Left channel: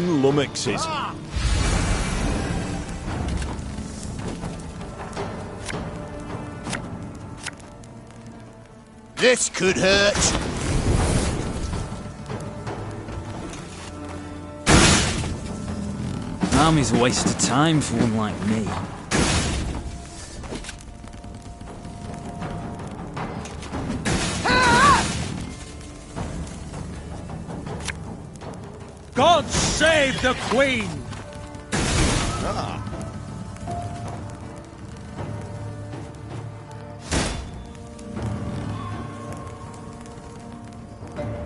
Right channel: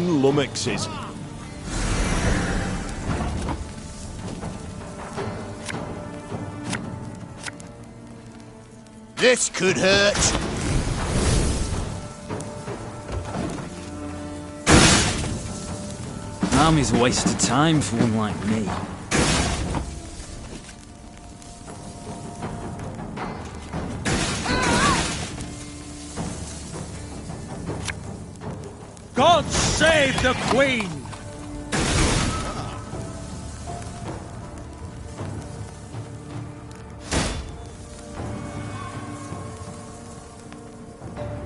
million lummoxes. This could hurt. Army's a waste of time for one like me. God save the Queen!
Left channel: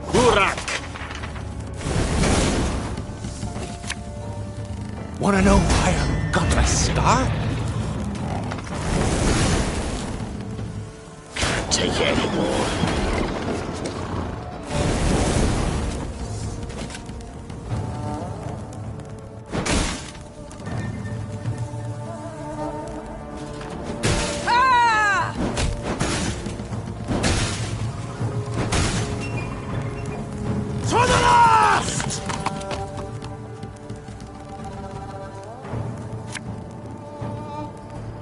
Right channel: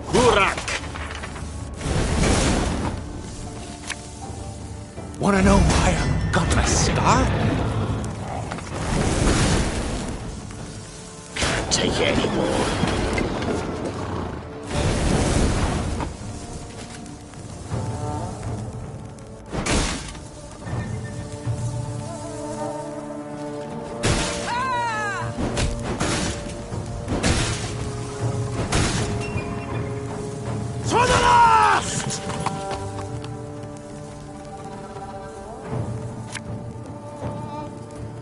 Burak! Wanna know why I got my start? Can't take it anymore.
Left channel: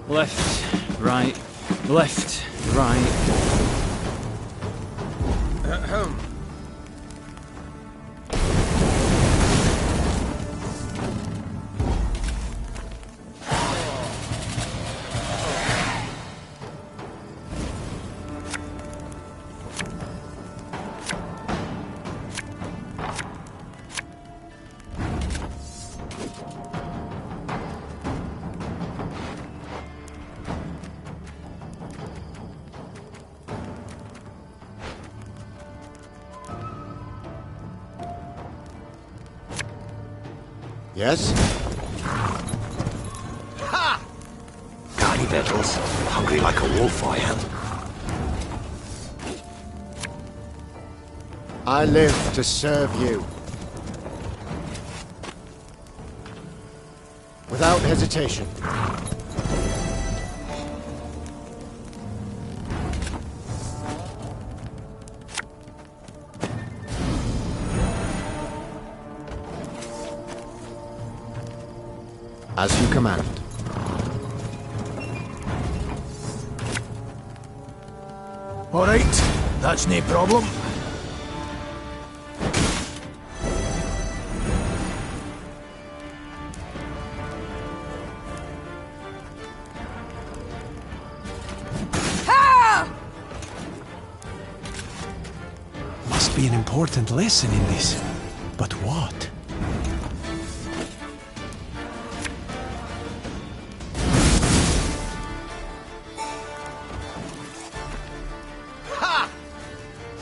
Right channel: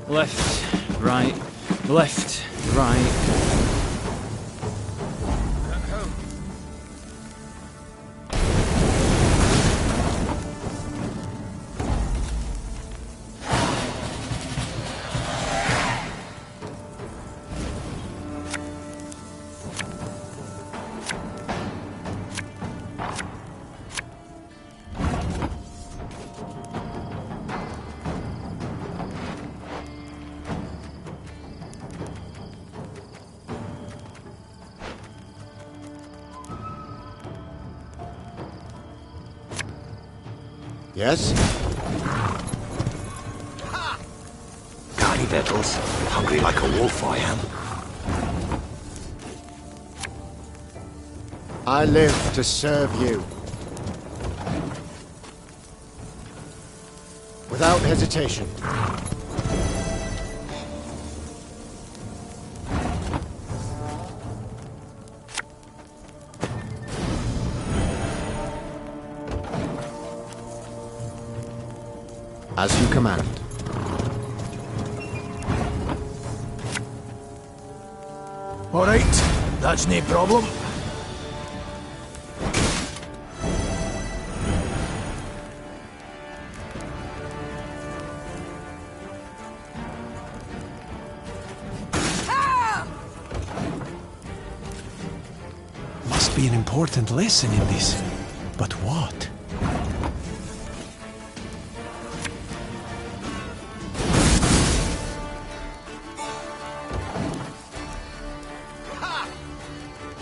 Left, right, left, right. Yes? Ha! Got any victuals? Hungry like a wolf, I am. I live to serve you. Without hesitation. As you command. All right, that's no problem. Must be an important lesson in this. But what? Ha!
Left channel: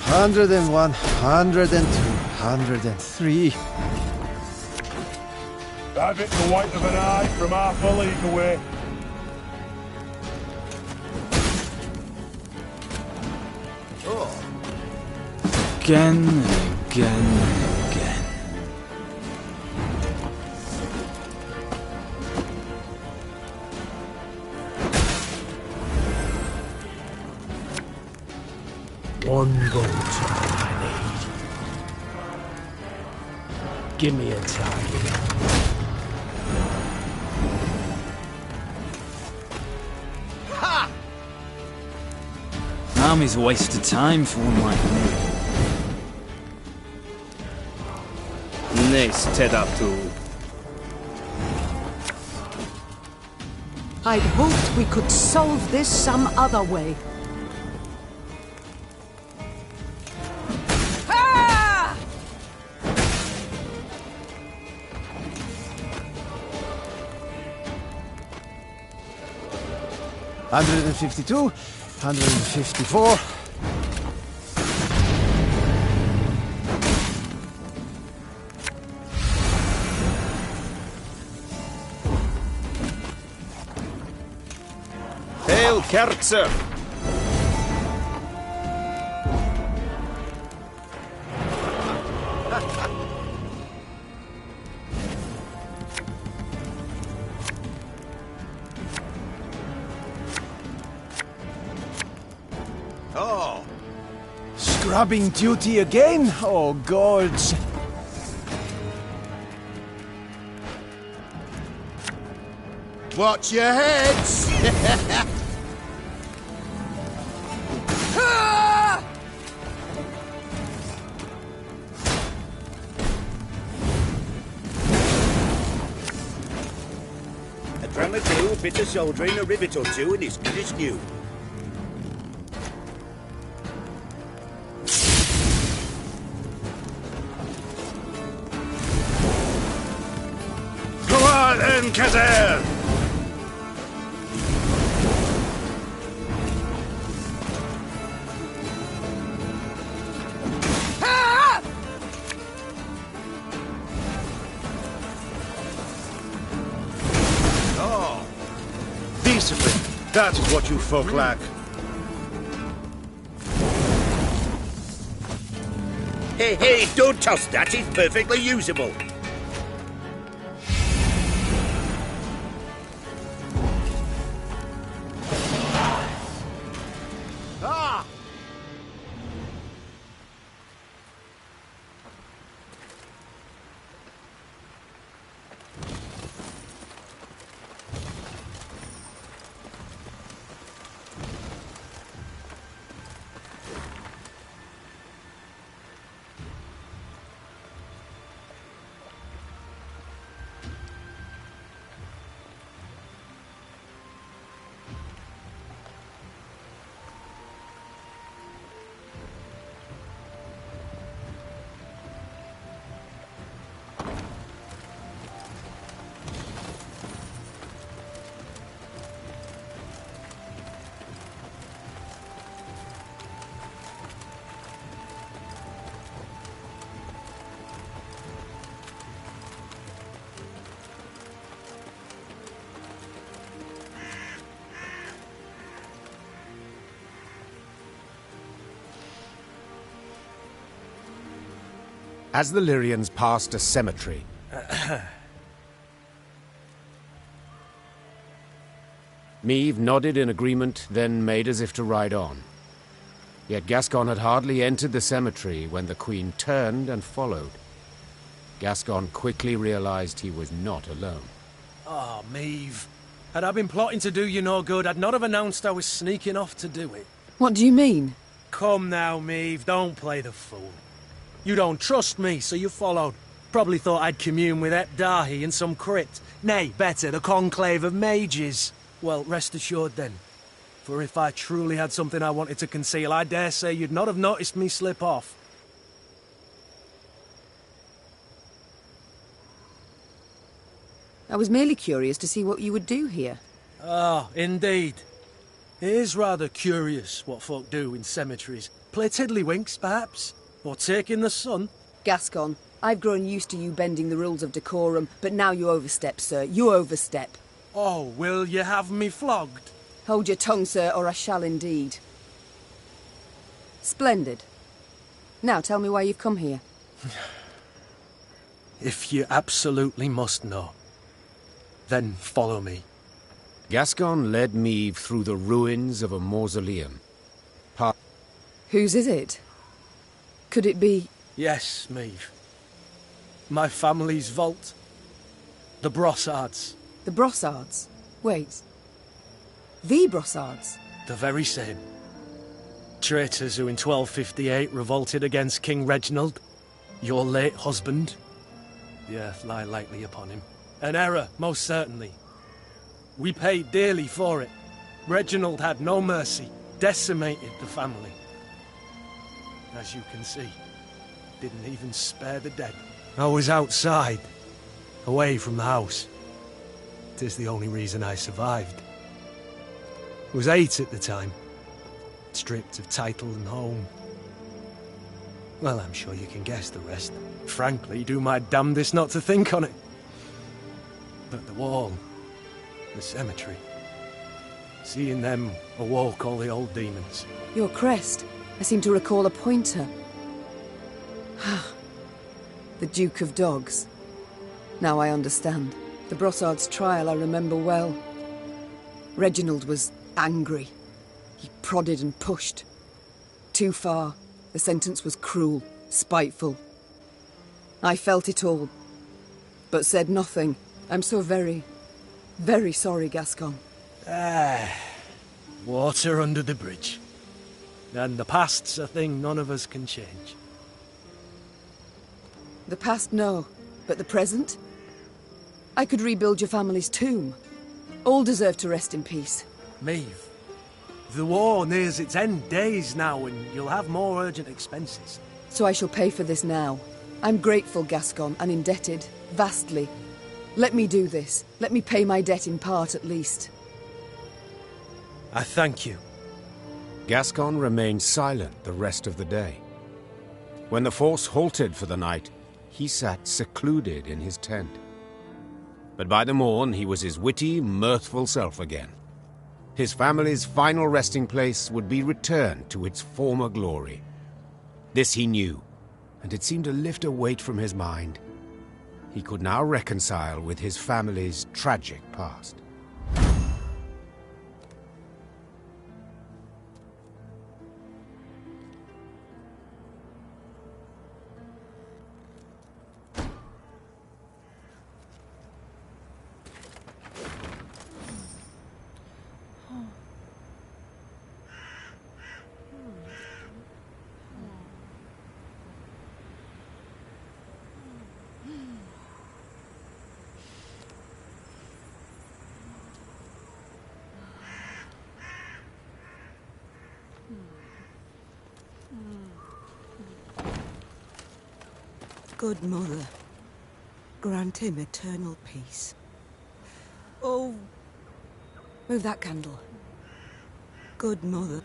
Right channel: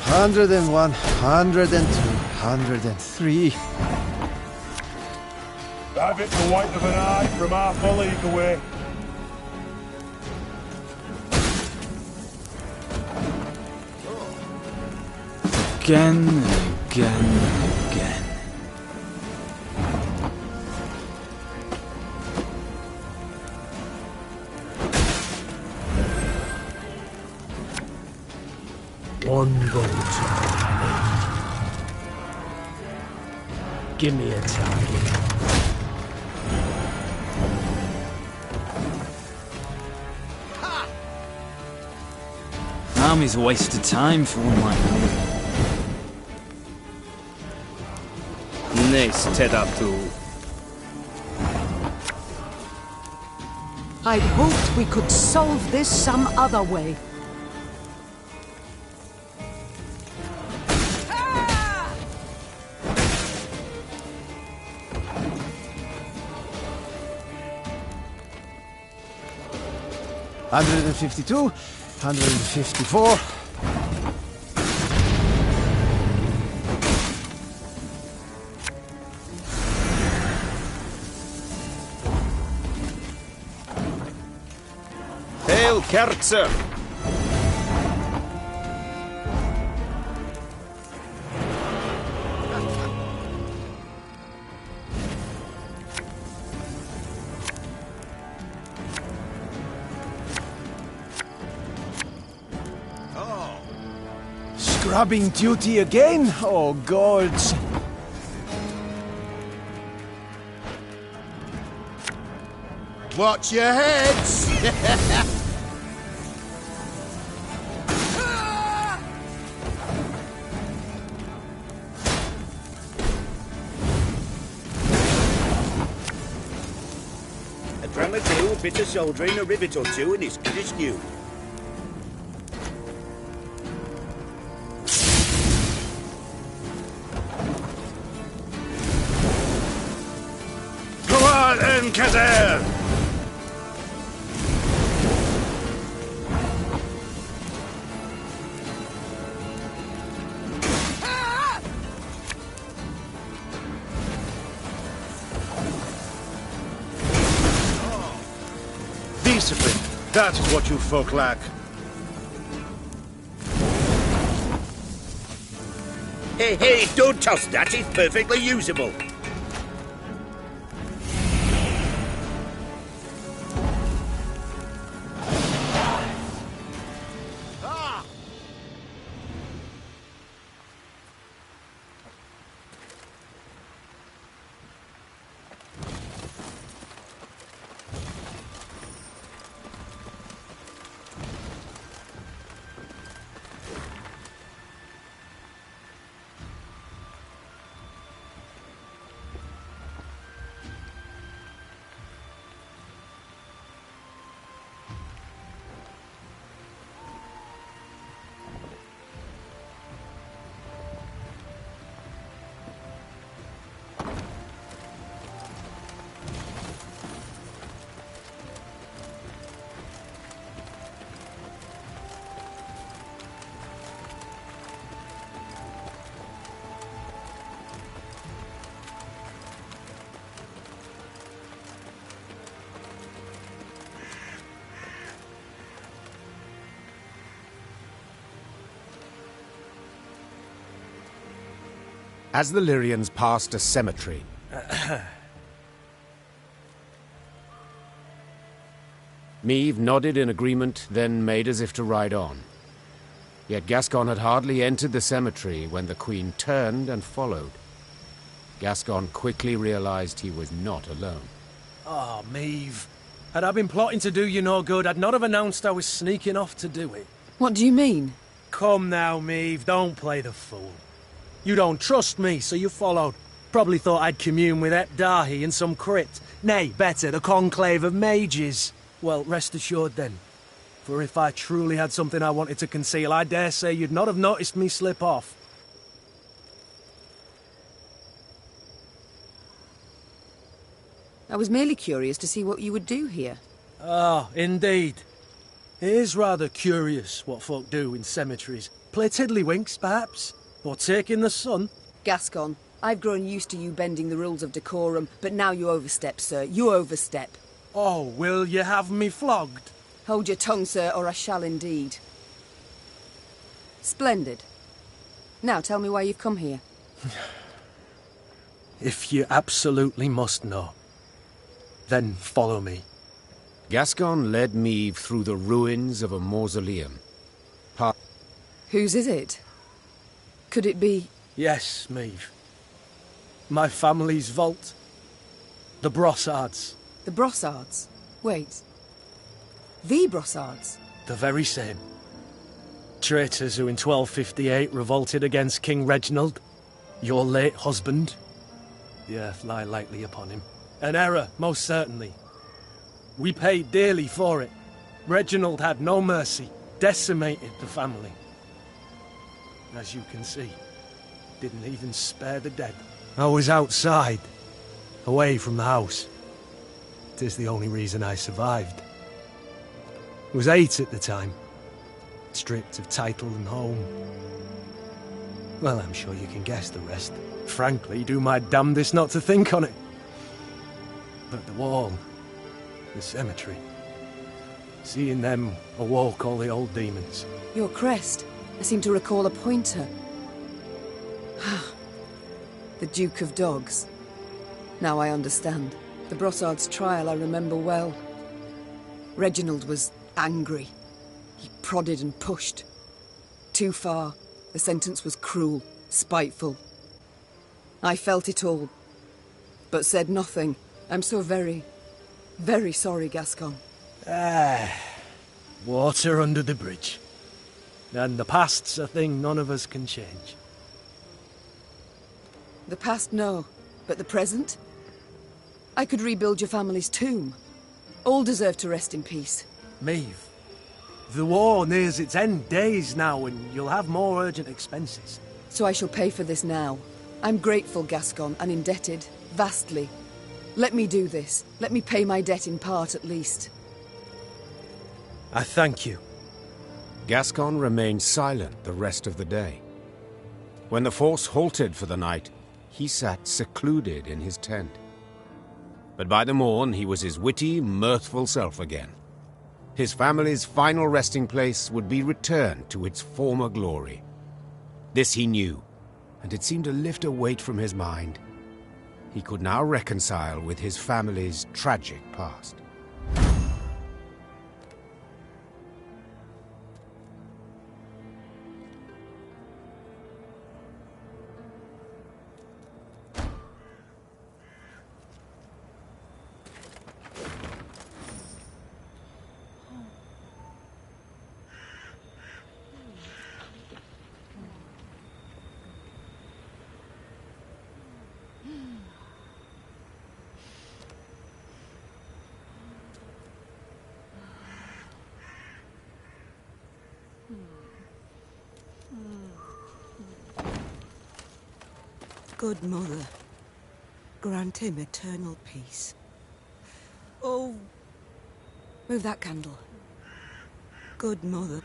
101, 102, 103. Have it the white of an eye from half a league away. Again and again and again. One bolt I need. Give me a target. Ha! Army's a waste of time for one like me. Nice tedatu. I'd hoped we could solve this some other way. Ah! 152, 154. Hail Kerzer! Oh. Scrubbing duty again? Oh, gods. Watch your heads! A dram of ale, a bit of soldering, a rivet or two, and it's good as new. Go on, Encader! Discipline. That is what you folk lack. Hey, hey, don't toss that. It's perfectly usable. As the Lyrians passed a cemetery, Meve nodded in agreement, then made as if to ride on. Yet Gascon had hardly entered the cemetery when the Queen turned and followed. Gascon quickly realized he was not alone. Oh, Meve. Had I been plotting to do you no good, I'd not have announced I was sneaking off to do it. What do you mean? Come now, Meve, don't play the fool. You don't trust me, so you followed. Probably thought I'd commune with Ep Dahi in some crypt. Nay, better, the conclave of mages. Well, rest assured then. For if I truly had something I wanted to conceal, I dare say you'd not have noticed me slip off. I was merely curious to see what you would do here. Ah, indeed. It is rather curious what folk do in cemeteries. Play tiddlywinks, perhaps? Or take in the sun? Gascon, I've grown used to you bending the rules of decorum, but now you overstep, sir. You overstep. Oh, will you have me flogged? Hold your tongue, sir, or I shall indeed. Splendid. Now tell me why you've come here. If you absolutely must know, then follow me. Gascon led Meve through the ruins of a mausoleum. Whose is it? Could it be... Yes, Meve. My family's vault. The Brossards. The Brossards? Wait. The Brossards? The very same. Traitors who in 1258 revolted against King Reginald, your late husband. The earth lie lightly upon him. An error, most certainly. We paid dearly for it. Reginald had no mercy, decimated the family. As you can see, didn't even spare the dead. I was outside, away from the house. It is the only reason I survived. I was 8 at the time, stripped of title and home. Well, I'm sure you can guess the rest. Frankly, do my damnedest not to think on it. But the wall, the cemetery, seeing them awoke all the old demons. Your crest. I seem to recall a pointer. The Duke of Dogs. Now I understand. The Brossard's trial I remember well. Reginald was angry. He prodded and pushed. Too far. The sentence was cruel, spiteful. I felt it all, but said nothing. I'm so very Very sorry, Gascon. Water under the bridge. And the past's a thing none of us can change. The past, no. But the present? I could rebuild your family's tomb. All deserve to rest in peace. Meve, the war nears its end days now, and you'll have more urgent expenses. So I shall pay for this now. I'm grateful, Gascon, and indebted. Vastly. Let me do this. Let me pay my debt in part, at least. I thank you. Gascon remained silent the rest of the day. When the force halted for the night, he sat secluded in his tent. But by the morn, he was his witty, mirthful self again. His family's final resting place would be returned to its former glory. This he knew, and it seemed to lift a weight from his mind. He could now reconcile with his family's tragic past. Good Mother, grant him eternal peace. Oh, Move that candle. good Mother.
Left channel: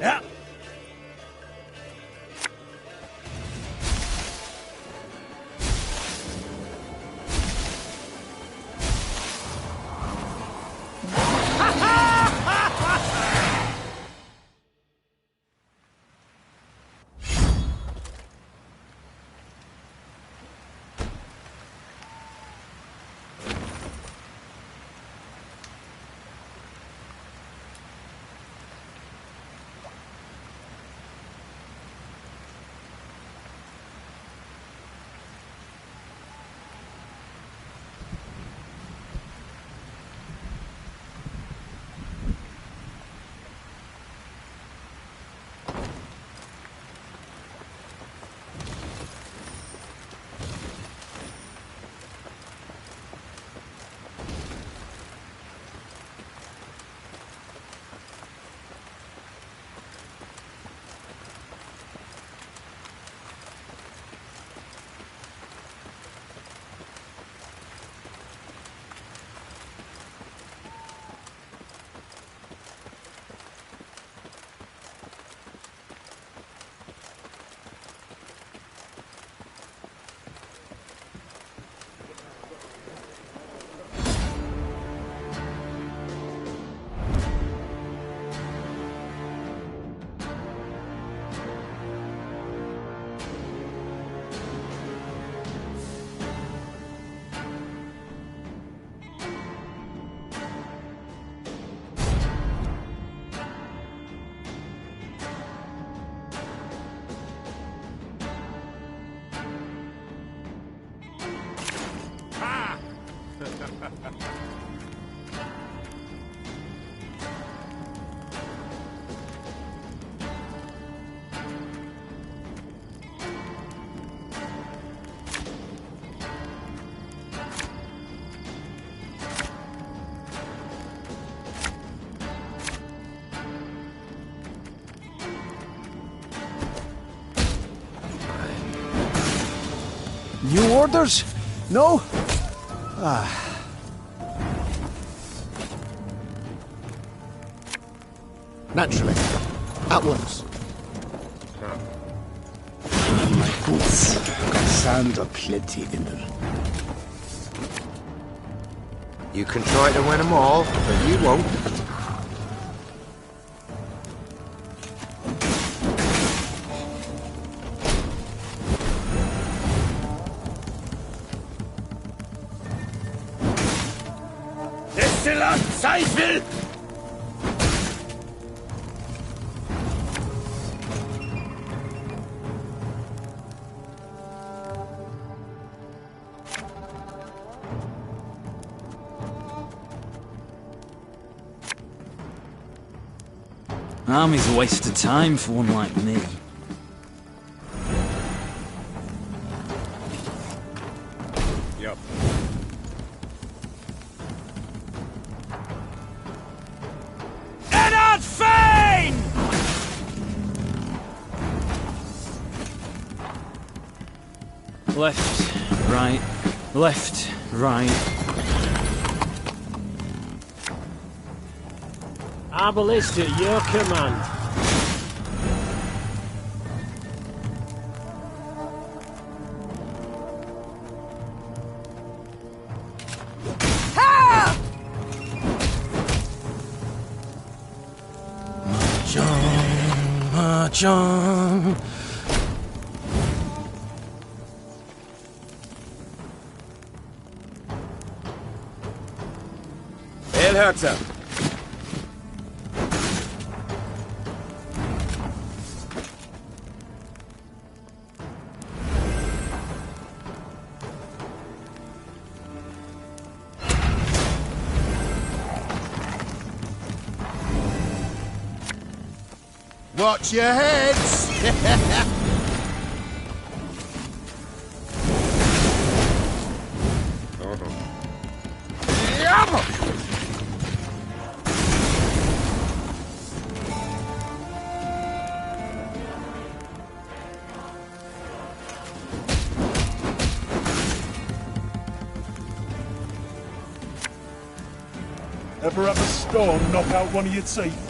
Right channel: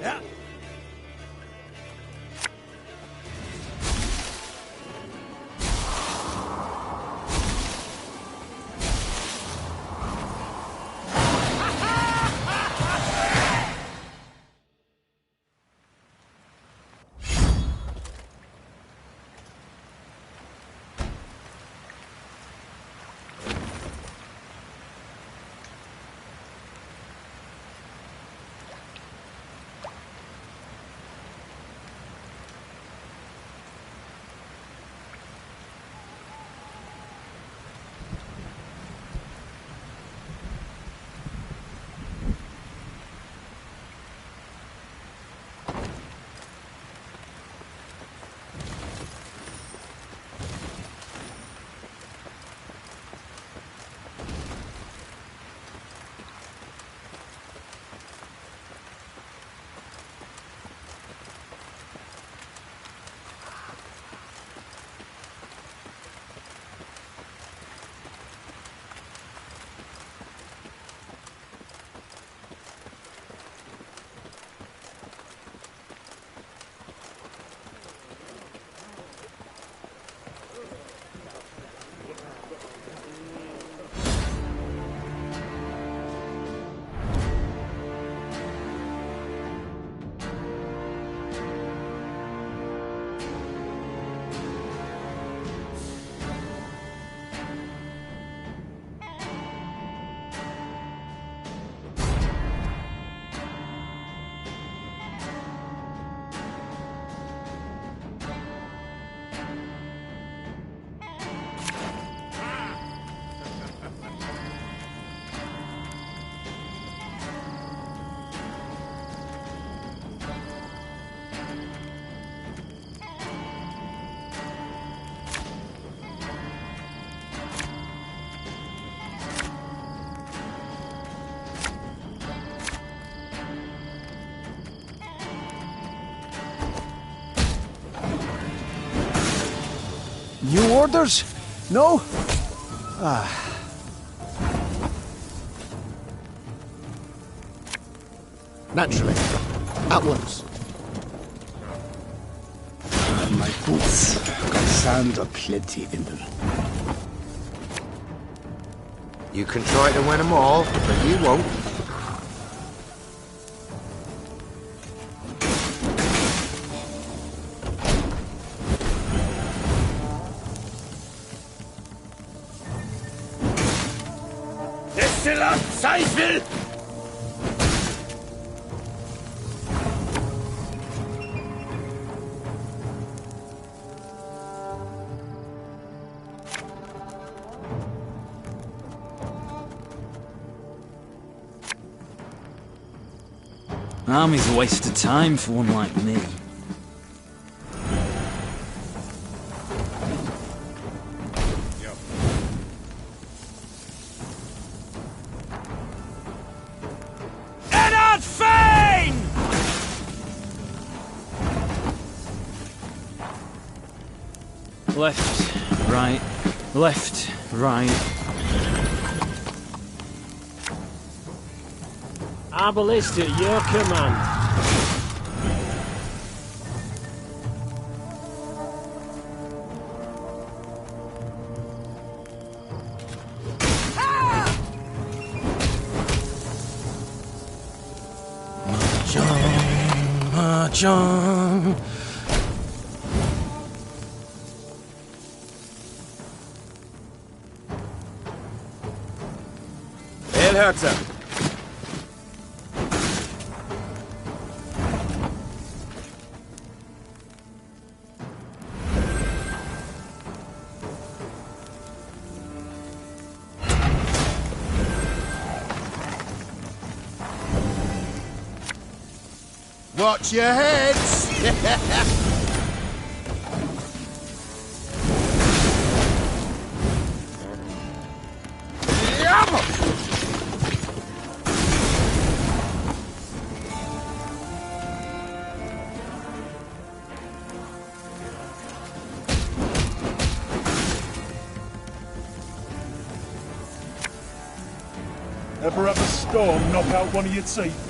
Yeah. New orders? No? Naturally. At once. My boots got sand aplenty in them. You can try to win them all, but you won't. Destiller Zweifel! Army's a waste of time for one like me. Yep. Eddard Fane! Left, right, left, right. Our ballista at your command. John. El Herzer. Watch your heads! Ever have a stone knock out one of your teeth?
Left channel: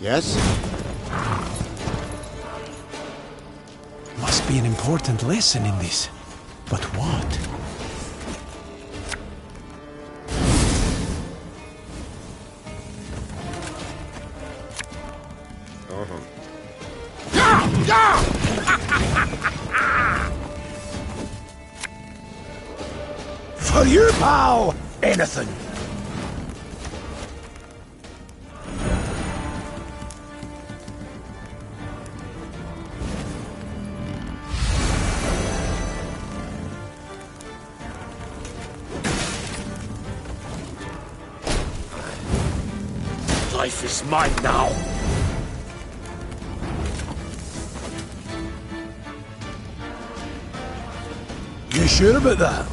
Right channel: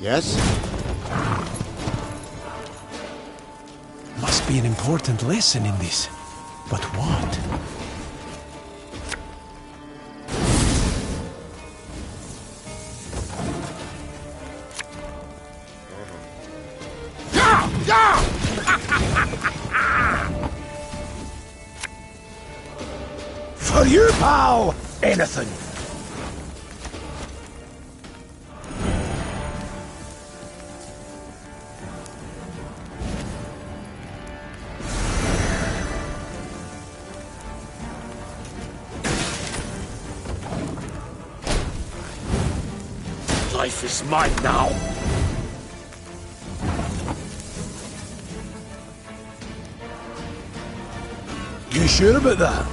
Yes? Must be an important lesson in this. But what? For you, pal! Anything! Life is mine now. You sure about that?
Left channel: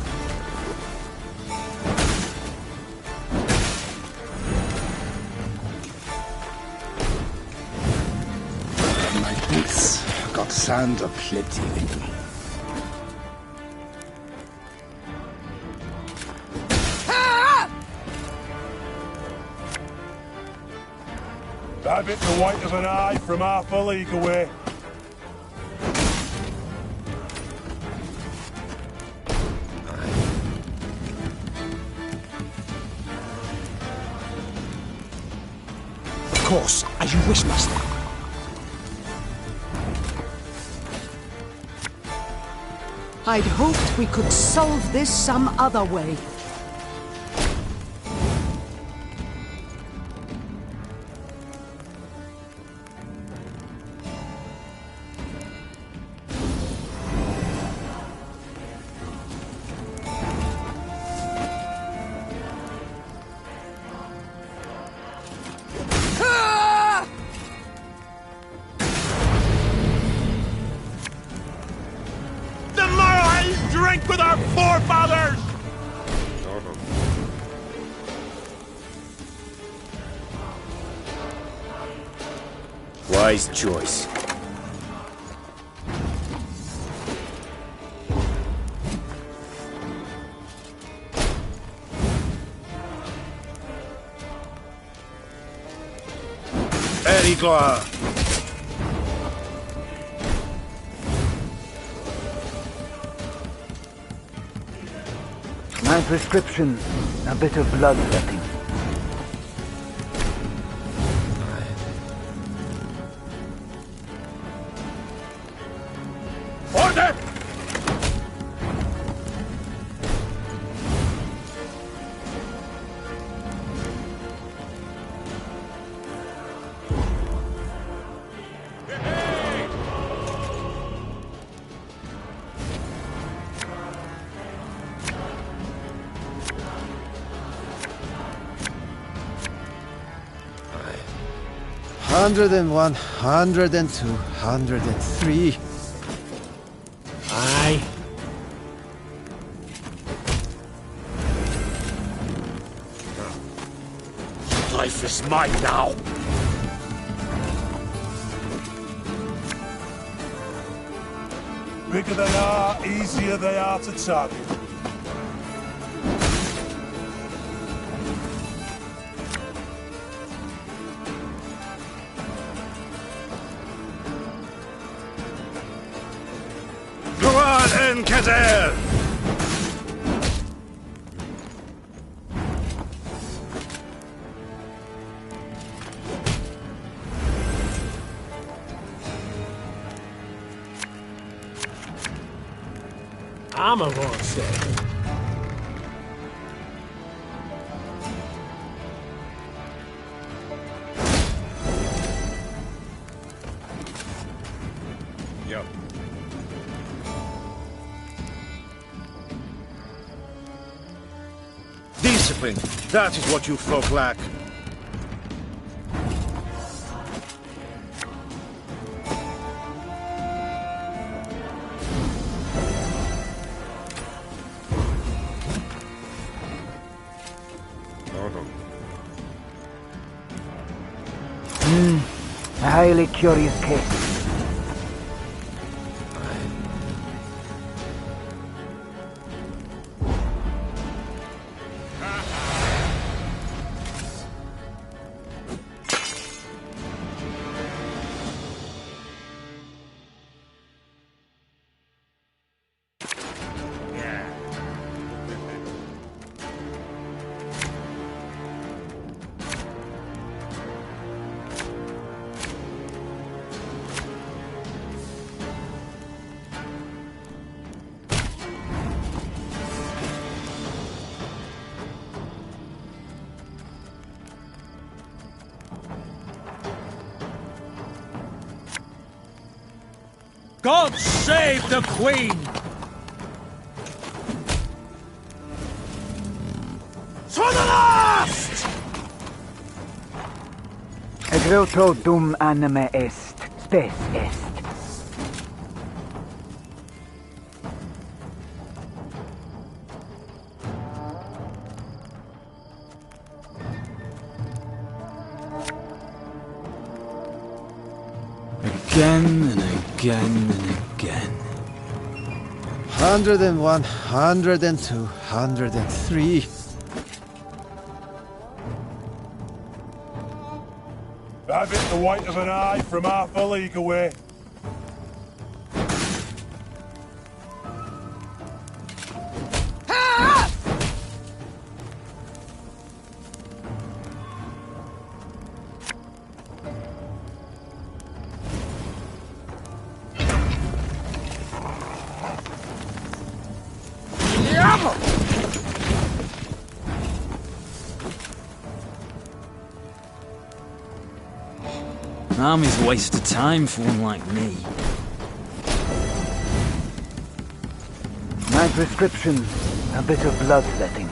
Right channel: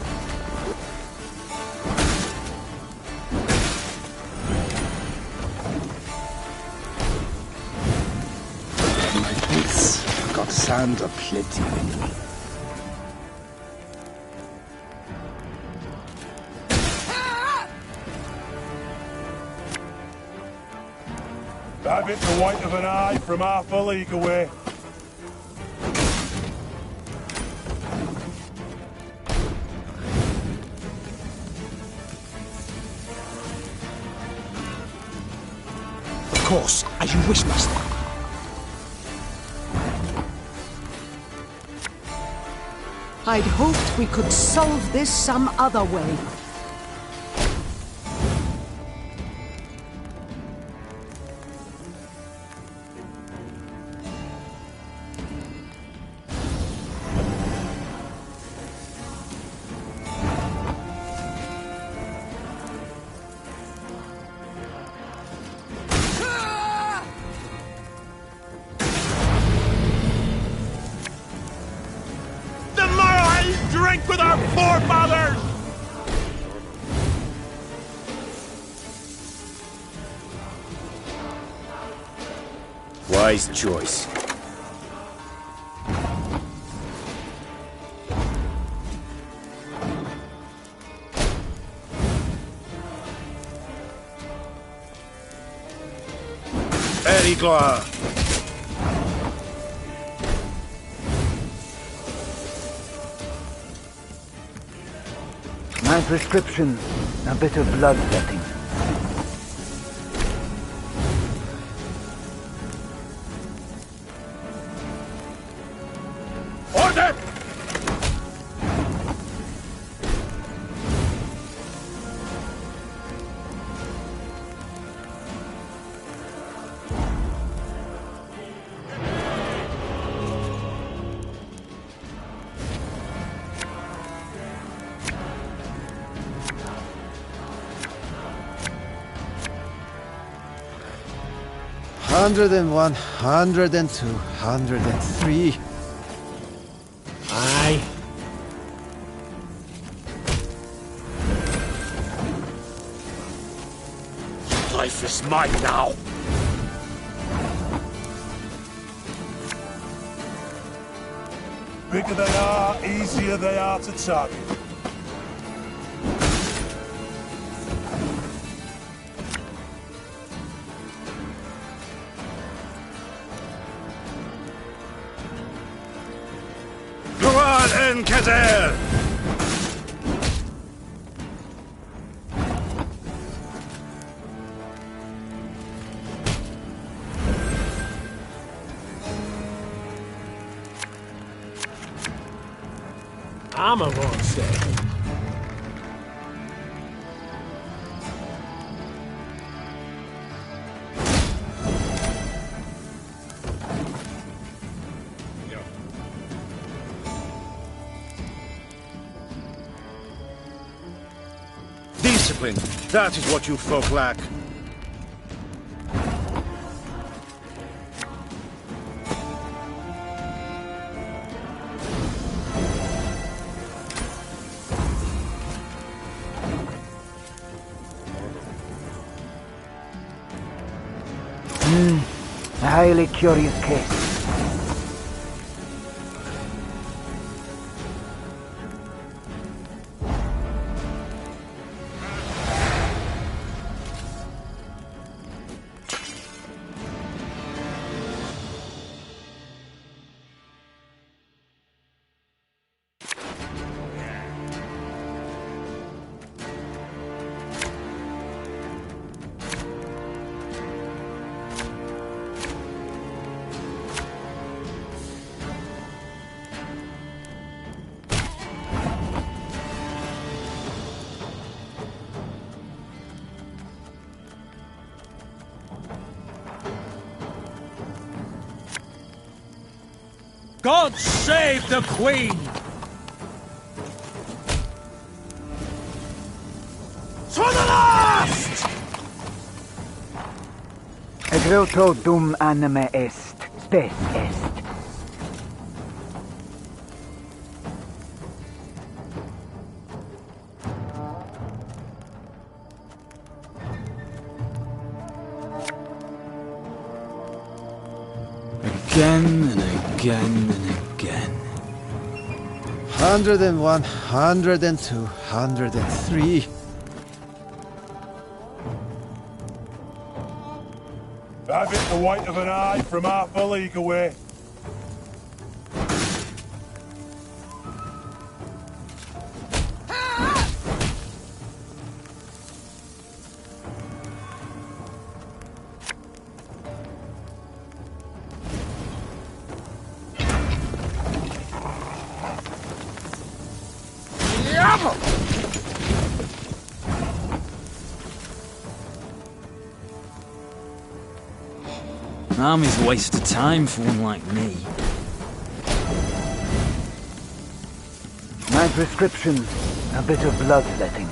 My boots got sand aplenty in them. Have it the white of an eye from half a league away. Of course, as you wish, master. I'd hoped we could solve this some other way. Drink with our forefathers! Wise choice. Very glad. My prescription, a bit of bloodletting. Order! Hundred and 102, 103. Aye. Life is mine now. Bigger they are, easier they are to target. Ruan Kazer! I'm a wrong step. Discipline. That is what you folk lack. A highly curious case. God save the Queen! To the last! Egreutro dum anime est, spes est. Again and again and again. 101, 102, 103. Have it the white of an eye from half a league away. Army's a waste of time for one like me. My prescription, a bit of bloodletting.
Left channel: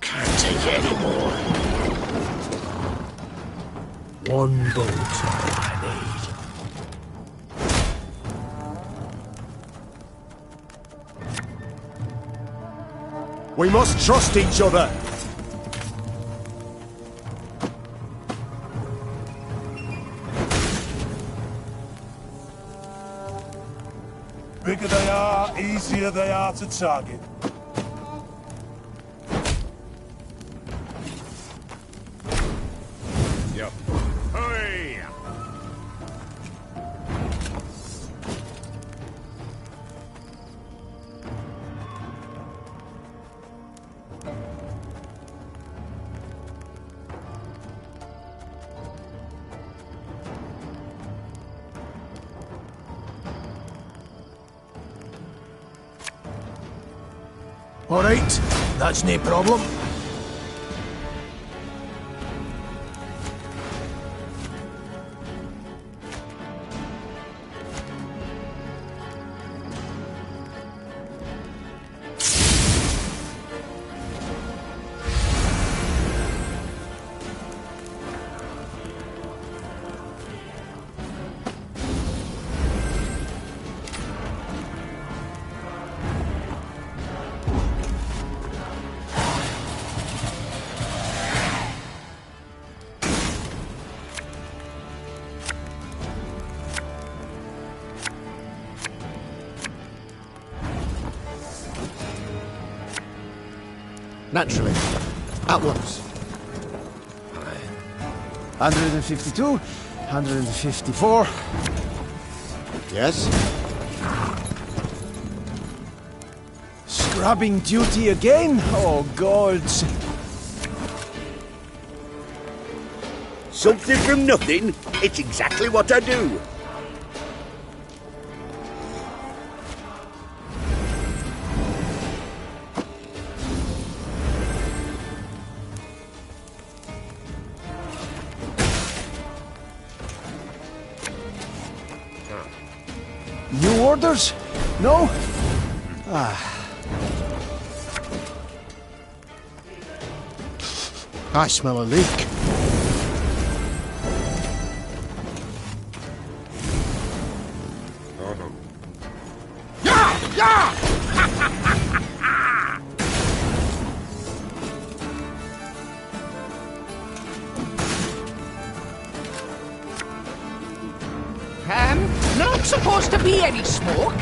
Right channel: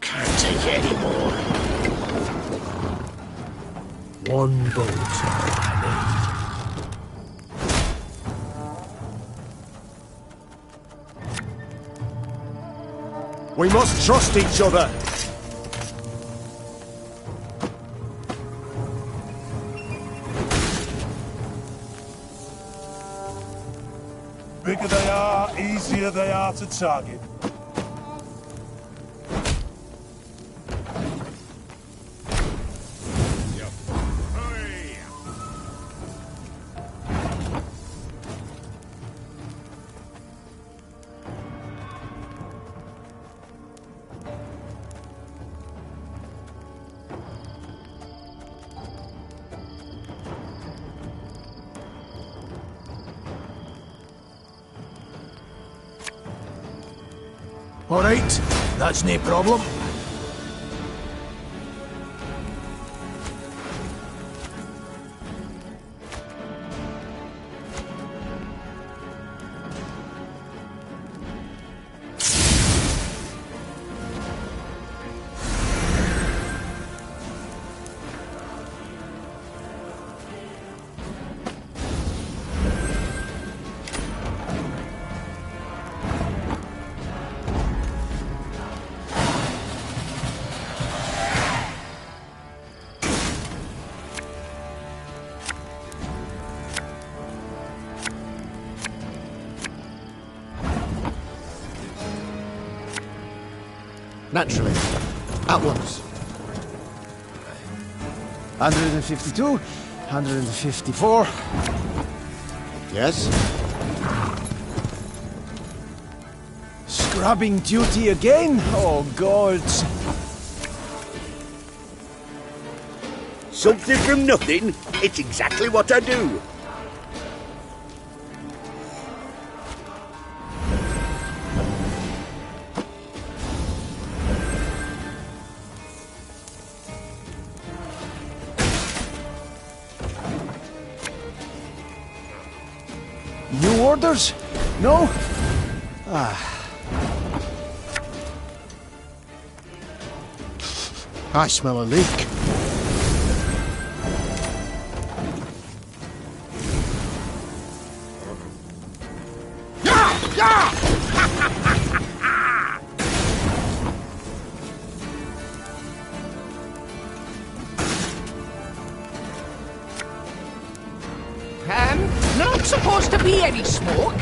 Can't take it anymore. One bolt I need. We must trust each other. Bigger they are, easier they are to target. All right, that's no problem. Naturally. At once. 152, 154. Yes? Scrubbing duty again? Oh, gods. Something from nothing? It's exactly what I do. orders? No? I smell a leak. Not supposed to be any smoke.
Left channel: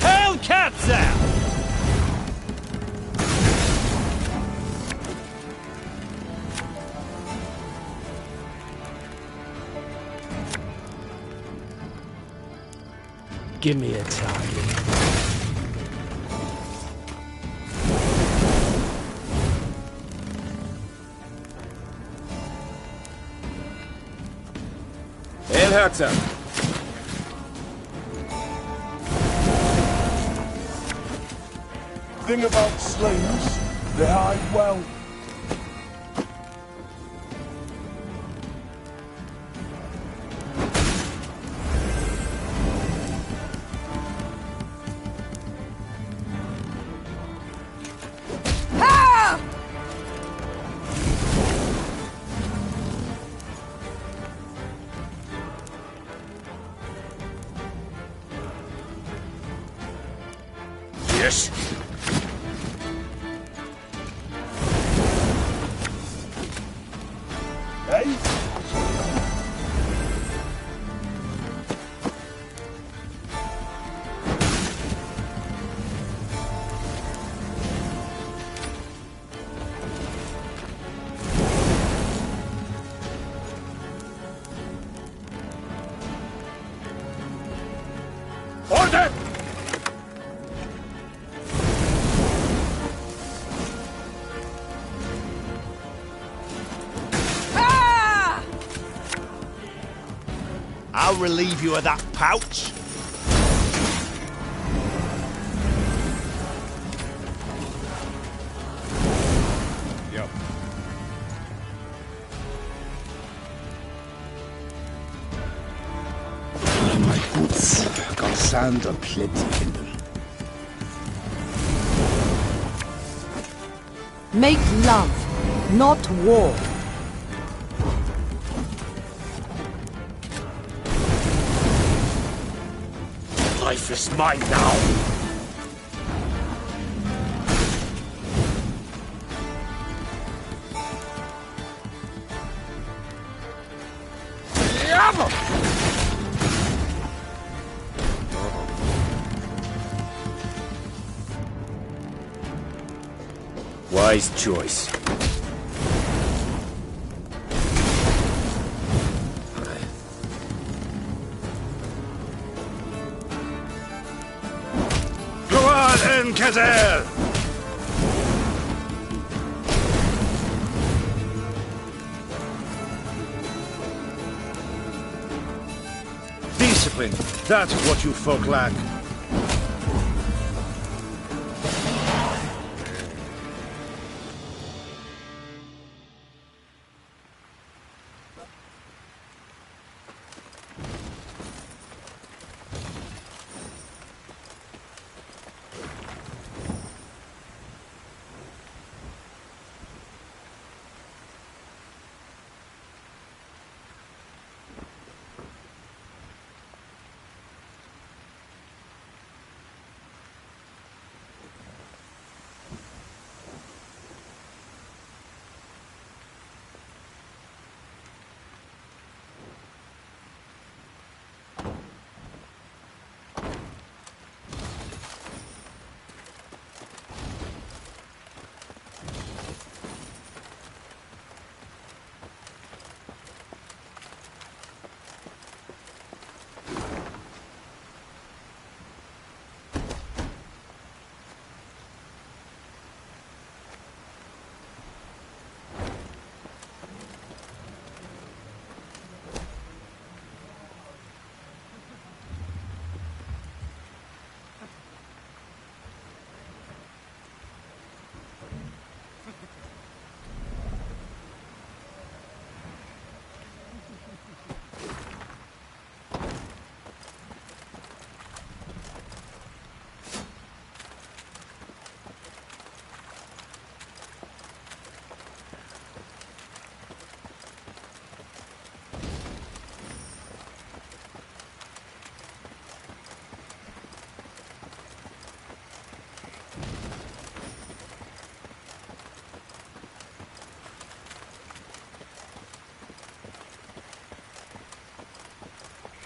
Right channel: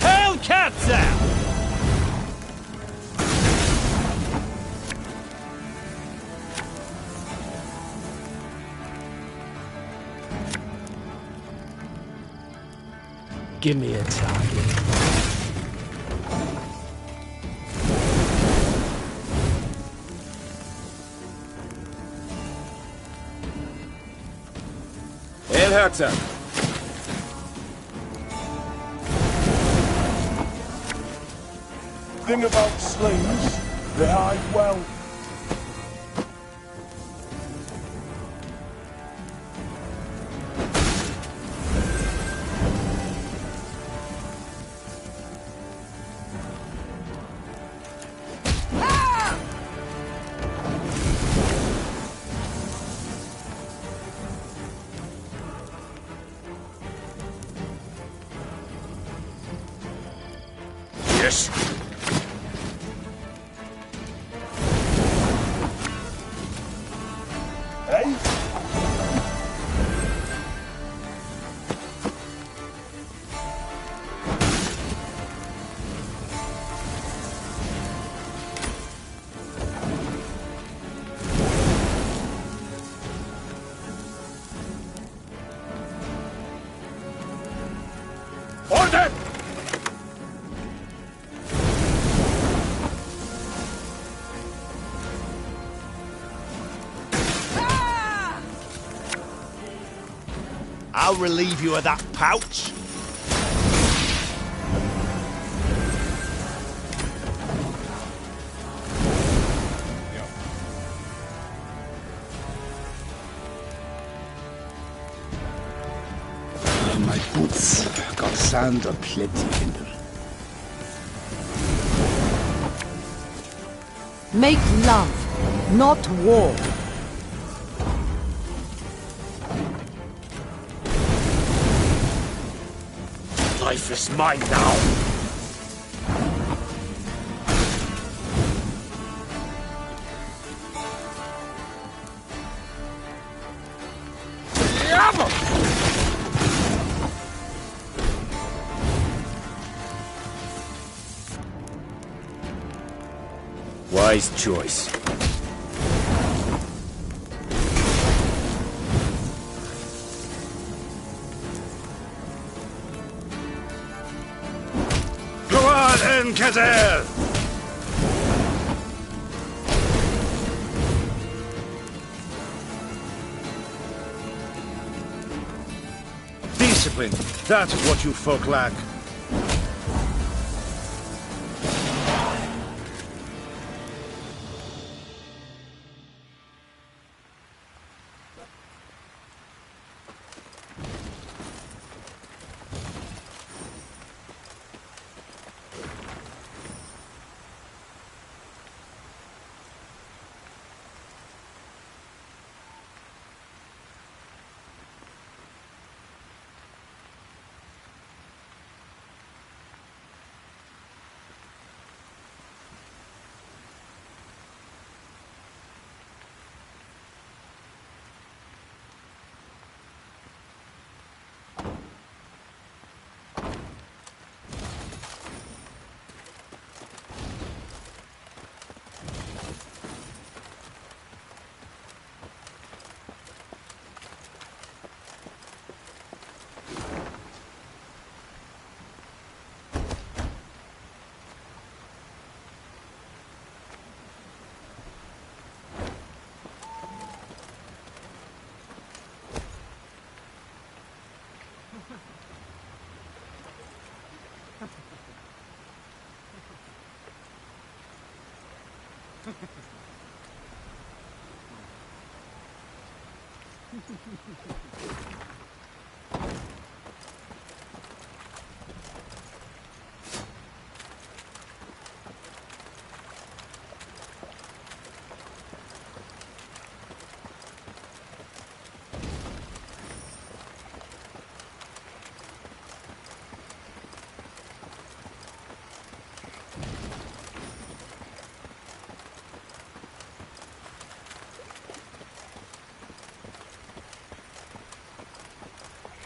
Hellcats out! Give me a target. Herzer. Thing about slings, they hide well. Yes. Hey? Order! I'll relieve you of that pouch. Yep. My boots got sand aplenty in them. Make love, not war. Life is mine now. Wise choice. Go on, Enkazel! Discipline. That is what you folk lack.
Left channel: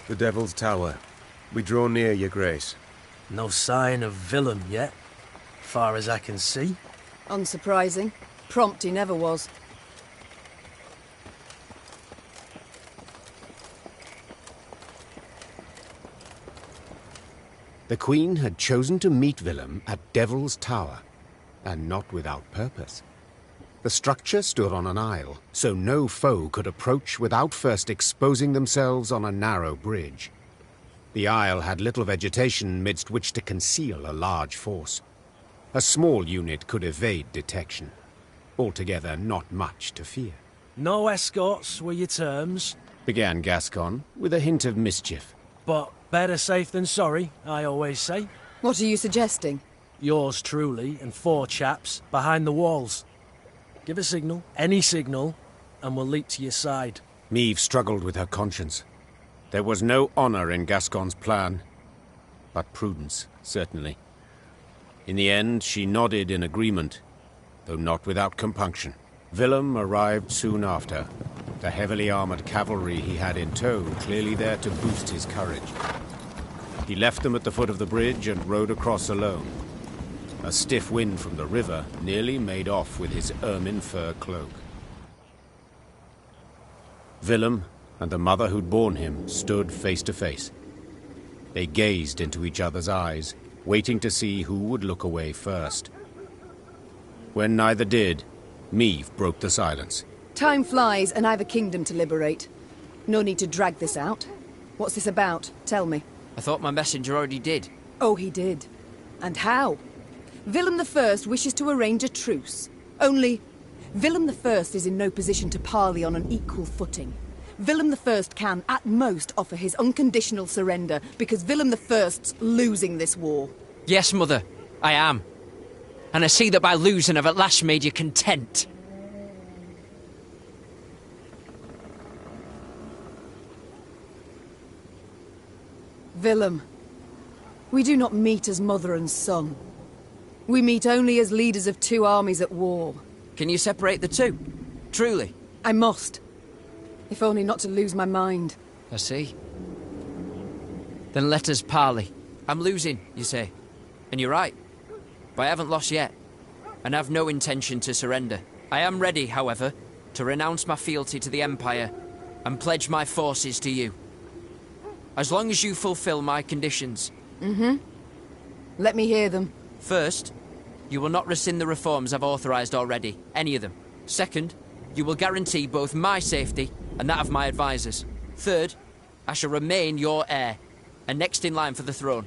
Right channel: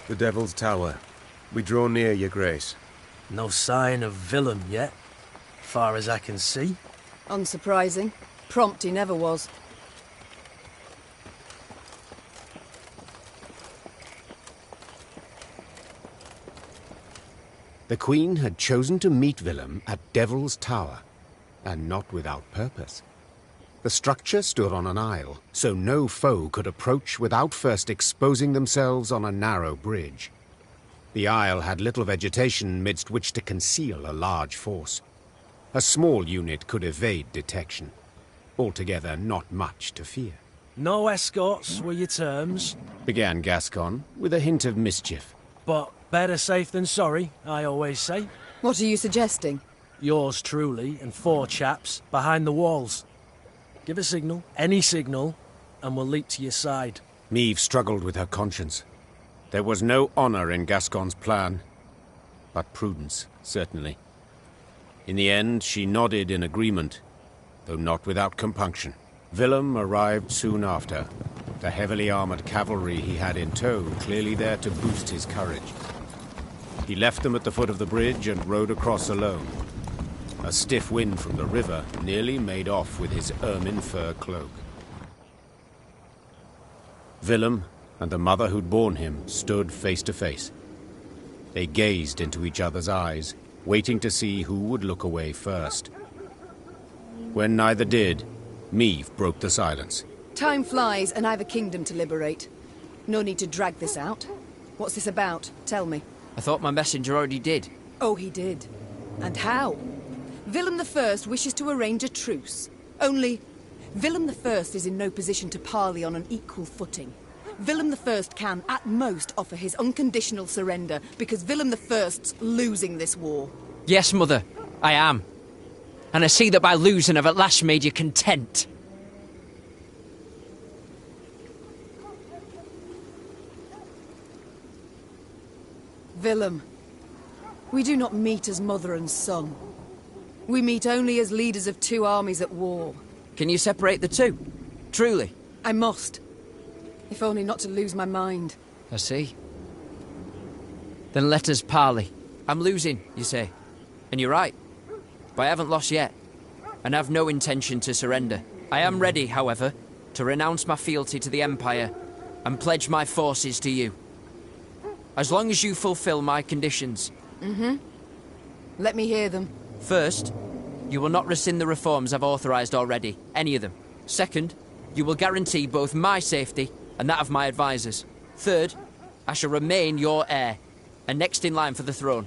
The Devil's Tower. We draw near, your grace. No sign of Willem yet, far as I can see. Unsurprising. Prompt he never was. The Queen had chosen to meet Willem at Devil's Tower, and not without purpose. The structure stood on an isle, so no foe could approach without first exposing themselves on a narrow bridge. The isle had little vegetation midst which to conceal a large force. A small unit could evade detection. Altogether, not much to fear. No escorts were your terms, began Gascon, with a hint of mischief. but better safe than sorry, I always say. What are you suggesting? Yours truly and 4 chaps behind the walls. Give a signal, any signal, and we'll leap to your side. Meve struggled with her conscience. There was no honor in Gascon's plan, but prudence, certainly. In the end, she nodded in agreement, though not without compunction. Willem arrived soon after, the heavily armored cavalry he had in tow clearly there to boost his courage. He left them at the foot of the bridge and rode across alone. A stiff wind from the river nearly made off with his ermine fur cloak. Willem and the mother who'd borne him stood face to face. They gazed into each other's eyes, waiting to see who would look away first. When neither did, Meve broke the silence. Time flies, and I've a kingdom to liberate. No need to drag this out. What's this about? Tell me. I thought my messenger already did. Oh, he did. And how? Willem I wishes to arrange a truce. Only, Willem I is in no position to parley on an equal footing. Willem I can, at most, offer his unconditional surrender, because Willem I's losing this war. Yes, Mother, I am. And I see that by losing I've at last made you content. Willem, we do not meet as mother and son. We meet only as leaders of 2 armies at war. Can you separate the two? Truly? I must. If only not to lose my mind. I see. Then let us parley. I'm losing, you say. And you're right. But I haven't lost yet. And have no intention to surrender. I am ready, however, to renounce my fealty to the Empire and pledge my forces to you. As long as you fulfill my conditions. Mm-hmm. Let me hear them. First, you will not rescind the reforms I've authorized already, any of them. Second, you will guarantee both my safety and that of my advisors. Third, I shall remain your heir, and next in line for the throne.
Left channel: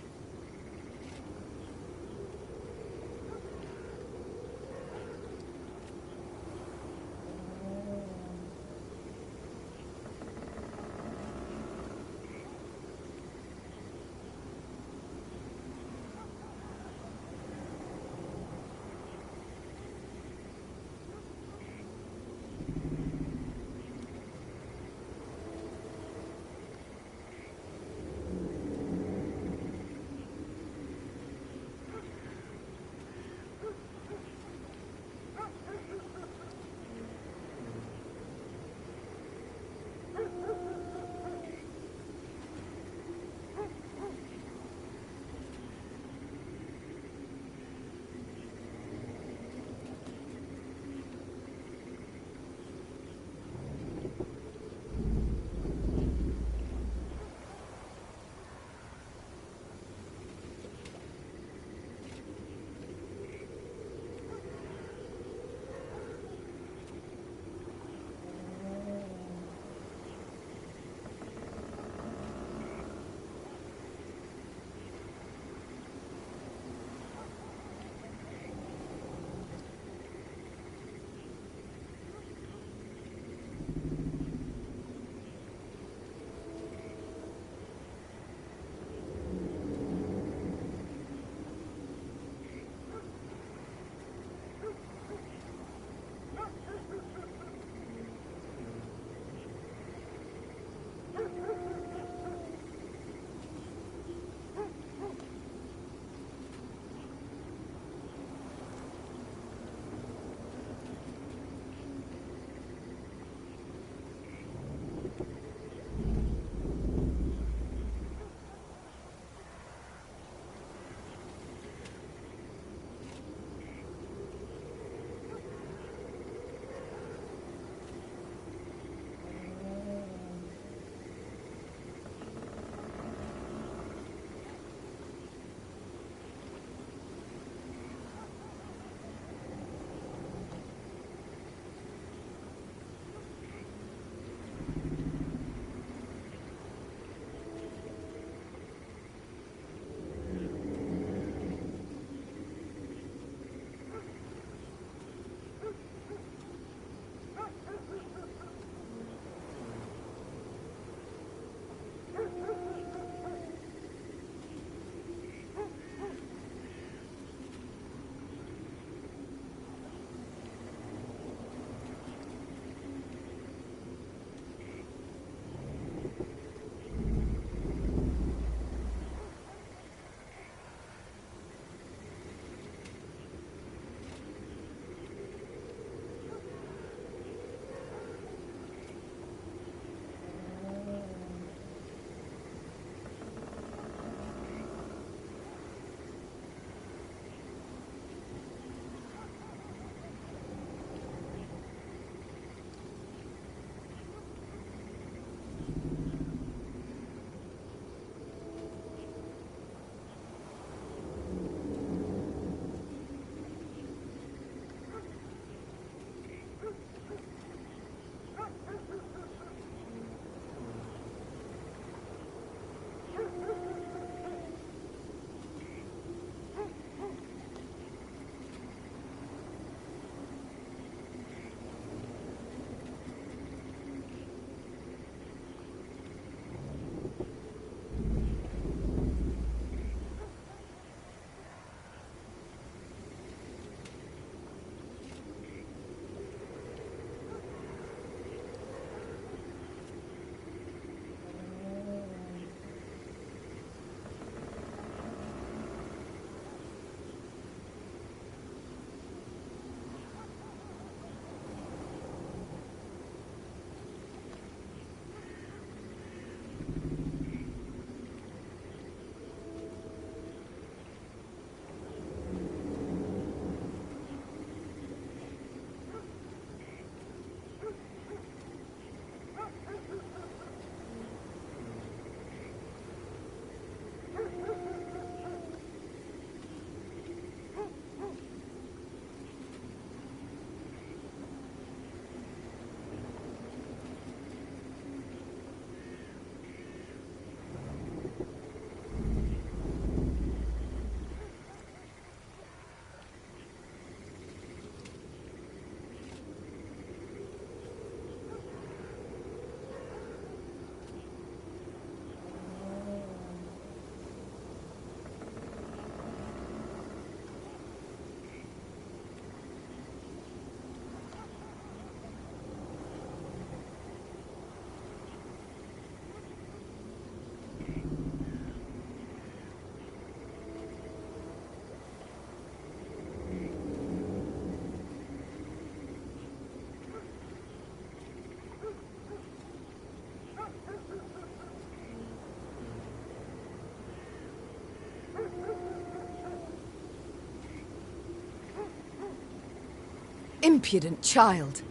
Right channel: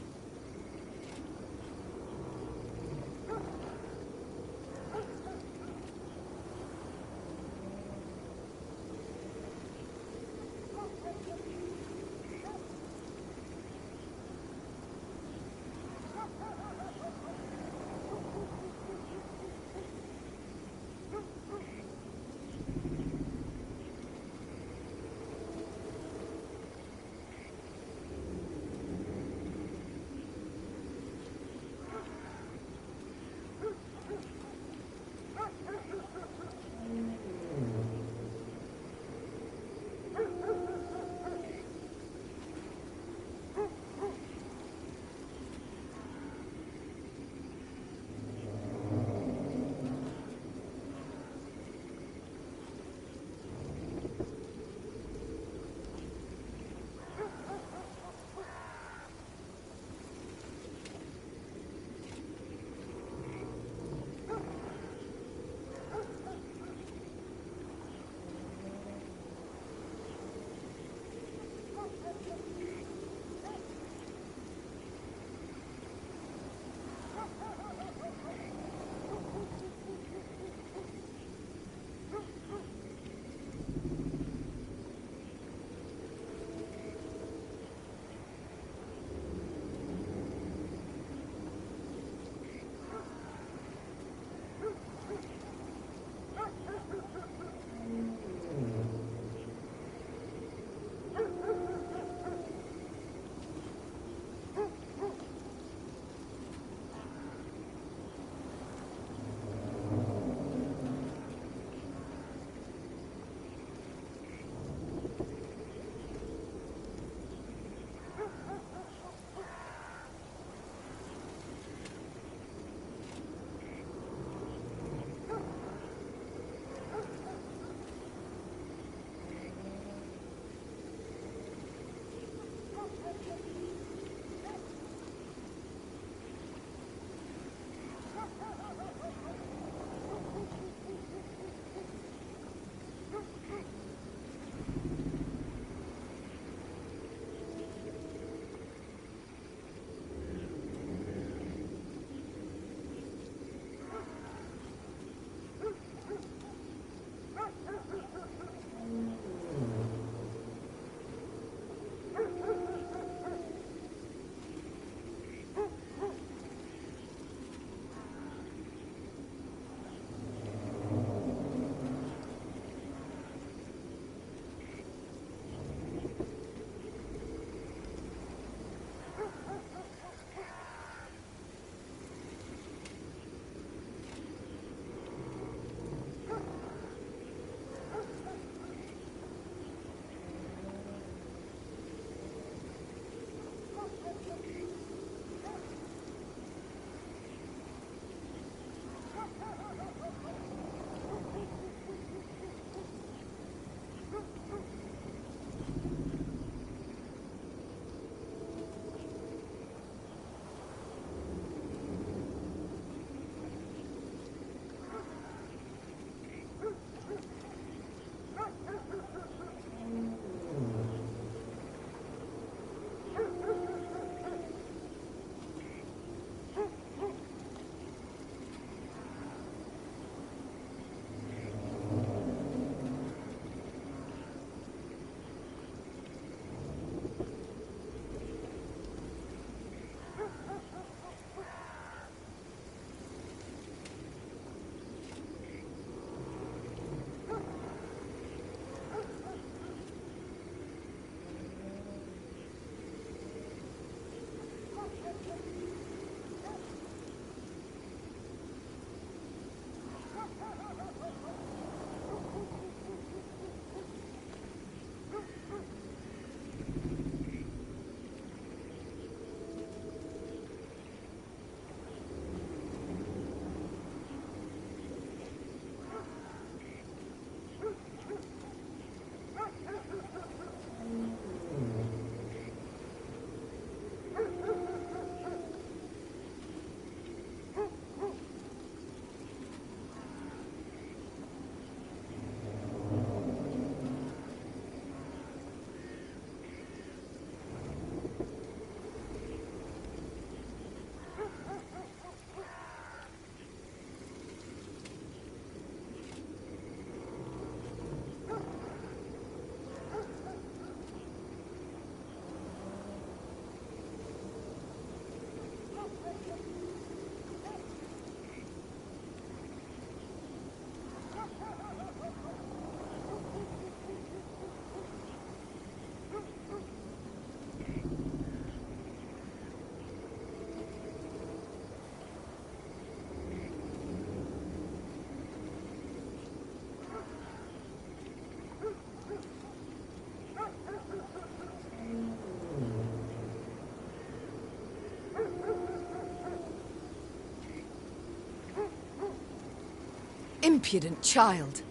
Impudent child.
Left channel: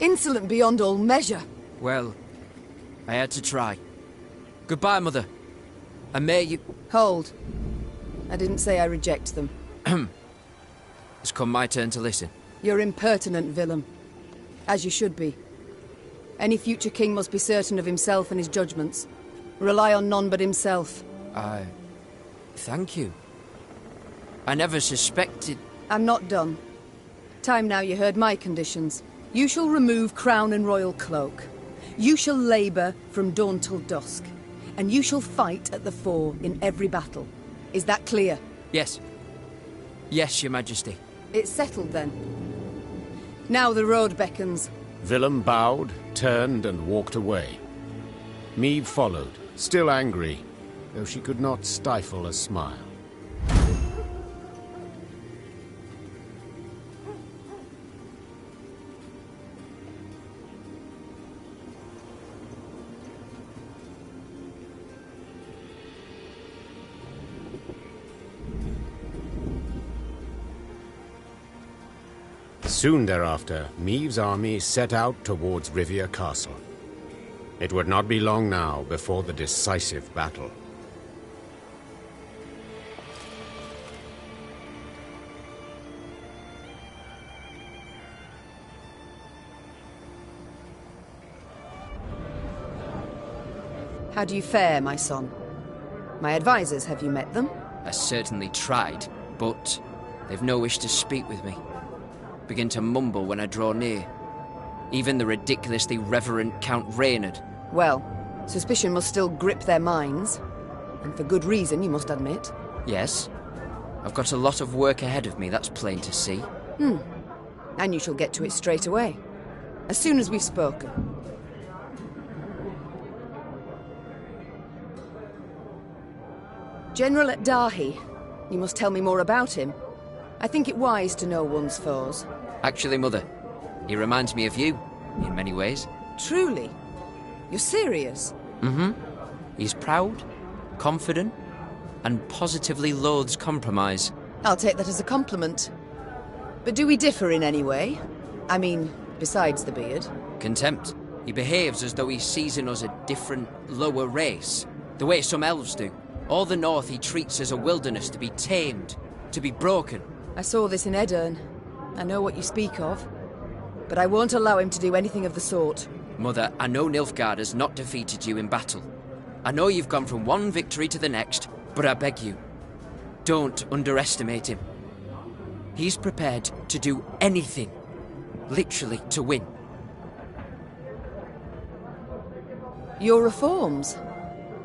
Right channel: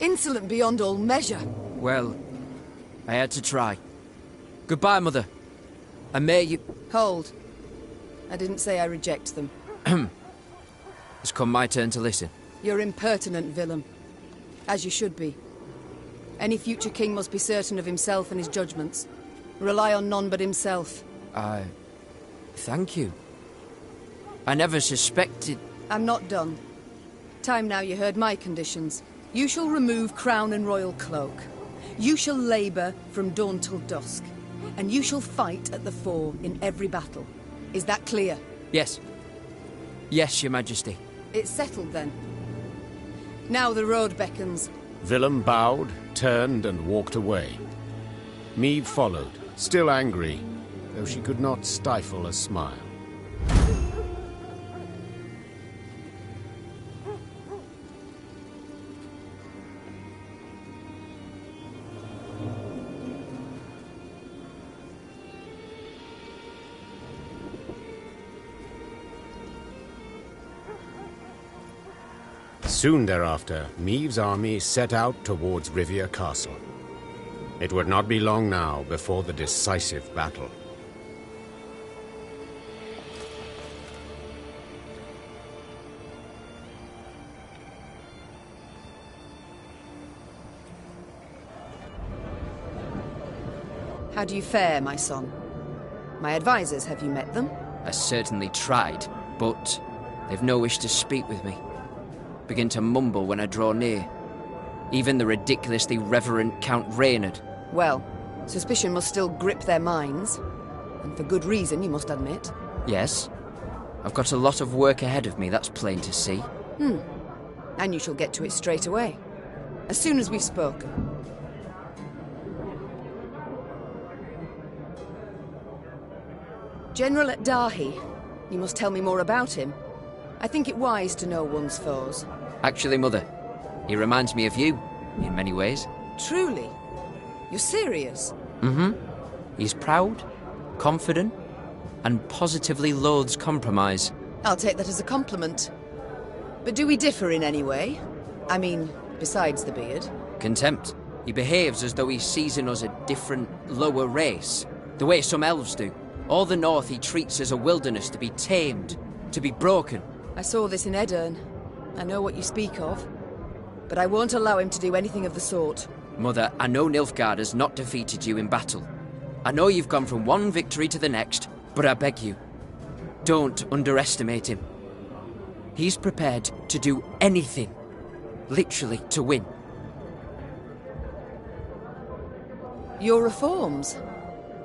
Insolent beyond all measure. Well, I had to try. Goodbye, Mother. And may you... Hold. I didn't say I reject them. It's come my turn to listen. You're impertinent, Willem. As you should be. Any future king must be certain of himself and his judgments. Rely on none but himself. Thank you. I never suspected... I'm not done. Time now you heard my conditions. You shall remove crown and royal cloak. You shall labour from dawn till dusk. And you shall fight at the fore in every battle. Is that clear? Yes. Yes, Your Majesty. It's settled then. Now the road beckons. Willem bowed, turned, and walked away. Meve followed, still angry, though she could not stifle a smile. Soon thereafter, Meve's army set out towards Rivia Castle. It would not be long now before the decisive battle. How do you fare, my son? My advisors, have you met them? I certainly tried, but they've no wish to speak with me. Begin to mumble when I draw near. Even the ridiculously reverent Count Rainha. Well, suspicion must still grip their minds. And for good reason, you must admit. Yes. I've got a lot of work ahead of me, that's plain to see. And you shall get to it straight away. As soon as we've spoken. General at Dahi. You must tell me more about him. I think it wise to know one's foes. Actually, Mother, he reminds me of you, in many ways. Truly? You're serious? Mm-hmm. He's proud, confident, and positively loathes compromise. I'll take that as a compliment. But do we differ in any way? I mean, besides the beard. Contempt. He behaves as though he sees in us a different, lower race. The way some elves do. All the north he treats as a wilderness to be tamed, to be broken. I saw this in Edirn. I know what you speak of. But I won't allow him to do anything of the sort. Mother, I know Nilfgaard has not defeated you in battle. I know you've gone from one victory to the next, but I beg you, don't underestimate him. He's prepared to do anything, literally, to win. Your reforms?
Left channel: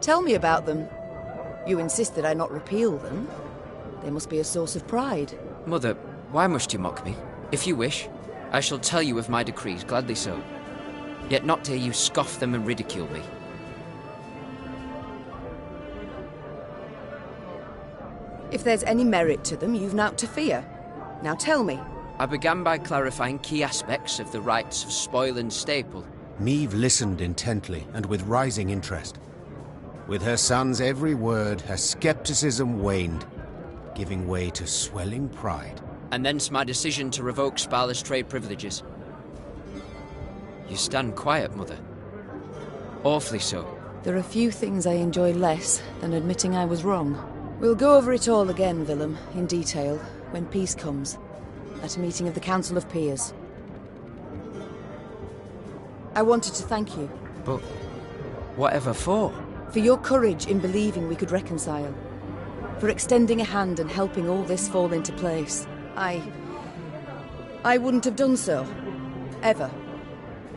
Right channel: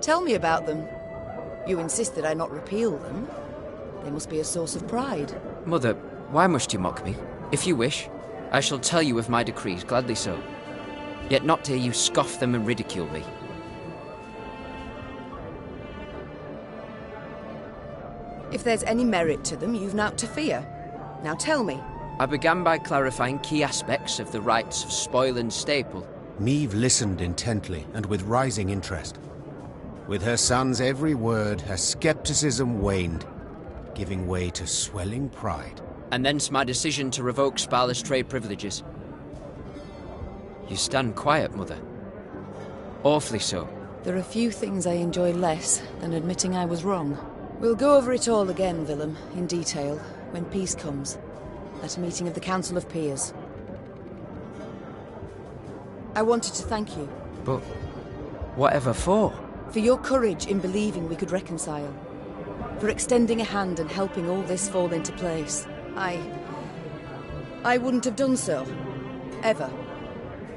Tell me about them. You insist that I not repeal them. They must be a source of pride. Mother, why must you mock me? If you wish, I shall tell you of my decrees, gladly so. Yet not hear you scoff them and ridicule me. If there's any merit to them, you've naught to fear. Now tell me. I began by clarifying key aspects of the rights of spoil and staple. Meve listened intently and with rising interest. With her son's every word, her skepticism waned, giving way to swelling pride. And thence my decision to revoke Sparla's trade privileges. You stand quiet, Mother. Awfully so. There are few things I enjoy less than admitting I was wrong. We'll go over it all again, Willem, in detail, when peace comes, at a meeting of the Council of Peers. I wanted to thank you. But whatever for? For your courage in believing we could reconcile. For extending a hand and helping all this fall into place. I wouldn't have done so. Ever.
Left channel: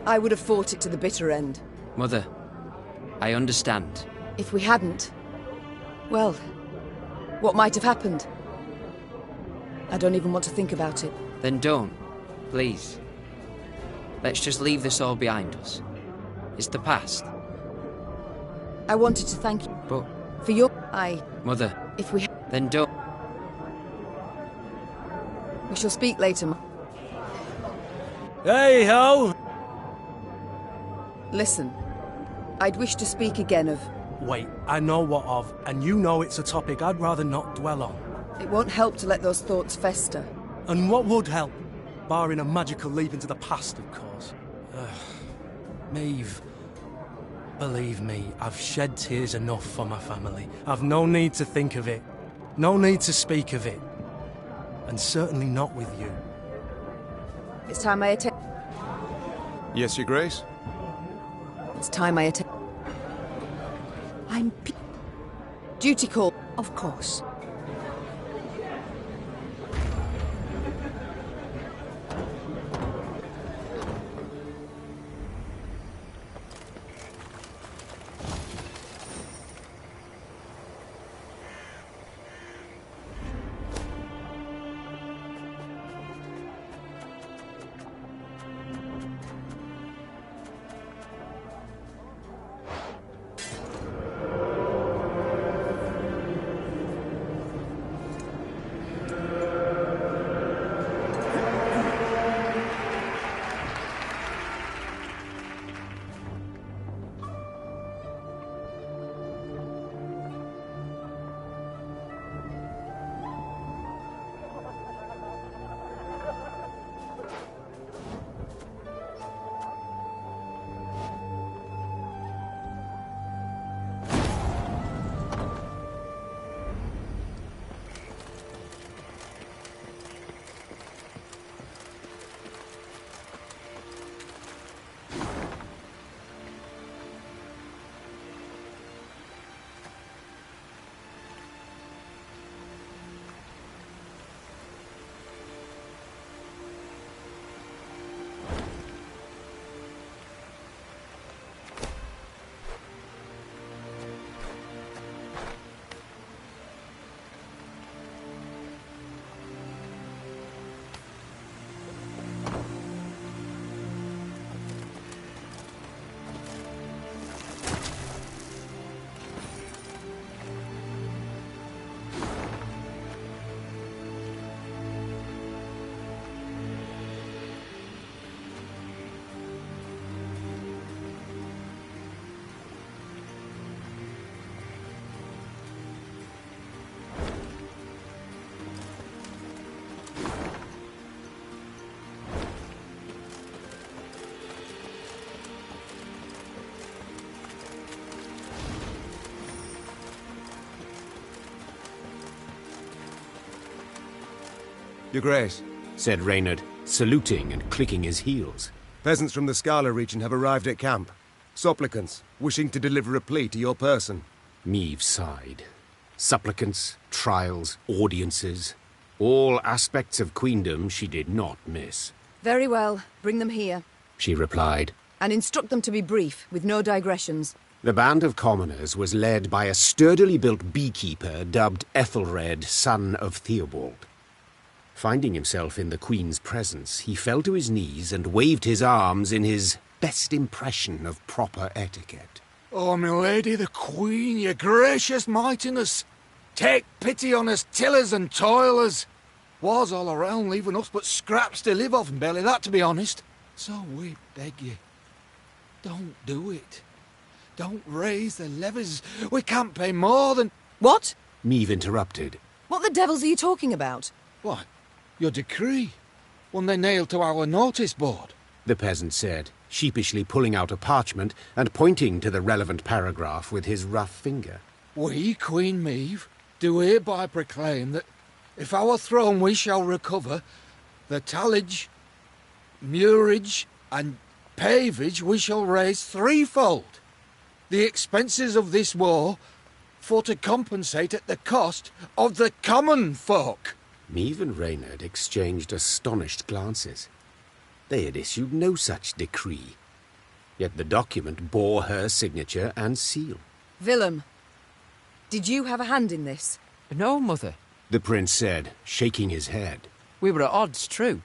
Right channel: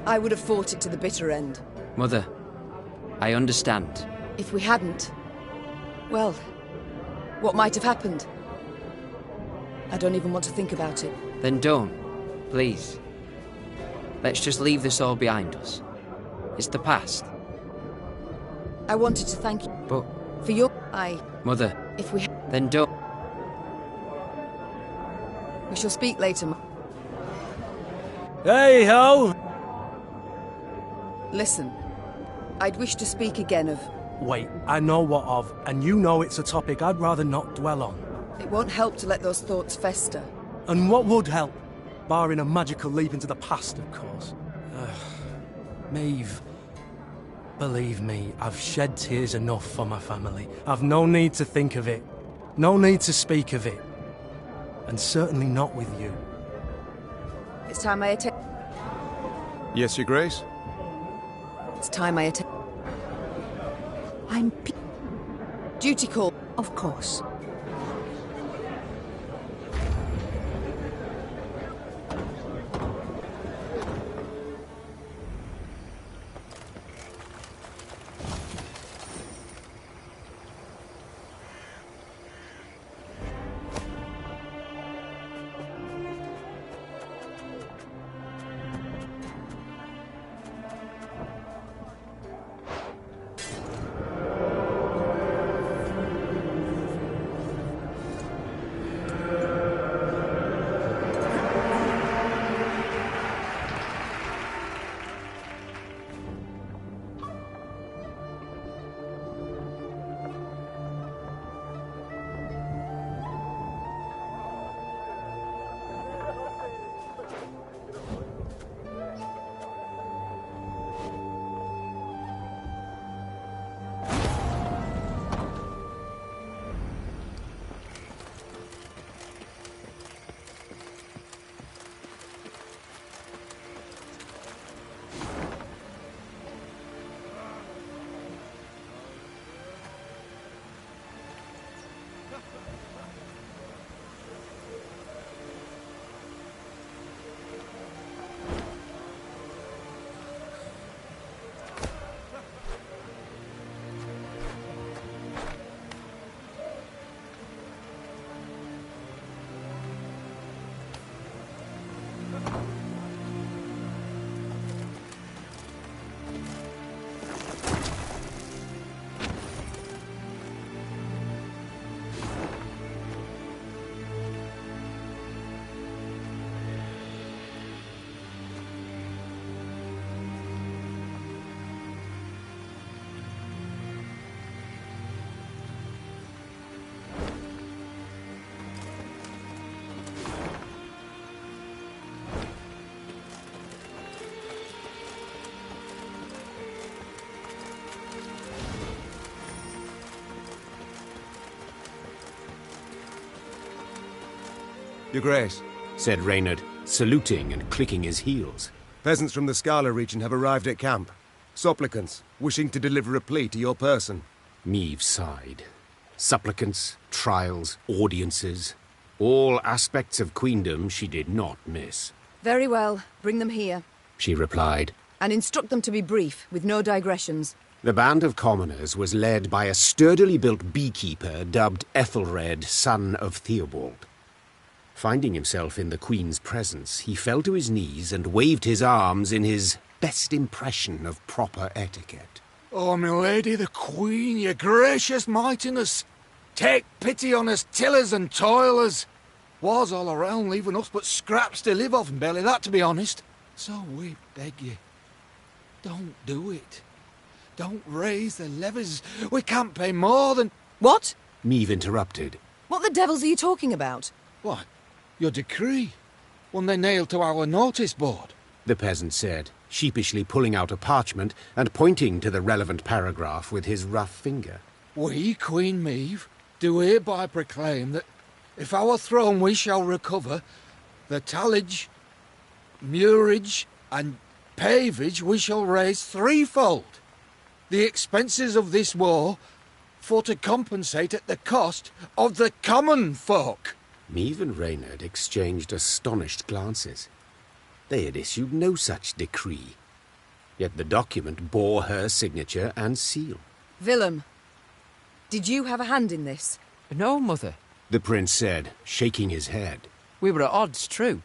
I would have fought it to the bitter end. Mother, I understand. If we hadn't, well, what might have happened? I don't even want to think about it. Then don't, please. Let's just leave this all behind us. It's the past. I wanted to thank you. But... For your... Mother... If we... Then don't... We shall speak later. Hey-ho! Listen. I'd wish to speak again of... Wait, I know what of, and you know it's a topic I'd rather not dwell on. It won't help to let those thoughts fester. And what would help? Barring a magical leap into the past, of course. Meve, believe me, I've shed tears enough for my family. I've no need to think of it. No need to speak of it. And certainly not with you. It's time I attend. Yes, Your Grace? It's time I attend. Duty call. Of course. Your Grace, said Reynard, saluting and clicking his heels. Peasants from the Scala region have arrived at camp. Supplicants, wishing to deliver a plea to your person. Meve sighed. Supplicants, trials, audiences. All aspects of queendom she did not miss. Very well. Bring them here. She replied. And instruct them to be brief, with no digressions. The band of commoners was led by a sturdily built beekeeper dubbed Ethelred, son of Theobald. Finding himself in the Queen's presence, he fell to his knees and waved his arms in his best impression of proper etiquette. Oh, my lady, the Queen, your gracious mightiness! Take pity on us tillers and toilers! Wars all around, leaving us but scraps to live off, and barely that, to be honest. So we beg you, don't do it. Don't raise the levies. We can't pay more than... What? Meve interrupted. What the devils are you talking about? What? Your decree? One they nailed to our notice board? The peasant said, sheepishly pulling out a parchment and pointing to the relevant paragraph with his rough finger. We, Queen Meve, do hereby proclaim that if our throne we shall recover, the tallage, murage, and pavage we shall raise threefold. The expenses of this war, for to compensate at the cost of the common folk. Meve and Reynard exchanged astonished glances. They had issued no such decree. Yet the document bore her signature and seal. Willem, did you have a hand in this? No, Mother, the prince said, shaking his head. We were at odds, true,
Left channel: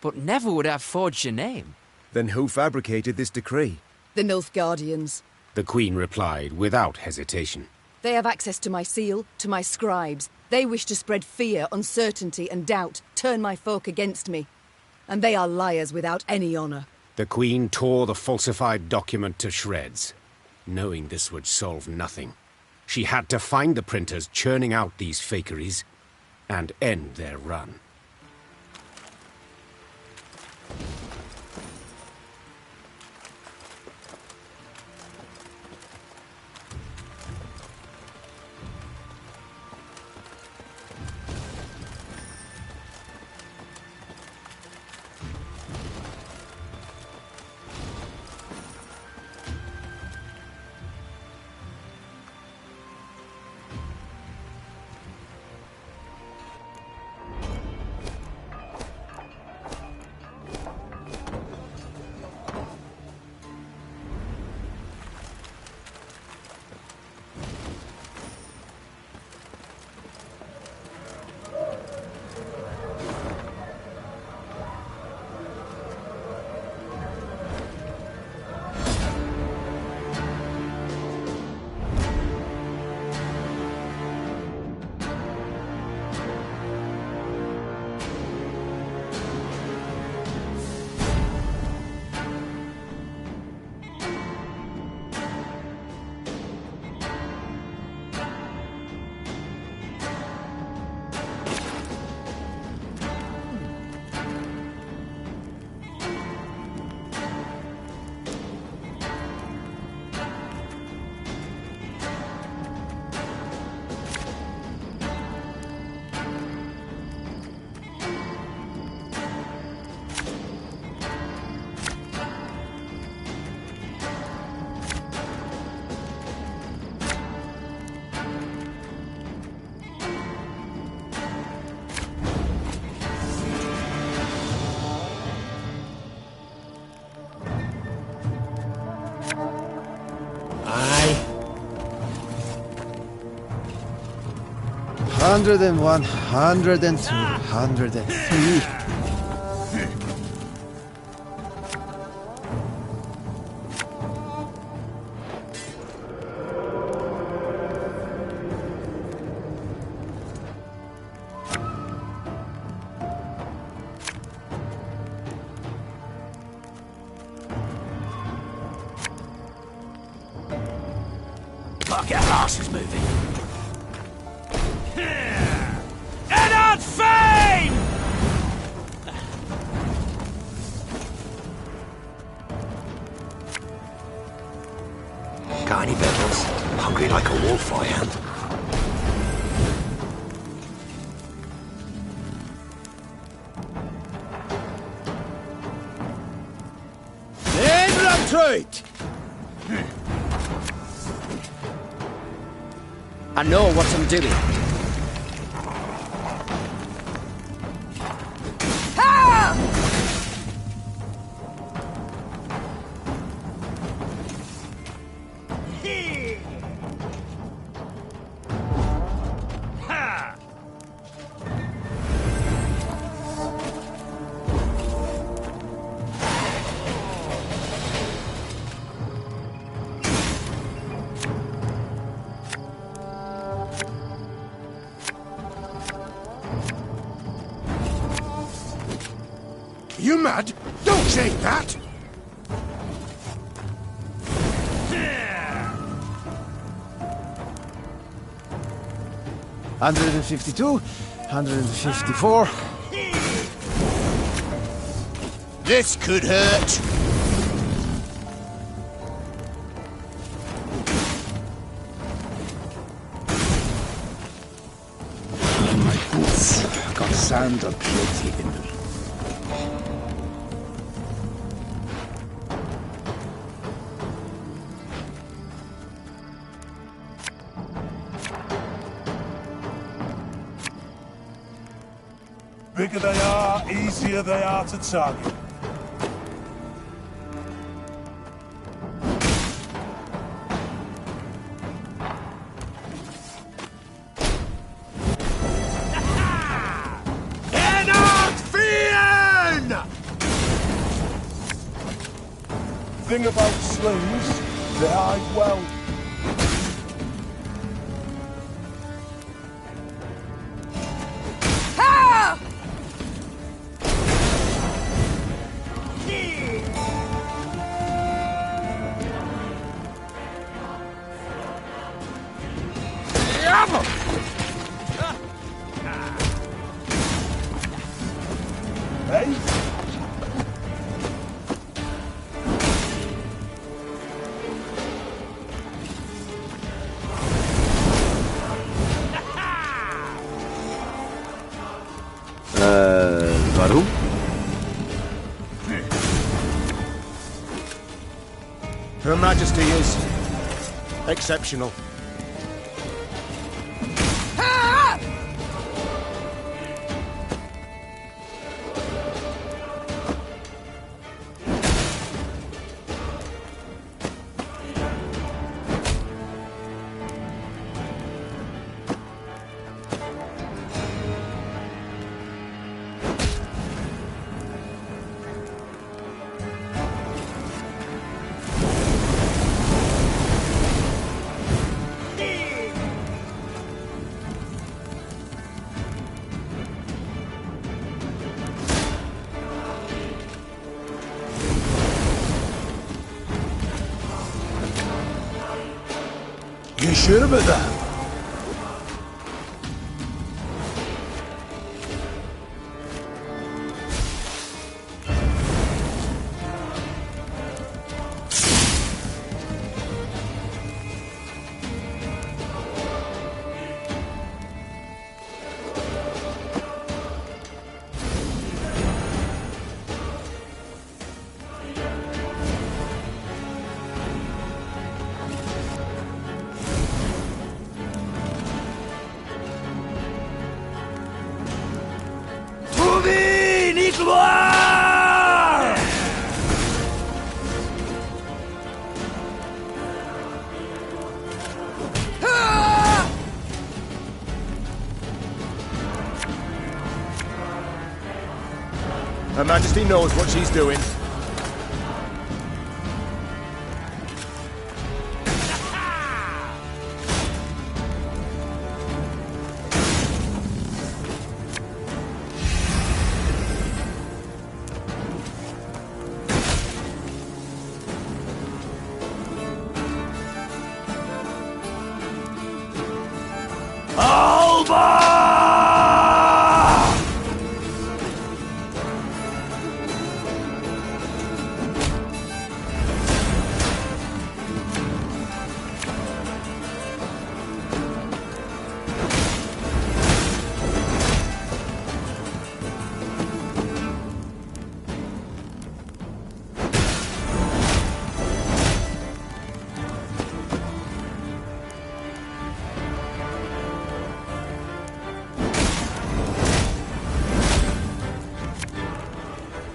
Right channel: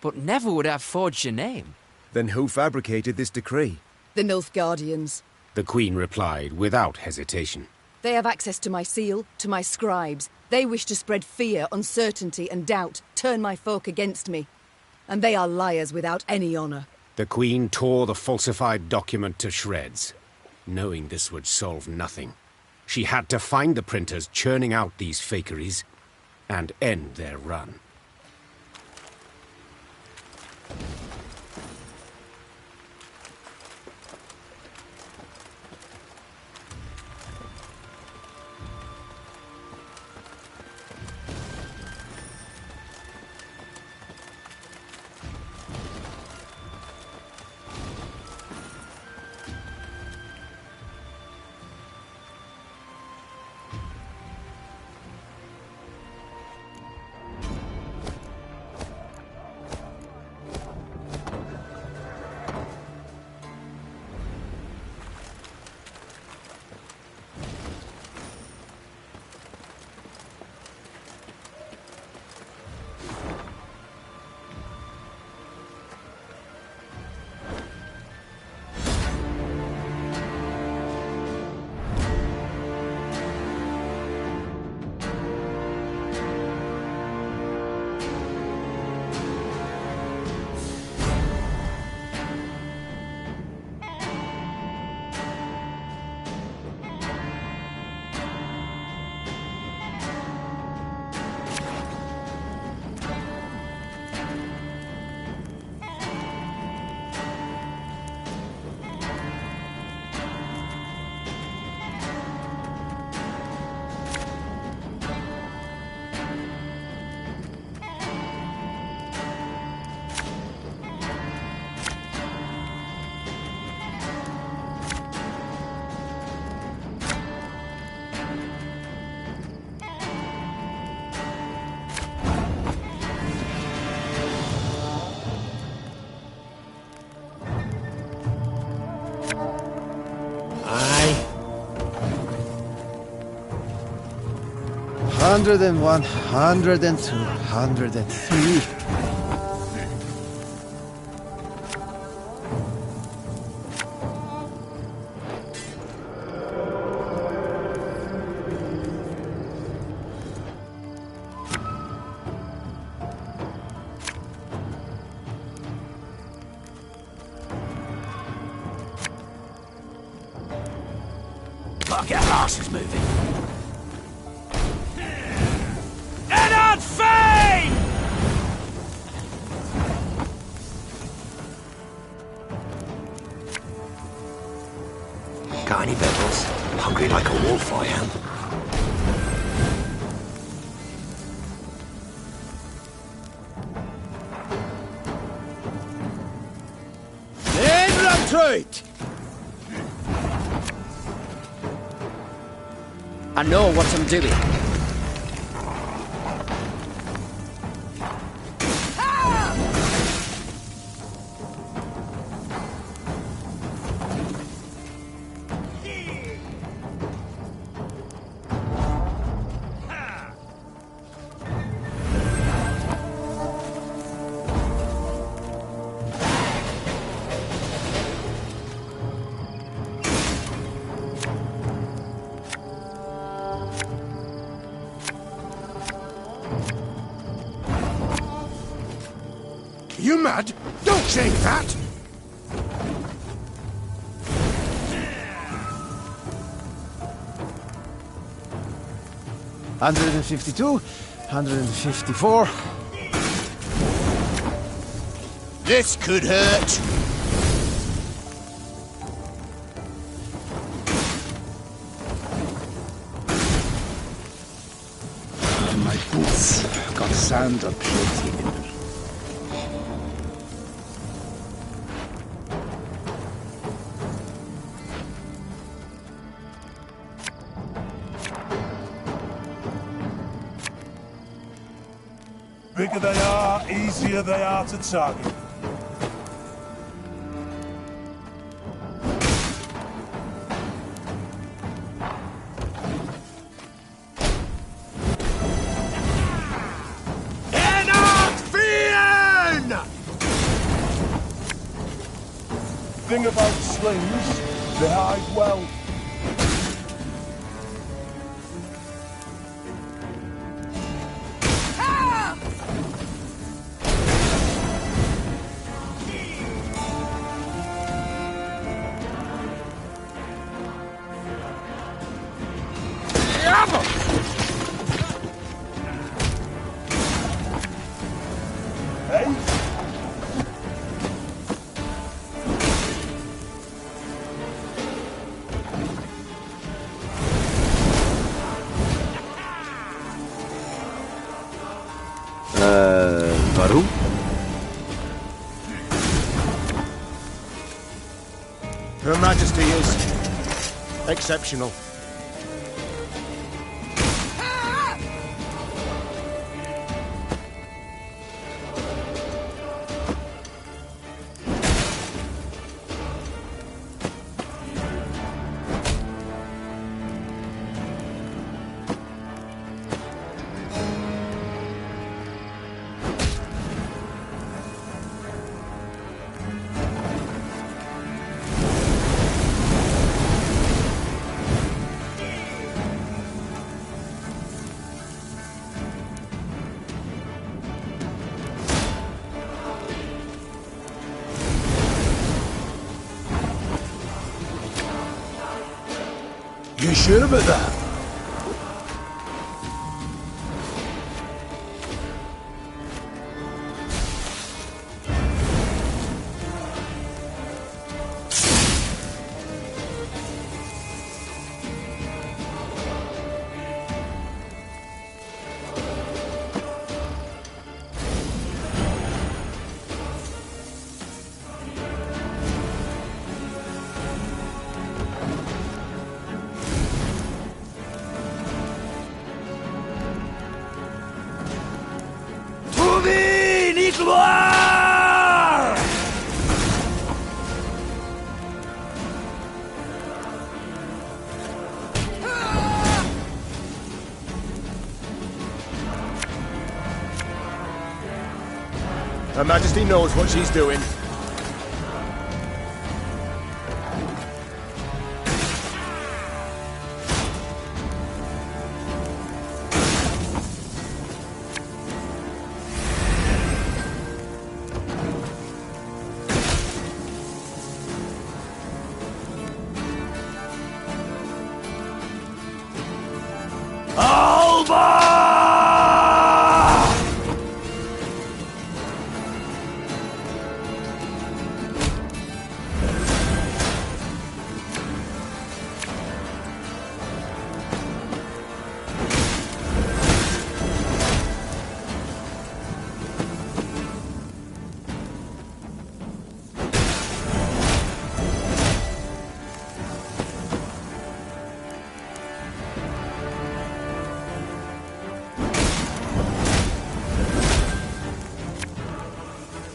but never would have forged your name. Then who fabricated this decree? The Nilfgaardians. The Queen replied without hesitation. They have access to my seal, to my scribes. They wish to spread fear, uncertainty, and doubt, turn my folk against me. And they are liars without any honour. The Queen tore the falsified document to shreds. Knowing this would solve nothing, she had to find the printers churning out these fakeries and end their run. 101, 102, 103. Fuck, our arse is moving. Ennard Fane! Got any bedrolls? Hungry like a wolf, I am. Treat! I know what I'm doing. You mad? Don't say that! Yeah. 152, 154. This could hurt. My boots got sand aplenty in them. Bigger they are, easier they are to target. Thing about slings, they hide well. Warum? Her Majesty is exceptional. You sure about that? Her Majesty knows what she's doing.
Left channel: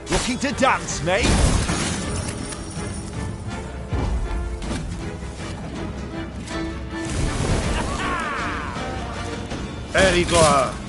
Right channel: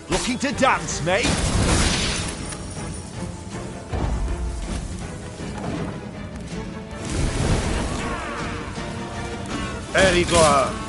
Looking to dance, mate? Erigor.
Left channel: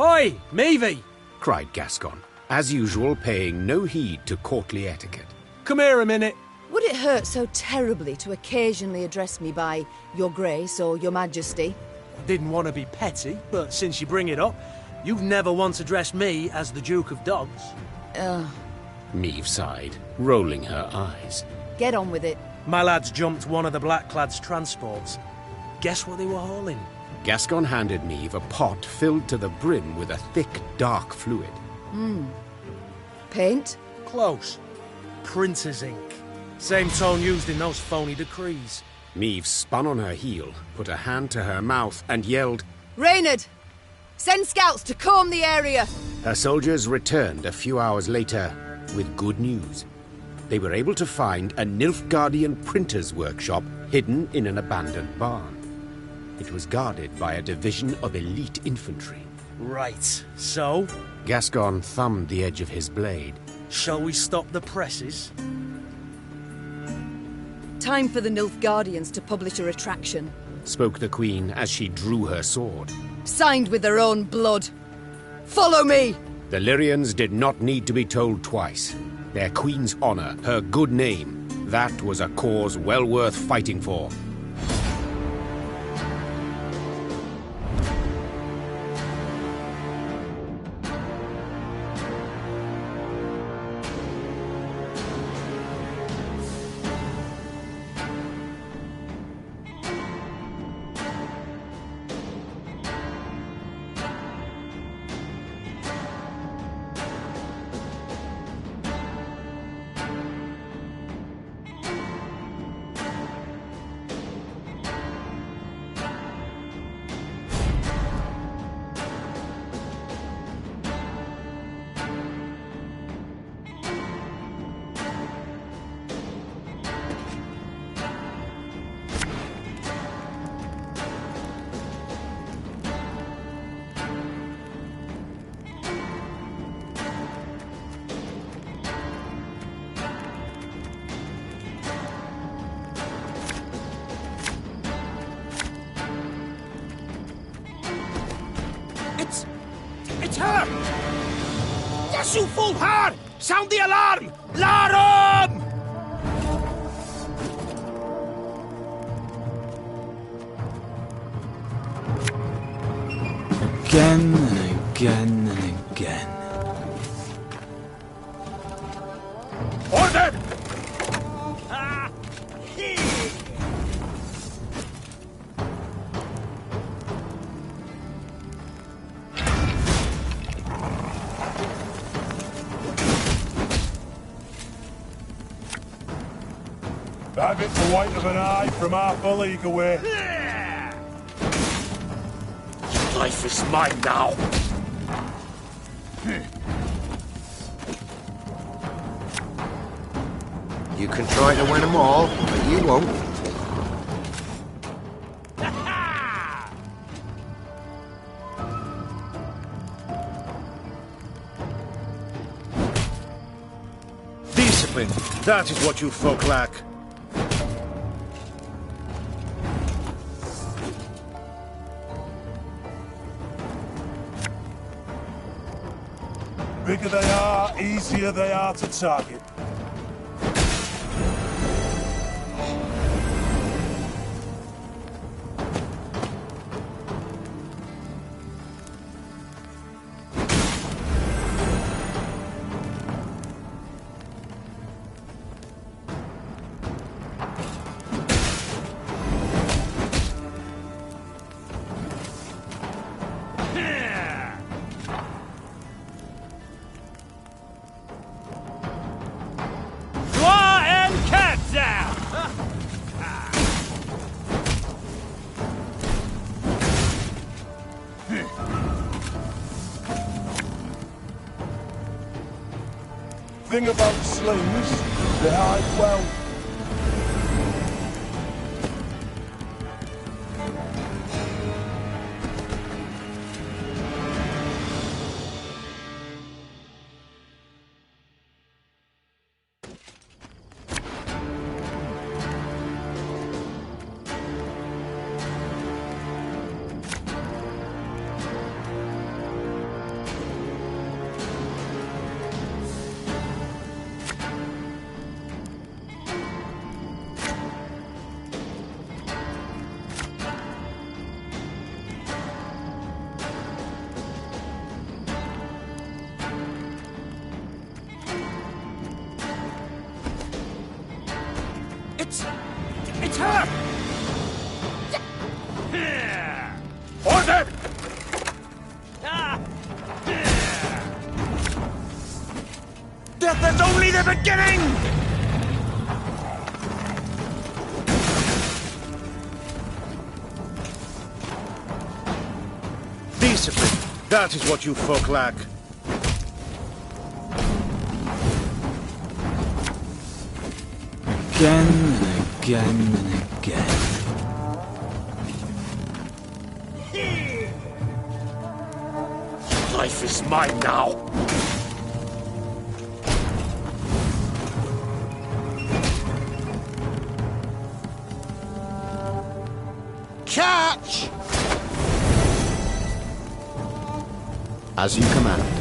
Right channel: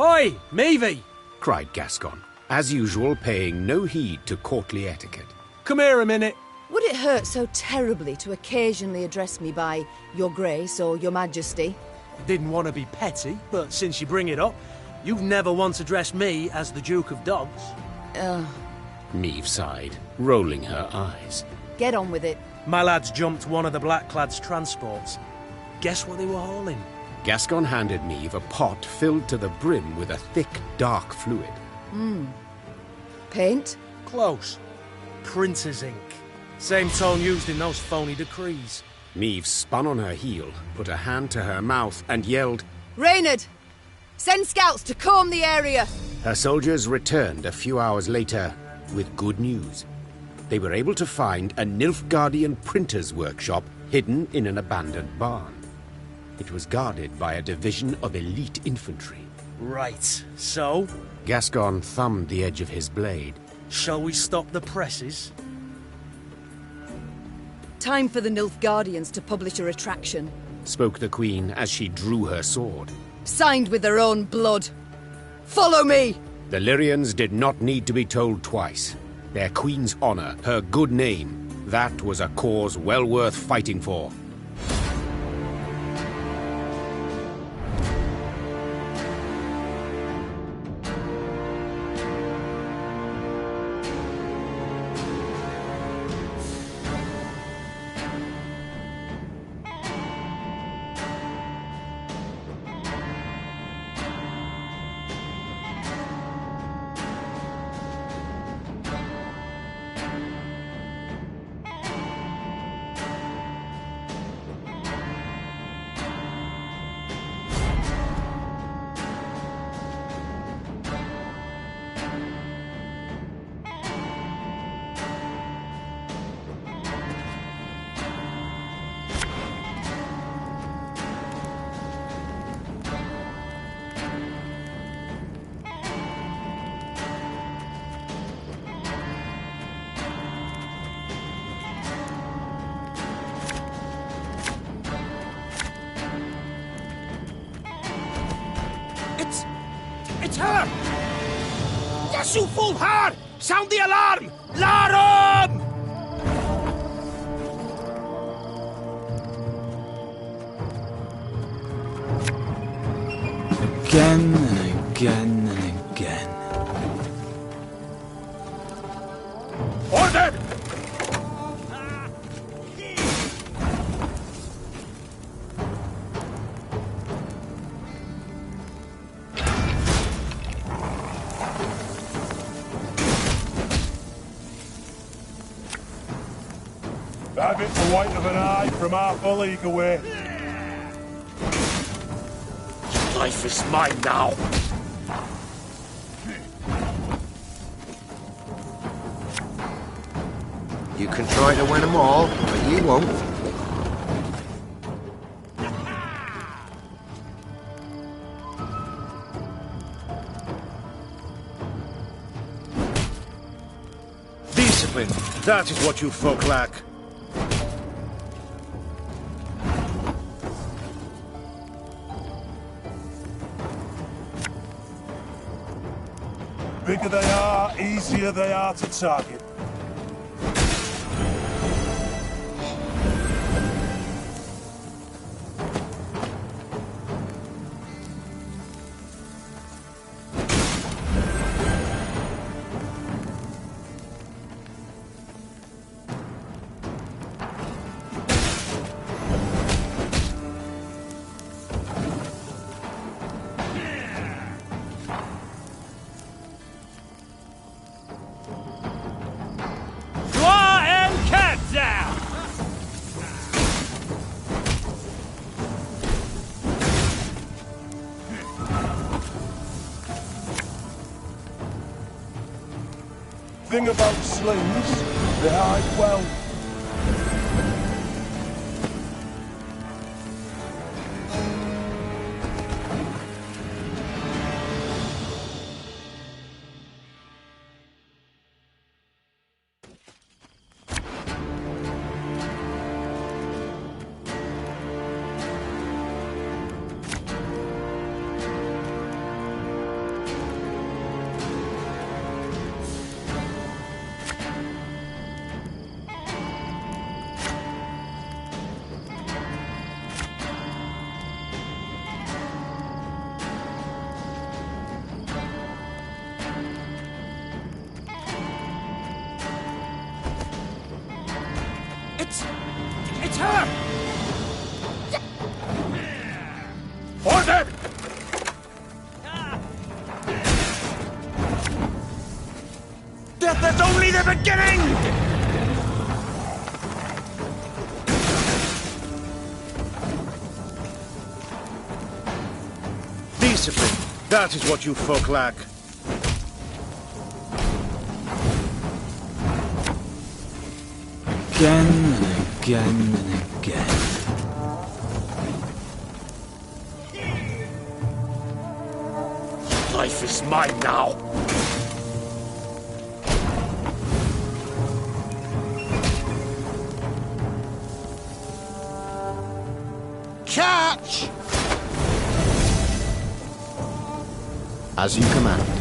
Oi, Meve! cried Gascon, as usual paying no heed to courtly etiquette. Come here a minute. Would it hurt so terribly to occasionally address me by Your Grace or Your Majesty? I didn't want to be petty, but since you bring it up, you've never once addressed me as the Duke of Dogs. Meve sighed, rolling her eyes. Get on with it. My lads jumped one of the Blackclad's transports. Guess what they were hauling? Gascon handed Meve a pot filled to the brim with a thick, dark fluid. Paint? Close. Printer's ink. Same tone used in those phony decrees. Meve spun on her heel, put a hand to her mouth, and yelled, Reynard! Send scouts to comb the area! Her soldiers returned a few hours later with good news. They were able to find a Nilfgaardian printer's workshop hidden in an abandoned barn. It was guarded by a division of elite infantry. Right, so? Gascon thumbed the edge of his blade. Shall we stop the presses? Time for the Nilfgaardians to publish a retraction. Spoke the Queen as she drew her sword. Signed with their own blood. Follow me! The Lyrians did not need to be told twice. Their Queen's honor, her good name, that was a cause well worth fighting for. It's her! Yes, you fool her! Sound the alarm! Larum! Again and again and again. Ordered! Have it the white of an eye from half a league away. Life is mine now. You can try to win them all, but you won't. Discipline, that is what you folk lack. Bigger they are, easier they are to target. Thing about slings, they hide well. It's her! Order! Death is only the beginning! Discipline. That is what you folk lack. Again and again and again. Life is mine now. Catch! As you command.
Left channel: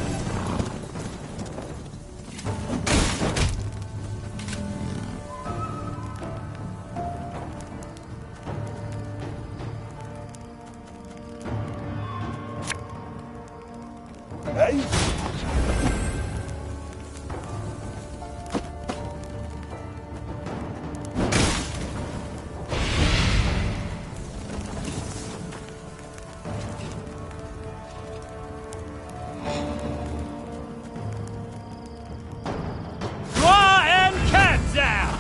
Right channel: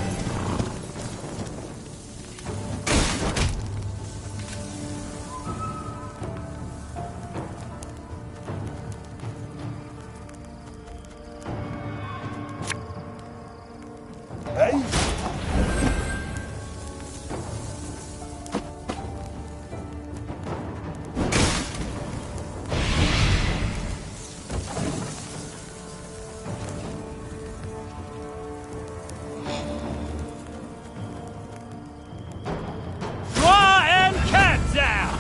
Hey? Draw and cat down!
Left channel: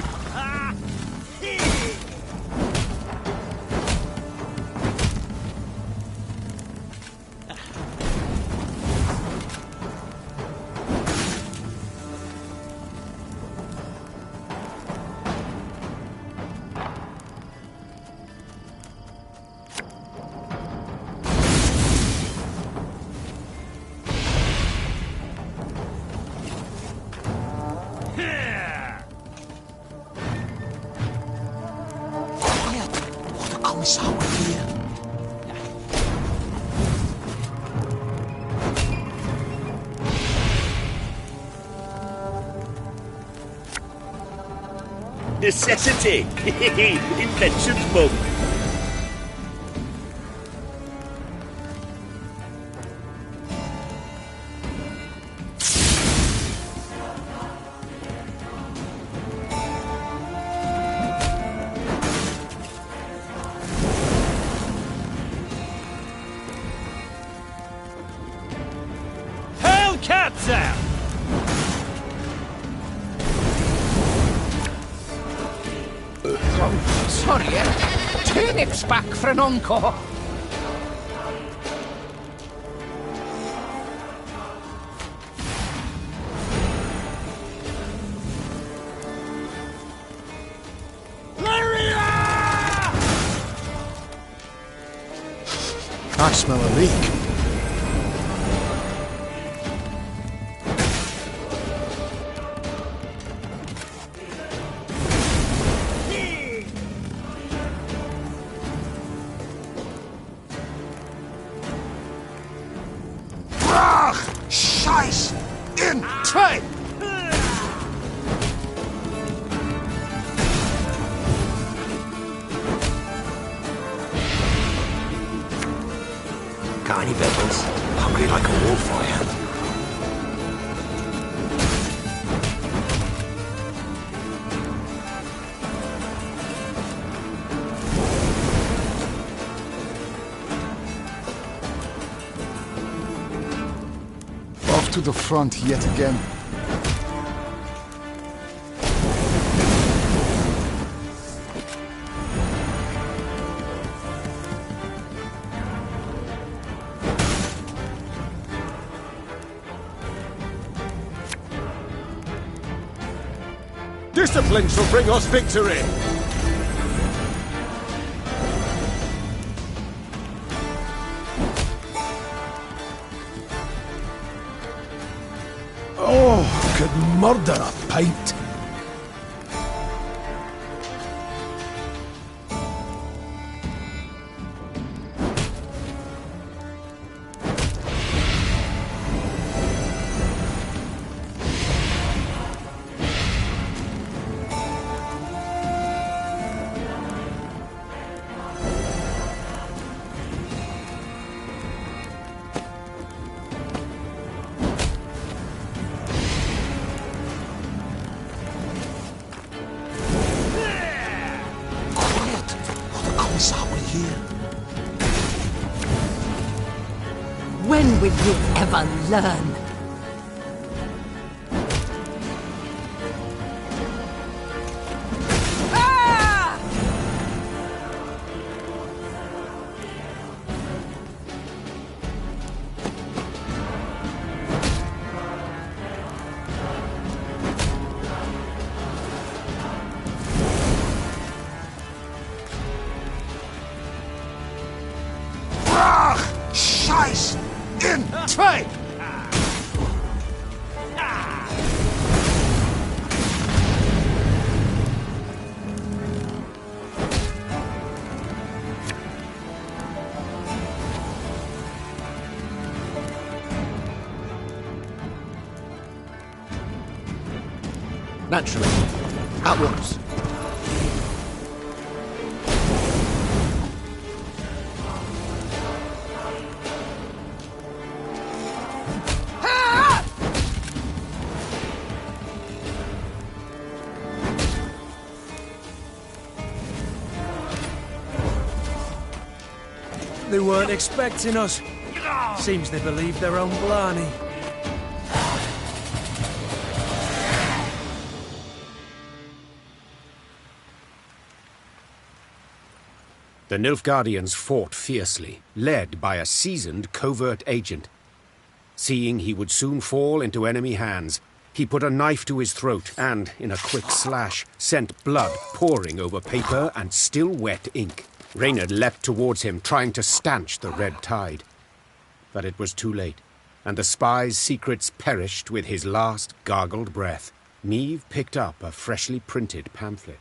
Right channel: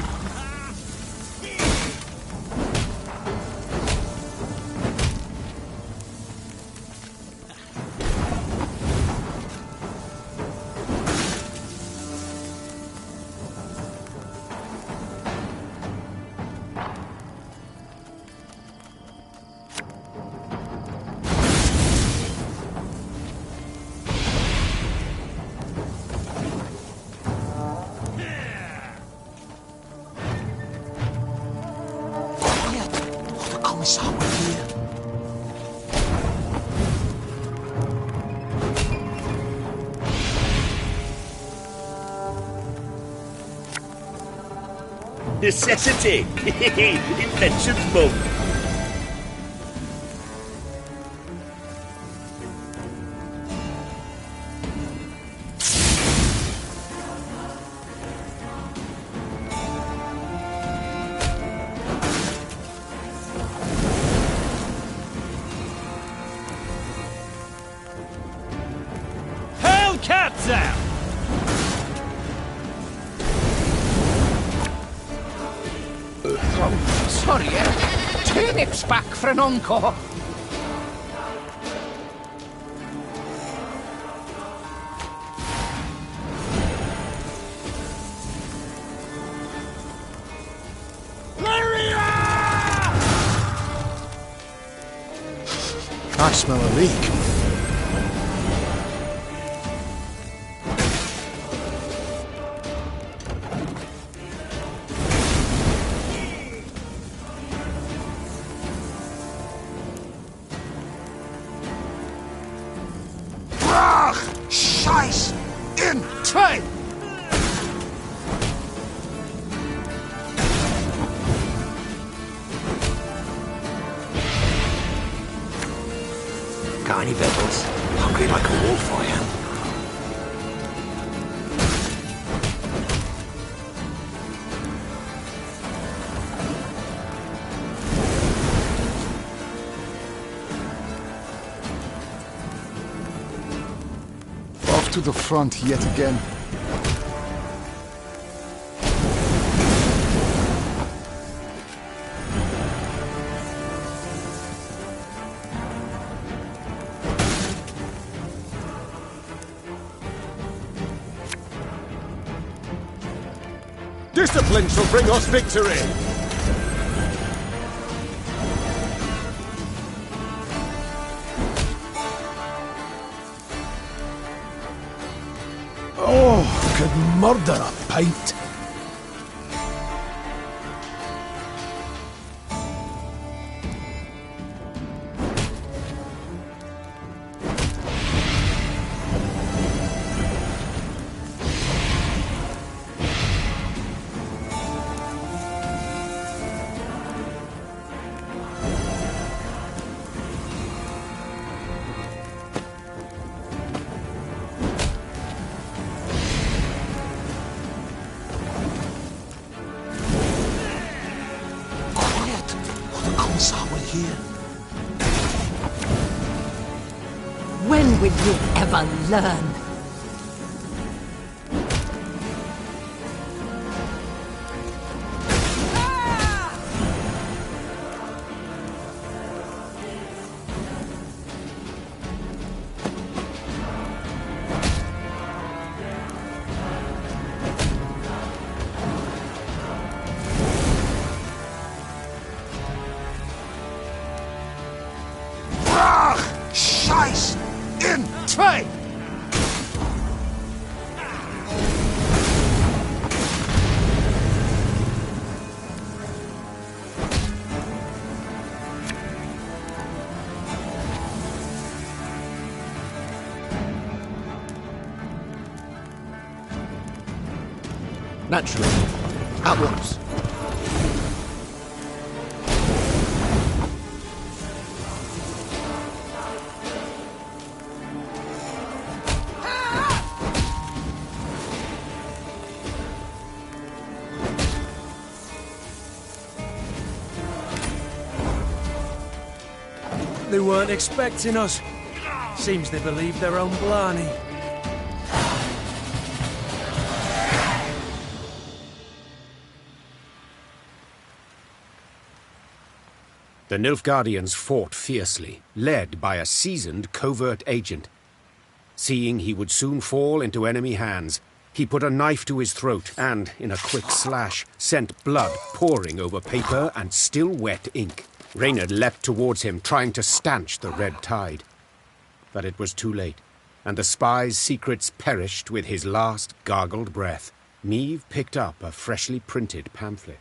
Necessity. Invention's mum. Hail cats out! Sorry, turnips back for an encore. I smell a leak. Scheiß! In Trade! Got any victuals? Hungry like a wolf, I am. Off to the front yet again. Discipline shall bring us victory! Oh, could murder a pint. here? When will you ever learn? Scheiß in zwei! Naturally. At once. They weren't expecting us. Seems they believe their own blarney. The Nilfgaardians fought fiercely, led by a seasoned covert agent. Seeing he would soon fall into enemy hands, he put a knife to his throat and, in a quick slash, sent blood pouring over paper and still wet ink. Rainha leapt towards him, trying to stanch the red tide. But it was too late, and the spy's secrets perished with his last gargled breath. Meve picked up a freshly printed pamphlet.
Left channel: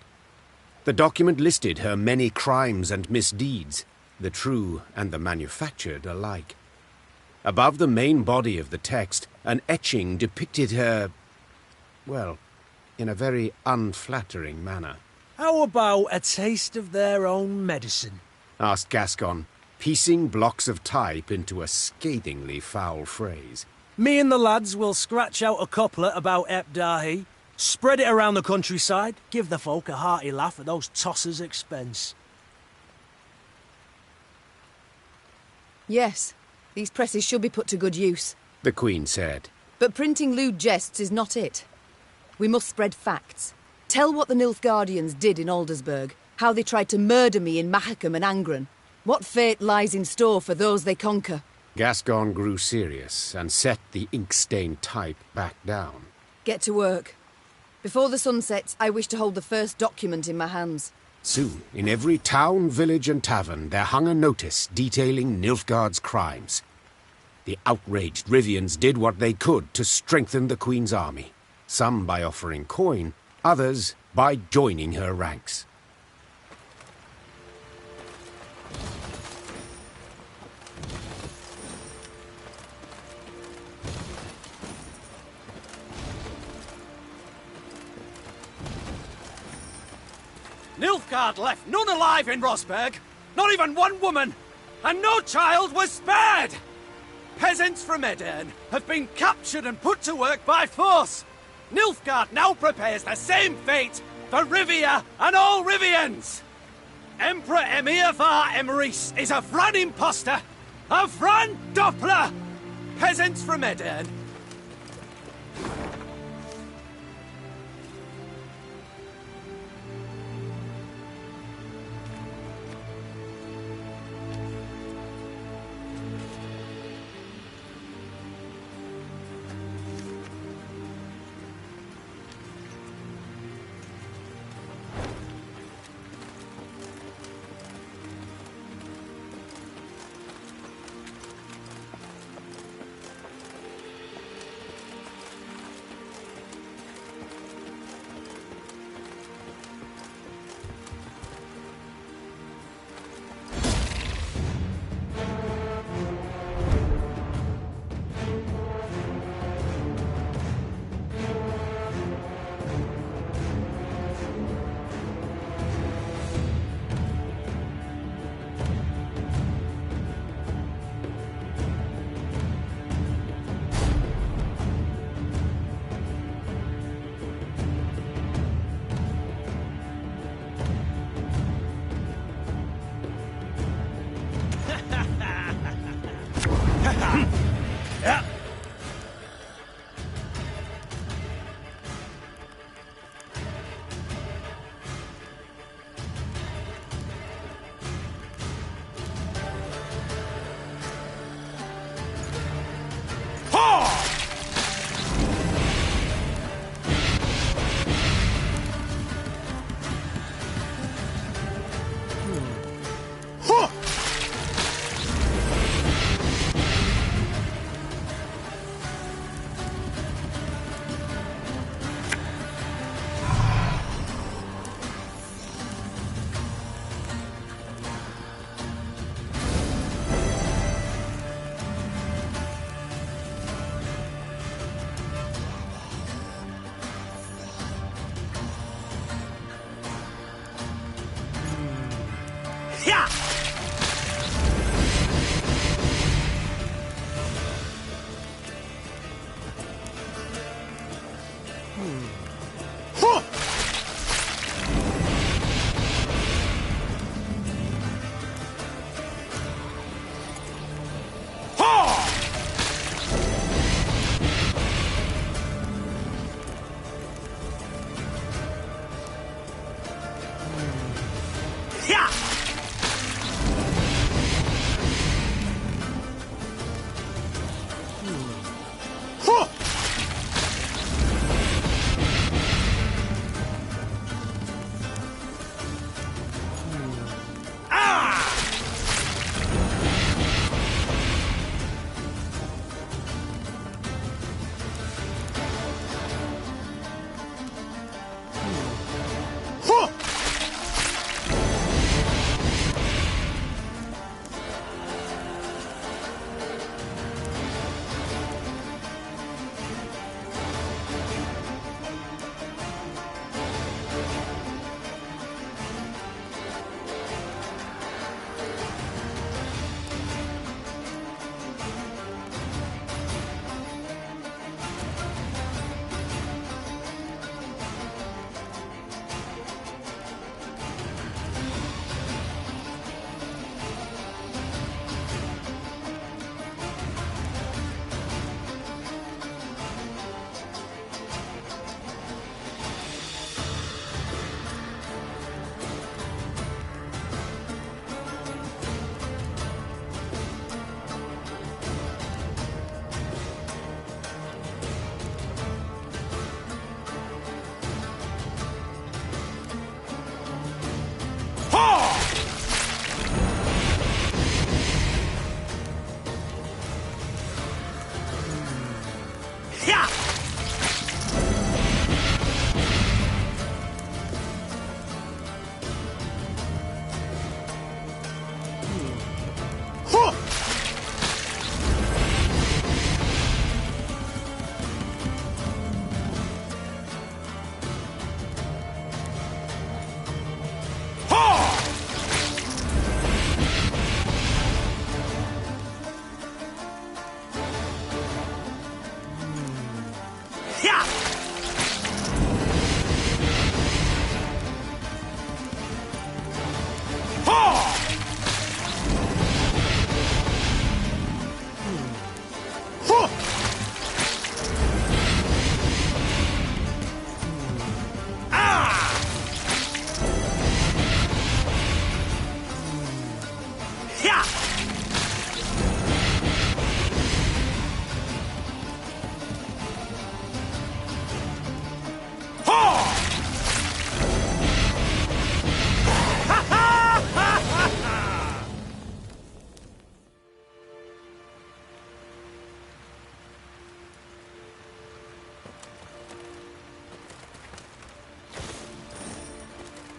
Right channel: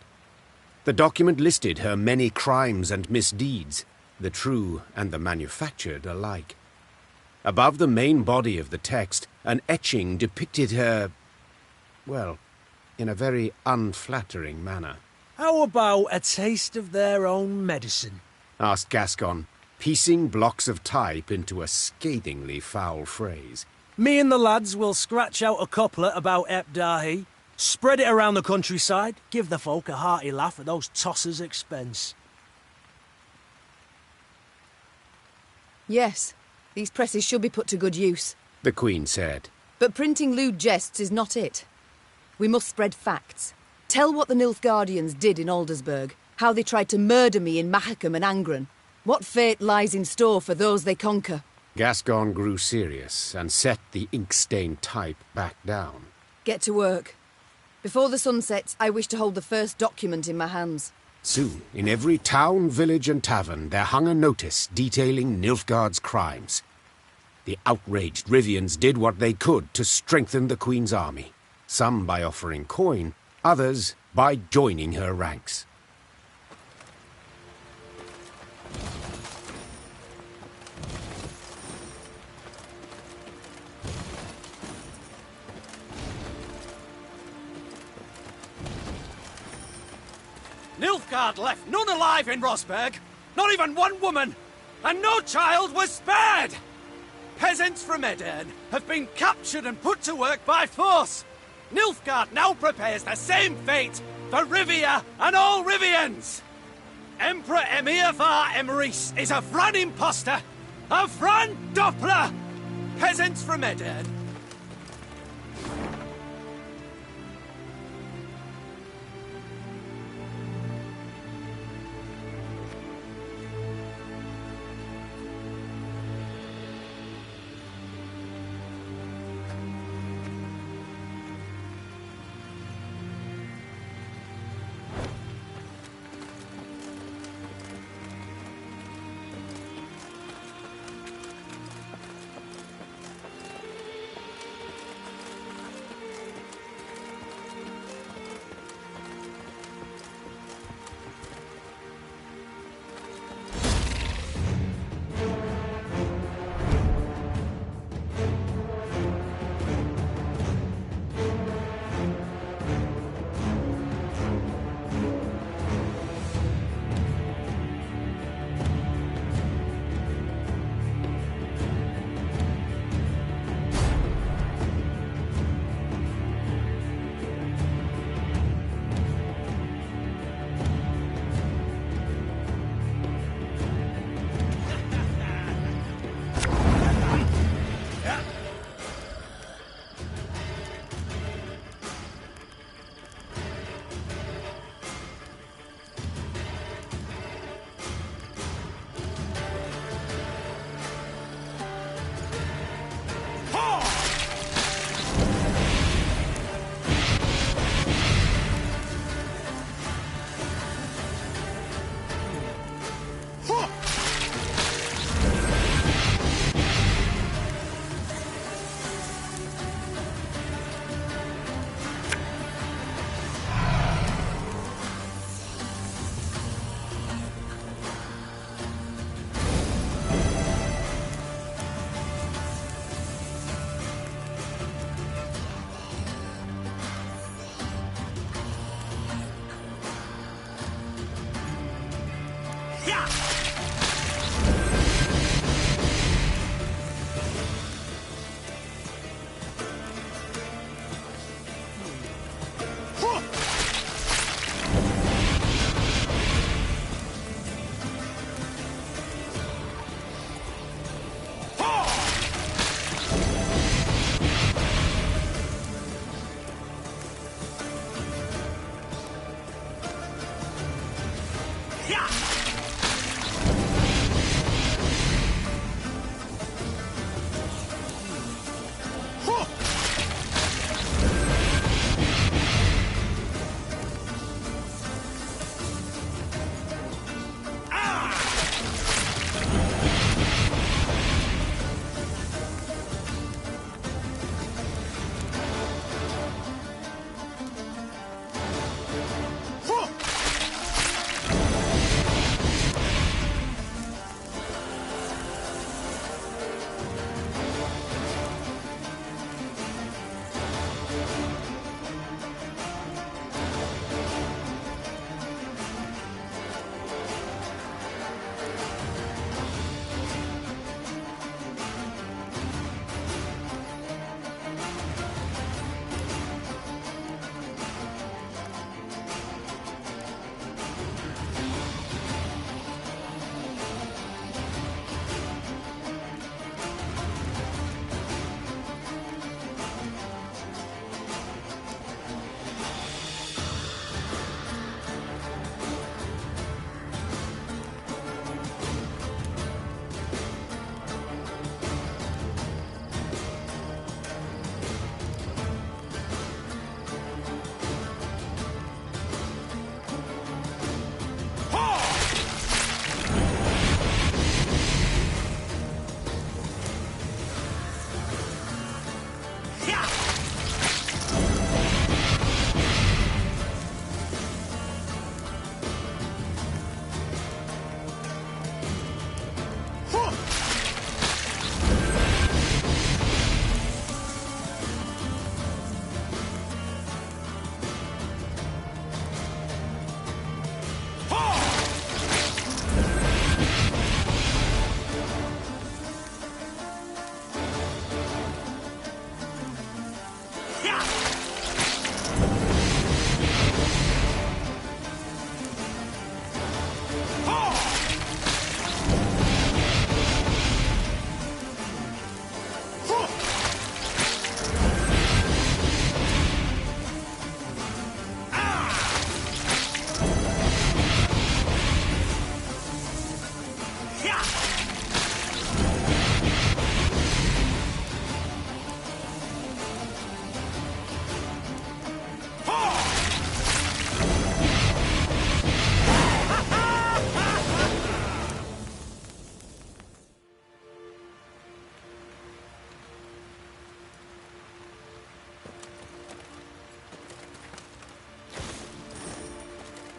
The document listed her many crimes and misdeeds, the true and the manufactured alike. Above the main body of the text, an etching depicted her, well, in a very unflattering manner. How about a taste of their own medicine? Asked Gascon, piecing blocks of type into a scathingly foul phrase. Me and the lads will scratch out a couplet about Ep Dahi, spread it around the countryside, give the folk a hearty laugh at those tossers' expense. Yes, these presses should be put to good use. The Queen said. But printing lewd jests is not it. We must spread facts. Tell what the Nilfgaardians did in Aldersburg, how they tried to murder me in Mahakam and Angren, what fate lies in store for those they conquer. Gascon grew serious and set the ink-stained type back down. Get to work. Before the sun sets, I wish to hold the first document in my hands. Soon, in every town, village and tavern, there hung a notice detailing Nilfgaard's crimes. The outraged Rivians did what they could to strengthen the Queen's army, some by offering coin, others by joining her ranks. Nilfgaard left none alive in Rosberg, not even one woman, and no child was spared! Peasants from Edern have been captured and put to work by force. Nilfgaard now prepares the same fate for Rivia and all Rivians! Emperor Emir var Emrys is a Vran imposter! A Vran Doppler! Peasants from Edern.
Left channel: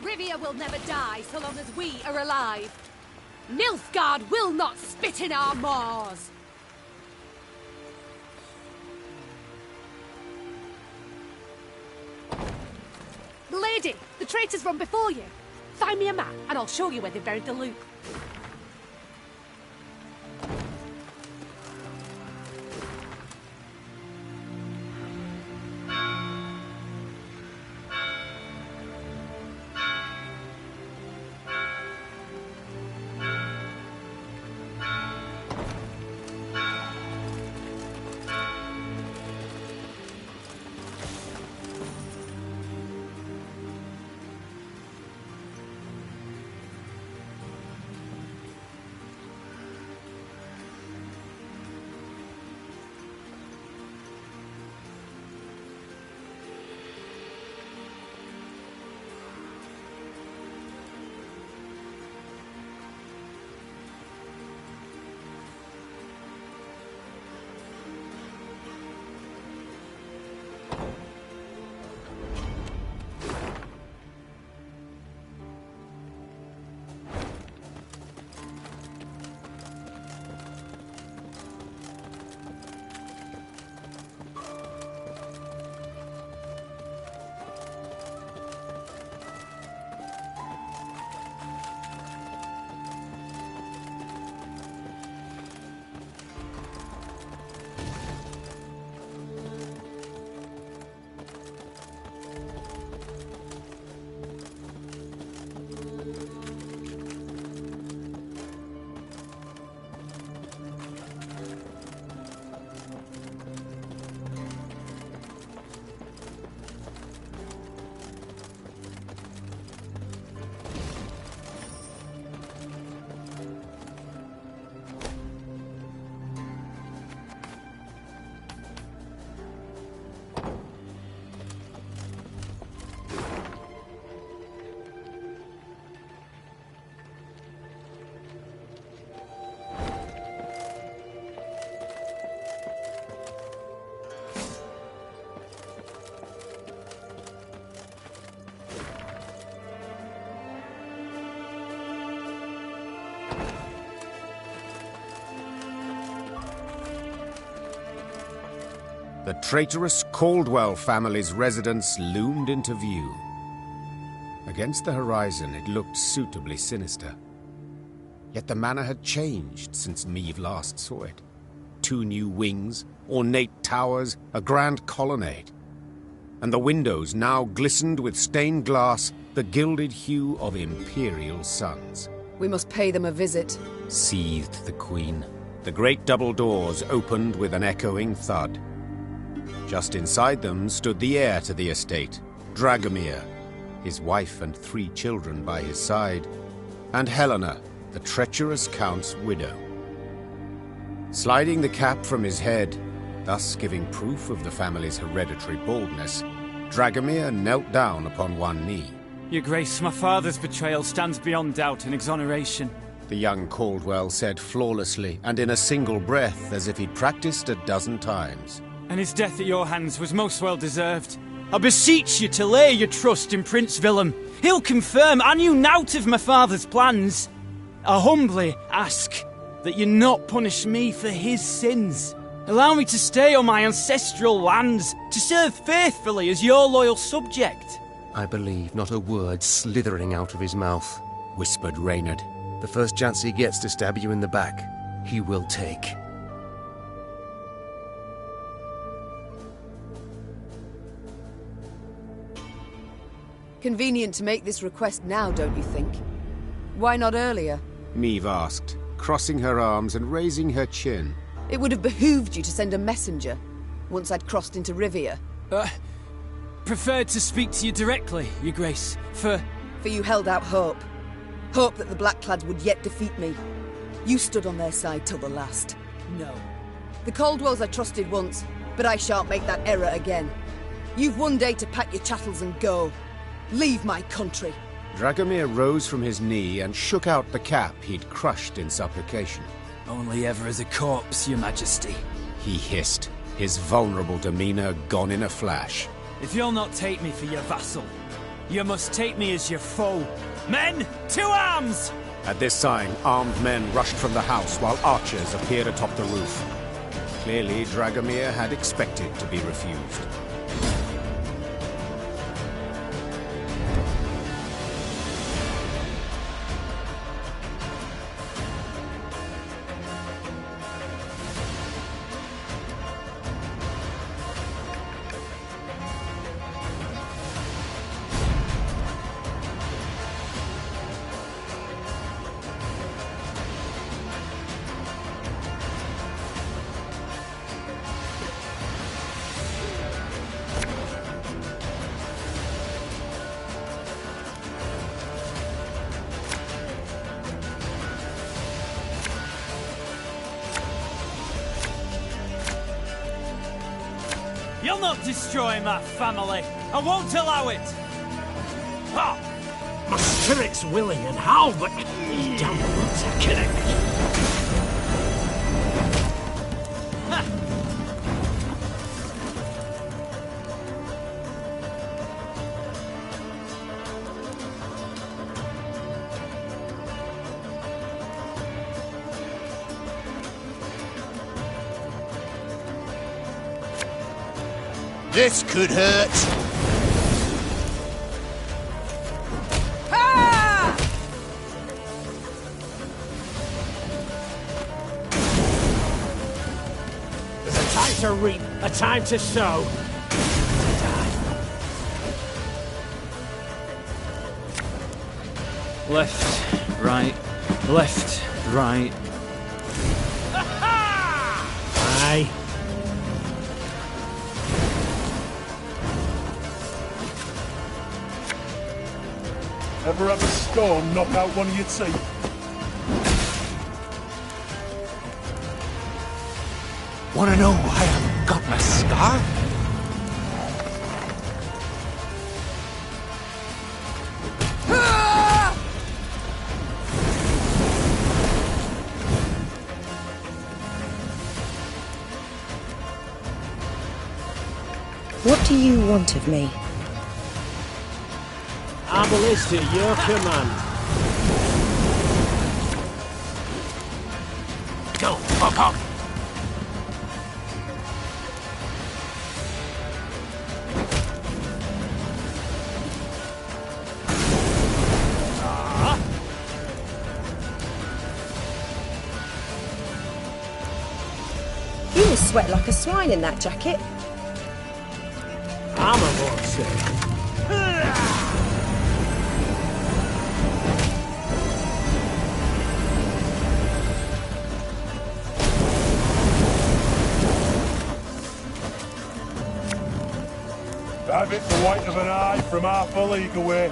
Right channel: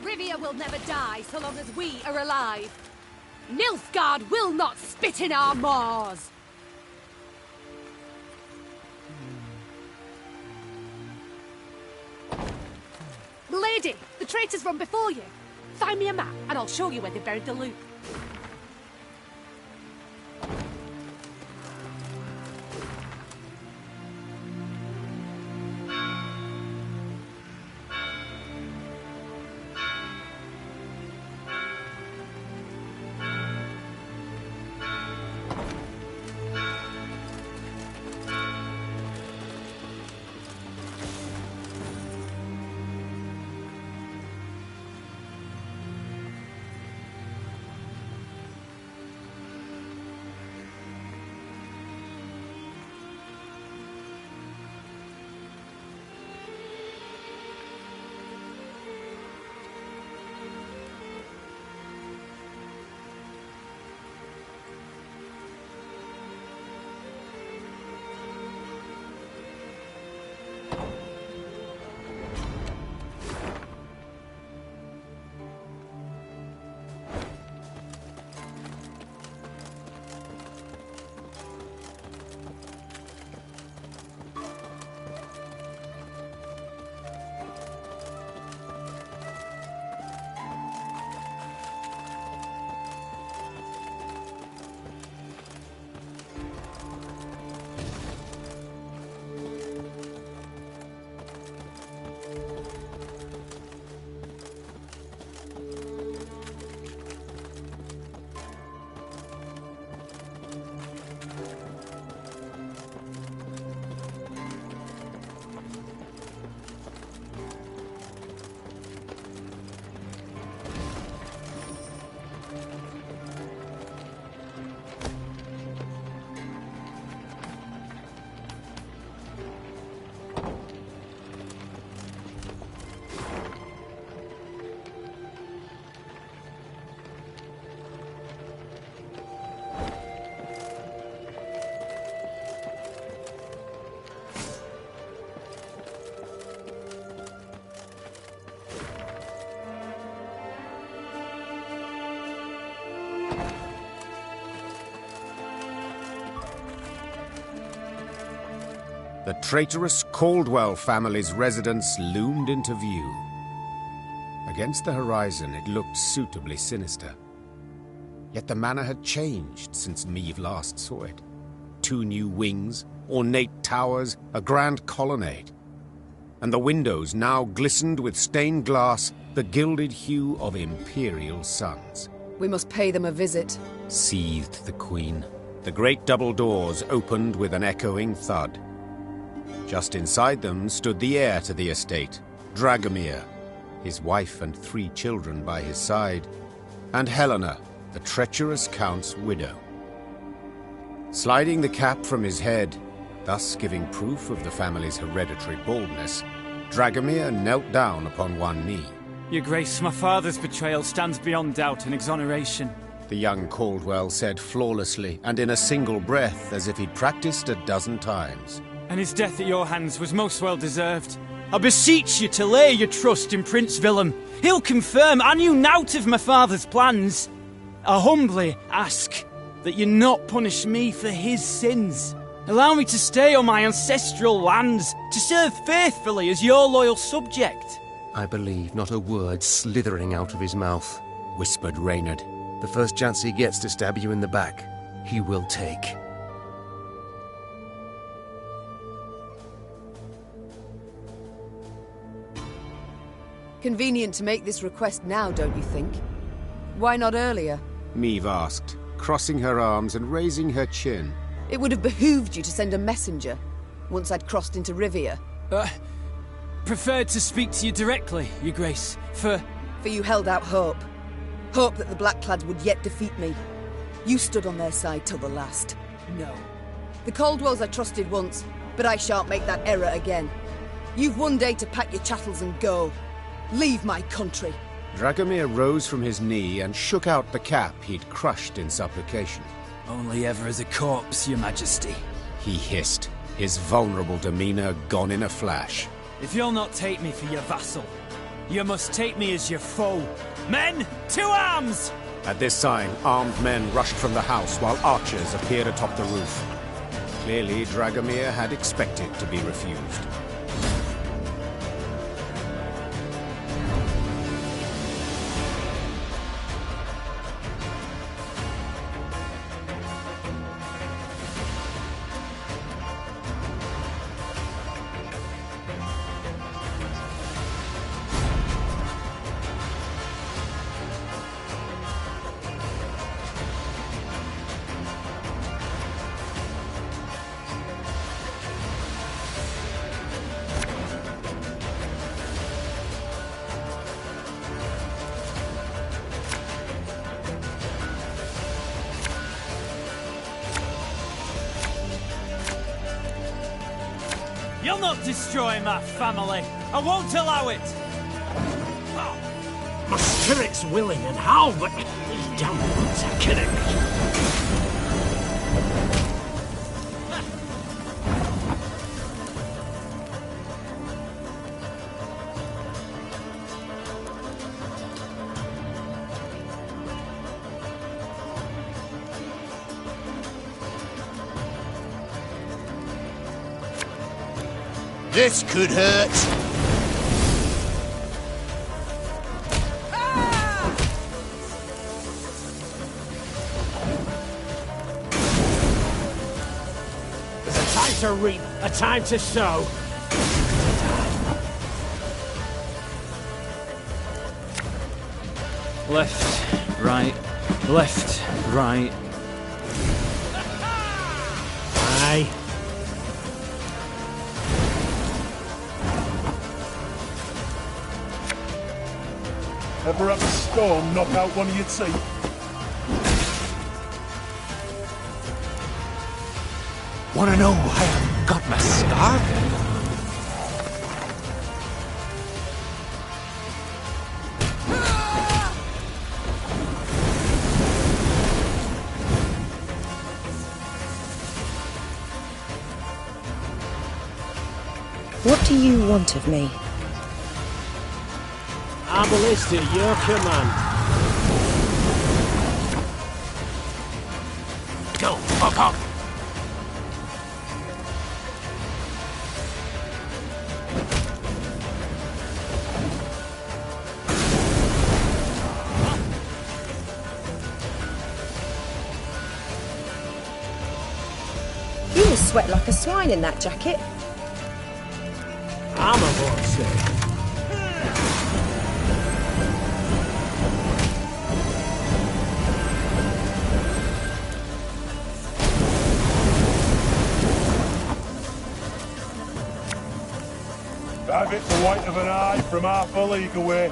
Rivia will never die so long as we are alive. Nilfgaard will not spit in our maws. Lady, the traitors run before you. Find me a map and I'll show you where they buried the loot. the traitorous Caldwell family's residence loomed into view. Against the horizon, it looked suitably sinister. Yet the manor had changed since Meve last saw it. 2 new wings, ornate towers, a grand colonnade. And the windows now glistened with stained glass, the gilded hue of imperial suns. We must pay them a visit, Seethed the Queen. The great double doors opened with an echoing thud. Just inside them stood the heir to the estate, Dragomir, his wife and 3 children by his side, and Helena, the treacherous Count's widow. Sliding the cap from his head, thus giving proof of the family's hereditary baldness, Dragomir knelt down upon one knee. Your Grace, my father's betrayal stands beyond doubt and exoneration. The young Caldwell said flawlessly and in a single breath, as if he'd practiced a dozen times. And his death at your hands was most well deserved. I beseech you to lay your trust in Prince Willem. He'll confirm I knew naught of my father's plans. I humbly ask that you not punish me for his sins. Allow me to stay on my ancestral lands, to serve faithfully as your loyal subject. I believe not a word slithering out of his mouth, whispered Reynard. The first chance he gets to stab you in the back, he will take. Convenient to make this request now, don't you think? Why not earlier? Meve asked, crossing her arms and raising her chin. It would have behooved you to send a messenger, once I'd crossed into Rivia. Preferred to speak to you directly, Your Grace, For you held out hope. Hope that the Blackclads would yet defeat me. You stood on their side till the last. No. The Caldwells I trusted once, but I shan't make that error again. You've one day to pack your chattels and go. Leave my country. Dragomir rose from his knee and shook out the cap he'd crushed in supplication. Only ever as a corpse, Your Majesty. He hissed, his vulnerable demeanor gone in a flash. If you'll not take me for your vassal, you must take me as your foe. Men, to arms! At this sign, armed men rushed from the house while archers appeared atop the roof. Clearly, Dragomir had expected to be refused. You'll not destroy my family. I won't allow it. Ha! My spirit's willing and how, but these damn roots are killing me. This could hurt. Ah! There's a time to reap, a time to sow. Left, right, left, right. Aye. Ever have a storm knock out one of your teeth? Wanna know why I've got my scar? What do you want of me? Arbalist at your command. Go, fuck off! sweat like a swine in that jacket. I'm a more sick. Have it the white of an eye from half a league away.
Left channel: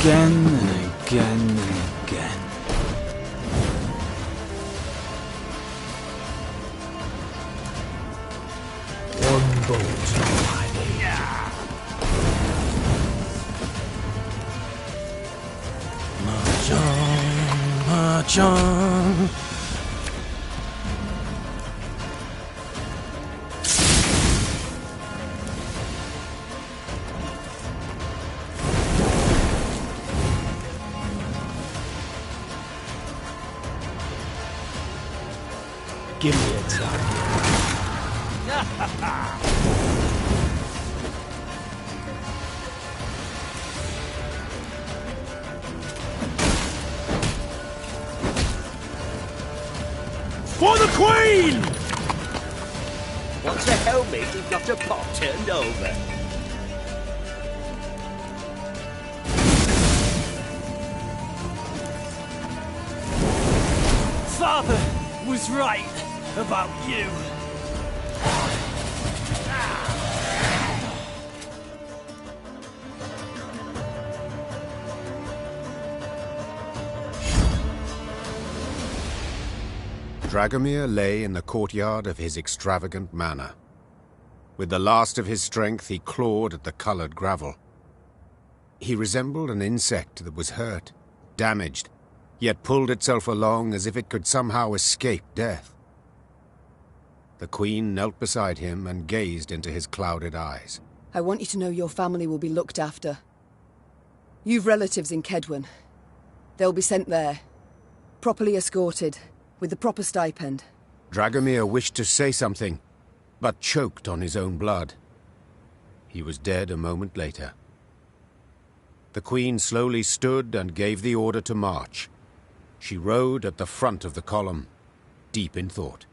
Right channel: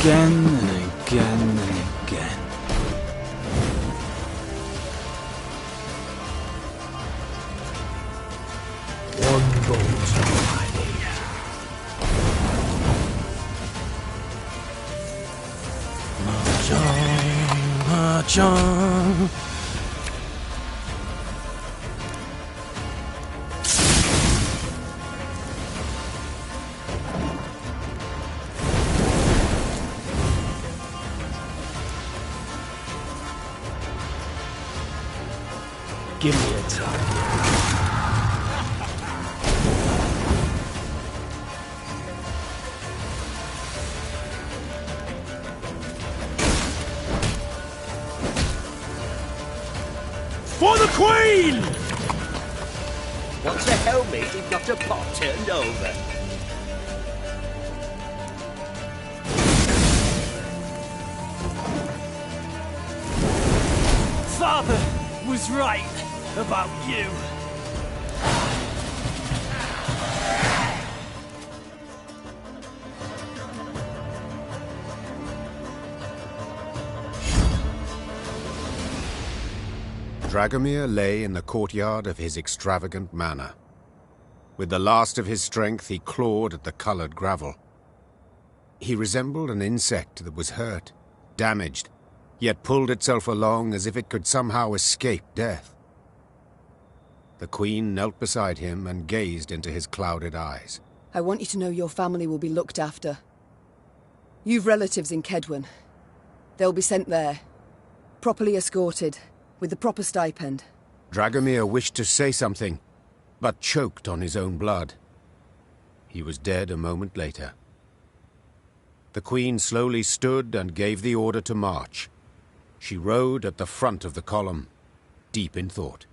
Again and again and again. One bolt already. Mahjong, mahjong. Give me a target. For the Queen! Once a helmet, you've got a pot turned over. Father was right about you. Dragomir lay in the courtyard of his extravagant manor. With the last of his strength, he clawed at the colored gravel. He resembled an insect that was hurt, damaged, yet pulled itself along as if it could somehow escape death. The Queen knelt beside him and gazed into his clouded eyes. I want you to know your family will be looked after. You've relatives in Kedwen. They'll be sent there, properly escorted, with the proper stipend. Dragomir wished to say something, but choked on his own blood. He was dead a moment later. The Queen slowly stood and gave the order to march. She rode at the front of the column, deep in thought.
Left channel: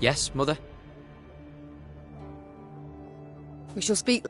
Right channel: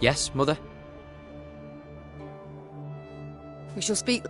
Yes, Mother? We shall speak...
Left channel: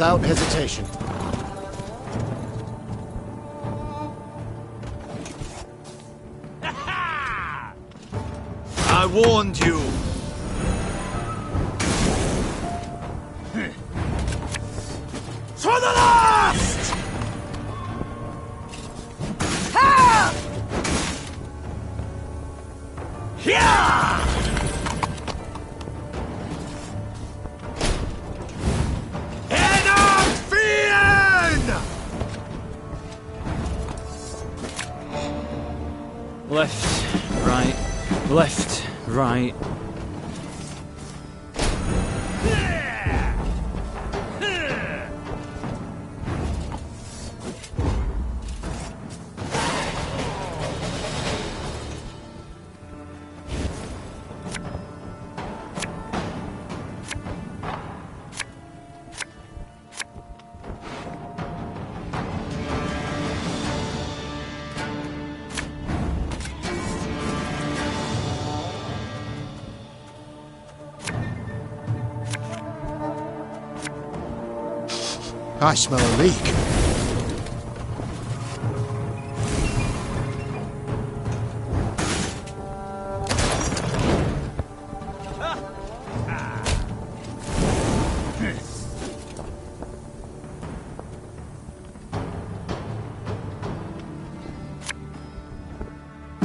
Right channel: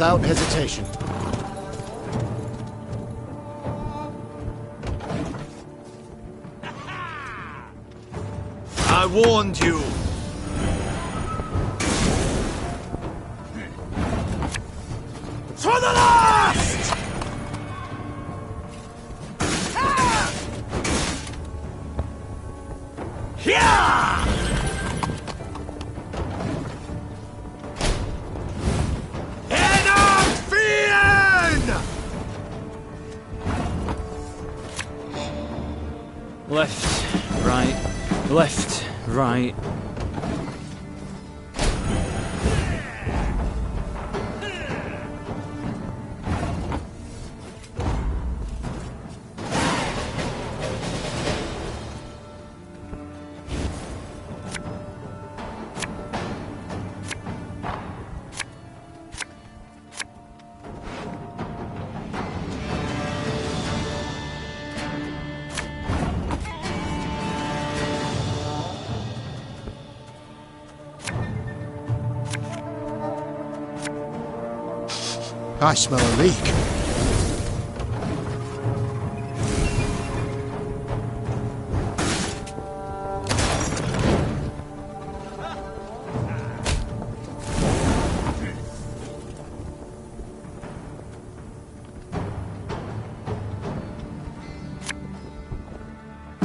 without hesitation. I warned you! To the last! Ha! Yeah! Left, right, left, right. I smell a leak.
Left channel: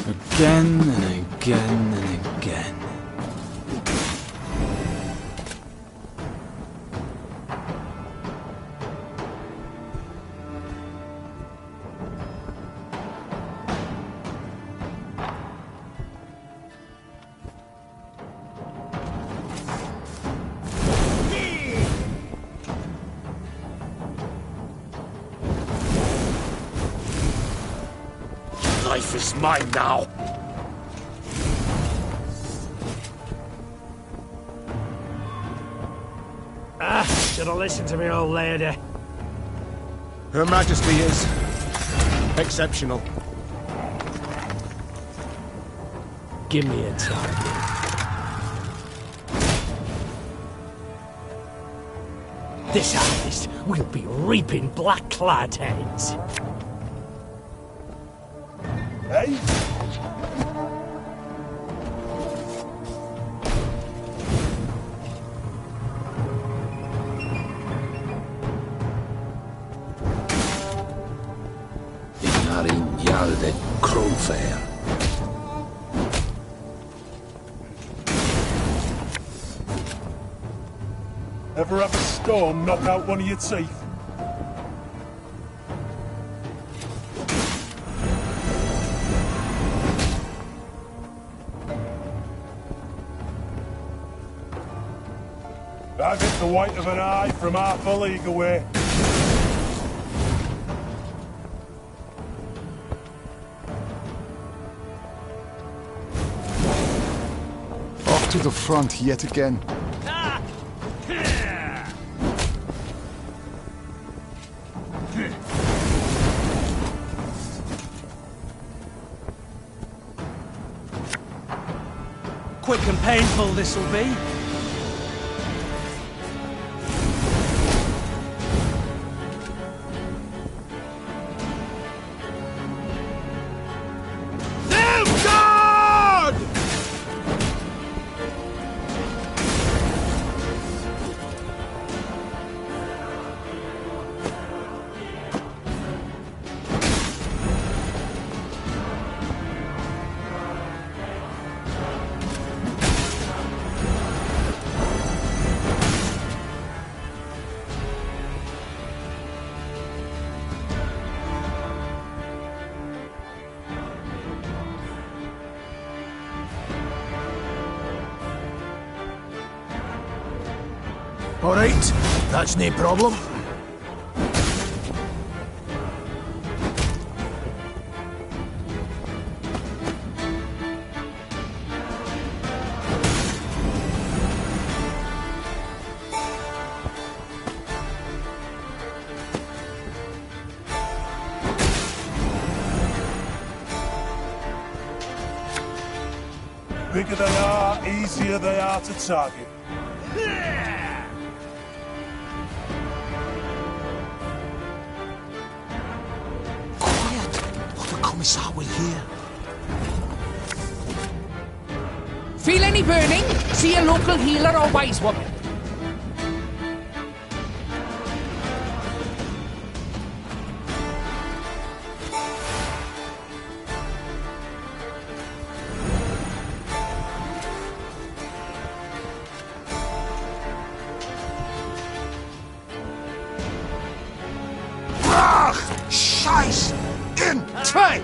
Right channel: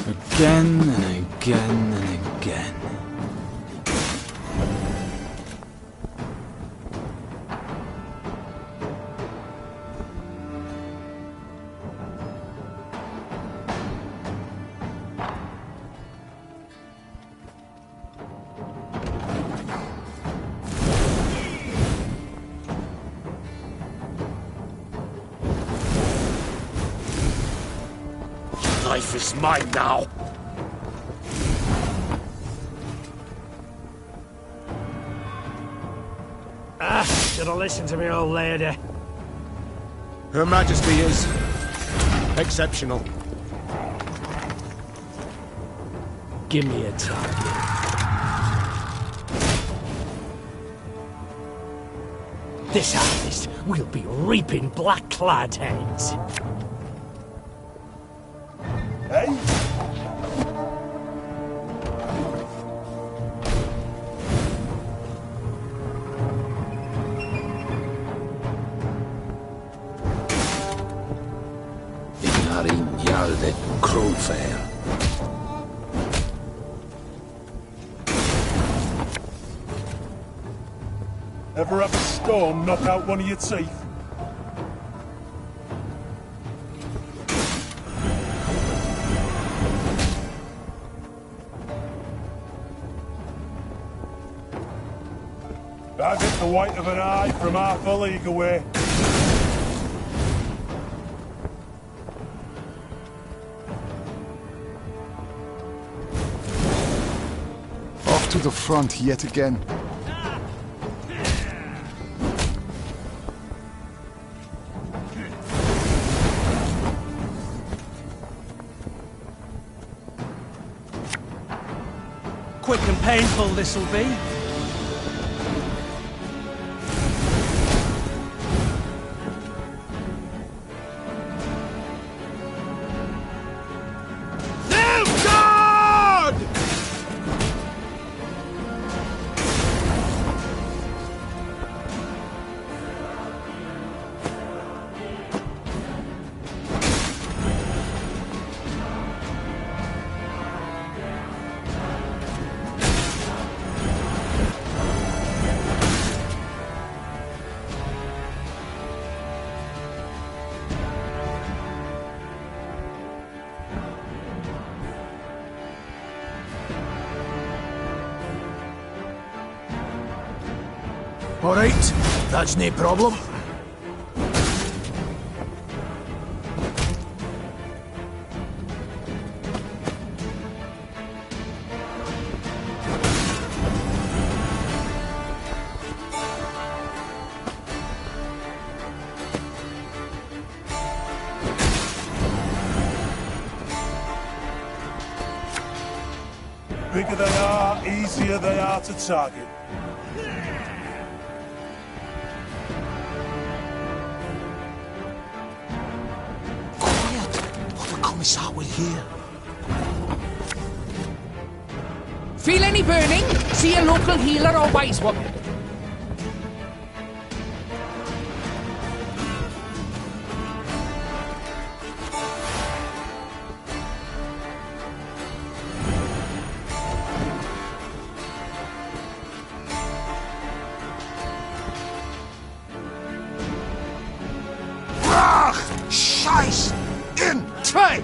Again and again and again. Life is mine now. Should have listened to me, old lady. Her Majesty is exceptional. Give me a target. This harvest will be reaping black-clad heads. Hey? Rainha de Crowfair. Ever have a storm knock out one of your teeth? I've hit the white of an eye from half a league away. Off to the front yet again. Quick and painful this'll be. All right, that's no problem. Bigger they are, easier they are to target. Commissar will hear. Feel any burning? See a local healer or wise woman. Scheiß in Trade!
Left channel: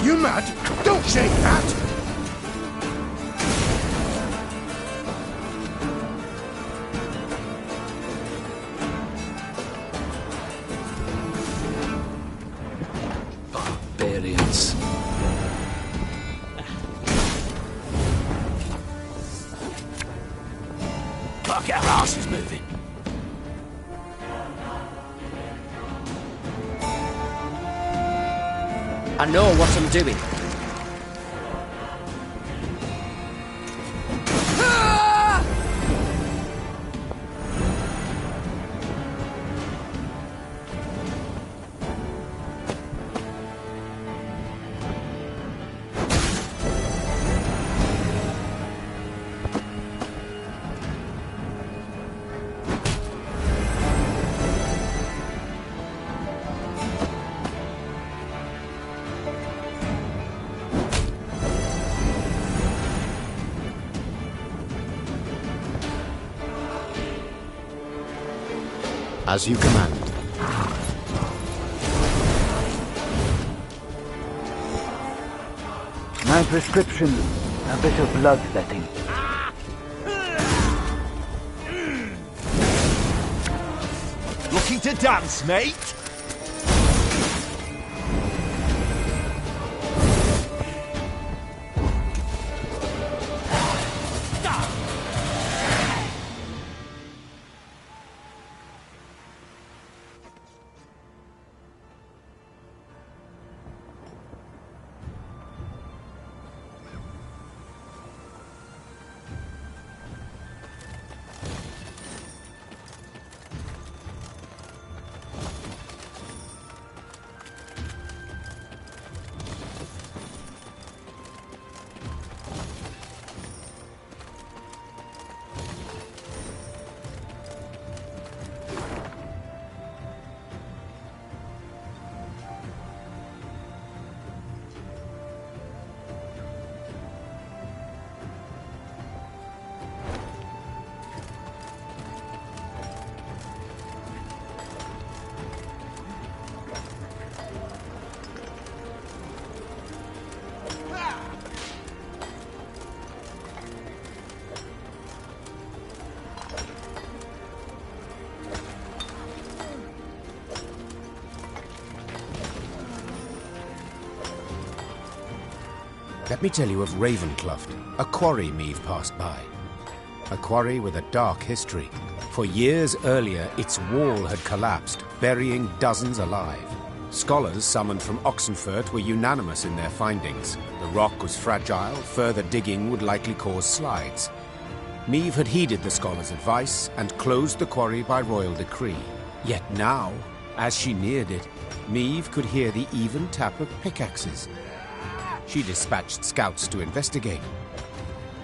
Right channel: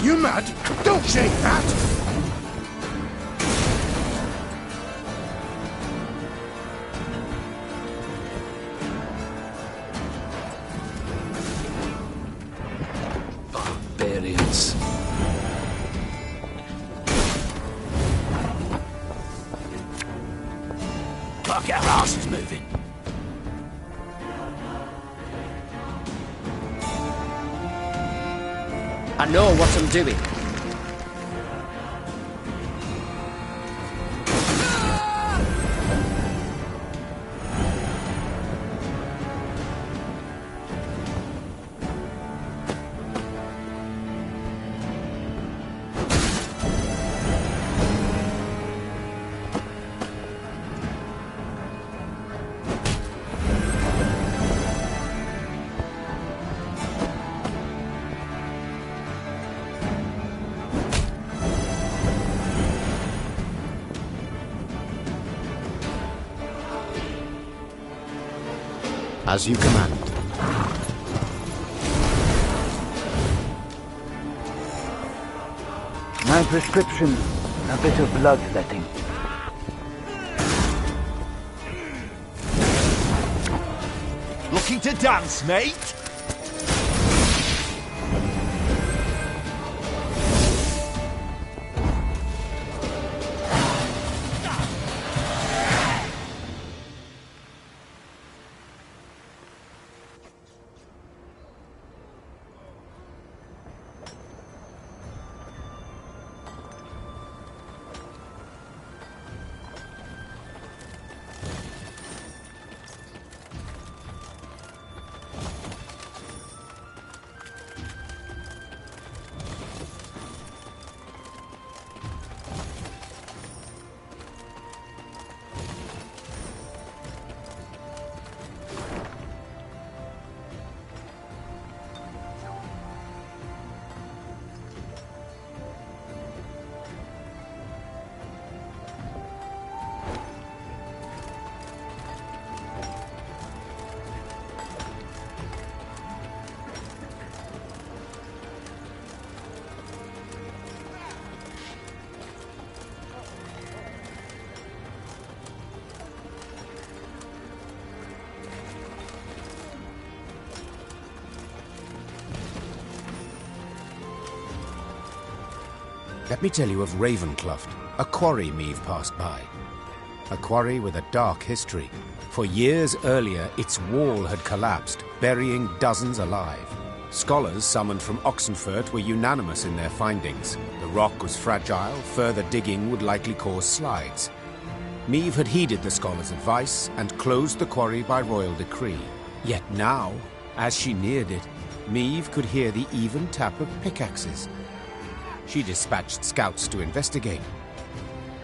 You mad? Don't shake that! Barbarians. Gotta get our asses moving. I know what I'm doing. As you command. My prescription, a bit of bloodletting. Looking to dance, mate? Let me tell you of Ravencloft, a quarry Meve passed by. A quarry with a dark history. For years earlier, its wall had collapsed, burying dozens alive. Scholars summoned from Oxenfurt were unanimous in their findings. The rock was fragile, further digging would likely cause slides. Meve had heeded the scholars' advice and closed the quarry by royal decree. Yet now, as she neared it, Meve could hear the even tap of pickaxes. She dispatched scouts to investigate.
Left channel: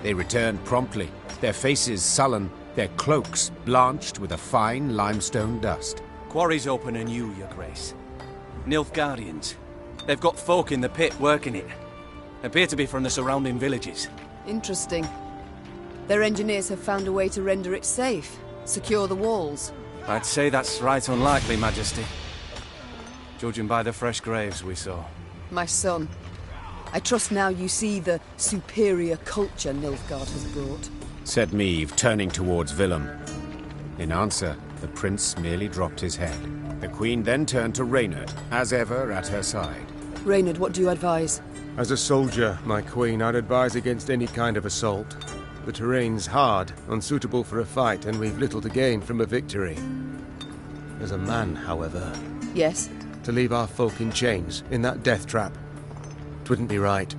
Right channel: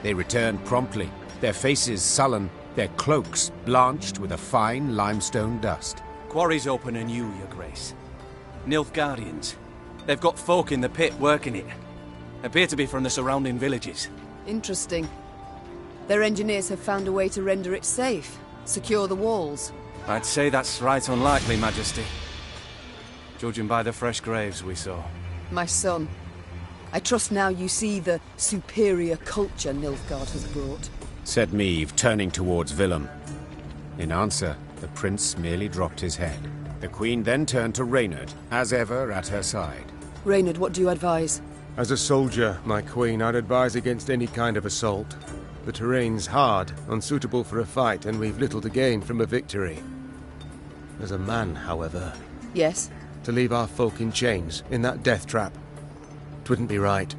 They returned promptly, their faces sullen, their cloaks blanched with a fine limestone dust. Quarry's open anew, Your Grace. Nilfgaardians. They've got folk in the pit working it. Appear to be from the surrounding villages. Interesting. Their engineers have found a way to render it safe. Secure the walls. I'd say that's right unlikely, Majesty. Judging by the fresh graves we saw. My son, I trust now you see the superior culture Nilfgaard has brought. Said Meve, turning towards Willem. In answer, the prince merely dropped his head. The queen then turned to Reynard, as ever at her side. Reynard, what do you advise? As a soldier, my queen, I'd advise against any kind of assault. The terrain's hard, unsuitable for a fight, and we've little to gain from a victory. As a man, however... Yes? To leave our folk in chains, in that death trap. Twouldn't be right.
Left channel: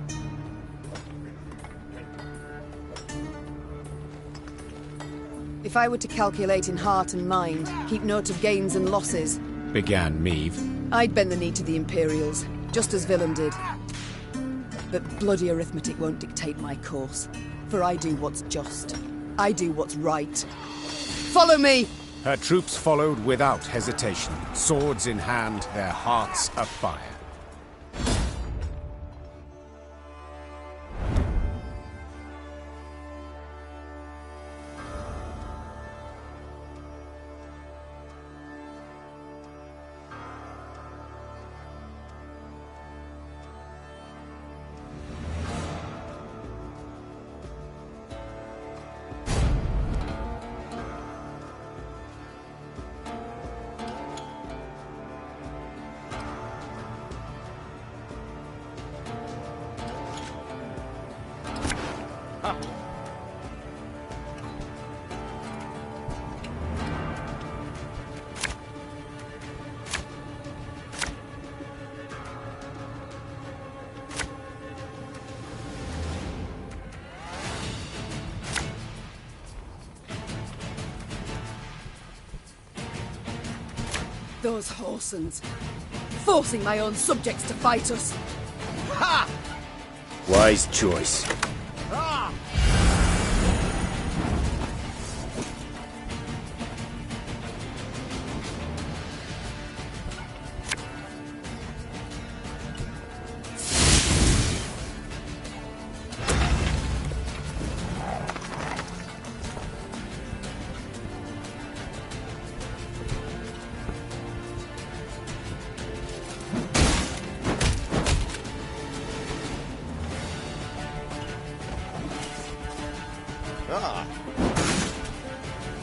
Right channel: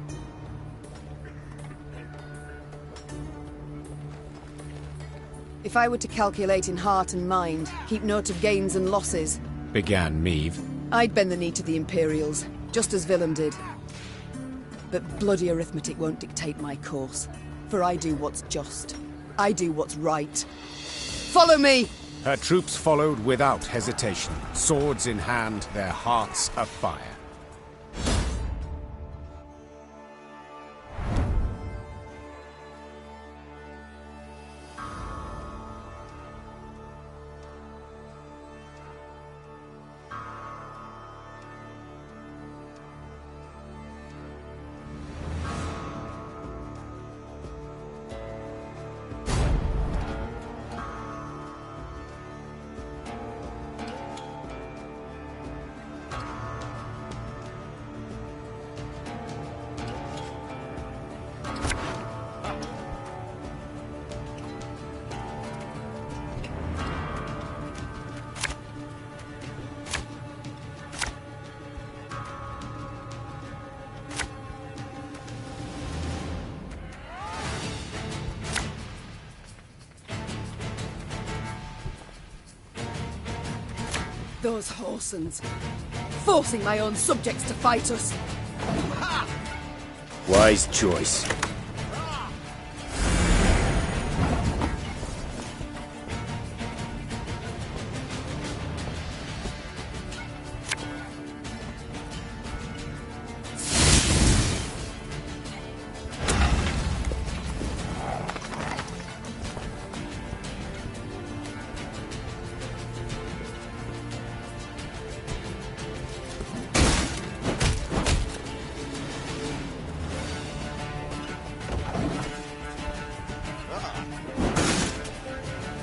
If I were to calculate in heart and mind, keep note of gains and losses... Began Meve. I'd bend the knee to the Imperials, just as Willem did. But bloody arithmetic won't dictate my course. For I do what's just. I do what's right. Follow me! Her troops followed without hesitation, swords in hand, their hearts afire. Those Horsens, forcing my own subjects to fight us. Ha! Wise choice.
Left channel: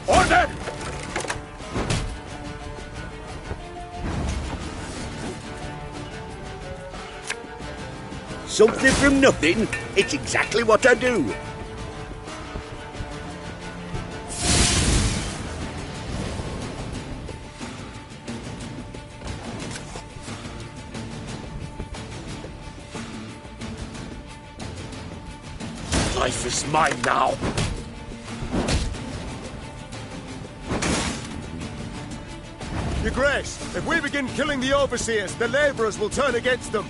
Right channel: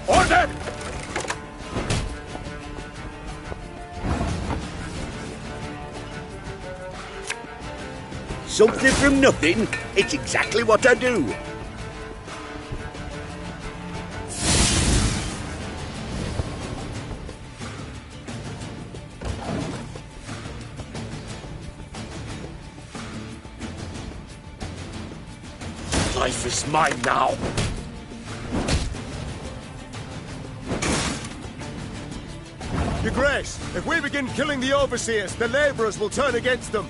Order! Something from nothing. It's exactly what I do. Life is mine now. Your Grace, if we begin killing the overseers, the labourers will turn against them.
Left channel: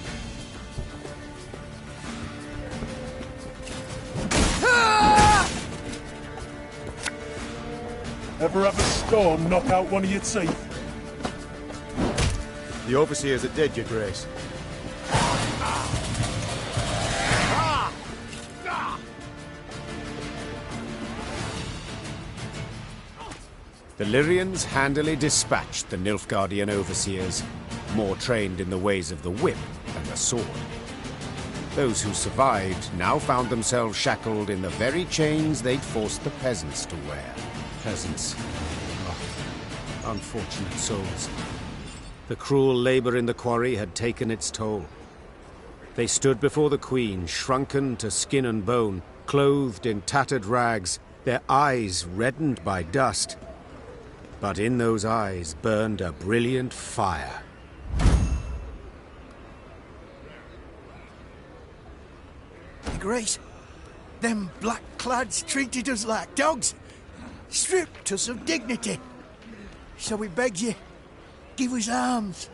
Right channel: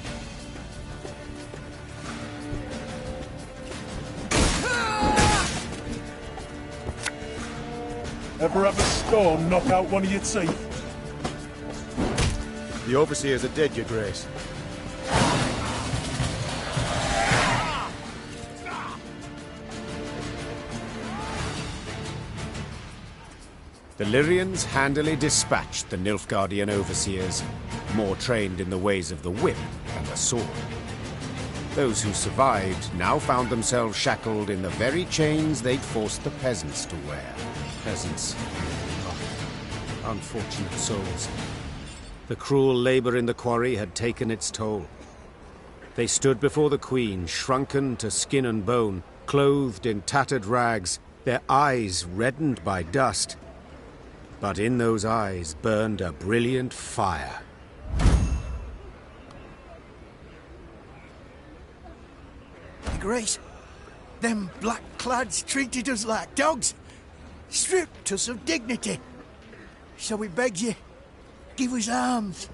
Ever have a storm knock out one of your teeth? The overseers are dead, Your Grace. The Lyrians handily dispatched the Nilfgaardian overseers, more trained in the ways of the whip than the sword. Those who survived now found themselves shackled in the very chains they'd forced the peasants to wear. Peasants. Oh, unfortunate souls. The cruel labor in the quarry had taken its toll. They stood before the Queen, shrunken to skin and bone, clothed in tattered rags, their eyes reddened by dust. But in those eyes burned a brilliant fire. Your Grace, them black-clads treated us like dogs, stripped us of dignity. So we beg you, give us arms,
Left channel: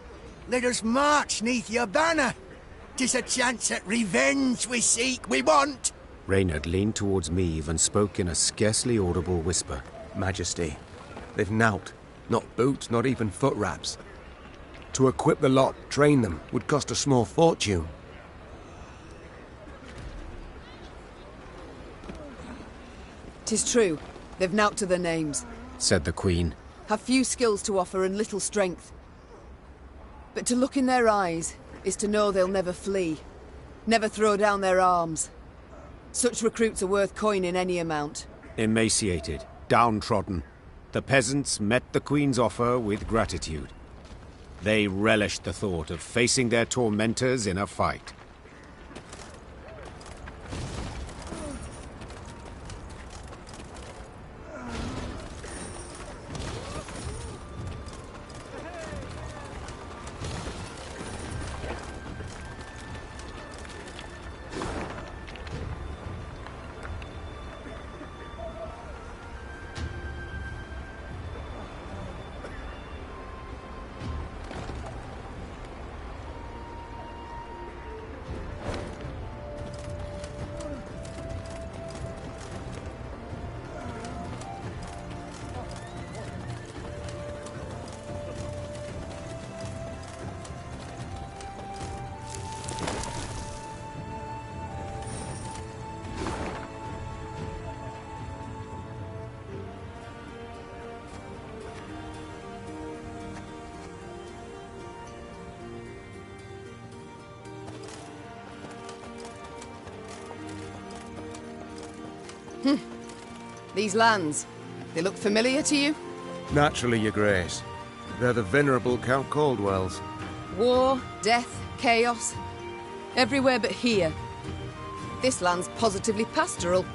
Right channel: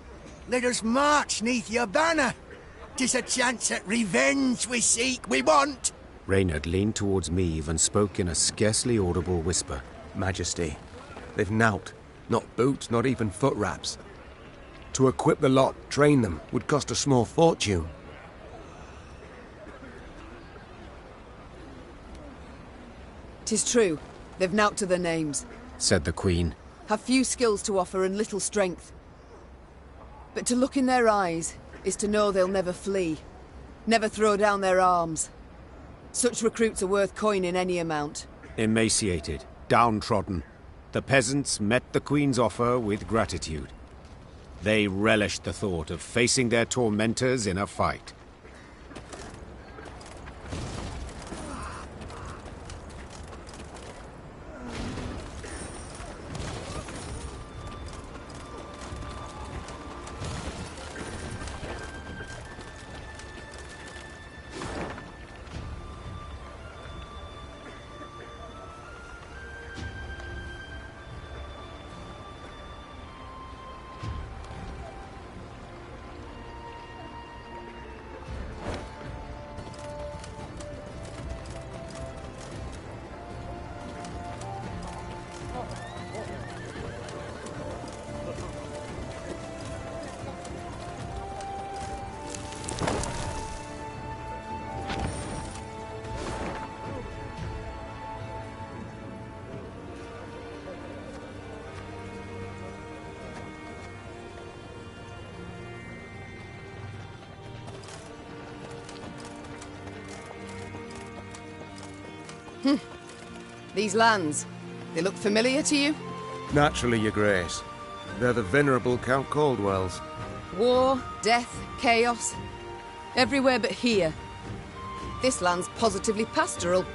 let us march neath your banner. 'Tis a chance at revenge we seek, we want. Reynard leaned towards Meve and spoke in a scarcely audible whisper. Majesty, they've nowt. Not boots, not even foot wraps. To equip the lot, train them, would cost a small fortune. 'Tis true. They've nowt to their names. said the Queen. Have few skills to offer and little strength. But to look in their eyes is to know they'll never flee. Never throw down their arms. Such recruits are worth coining any amount. Emaciated, downtrodden, the peasants met the Queen's offer with gratitude. They relished the thought of facing their tormentors in a fight. These lands, they look familiar to you? Naturally, Your Grace. They're the venerable Count Caldwell's. War, death, chaos. Everywhere but here. This land's positively pastoral.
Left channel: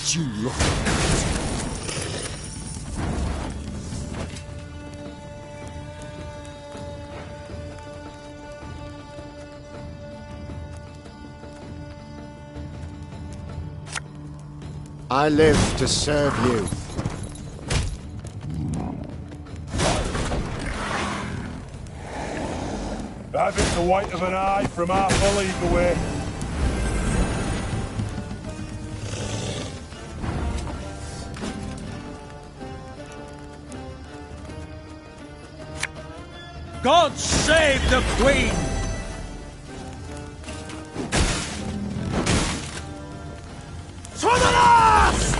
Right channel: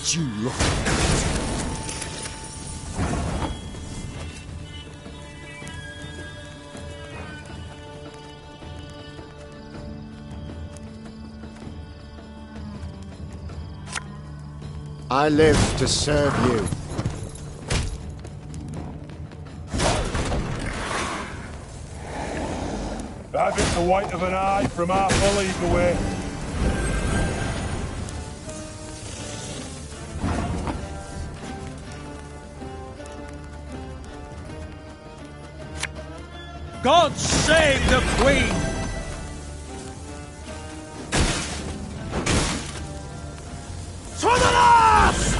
What you look at? I live to serve you. Have it the white of an eye from half a league away. God save the Queen! To the last!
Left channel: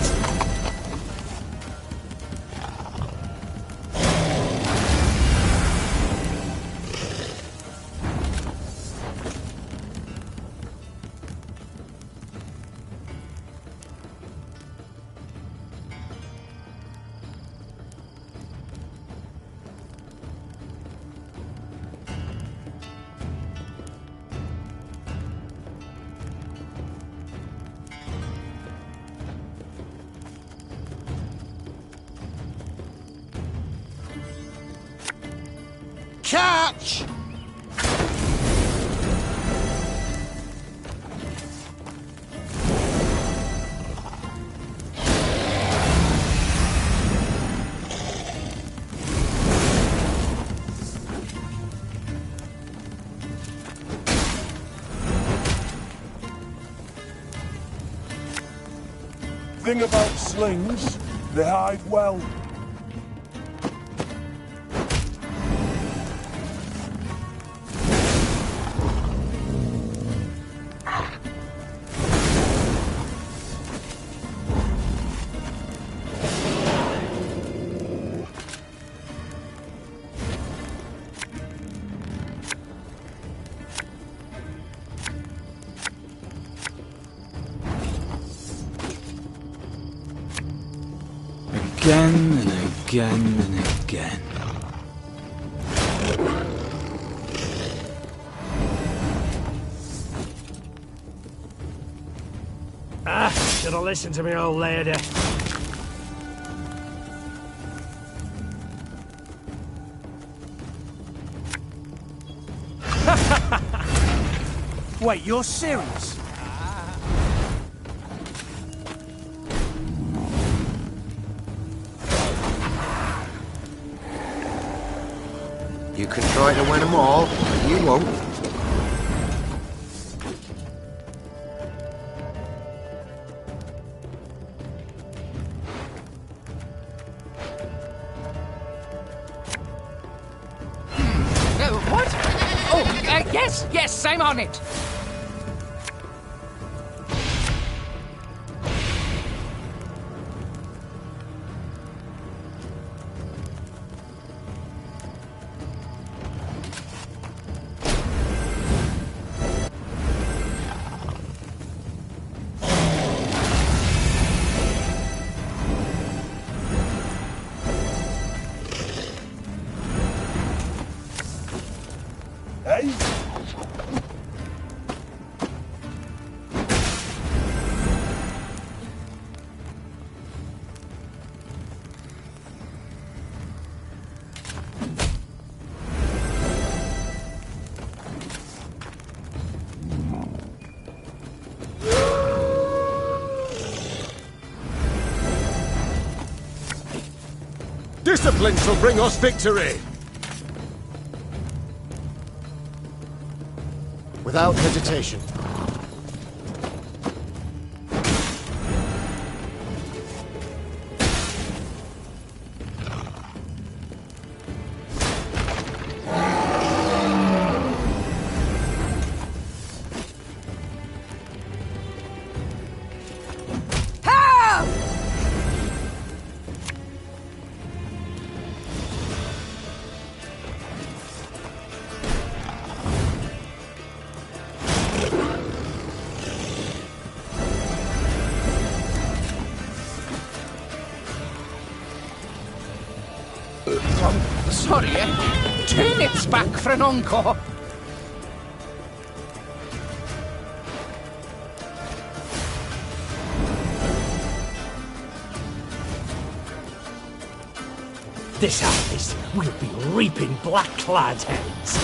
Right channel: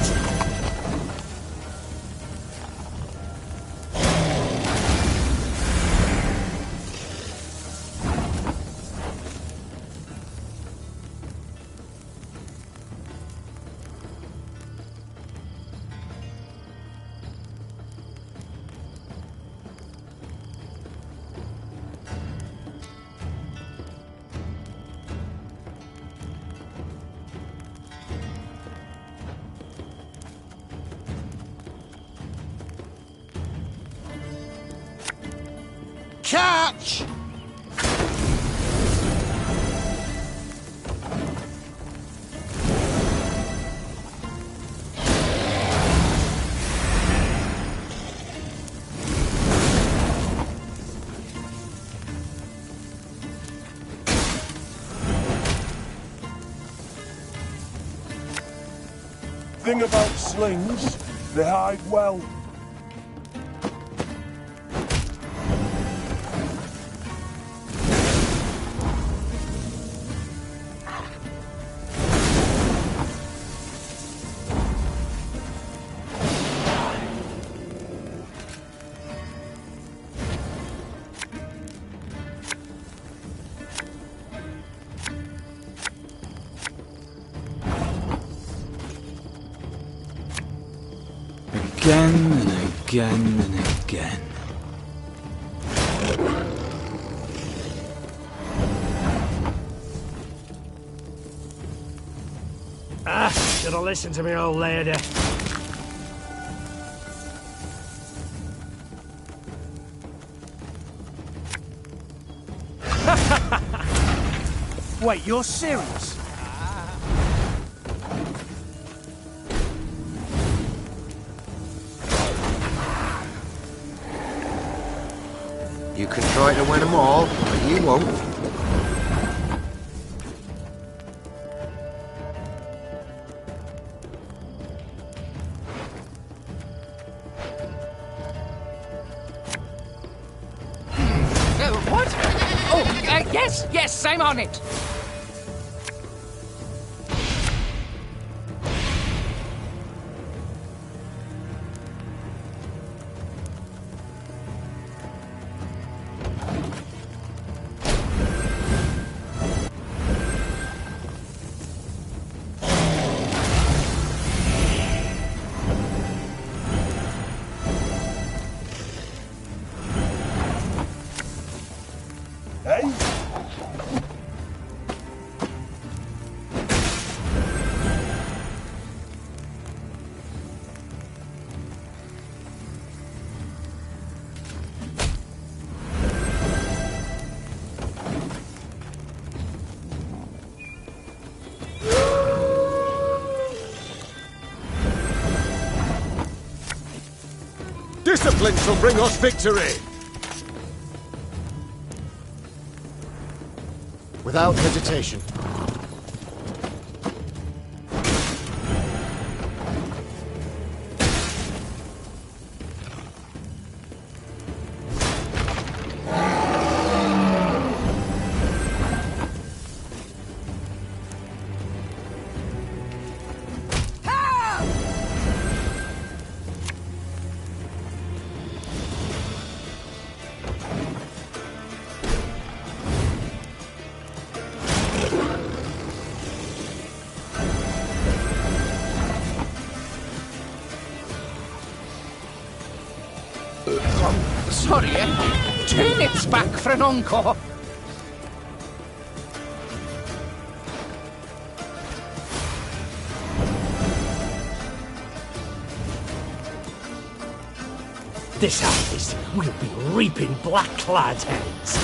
Catch! Thing about slings, they hide well. Again and again and again. Should have listened to me old lady. Wait, you're serious? You can try to win them all, but you won't. What? Oh, yes, I'm on it. Hey? Discipline shall bring us victory! Without hesitation. Sorry, turnips back for an encore. This harvest, we'll be reaping black-clad heads.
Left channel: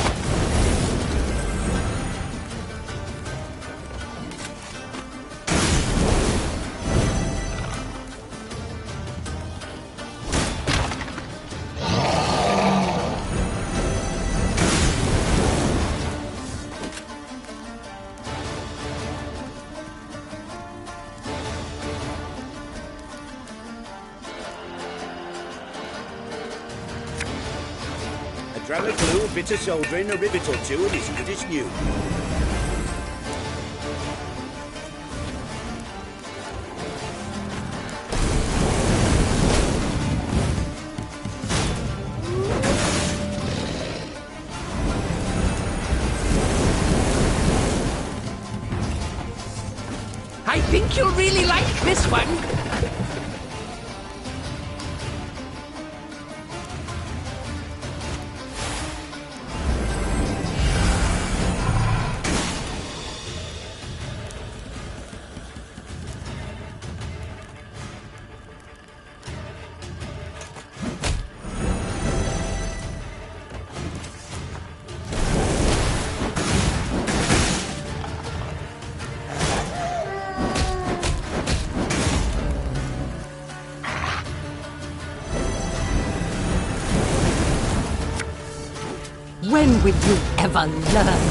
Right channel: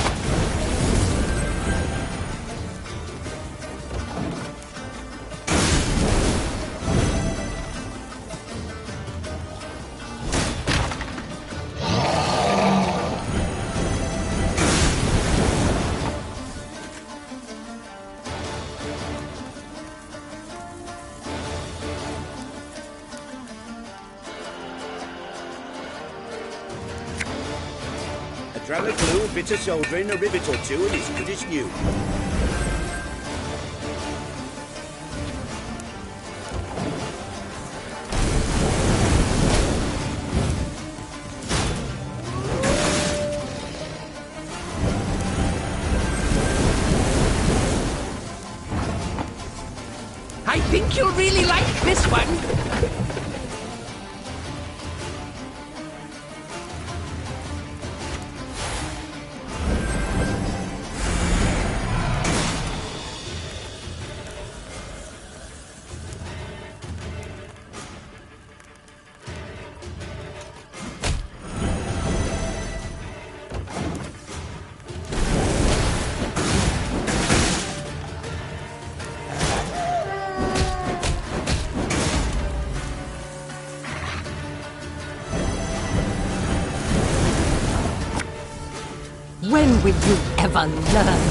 Drag the glue, a bit of soldering, a rivet or two, and it's good as new. I think you'll really like this one. When will you ever learn?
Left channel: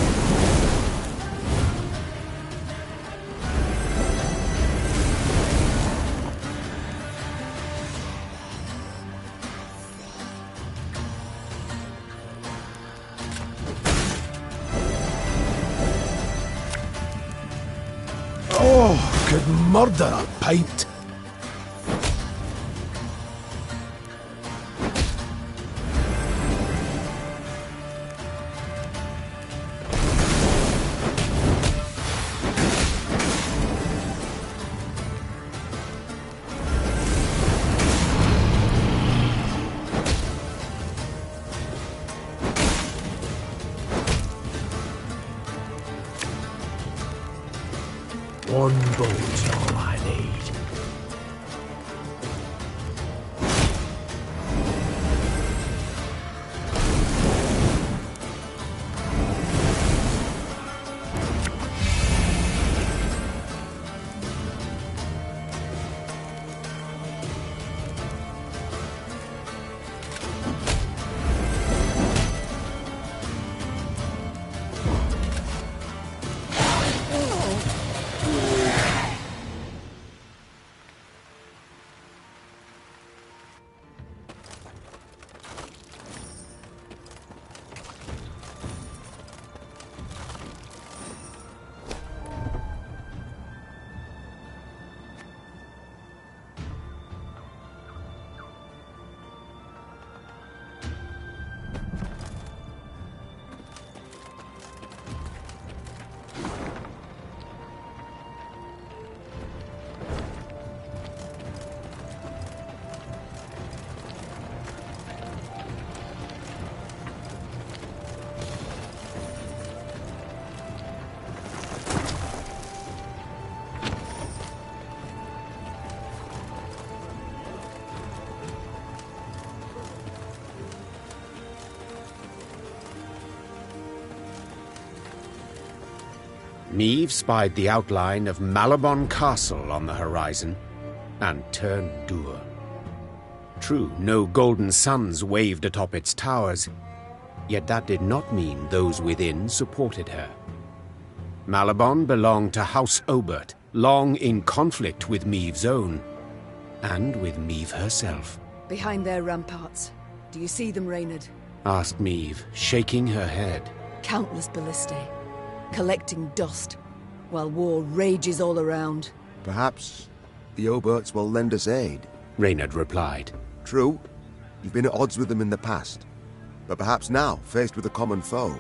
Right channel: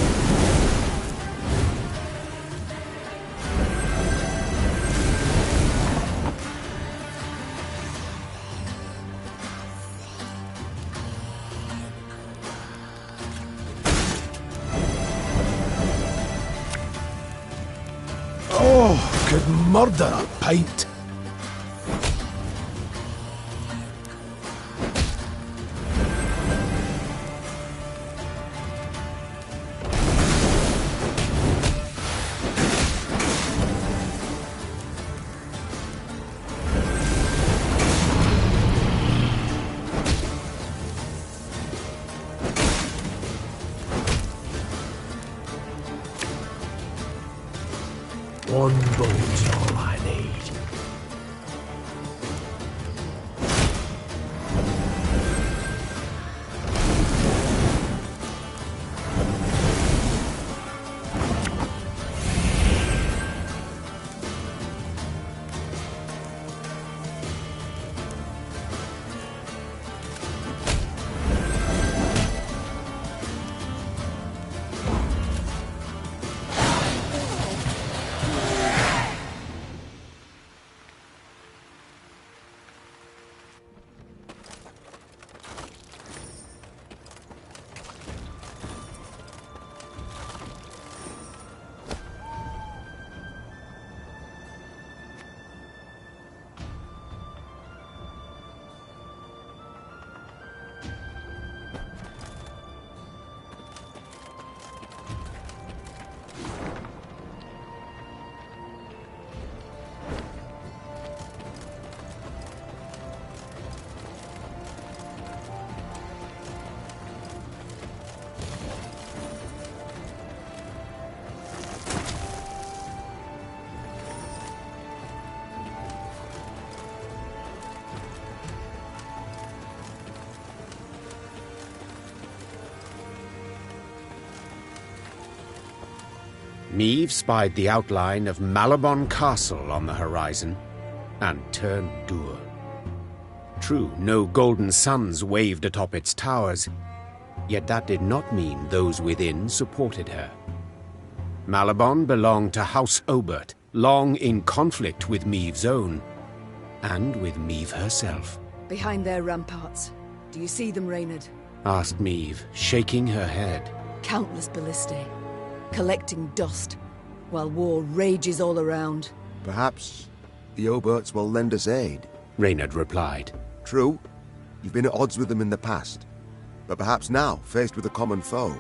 Oh, could murder a pint. One boat's all I need. Meve spied the outline of Malabon Castle on the horizon, and turned dour. True, no golden suns waved atop its towers, yet that did not mean those within supported her. Malabon belonged to House Obert, long in conflict with Meve's own, and with Meve herself. Behind their ramparts. Do you see them, Reynard? Asked Meve, shaking her head. Countless ballistae, collecting dust, while war rages all around. Perhaps the Oberts will lend us aid, Reynard replied. True, you've been at odds with them in the past, but perhaps now, faced with a common foe.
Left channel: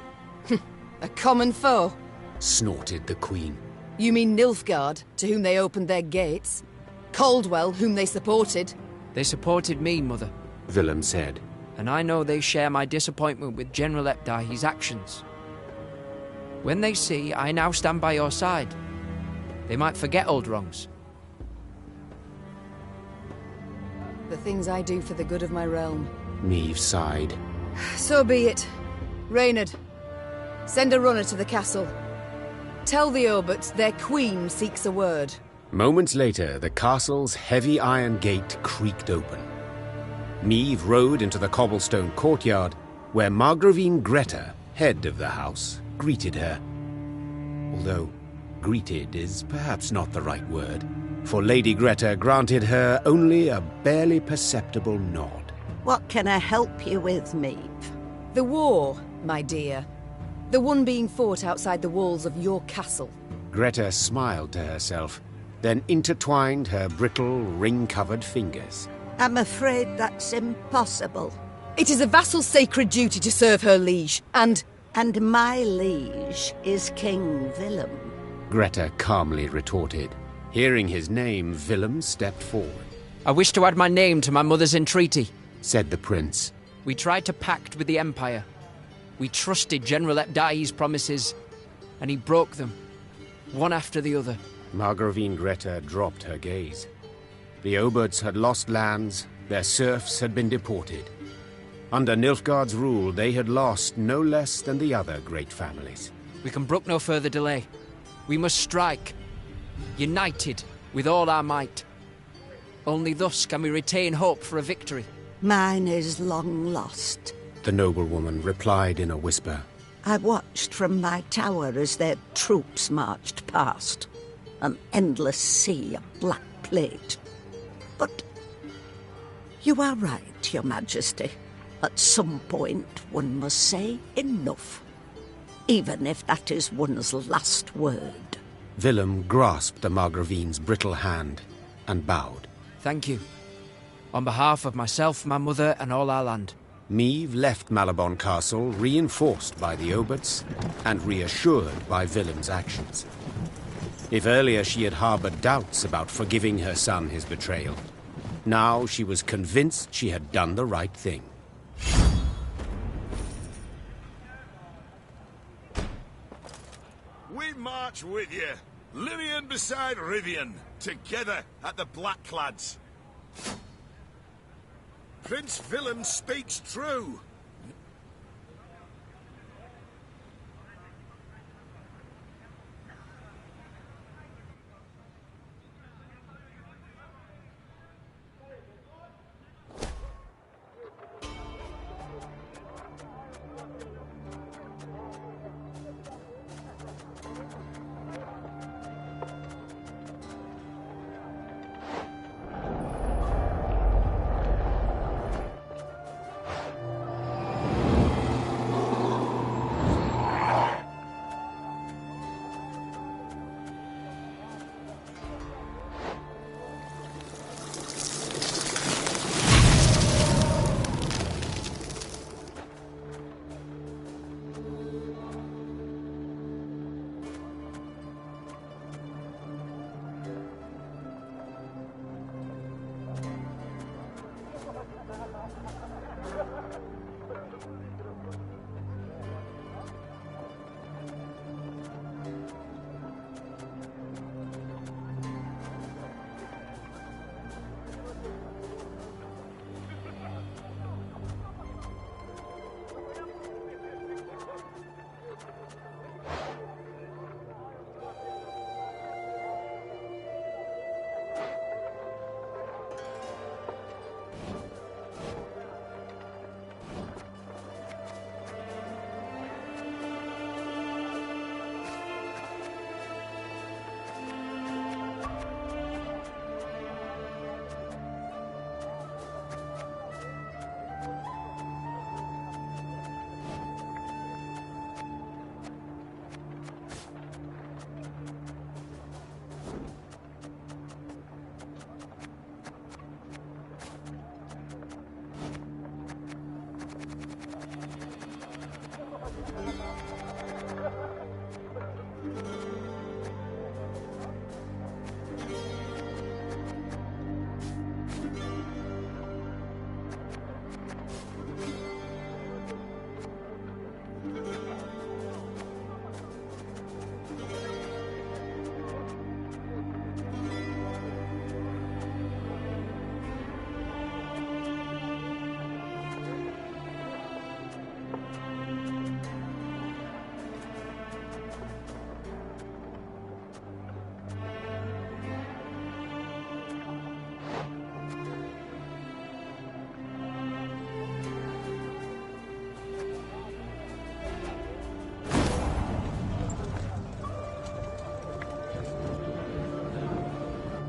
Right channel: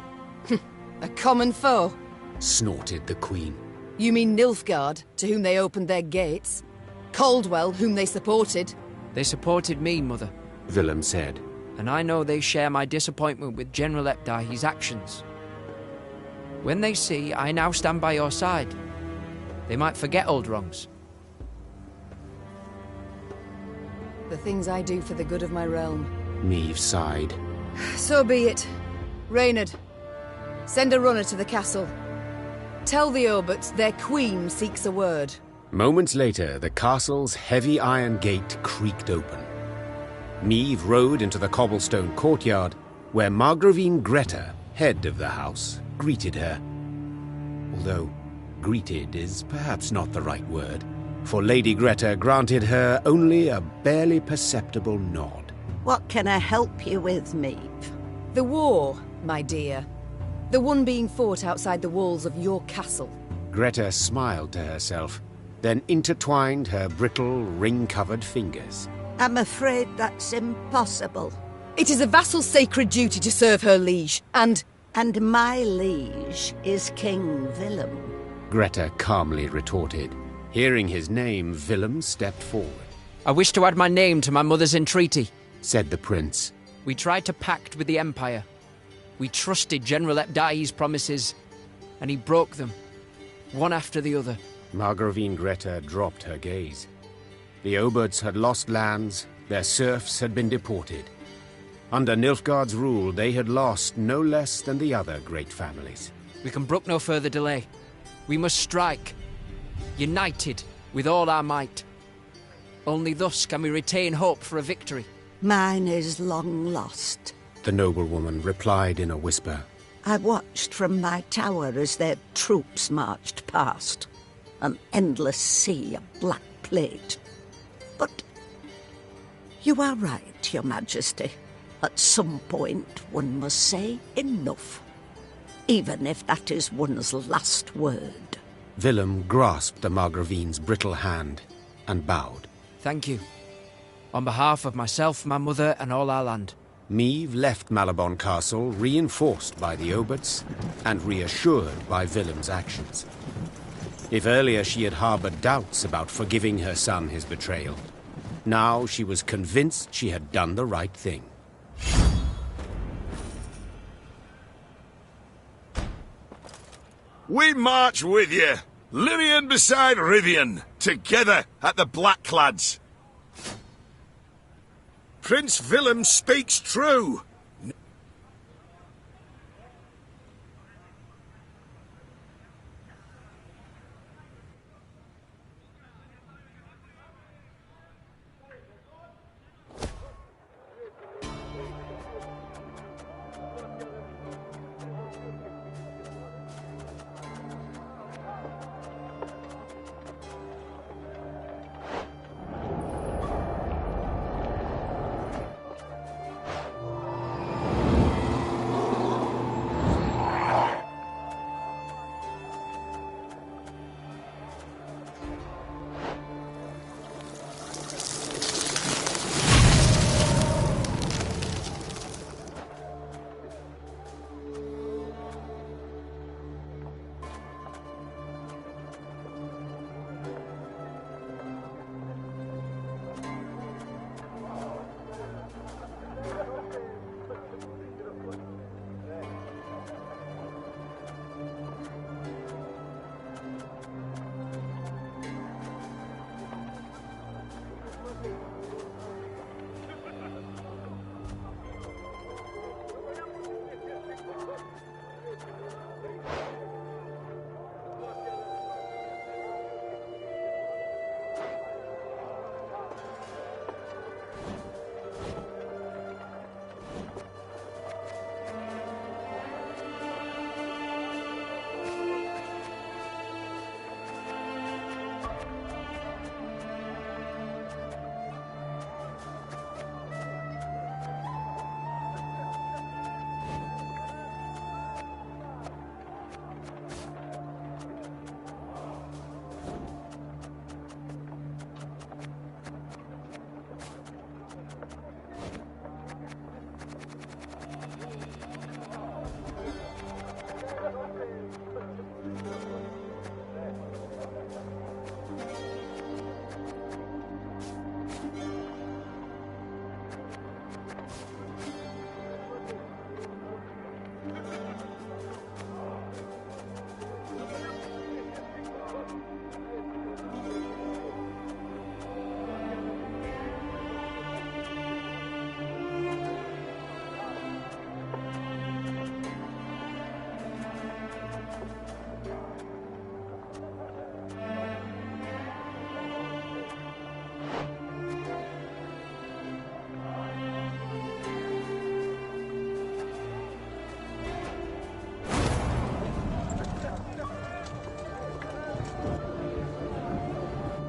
A common foe? Snorted the Queen. You mean Nilfgaard, to whom they opened their gates? Caldwell, whom they supported? They supported me, Mother, Willem said. And I know they share my disappointment with General Epdai's actions. When they see I now stand by your side, they might forget old wrongs. The things I do for the good of my realm. Meve sighed. So be it. Reynard, send a runner to the castle. Tell the Oberts their queen seeks a word. Moments later, the castle's heavy iron gate creaked open. Meve rode into the cobblestone courtyard, where Margravine Greta, head of the house, greeted her. Although greeted is perhaps not the right word, for Lady Greta granted her only a barely perceptible nod. What can I help you with, Meve? The war, my dear. The one being fought outside the walls of your castle. Greta smiled to herself, then intertwined her brittle, ring-covered fingers. I'm afraid that's impossible. It is a vassal's sacred duty to serve her liege, and my liege is King Willem. Greta calmly retorted. Hearing his name, Willem stepped forward. I wish to add my name to my mother's entreaty, said the prince. We tried to pact with the Empire. We trusted General Epdai's promises, and he broke them, one after the other. Margravine Greta dropped her gaze. The Oberts had lost lands, their serfs had been deported. Under Nilfgaard's rule, they had lost no less than the other great families. We can brook no further delay. We must strike, united with all our might. Only thus can we retain hope for a victory. Mine is long lost, the noblewoman replied in a whisper. I watched from my tower as their troops marched past. An endless sea of black plate. But you are right, Your Majesty. At some point, one must say enough. Even if that is one's last word. Willem grasped the Margravine's brittle hand and bowed. Thank you. On behalf of myself, my mother, and all our land. Meve left Malabon Castle reinforced by the Oberts and reassured by Willem's actions. If earlier she had harbored doubts about forgiving her son his betrayal, now she was convinced she had done the right thing. We march with you, Lirian beside Rivian, together at the Blackclads. Prince Willem speaks true.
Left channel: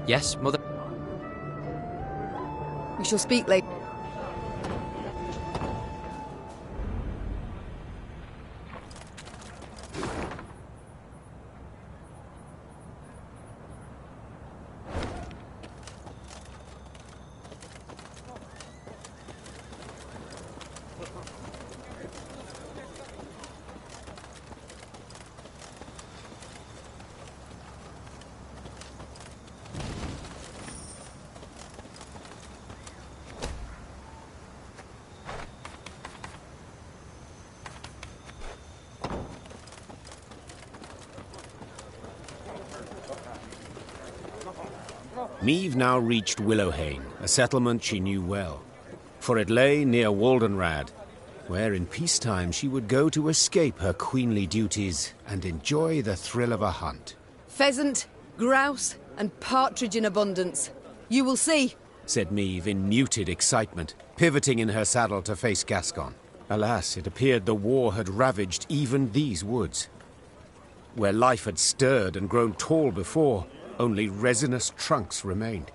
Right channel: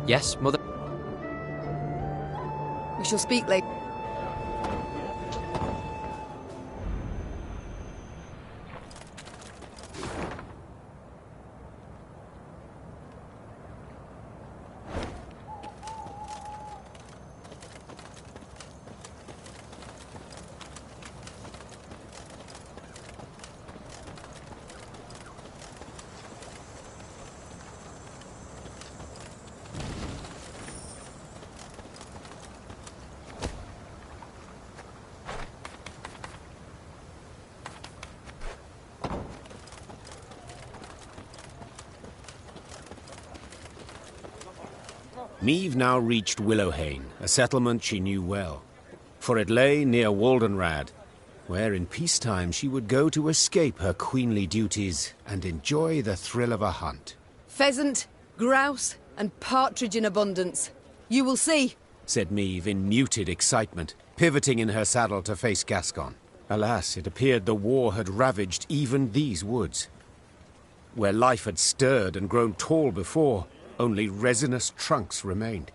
Yes, Mother? We shall speak later. Meve now reached Willowhain, a settlement she knew well, for it lay near Waldenrad, where in peacetime she would go to escape her queenly duties and enjoy the thrill of a hunt. Pheasant, grouse, and partridge in abundance. You will see, said Meve in muted excitement, pivoting in her saddle to face Gascon. Alas, it appeared the war had ravaged even these woods. Where life had stirred and grown tall before, only resinous trunks remained.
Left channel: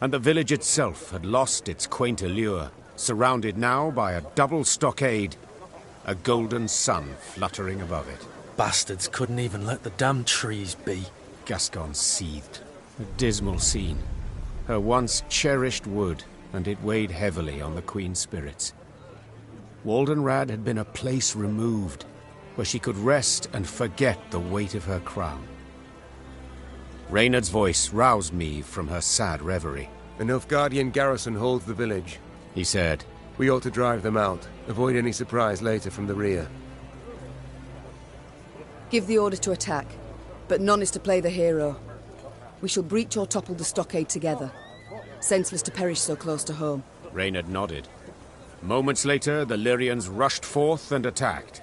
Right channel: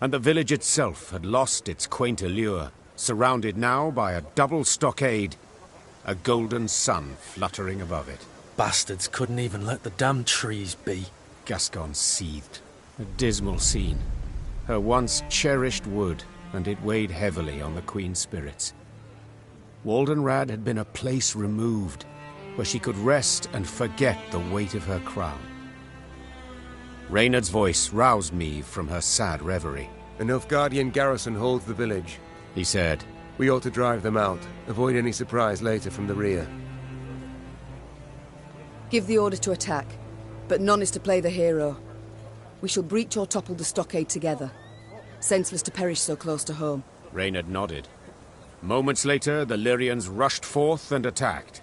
And the village itself had lost its quaint allure, surrounded now by a double stockade, a golden sun fluttering above it. Bastards couldn't even let the damn trees be. Gascon seethed. A dismal scene. Her once cherished wood, and it weighed heavily on the Queen's spirits. Waldenrad had been a place removed, where she could rest and forget the weight of her crown. Reynard's voice roused Meve from her sad reverie. A Nilfgaardian garrison holds the village, he said. We ought to drive them out, avoid any surprise later from the rear. give the order to attack, but none is to play the hero. We shall breach or topple the stockade together. Senseless to perish so close to home. Reynard nodded. Moments later, the Lyrians rushed forth and attacked.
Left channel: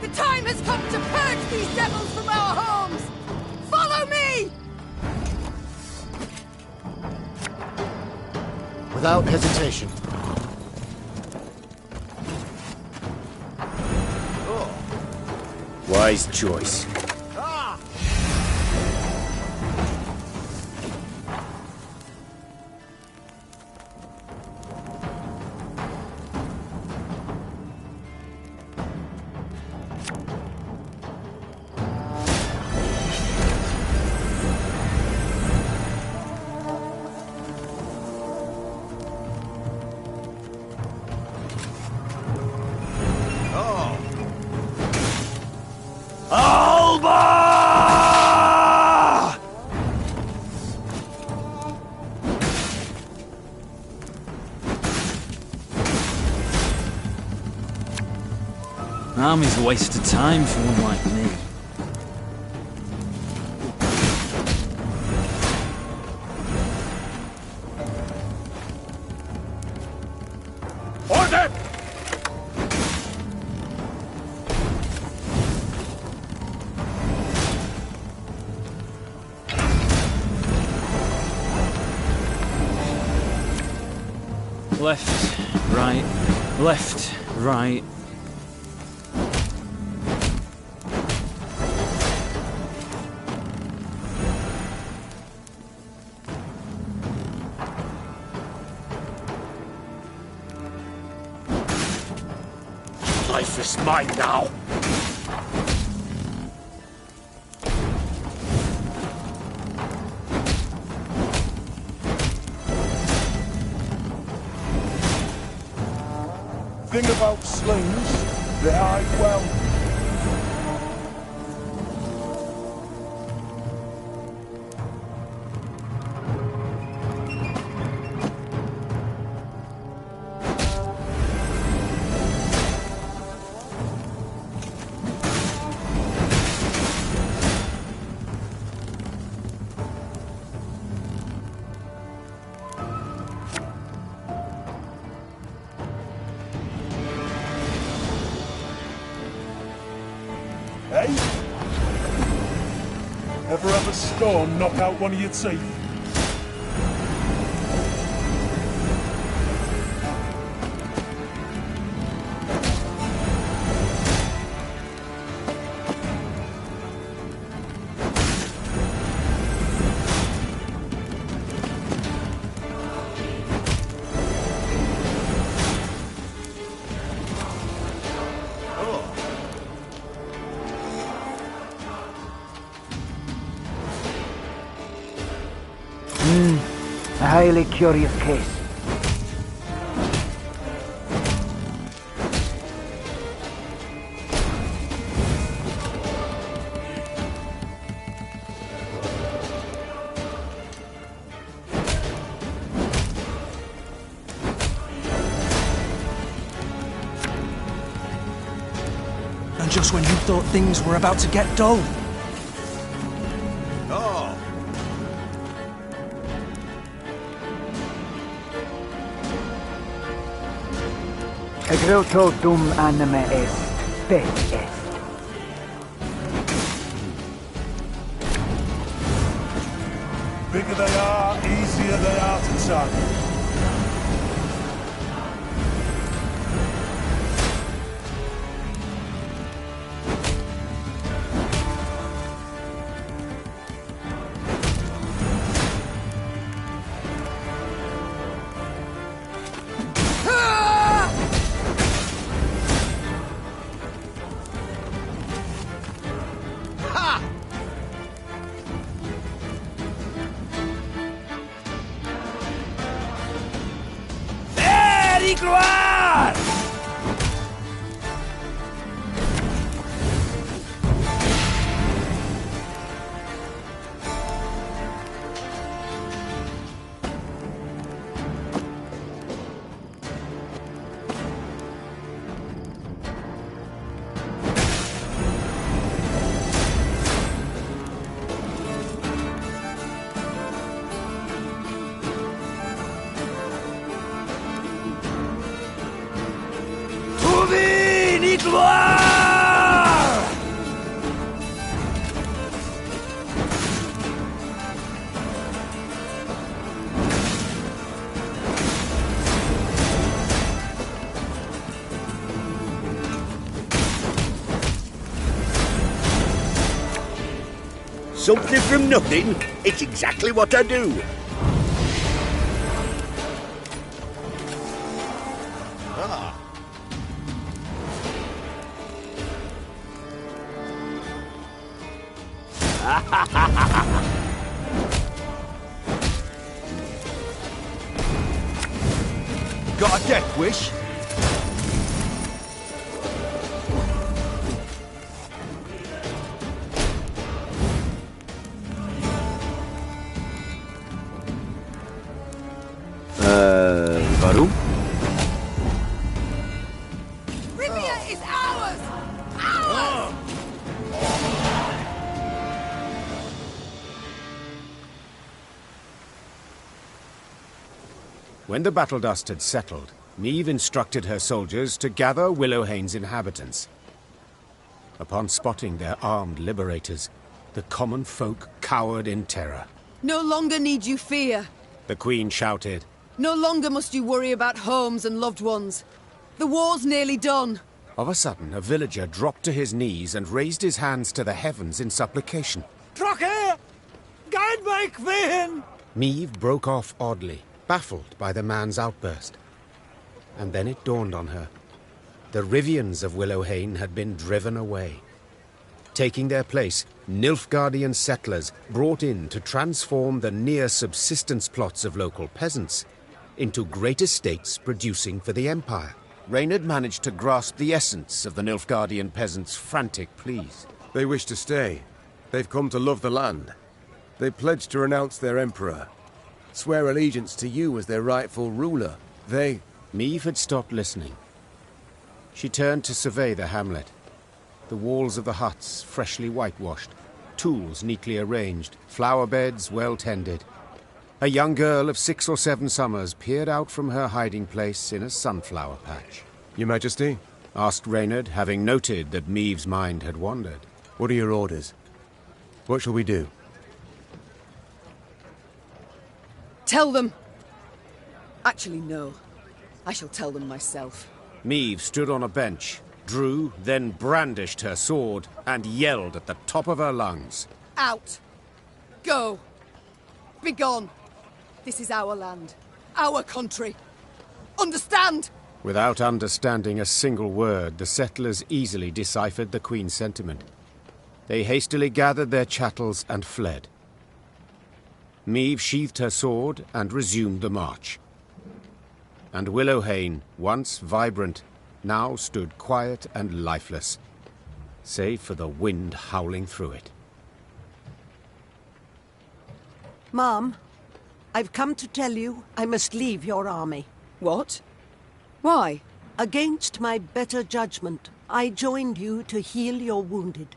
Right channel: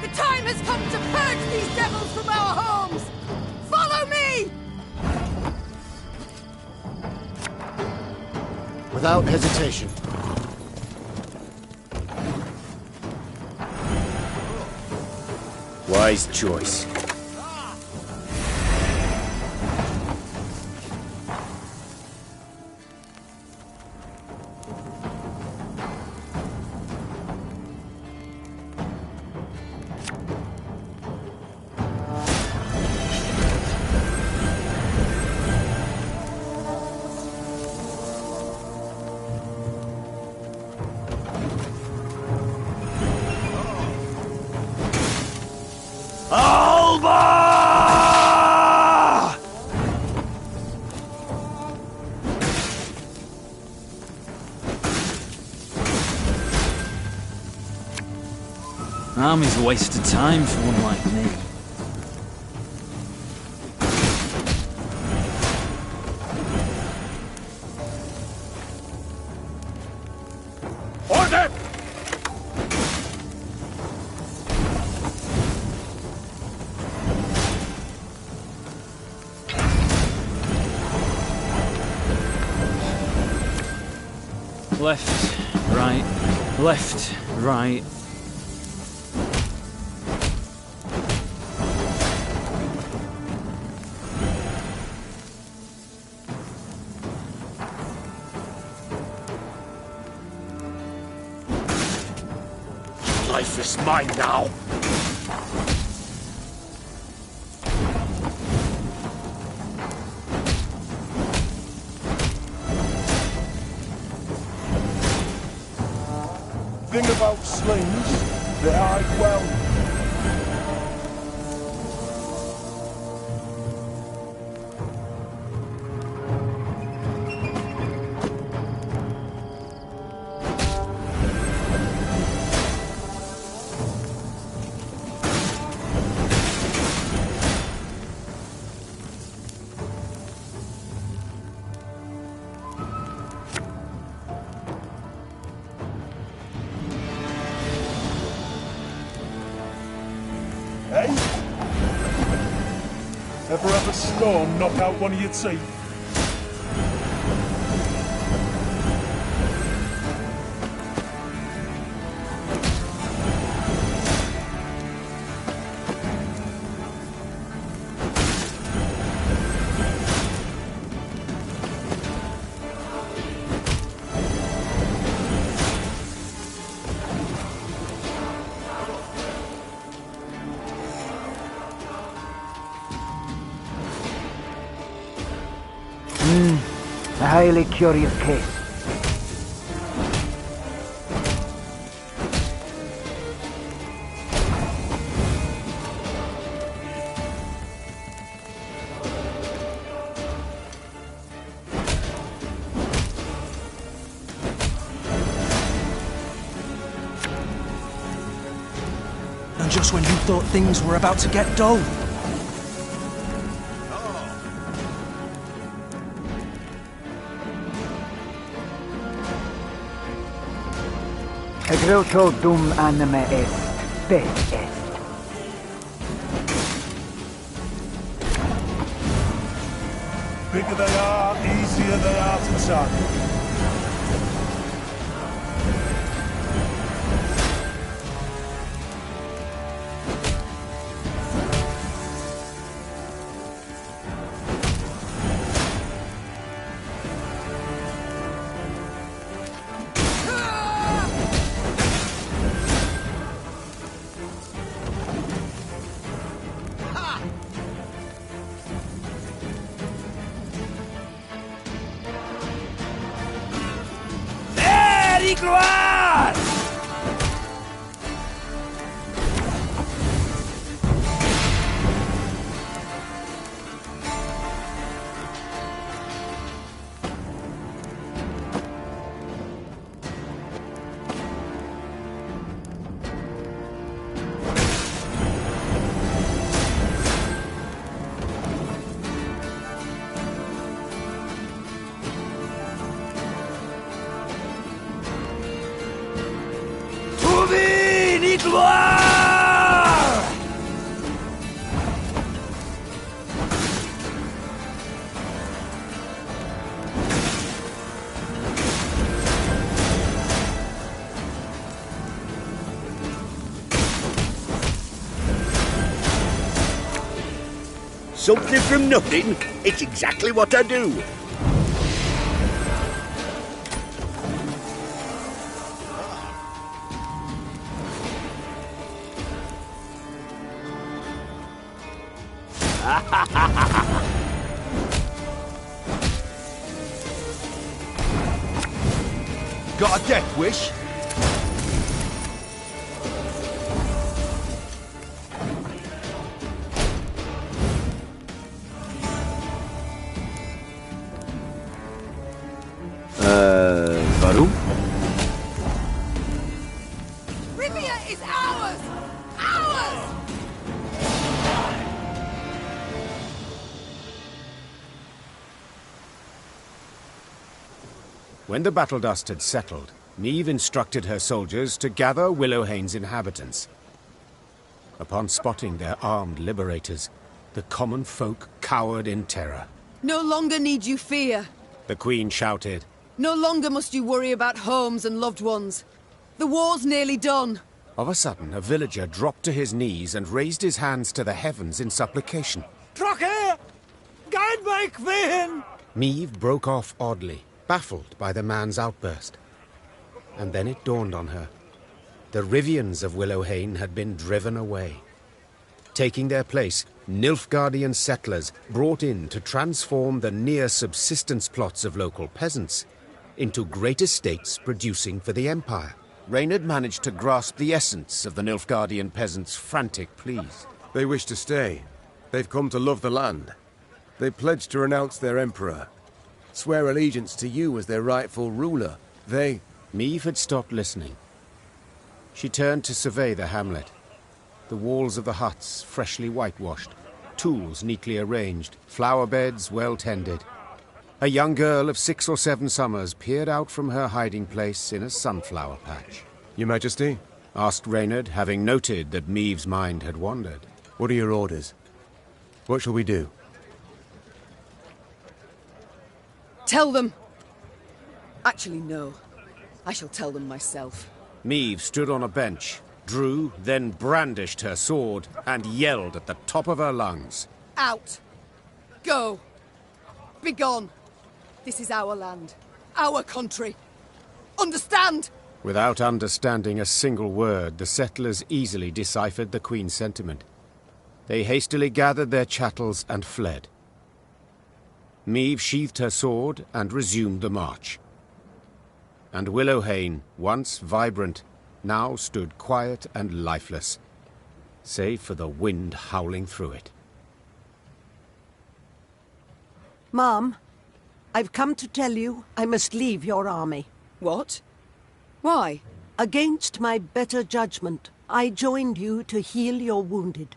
The time has come to purge these devils from our homes! Follow me! Without hesitation. Wise choice. Army's a waste of time for one like me. Order! Left, right, left, right. Life is mine now. Thing about slings, they hide well. Eh? Ever have a stone knock out one of your teeth? A highly curious case. And just when you thought things were about to get dull. Egreto dum anime est, spes est. Bigger they are, easier they are to tackle. Gloire! Gloire! Something from nothing? It's exactly what I do. Got a death wish? Warum? Rivia is ours! Ours! When the battle dust had settled, Meve instructed her soldiers to gather Willowhane's inhabitants. Upon spotting their armed liberators, the common folk cowered in terror. No longer need you fear. The Queen shouted. No longer must you worry about homes and loved ones. The war's nearly done. Of a sudden, a villager dropped to his knees and raised his hands to the heavens in supplication. Troche! Guide my queen! Meve broke off oddly, baffled by the man's outburst. And then it dawned on her. The Rivians of Willowhane had been driven away. Taking their place, Nilfgaardian settlers brought in to transform the near-subsistence plots of local peasants into great estates producing for the Empire. Rainha had managed to grasp the essence of the Nilfgaardian peasants' frantic pleas. They wish to stay. They've come to love the land. They pledged to renounce their emperor, swear allegiance to you as their rightful ruler. Meve had stopped listening. She turned to survey the hamlet. The walls of the huts freshly whitewashed, tools neatly arranged, flower beds well tended. A young girl of 6 or 7 summers peered out from her hiding place in a sunflower patch. Your Majesty? Asked Rainha, having noted that Meve's mind had wandered. What are your orders? What shall we do? Tell them! Actually, no. I shall tell them myself. Meve stood on a bench, drew, then brandished her sword, and yelled at the top of her lungs. Out! Go! Begone! This is our land. Our country. Understand? Without understanding a single word, the settlers easily deciphered the Queen's sentiment. They hastily gathered their chattels and fled. Meve sheathed her sword and resumed the march. And Willowhain, once vibrant, now stood quiet and lifeless, save for the wind howling through it. Mom, I've come to tell you I must leave your army. What? Why? Against my better judgment, I joined you to heal your wounded.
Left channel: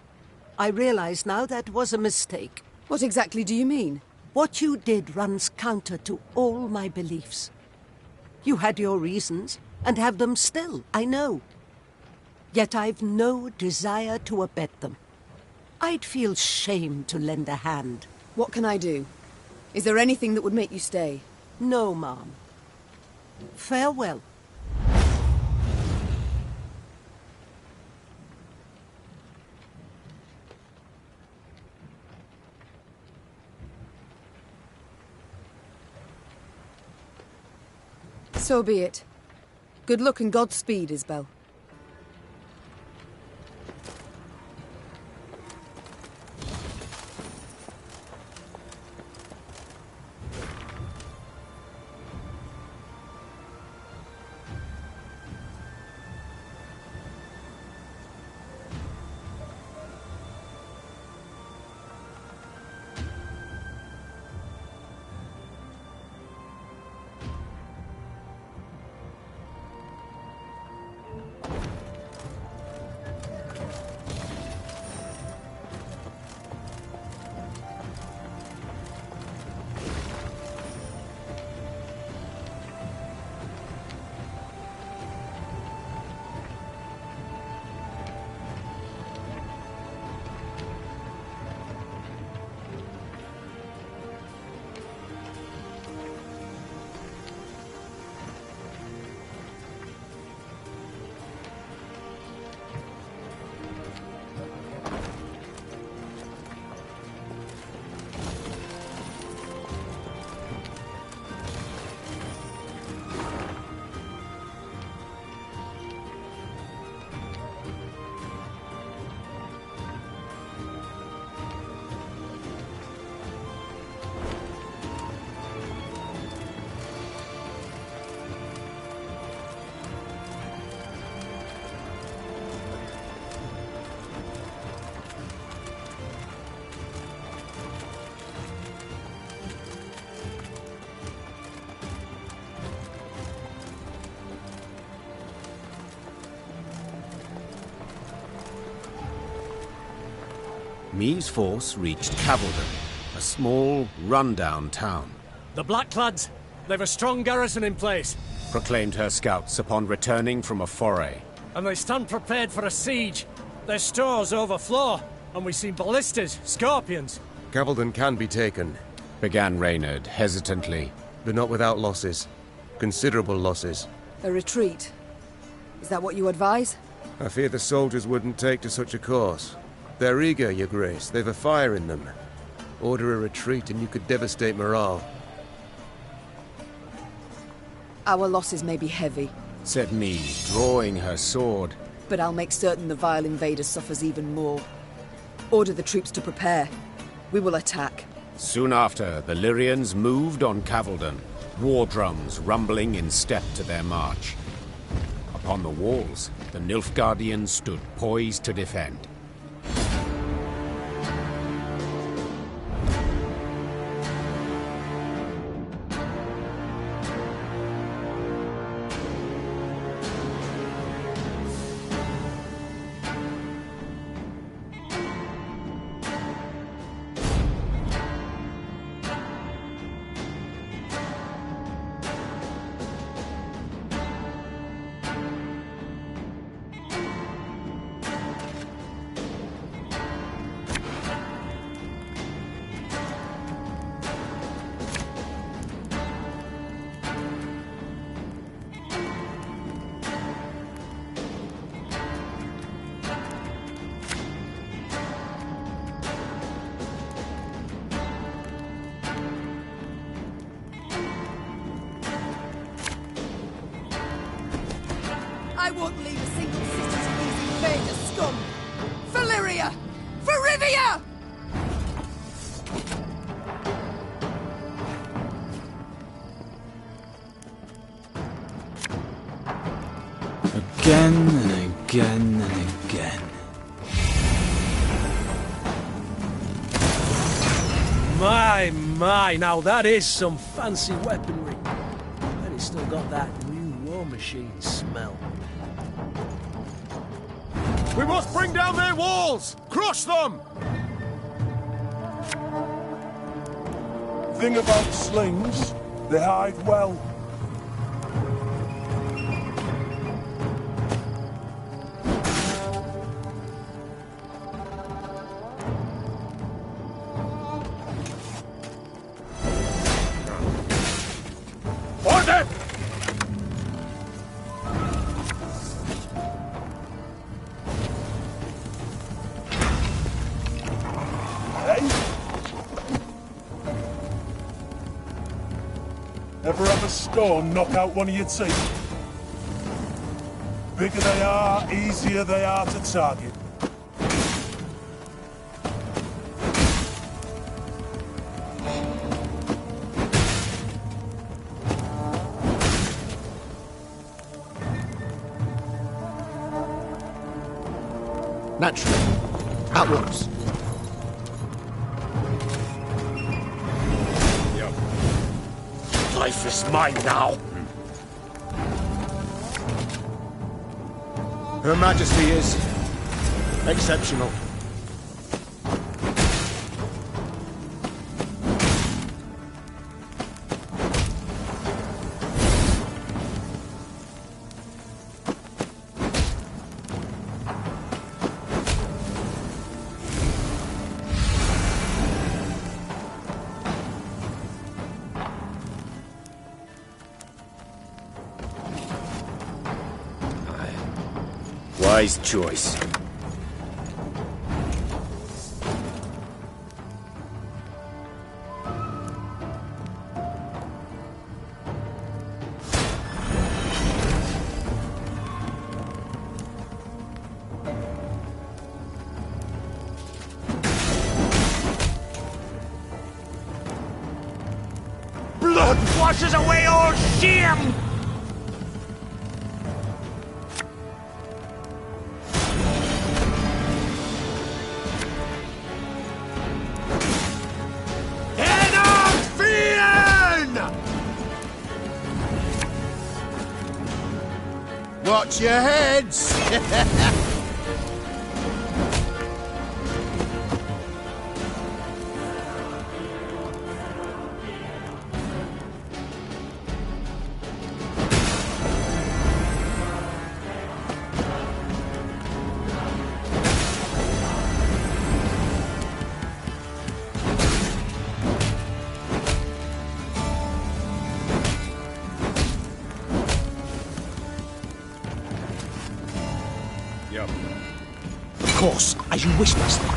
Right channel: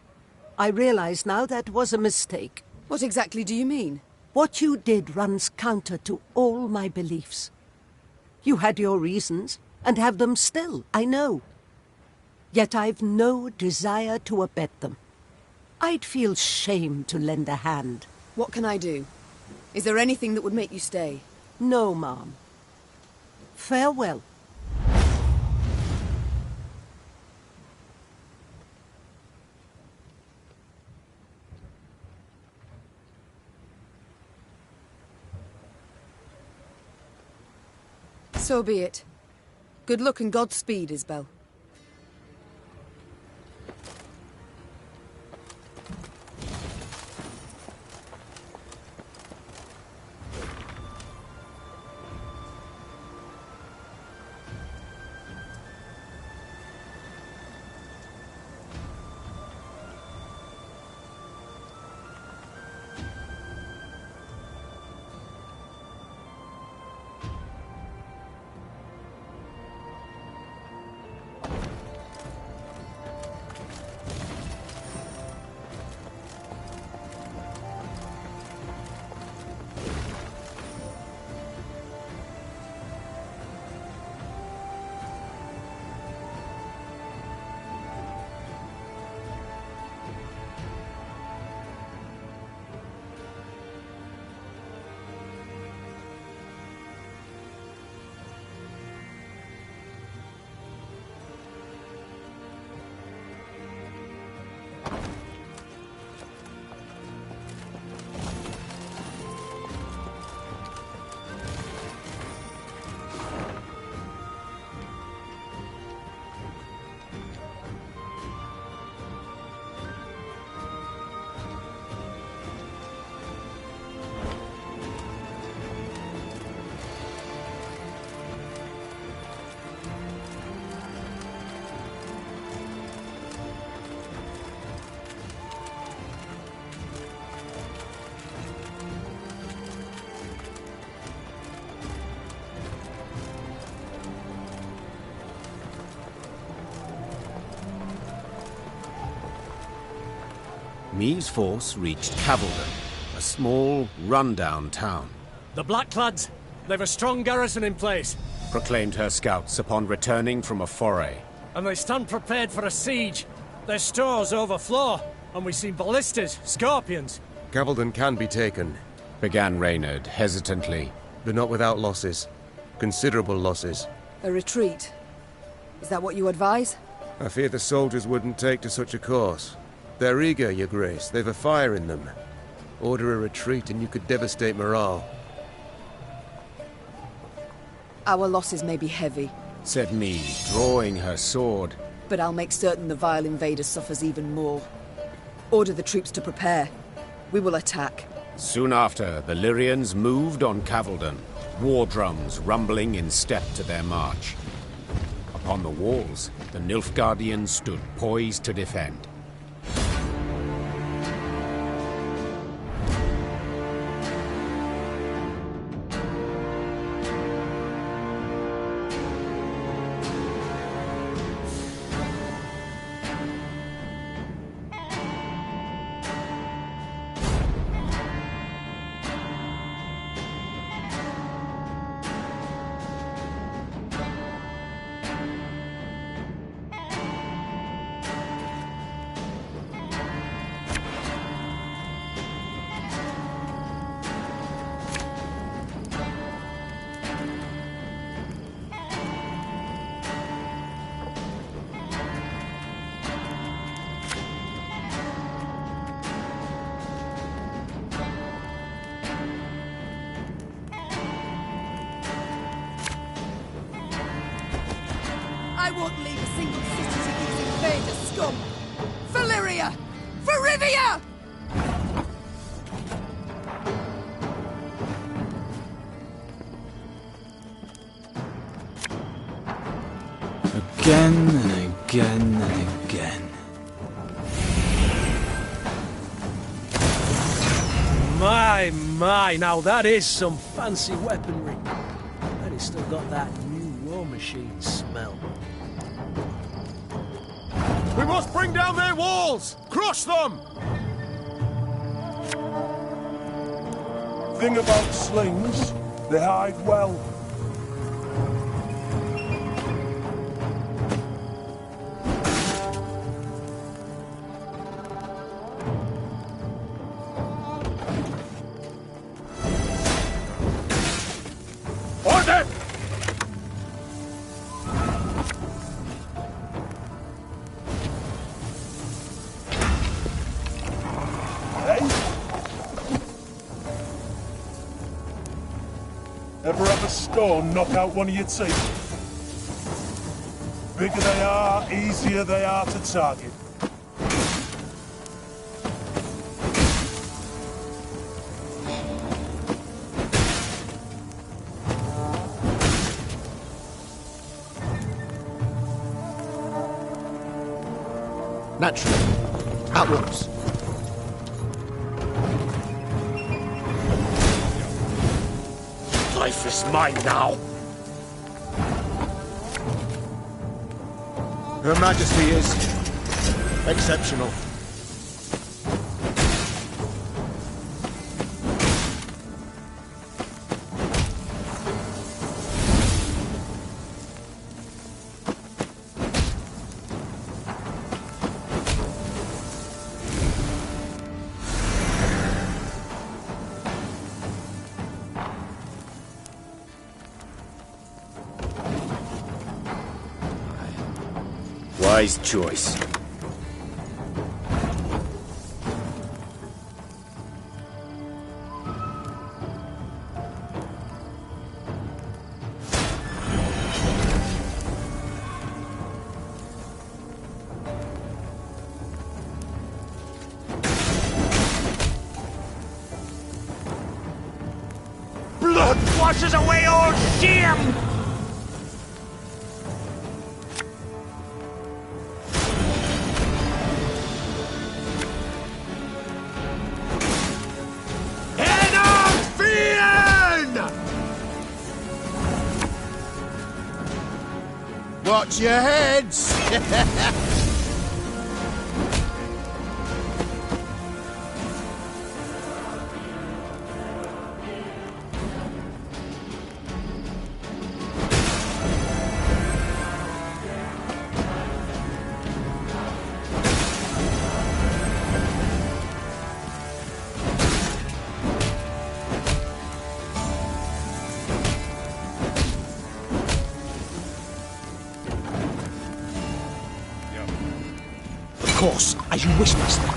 I realize now that was a mistake. What exactly do you mean? What you did runs counter to all my beliefs. You had your reasons, and have them still, I know. Yet I've no desire to abet them. I'd feel shame to lend a hand. What can I do? Is there anything that would make you stay? No, Mom. Farewell. So be it. Good luck and Godspeed, Isbel. Meve's force reached Cavaldon, a small, run-down town. The Blackclads, they've a strong garrison in place, Proclaimed her scouts upon returning from a foray. and they stand prepared for a siege. Their stores overflow, and we see ballistas, scorpions. Cavaldon can be taken, Began Reynard hesitantly. but not without losses. Considerable losses. A retreat. Is that what you advise? I fear the soldiers wouldn't take to such a course. They're eager, Your Grace. They've a fire in them. Order a retreat and you could devastate morale. Our losses may be heavy, Said Meve, drawing her sword. but I'll make certain the vile invader suffers even more. Order the troops to prepare. We will attack. Soon after, the Lyrians moved on Cavaldon, war drums rumbling in step to their march. Upon the walls, the Nilfgaardians stood poised to defend. won't leave a single city to these invader scum! Valyria! For Rivia! Again and again and again. My, now that is some fancy weaponry. And it's still got that new war machine smell. We must bring down their walls! Crush them! Thing about slings, they hide well. Order! Ever have a stone knock out one of your teeth? Bigger they are, easier they are to target. Naturally. At once. Life is mine now. Her Majesty is exceptional. Wise choice. Blood washes away all shame! Watch your heads! Of course, as you wish, master.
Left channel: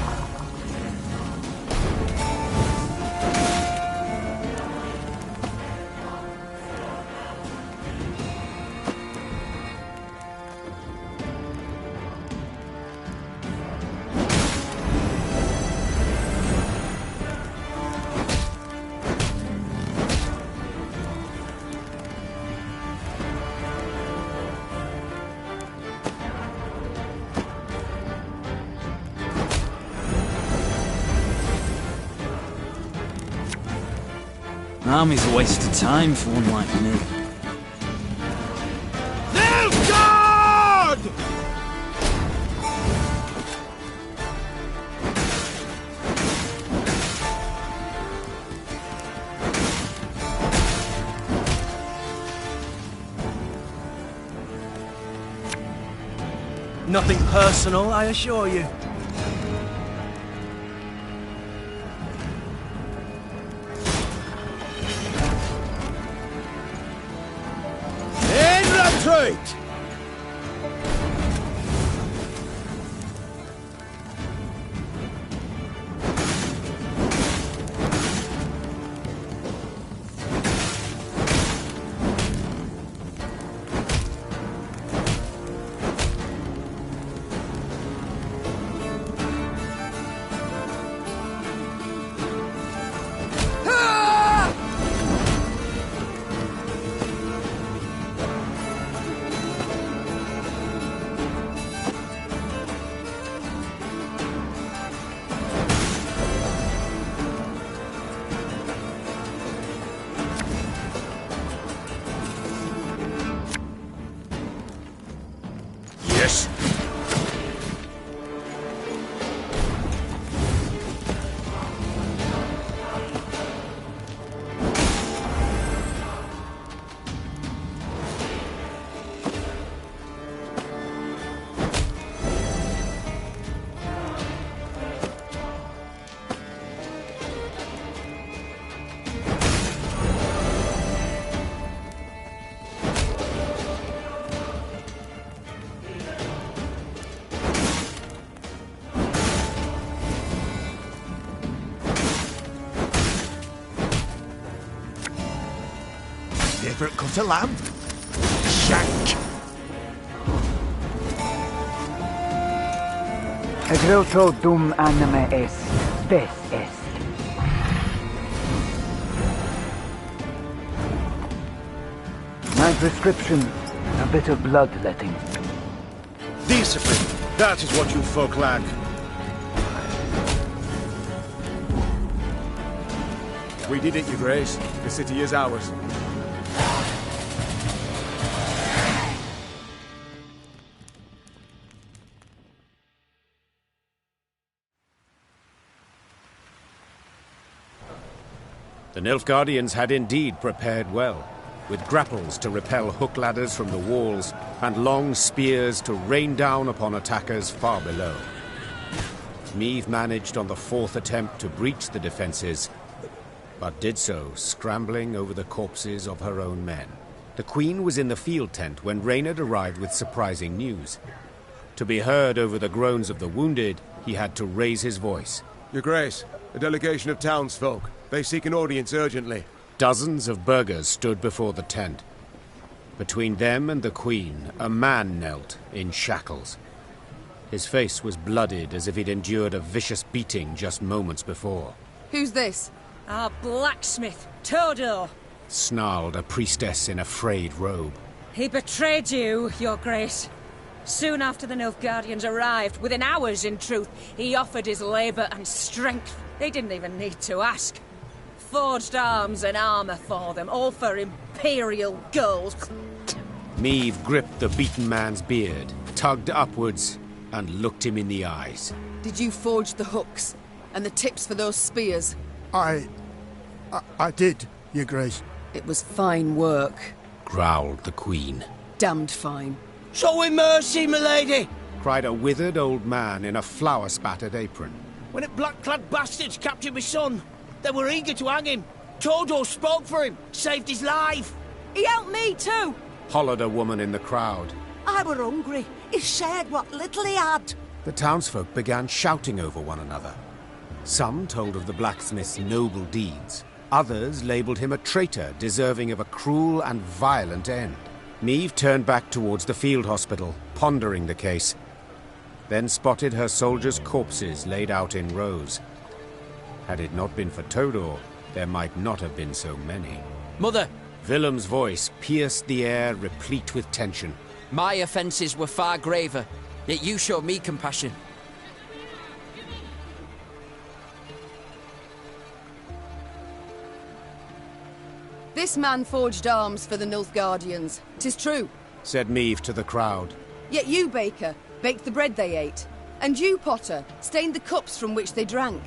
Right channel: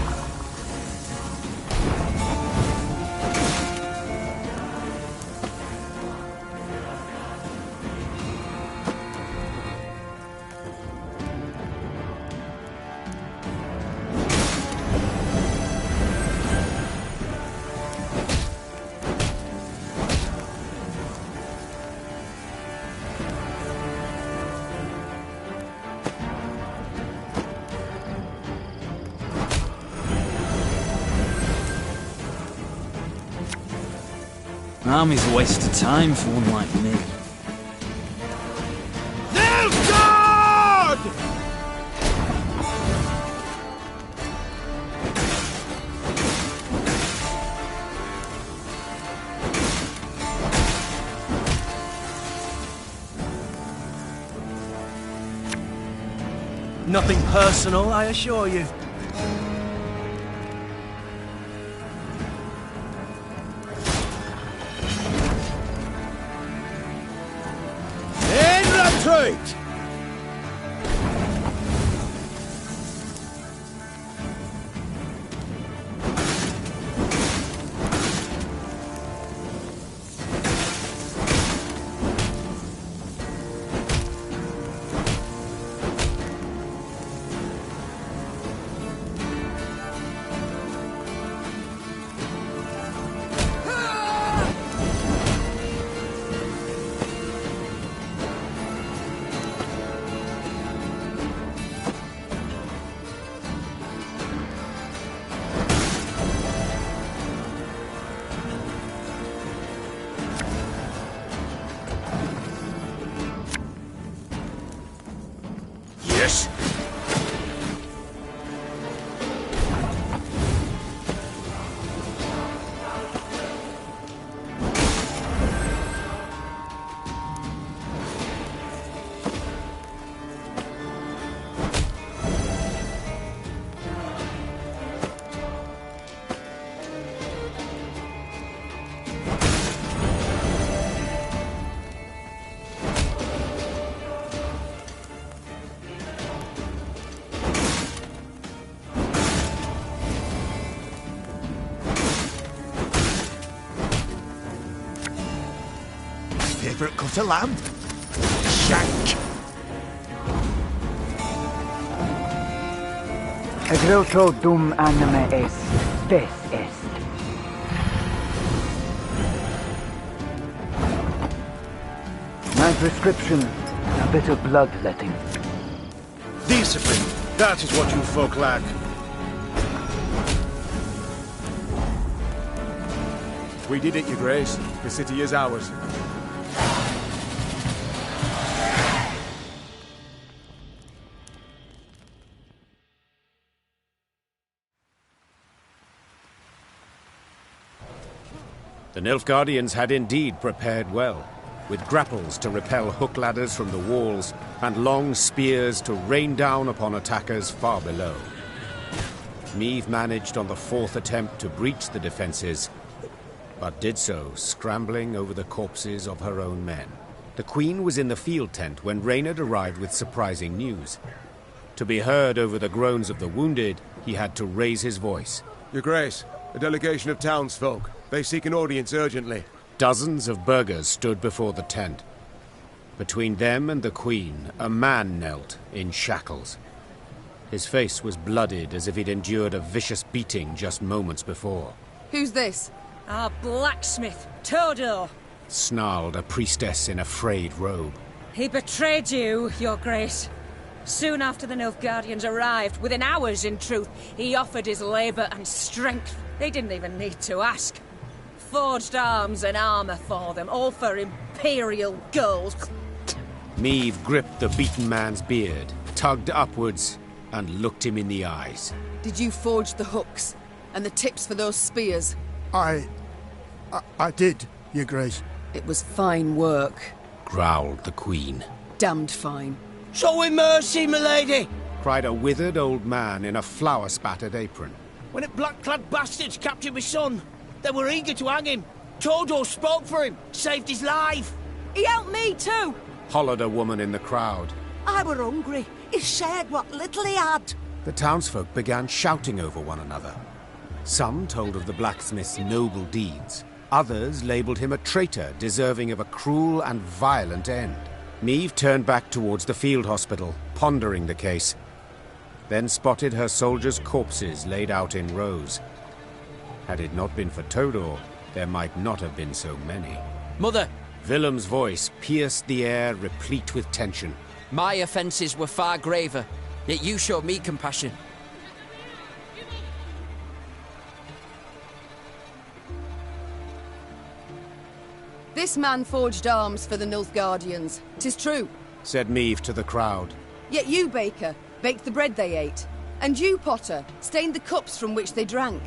An army's a waste of time for one like me. Nilfgaard! Nothing personal, I assure you. Retreat! favourite cut of lamb? Shank. Egreto dum anime est, spes est. My prescription, a bit of bloodletting. Discipline, that is what you folk lack. We did it, Your Grace. The city is ours. The Nilfgaardians had indeed prepared well, with grapples to repel hook ladders from the walls and long spears to rain down upon attackers far below. Meve managed on the fourth attempt to breach the defences, but did so scrambling over the corpses of her own men. The Queen was in the field tent when Rainha arrived with surprising news. To be heard over the groans of the wounded, he had to raise his voice. Your Grace, a delegation of townsfolk. They seek an audience urgently. Dozens of burghers stood before the tent. Between them and the Queen, a man knelt in shackles. His face was blooded as if he'd endured a vicious beating just moments before. Who's this? Our blacksmith, Todor. Snarled a priestess in a frayed robe. He betrayed you, Your Grace. Soon after the Nilfgaardians arrived, within hours in truth, he offered his labour and strength. They didn't even need to ask. Forged arms and armour for them, all for imperial gold. Meve gripped the beaten man's beard, tugged upwards, and looked him in the eyes. Did you forge the hooks and the tips for those spears? I did, Your Grace. It was fine work, growled the Queen. Damned fine. Show him mercy, milady! Cried a withered old man in a flour-spattered apron. When the black-clad bastards captured my son, they were eager to hang him. Todor spoke for him, saved his life. He helped me too. Hollered a woman in the crowd. I were hungry. He shared what little he had. The townsfolk began shouting over one another. Some told of the blacksmith's noble deeds. Others labelled him a traitor, deserving of a cruel and violent end. Meve turned back towards the field hospital, pondering the case. Then spotted her soldiers' corpses laid out in rows. Had it not been for Todor, there might not have been so many. Mother! Willem's voice pierced the air, replete with tension. My offences were far graver, yet you showed me compassion. This man forged arms for the Nilfgaardians. 'Tis true, said Meve to the crowd. Yet you, baker, baked the bread they ate. And you, potter, stained the cups from which they drank.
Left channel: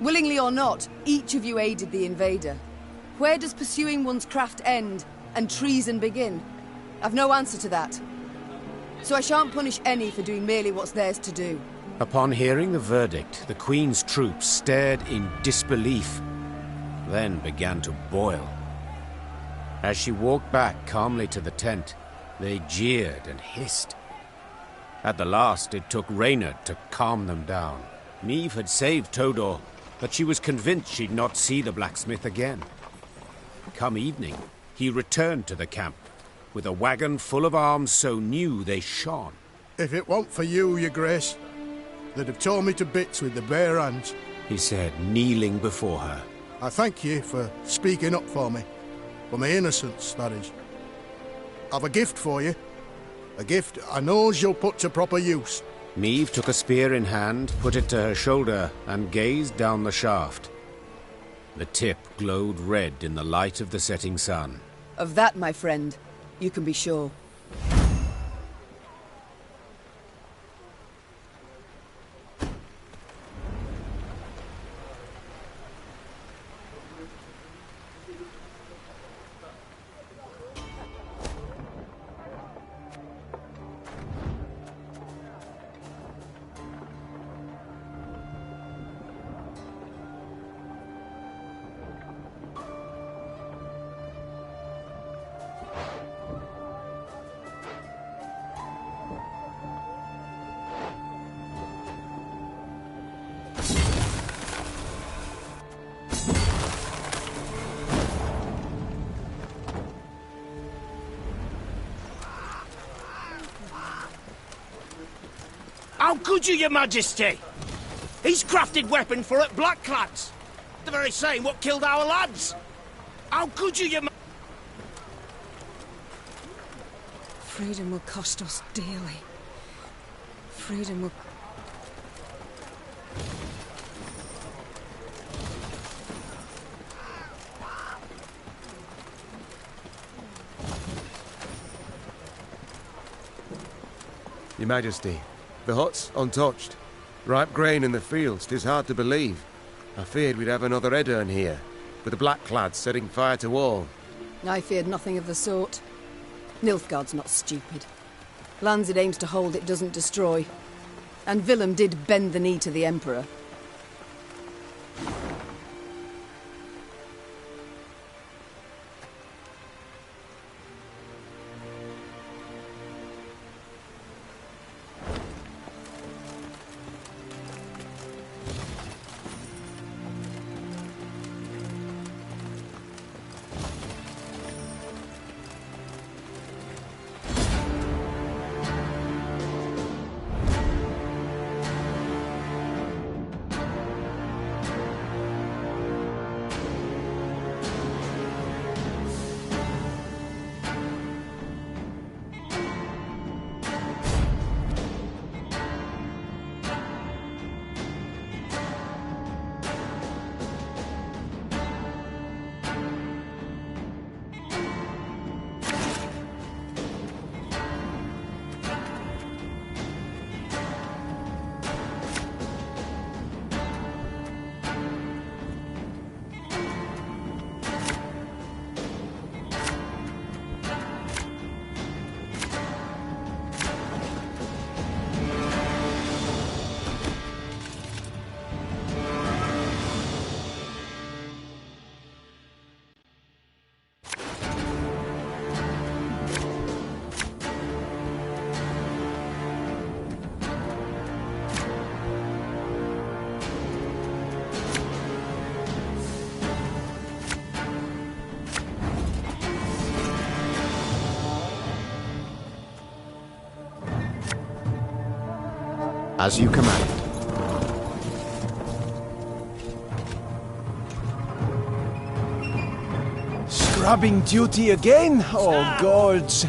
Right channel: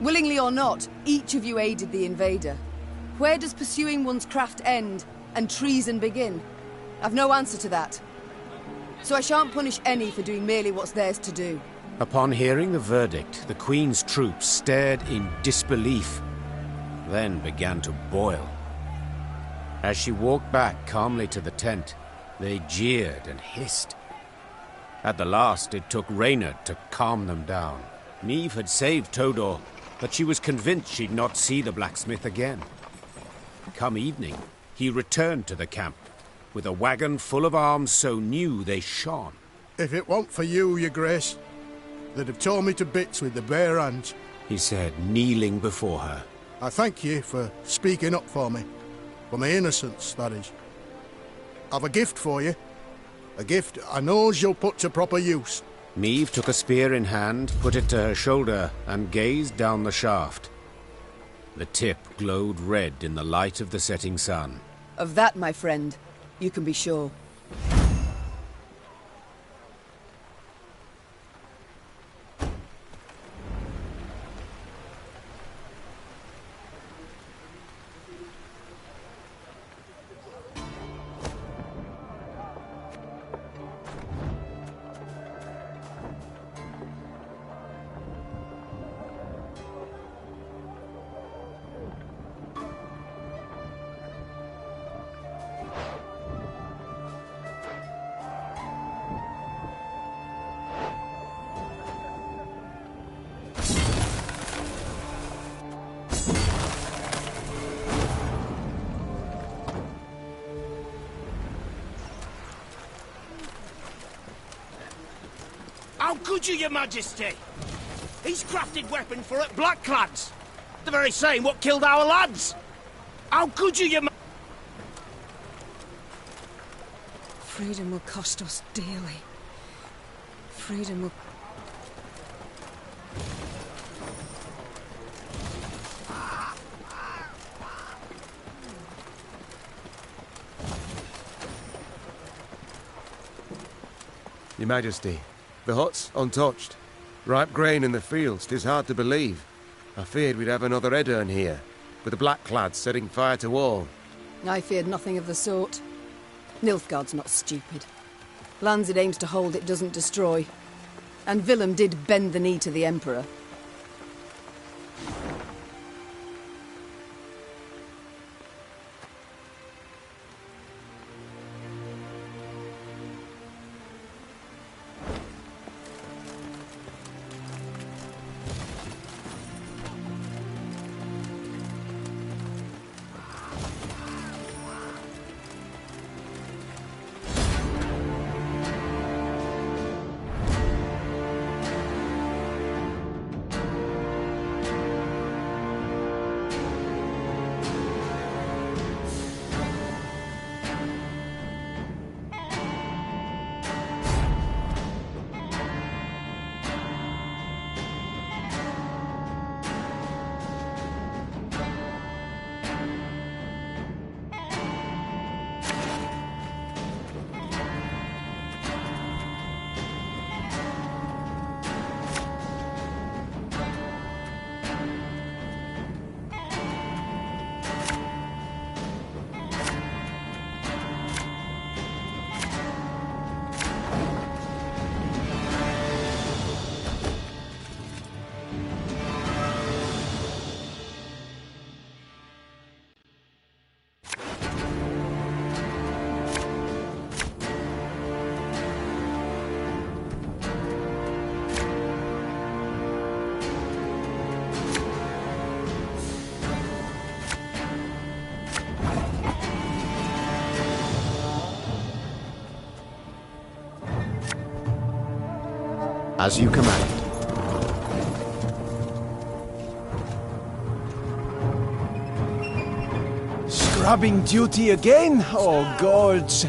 Willingly or not, each of you aided the invader. Where does pursuing one's craft end and treason begin? I've no answer to that. So I shan't punish any for doing merely what's theirs to do. Upon hearing the verdict, the Queen's troops stared in disbelief, then began to boil. As she walked back calmly to the tent, they jeered and hissed. At the last, it took Rainha to calm them down. Meve had saved Todor, but she was convinced she'd not see the blacksmith again. Come evening, he returned to the camp, with a wagon full of arms so new they shone. If it weren't for you, Your Grace, they'd have torn me to bits with their bare hands, he said, kneeling before her. I thank you for speaking up for me. For my innocence, that is. I've a gift for you. A gift I knows you'll put to proper use. Meve took a spear in hand, put it to her shoulder, and gazed down the shaft. The tip glowed red in the light of the setting sun. Of that, my friend, you can be sure. How could you, your majesty? He's crafted weapon for it blackclads. The very same what killed our lads. How could you, your Freedom will cost us dearly. Freedom will... Your Majesty, the hut's untouched. Ripe grain in the fields, 'tis hard to believe. I feared we'd have another Edirn here, with the Blackclads setting fire to all. I feared nothing of the sort. Nilfgaard's not stupid. Lands it aims to hold, it doesn't destroy. And Willem did bend the knee to the Emperor. As you command. Scrubbing duty again? Oh, gods.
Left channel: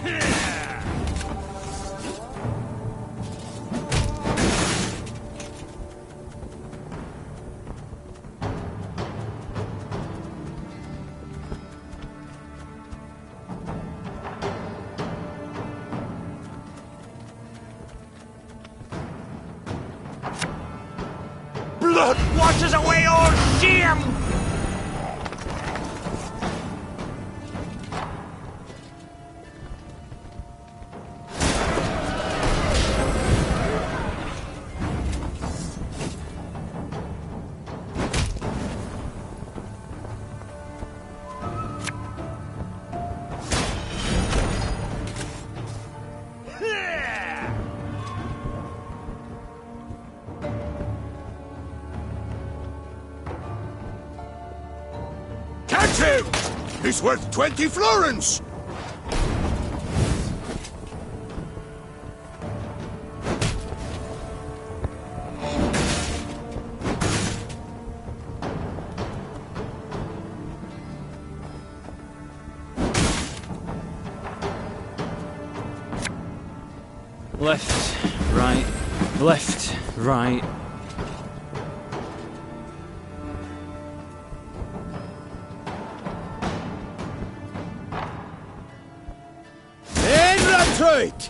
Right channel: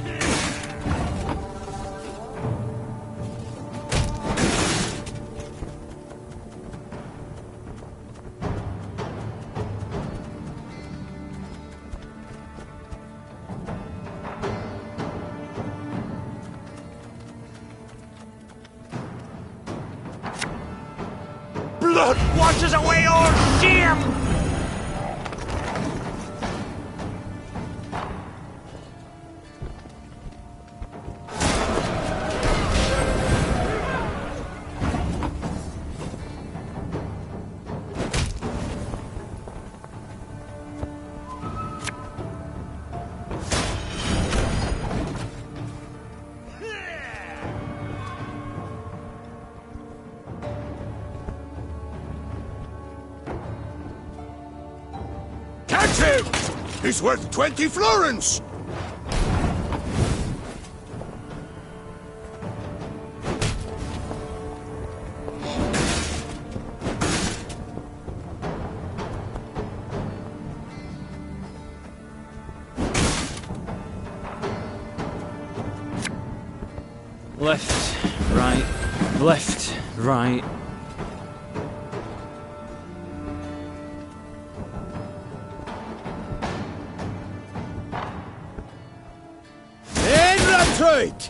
Blood washes away all shame! Catch him! He's worth 20 florins! Left, right, left, right. Right.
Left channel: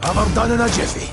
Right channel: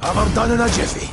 Have her done in a jiffy.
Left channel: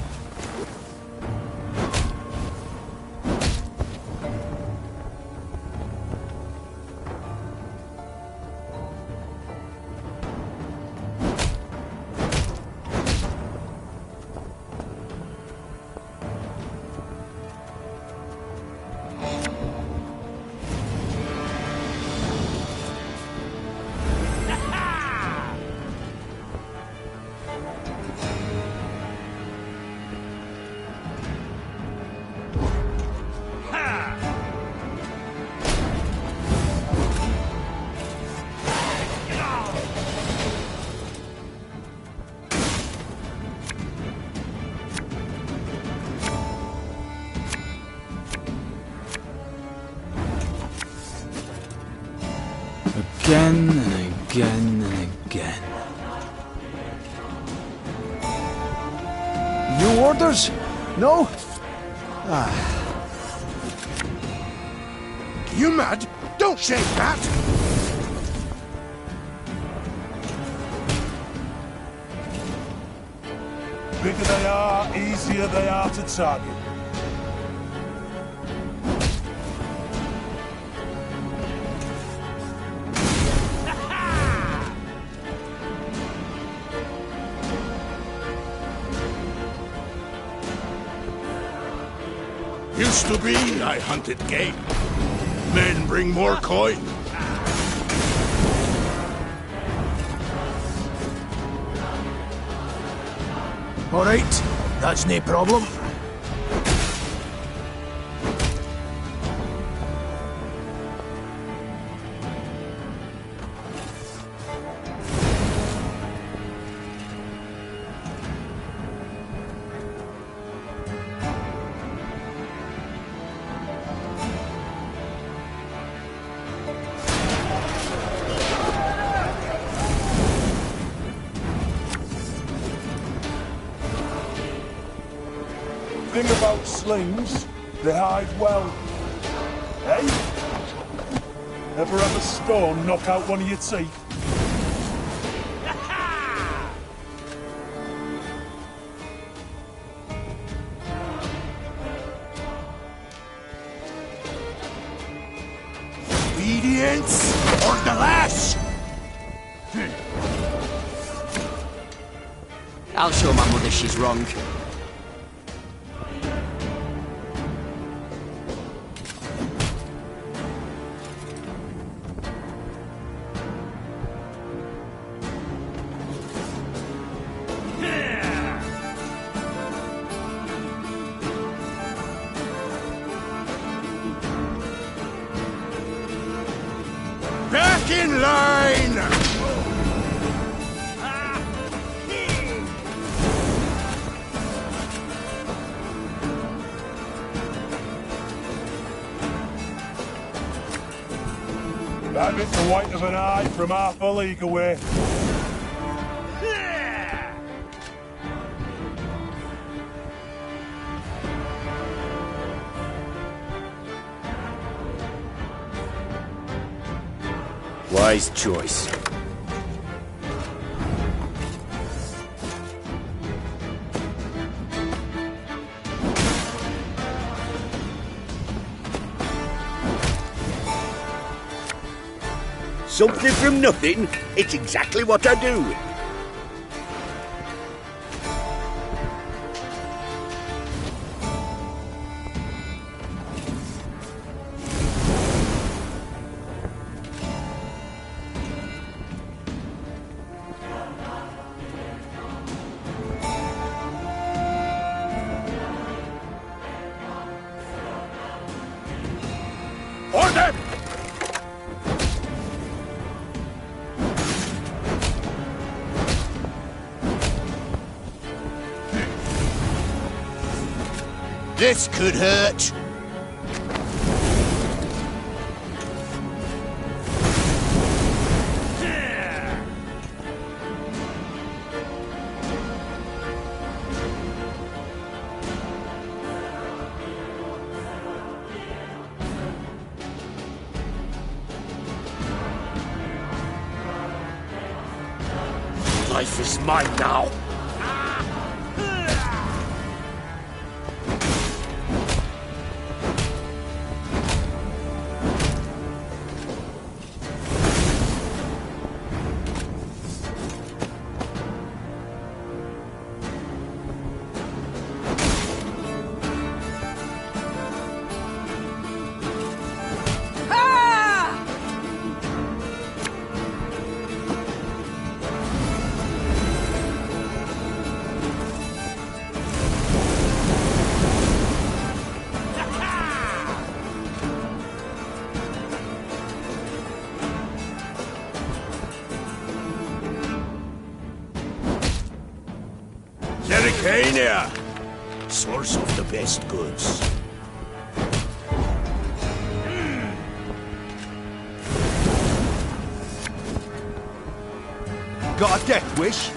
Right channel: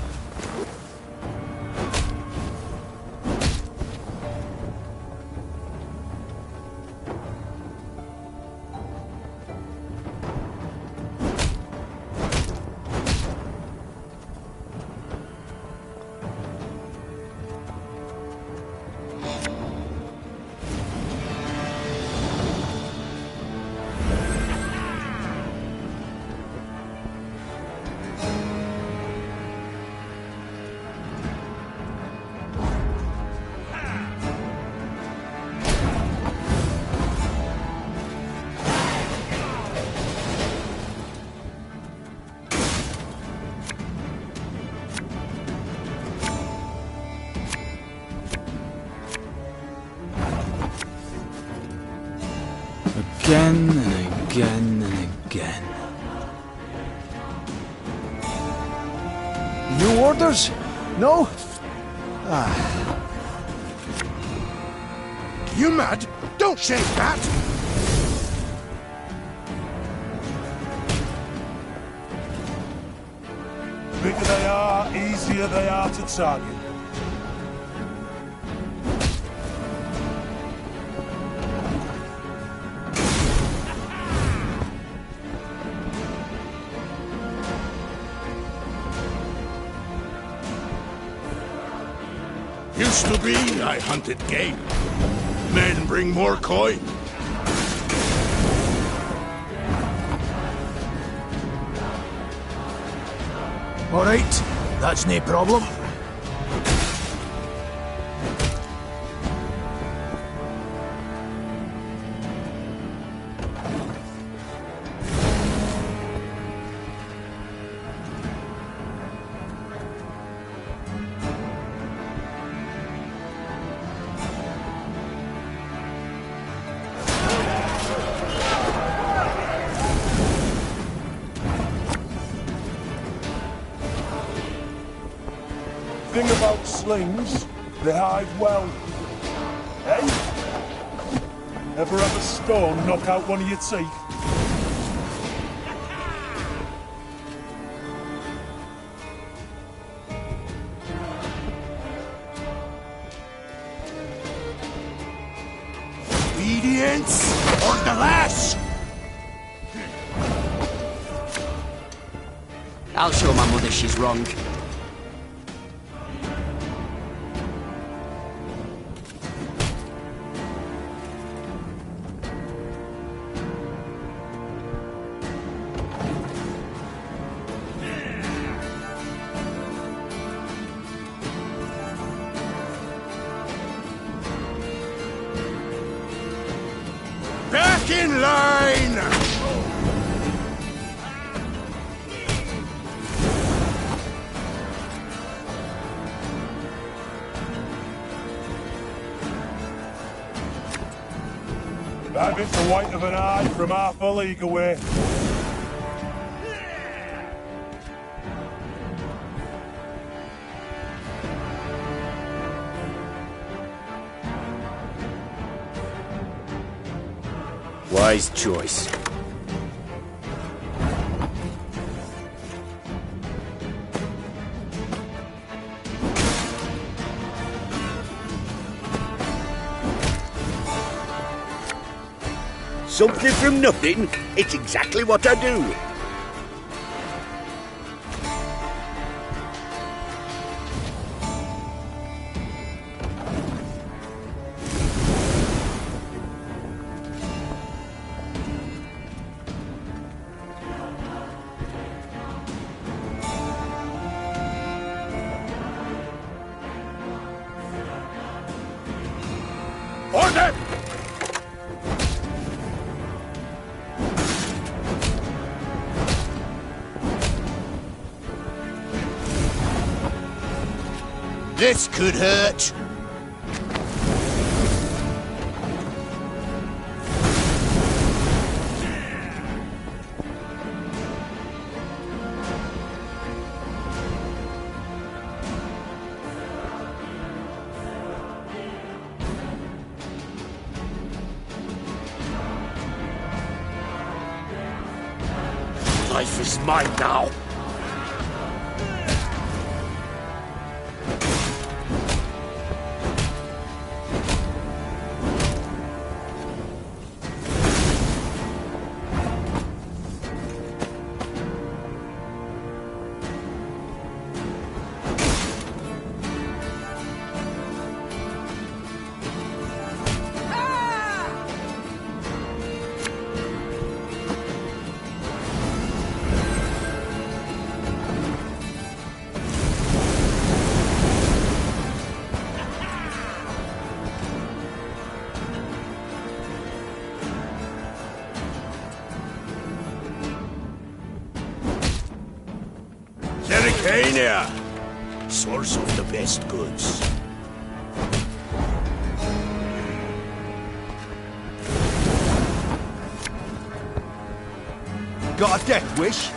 Again and again and again. New orders? No? Ah. You mad? Don't shake that! Bigger they are, easier they are to target. Used to be I hunted game. Men bring more coin. All right, that's no problem. Thing about slings, they hide well. Eh? Ever have a stone knock out one of your teeth? Obedience or the lash! I'll show my mother she's wrong. Back in line! That bit's the white of an eye from half a league away. Wise choice. Something from nothing, it's exactly what I do. Order! This could hurt. Life is mine now. Rainha, source of the best goods. got a death wish?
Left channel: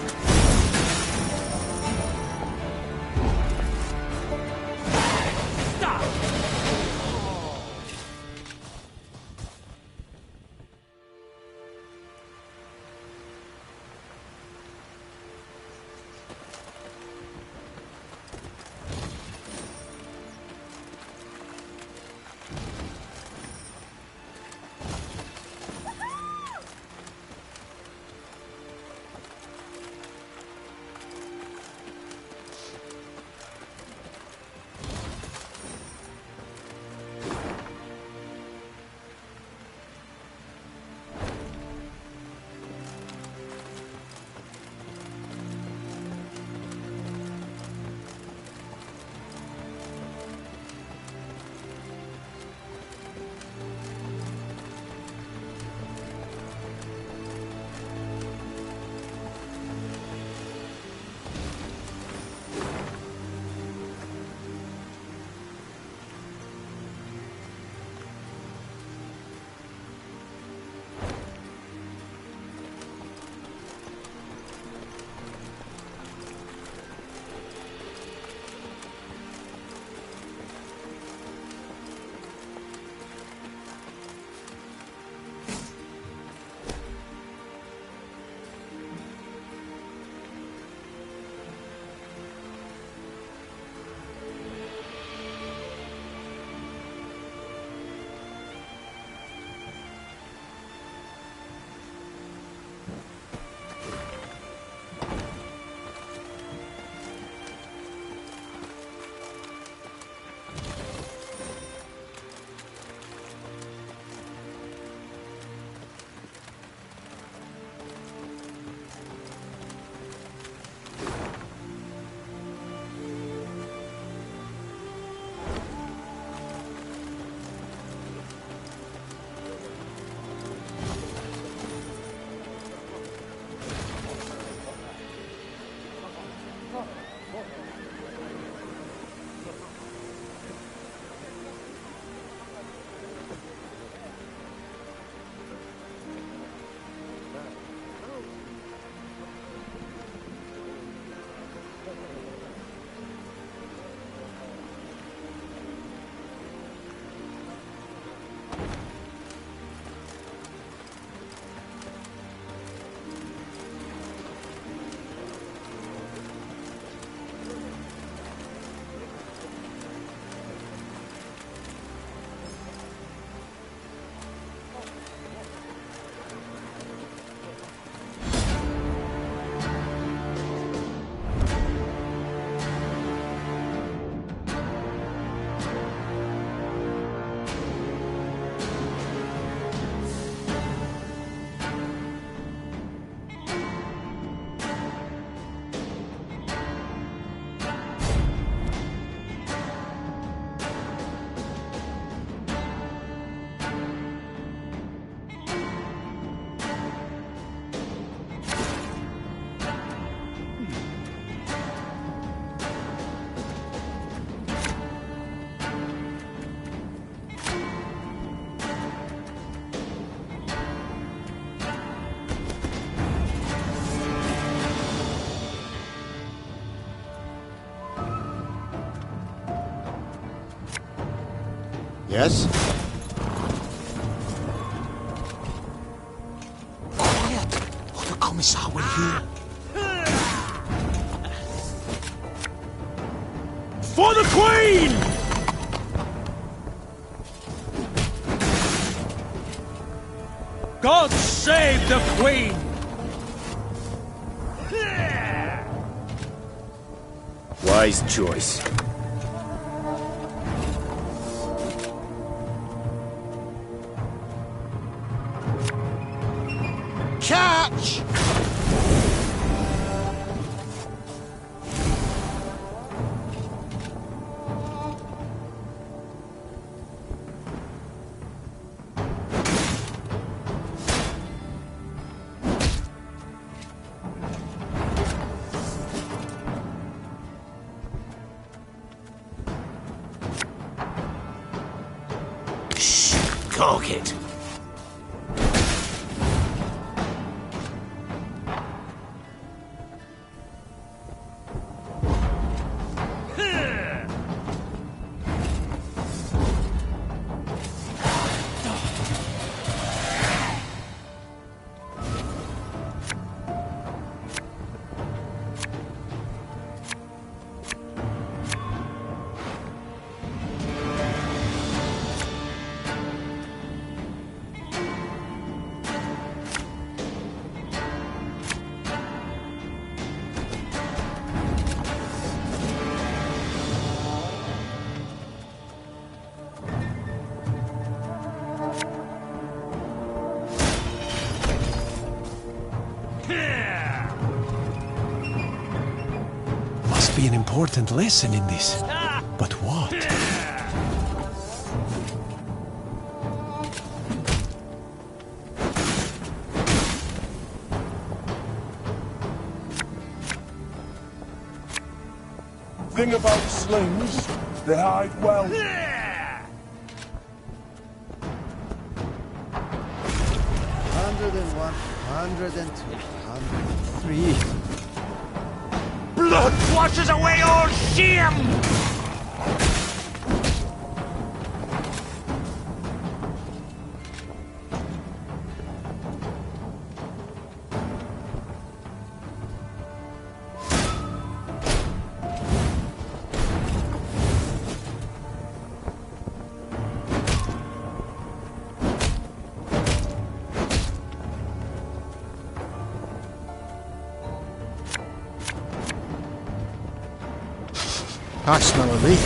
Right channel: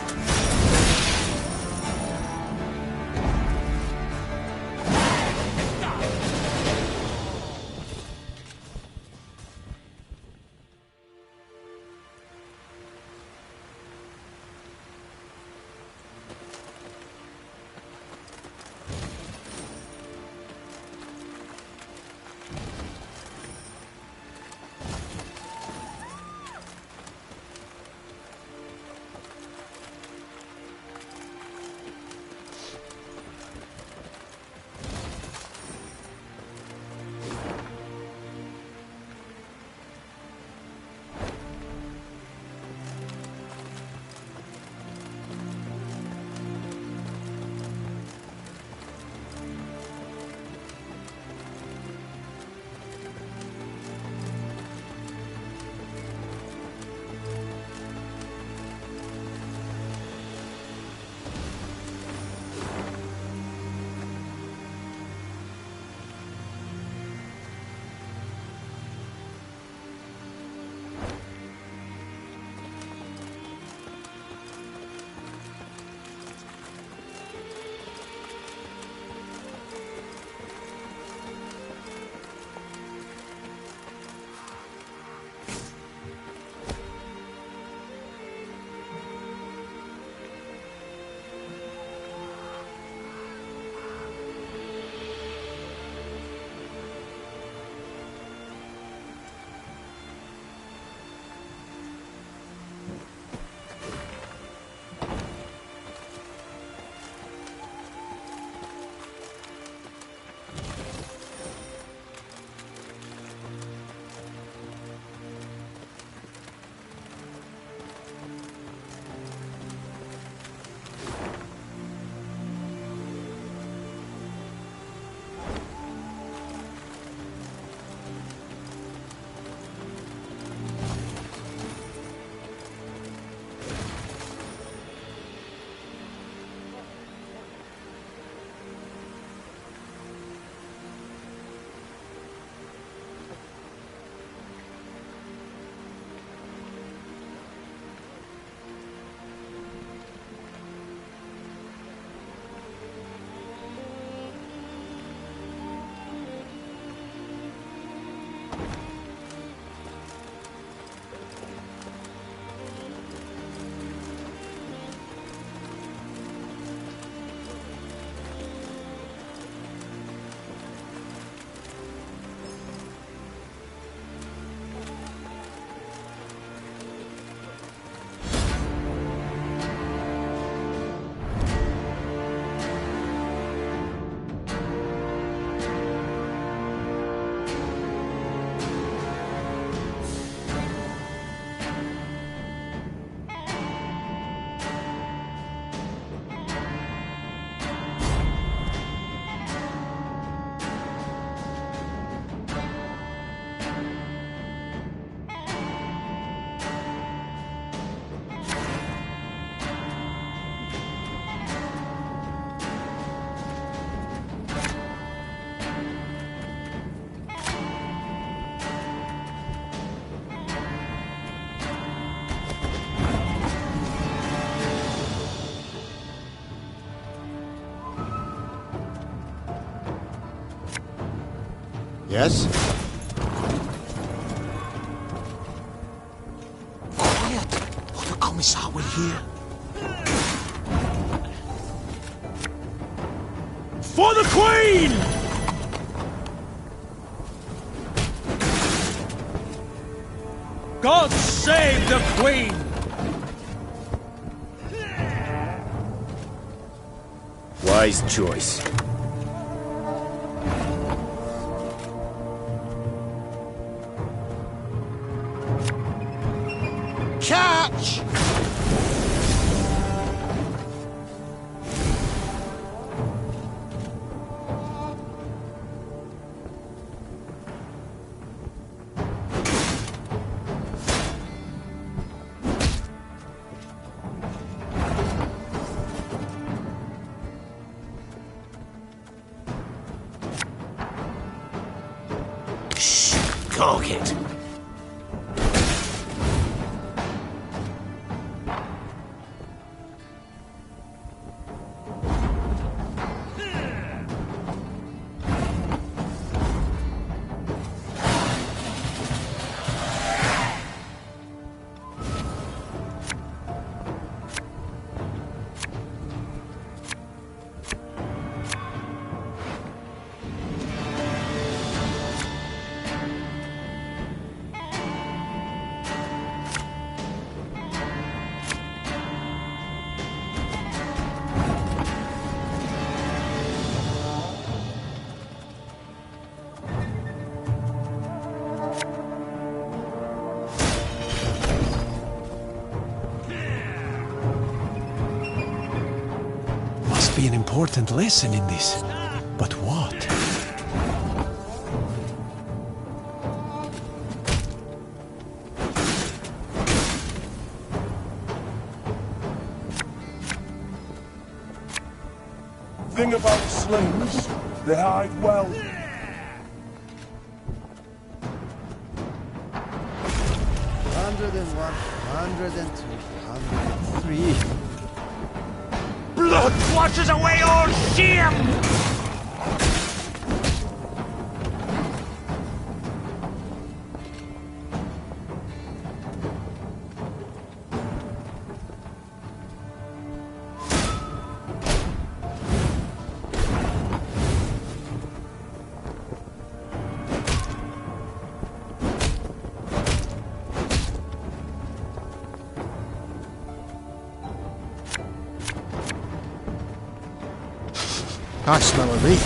Yes? Quiet, or the Commissar will hear. For the Queen! God save the Queen! Wise choice. Catch! Shh! Cork it! be an important lesson in this. But what? Thing about slings, they hide well. 101, 102, 103. Blood washes away all shame! I smell a leak.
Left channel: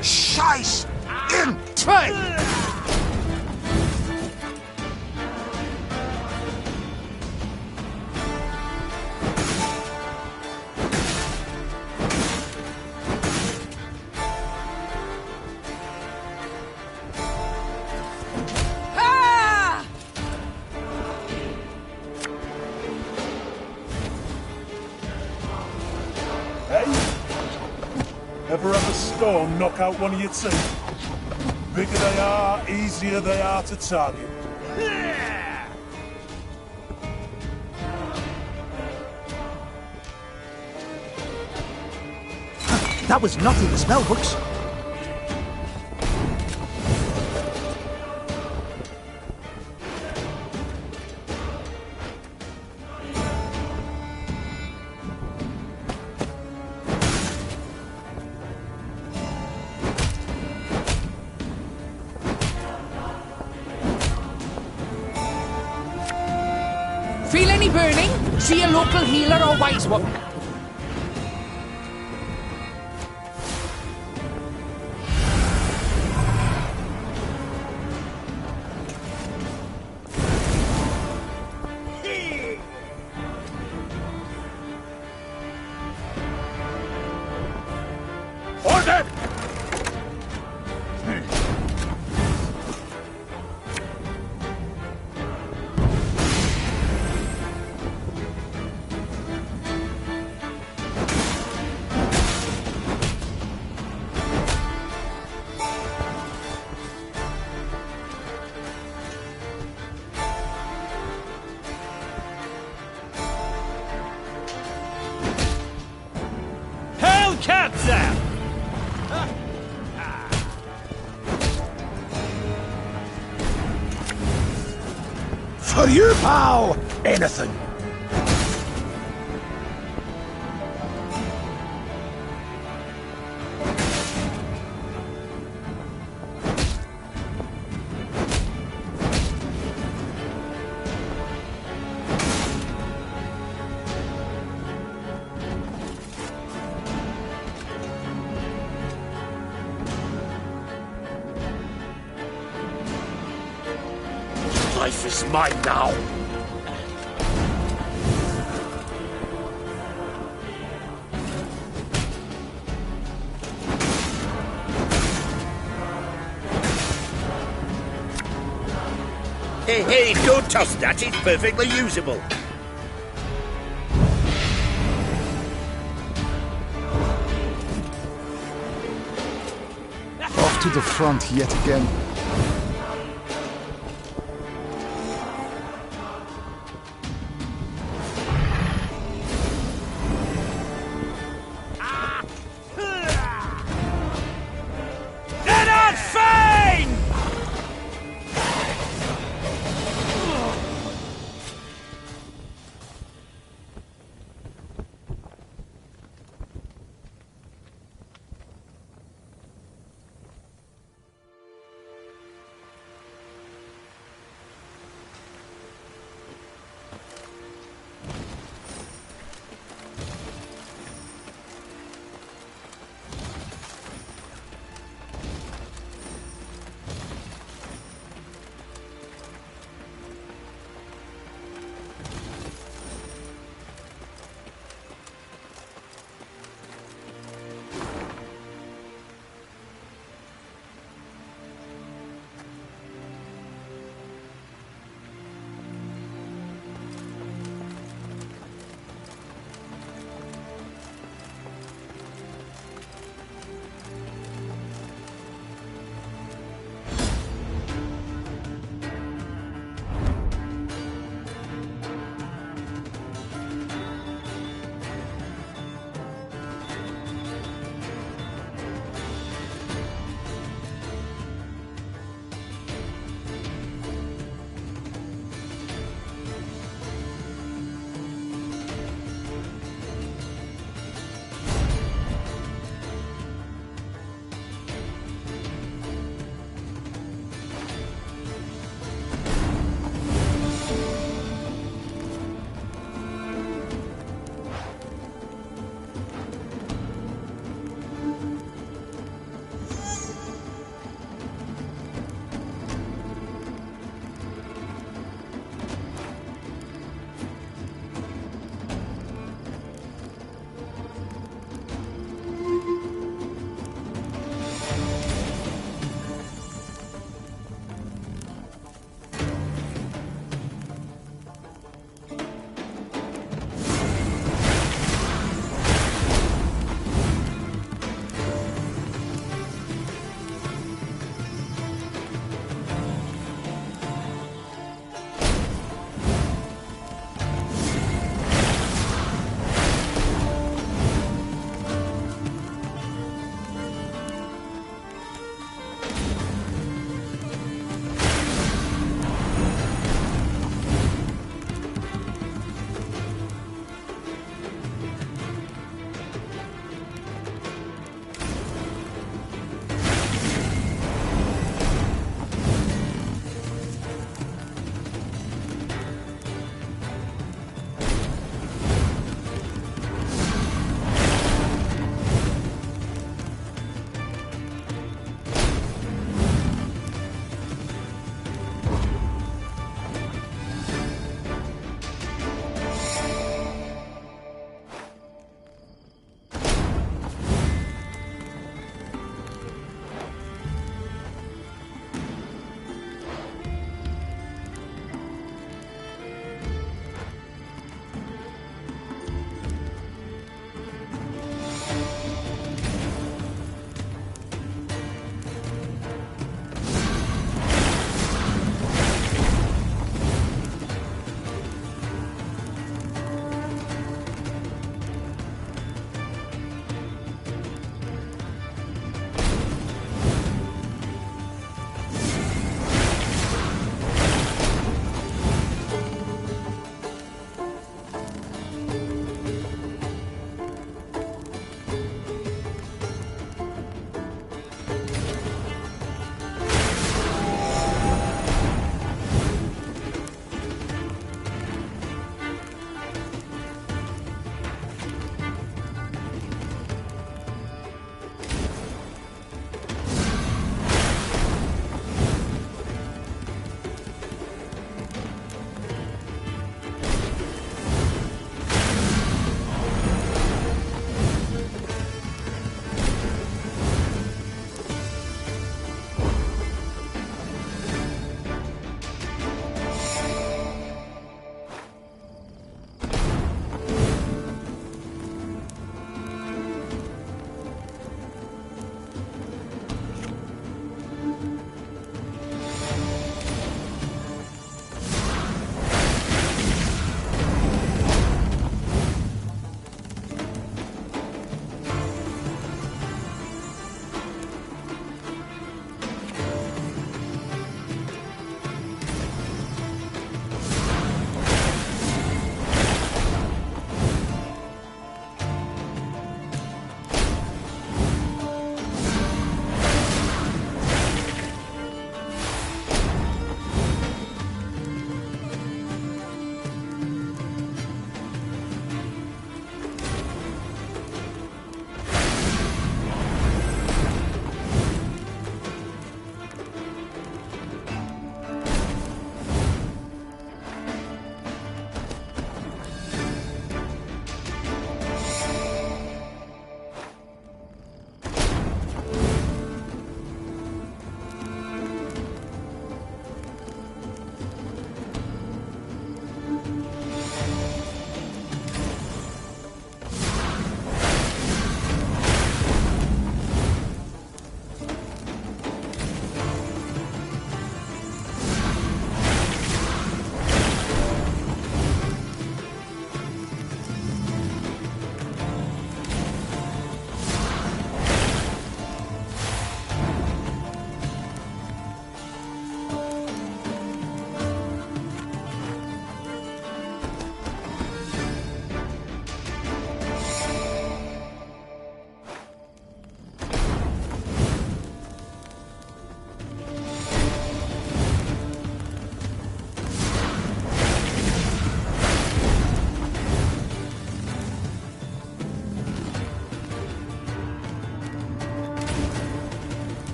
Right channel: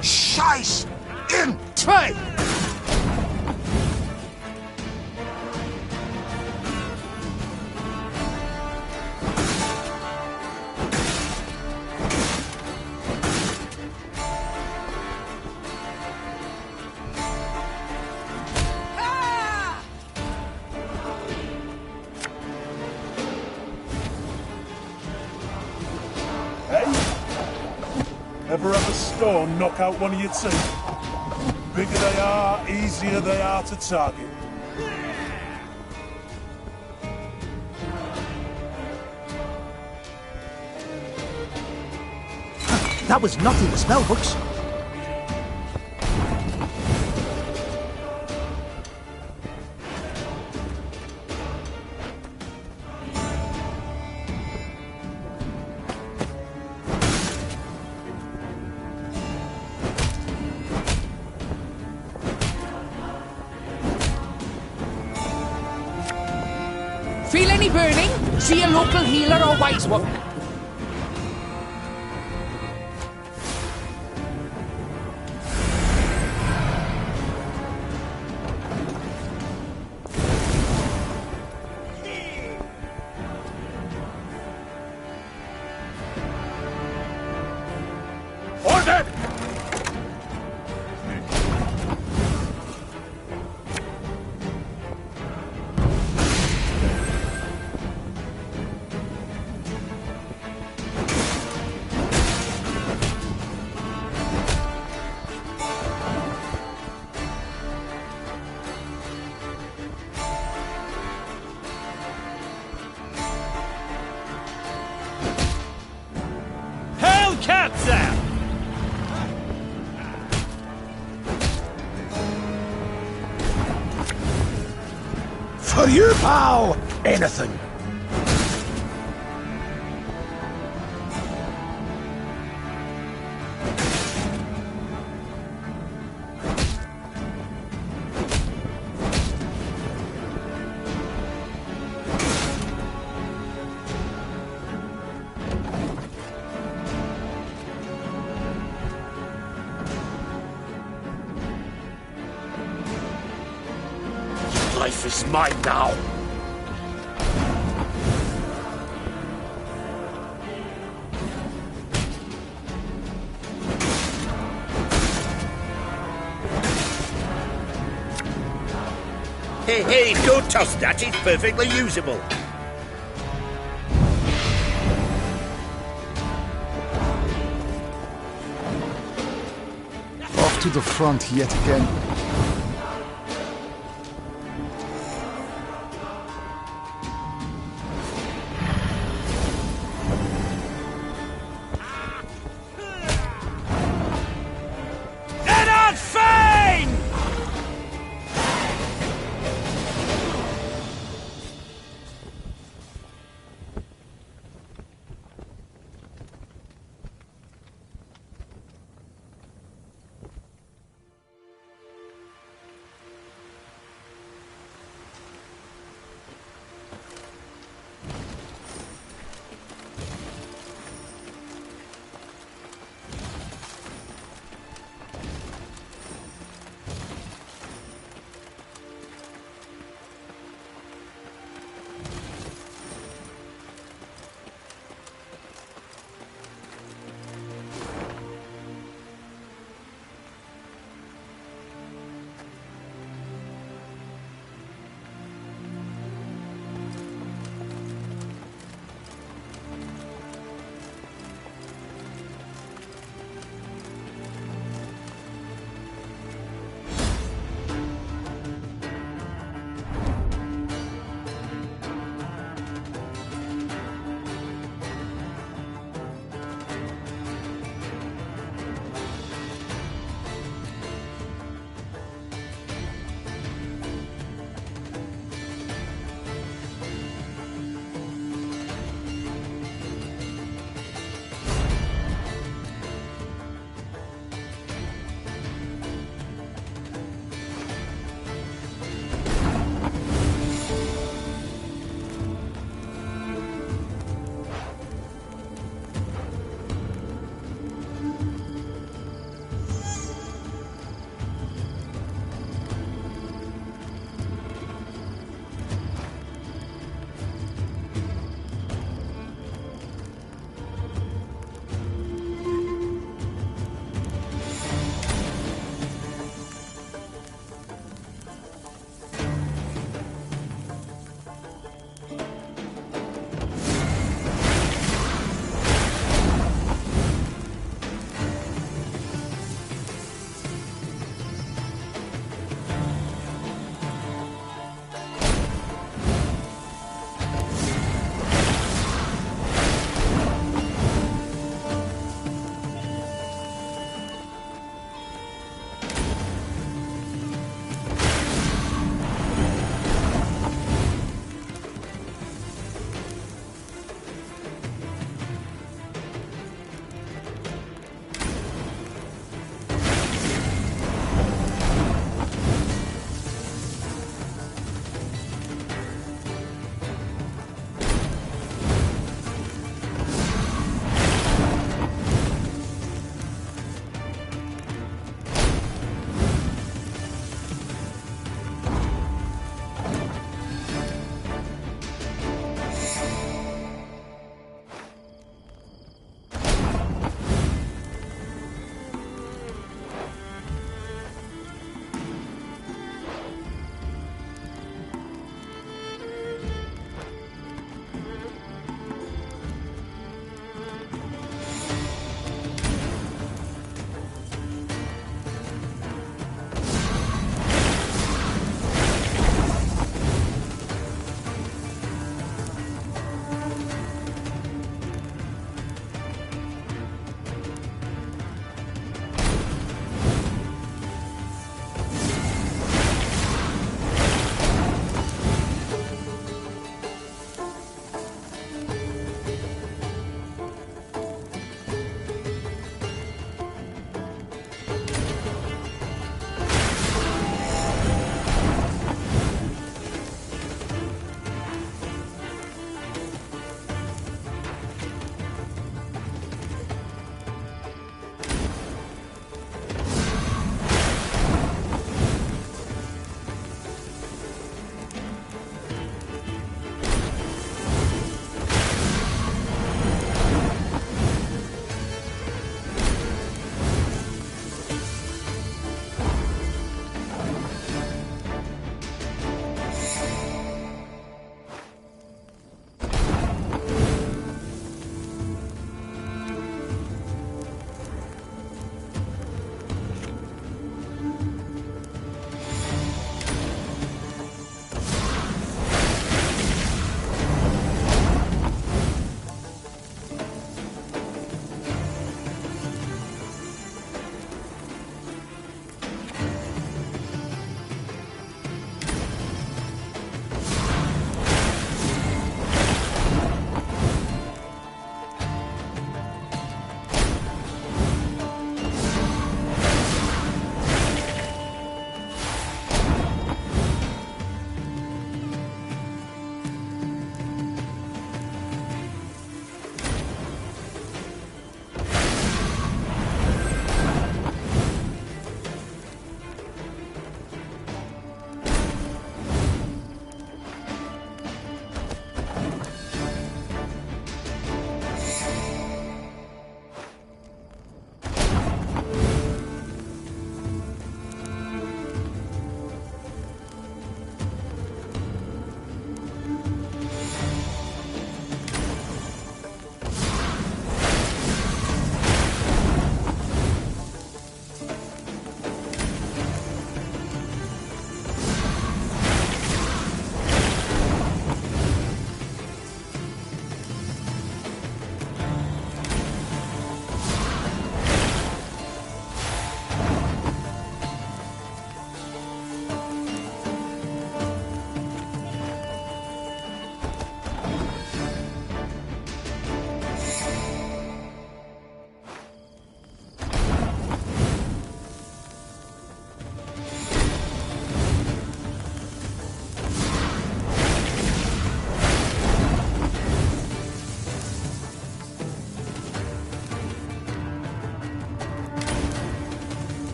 Scheiß! In zwei! Ever have a stone knock out one of your teeth? Bigger they are, easier they are to target. That was not in the spell books. Feel any burning? See a local healer or wise woman. Order! Hellcatzer! For you, pal! Anything! Life is mine now. Hey, don't toss that. It's perfectly usable. Off to the front yet again.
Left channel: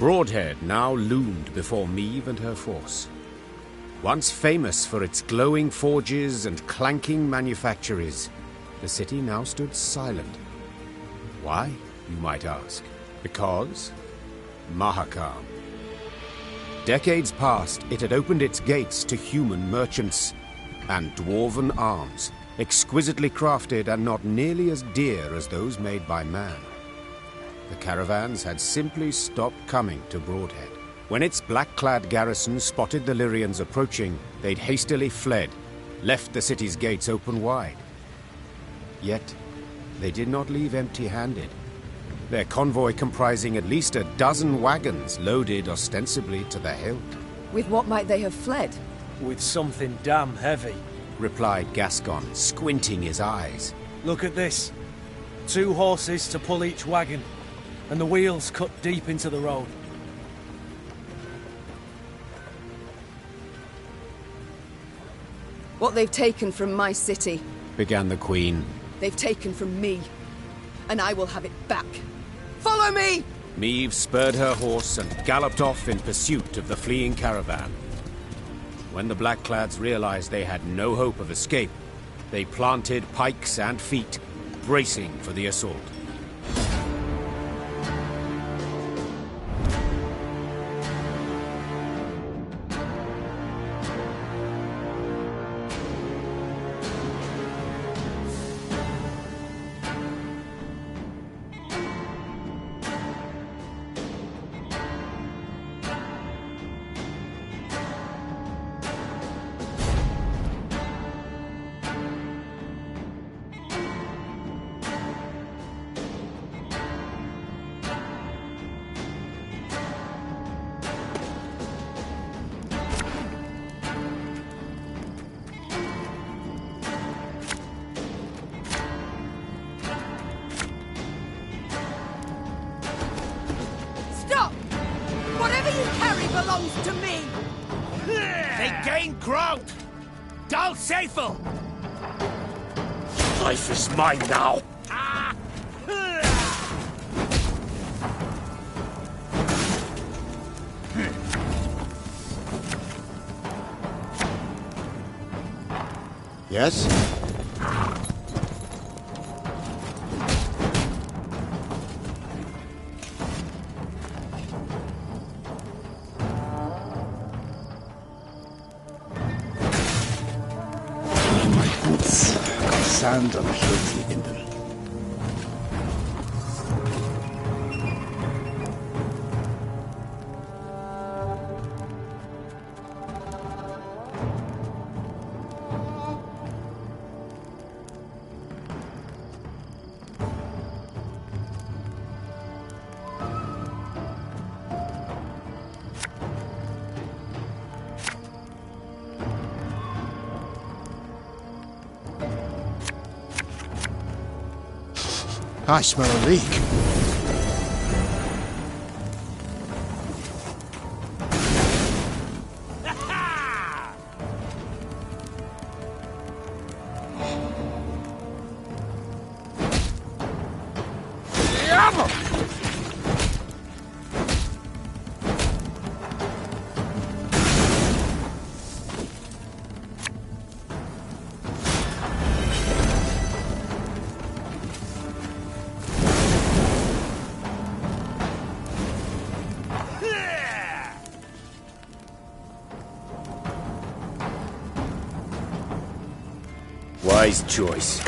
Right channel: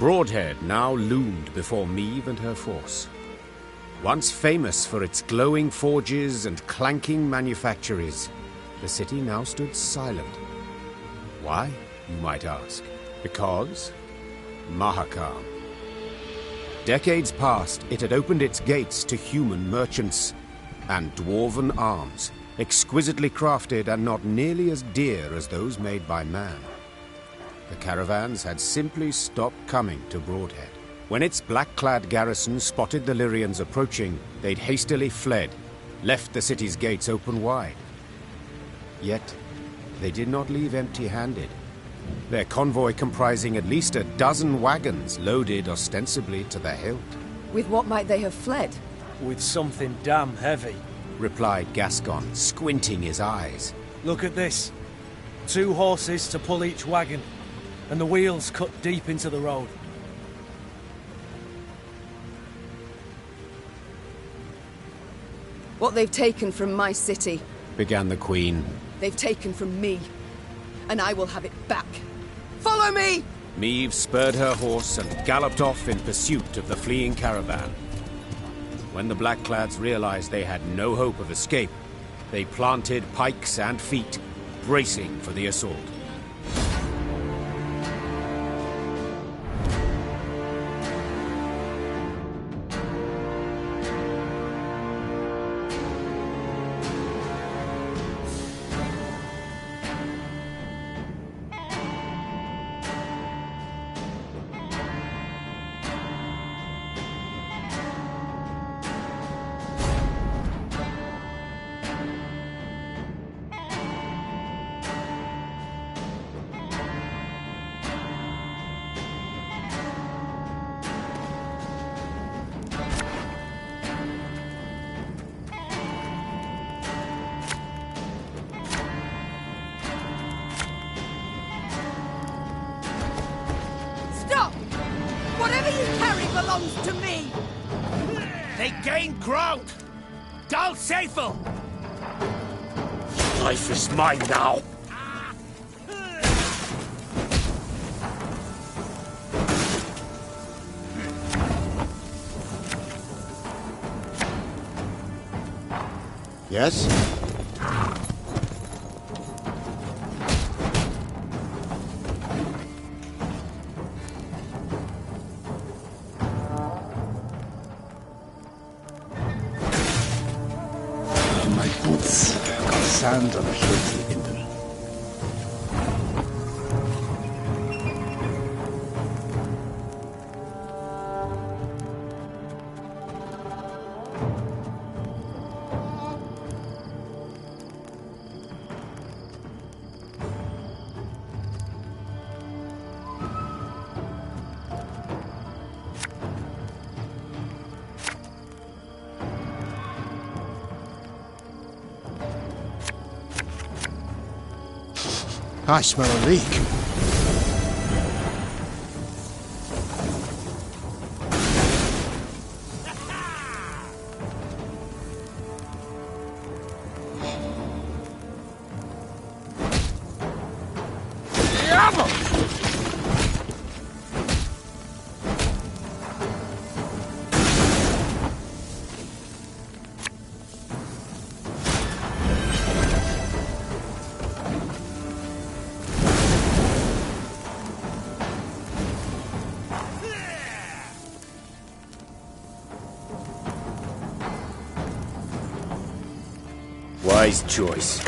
Broadhead now loomed before Meve and her force. Once famous for its glowing forges and clanking manufactories, the city now stood silent. Why, you might ask? Because Mahakam. Decades past, it had opened its gates to human merchants and dwarven arms, exquisitely crafted and not nearly as dear as those made by man. The caravans had simply stopped coming to Broadhead. When its black-clad garrison spotted the Lyrians approaching, they'd hastily fled, left the city's gates open wide. Yet, they did not leave empty-handed. Their convoy comprising at least a dozen wagons loaded ostensibly to the hilt. With what might they have fled? With something damn heavy, replied Gascon, squinting his eyes. Look at this. 2 horses to pull each wagon, and the wheels cut deep into the road. What they've taken from my city, began the Queen. They've taken from me, and I will have it back. Follow me! Meve spurred her horse and galloped off in pursuit of the fleeing caravan. When the Blackclads realized they had no hope of escape, they planted pikes and feet, bracing for the assault. Whatever you carry belongs to me! They gain ground! Dal Seifel! Life is mine now! Yes? Sand and filthy in them. I smell a leak. Wise choice.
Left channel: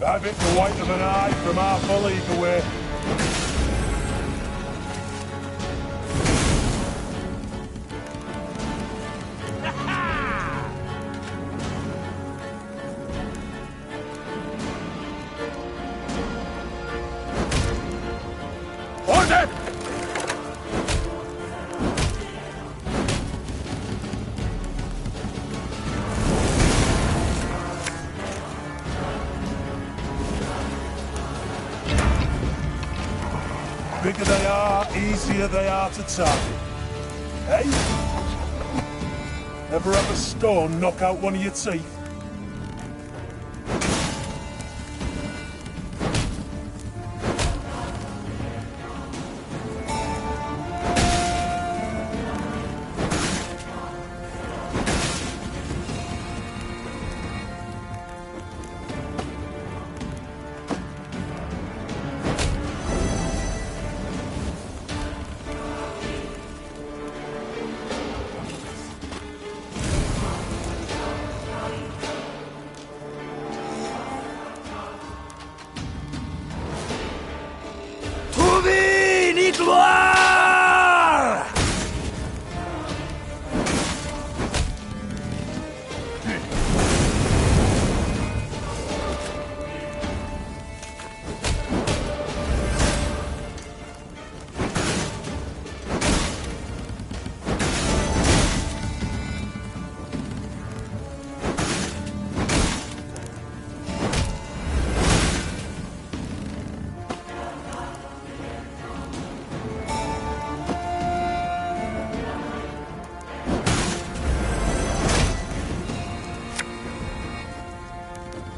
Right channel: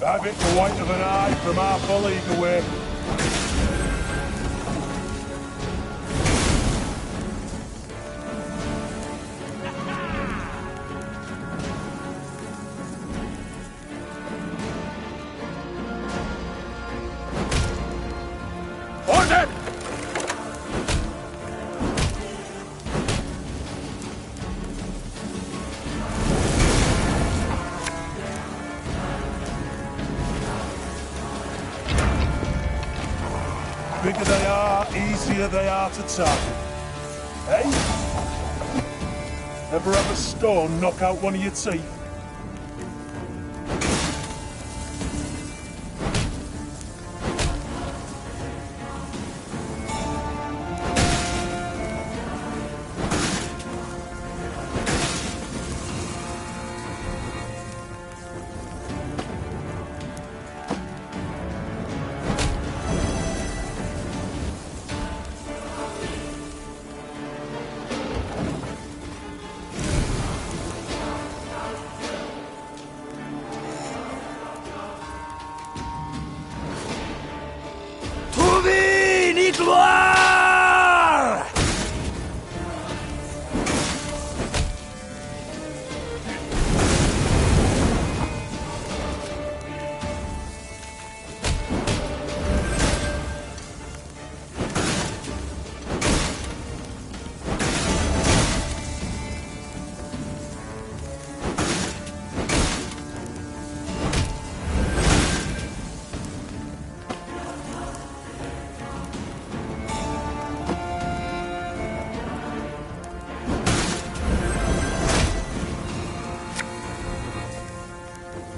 Have it the white of an eye from half a league away. Murdered! Bigger they are, easier they are to target. Eh? Ever have a stone knock out one of your teeth? Gloire!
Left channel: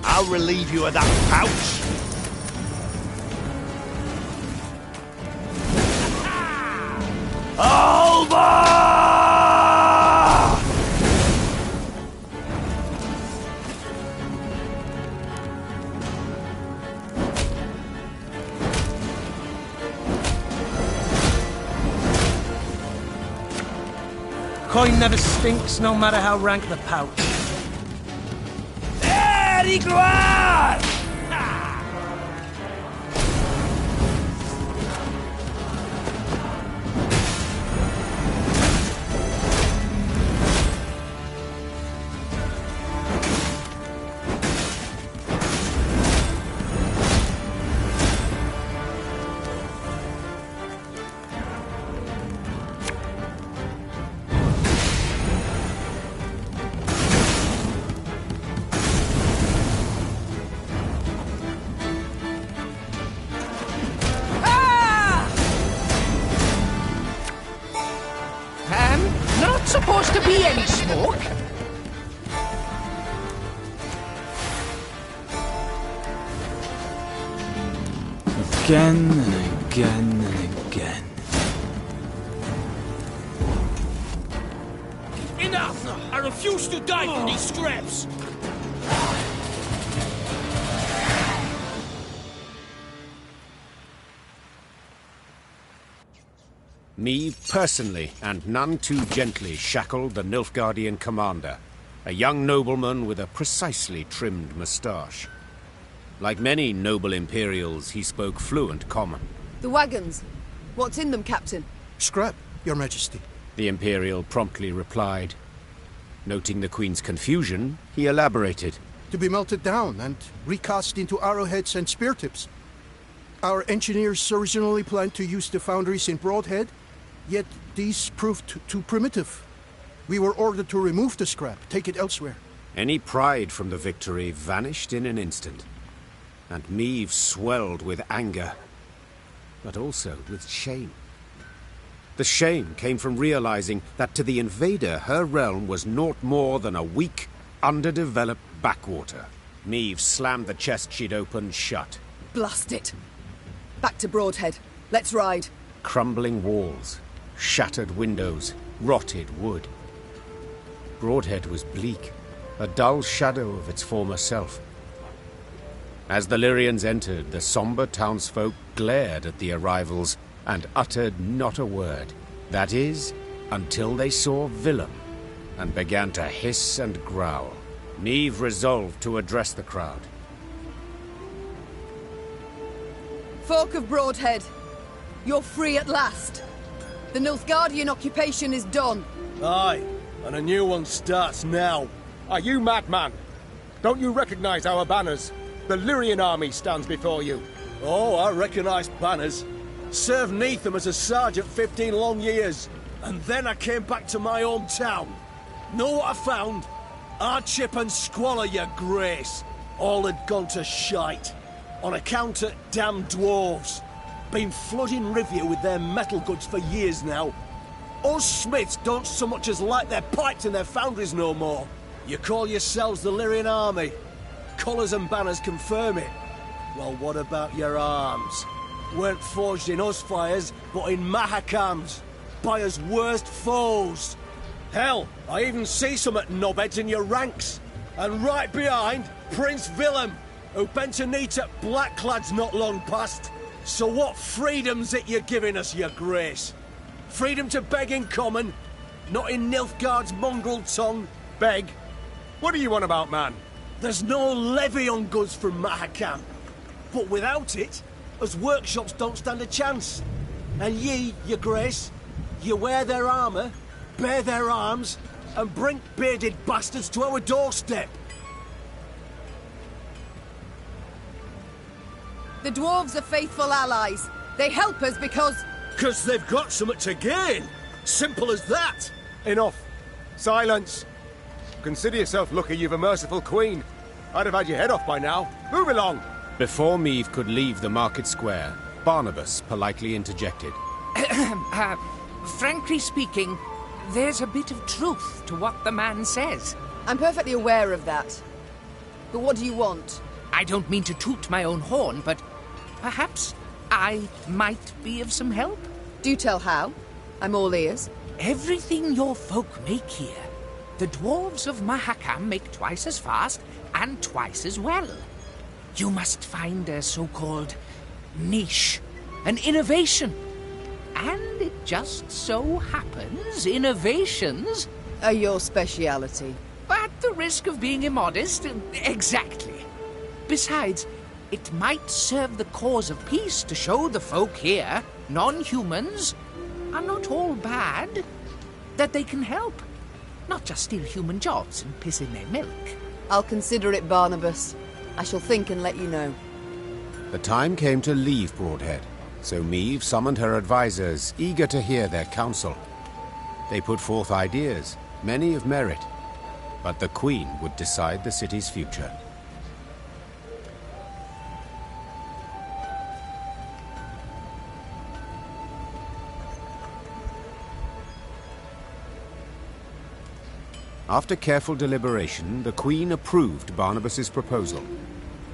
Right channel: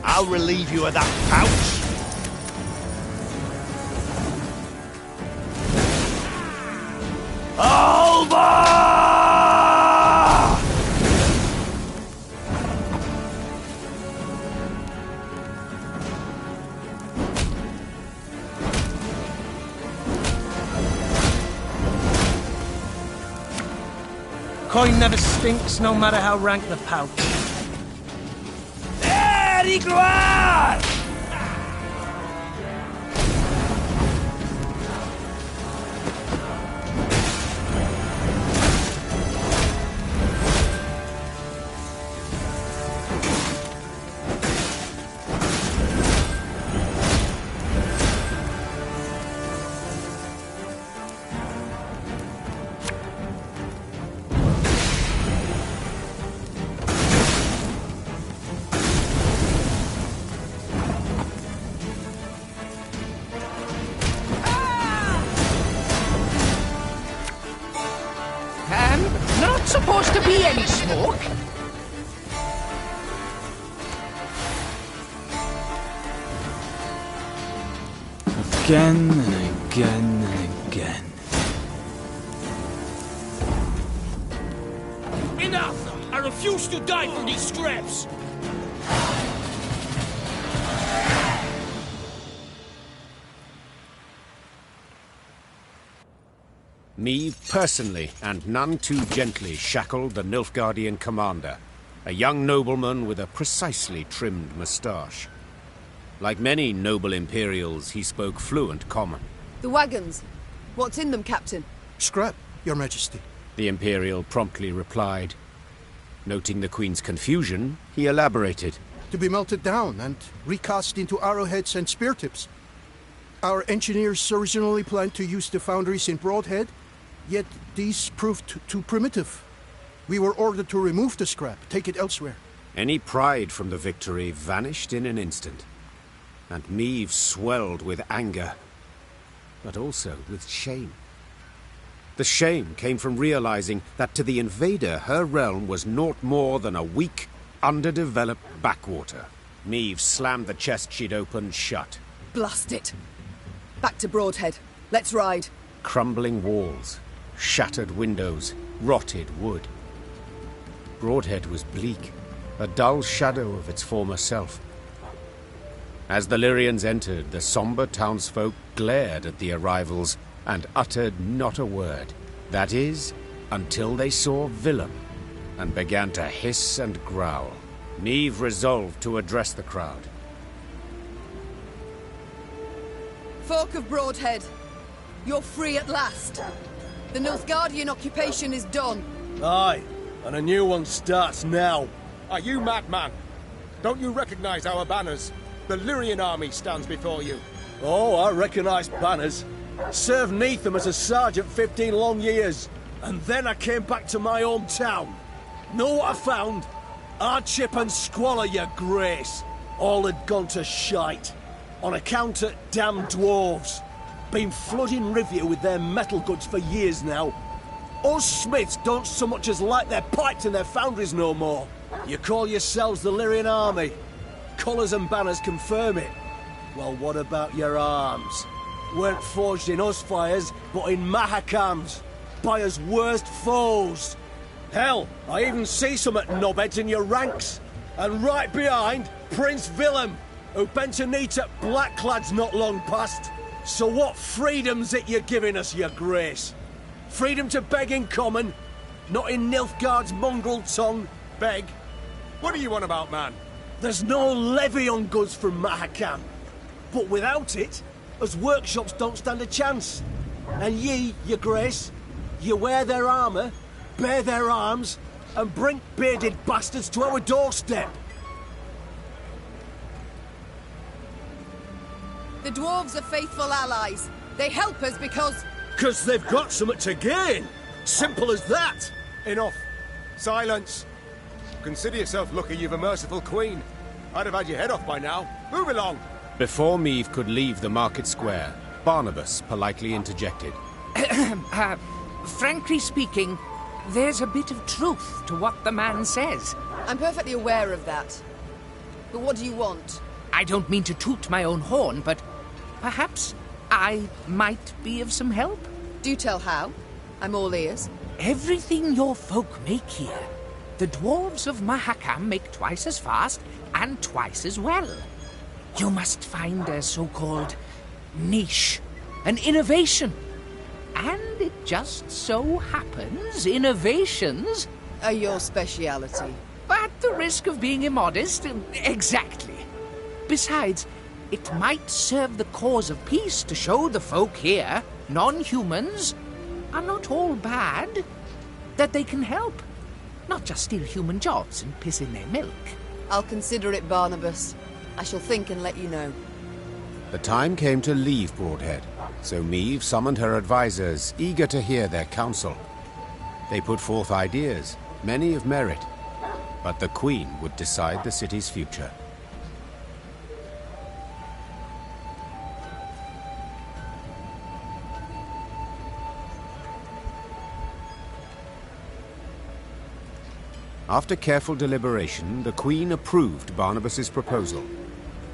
I'll relieve you of that pouch. Coin never stinks, no matter how rank the pouch. Gloire! Not supposed to be any smoke. Again and again and again. Enough! I refuse to die for these scraps! Meve personally, and none too gently, shackled the Nilfgaardian commander, a young nobleman with a precisely trimmed moustache. Like many noble Imperials, he spoke fluent common. The wagons. What's in them, Captain? Scrap, Your Majesty. The Imperial promptly replied. Noting the Queen's confusion, he elaborated. To be melted down and recast into arrowheads and spear tips. Our engineers originally planned to use the foundries in Broadhead, yet these proved too primitive. We were ordered to remove the scrap, take it elsewhere. Any pride from the victory vanished in an instant, and Meve swelled with anger, but also with shame. The shame came from realizing that to the invader her realm was naught more than a weak, underdeveloped backwater. Meve slammed the chest she'd opened shut. Blast it! Back to Broadhead. Let's ride. Crumbling walls, shattered windows, rotted wood. Broadhead was bleak, a dull shadow of its former self. As the Lyrians entered, the somber townsfolk glared at the arrivals and uttered not a word. That is, until they saw Willem and began to hiss and growl. Meve resolved to address the crowd. Folk of Broadhead, you're free at last. The Nilfgaardian occupation is done. Aye, and a new one starts now. Are you madman? Don't you recognize our banners? The Lyrian army stands before you. Oh, I recognize banners. Served neath them as a sergeant 15 long years. And then I came back to my own town. Know what I found? Hardship and squalor, your grace. All had gone to shite. On account of damn dwarves. Been flooding Rivia with their metal goods for years now. Us smiths don't so much as light their pipes in their foundries no more. You call yourselves the Lyrian army. Colours and banners confirm it. Well, what about your arms? Weren't forged in us fires, but in Mahakams. By us worst foes. Hell, I even see some at knobheads in your ranks. And right behind, Prince Willem, who bent a knee to blackclads not long past. So what freedom's it you're giving us, your grace? Freedom to beg in common, not in Nilfgaard's mongrel tongue, beg. What do you want about, man? There's no levy on goods from Mahakam. But without it, us workshops don't stand a chance. And ye, your grace, you wear their armour, bear their arms, and bring bearded bastards to our doorstep. The dwarves are faithful allies. They help us because... Because they've got something to gain. Simple as that. Enough. Silence. Consider yourself lucky you've a merciful queen. I'd have had your head off by now. Move along. Before Meve could leave the market square, Barnabas politely interjected. Frankly speaking, there's a bit of truth to what the man says. I'm perfectly aware of that. But what do you want? I don't mean to toot my own horn, but perhaps I might be of some help. Do tell how. I'm all ears. Everything your folk make here, the dwarves of Mahakam make twice as fast and twice as well. You must find a so-called niche, an innovation. And it just so happens innovations are your speciality. At the risk of being immodest, exactly. Besides, it might serve the cause of peace to show the folk here, non-humans, are not all bad, that they can help. Not just steal human jobs and piss in their milk. I'll consider it, Barnabas. I shall think and let you know. The time came to leave Broadhead, so Meve summoned her advisors, eager to hear their counsel. They put forth ideas, many of merit, but the Queen would decide the city's future. After careful deliberation, the Queen approved Barnabas's proposal.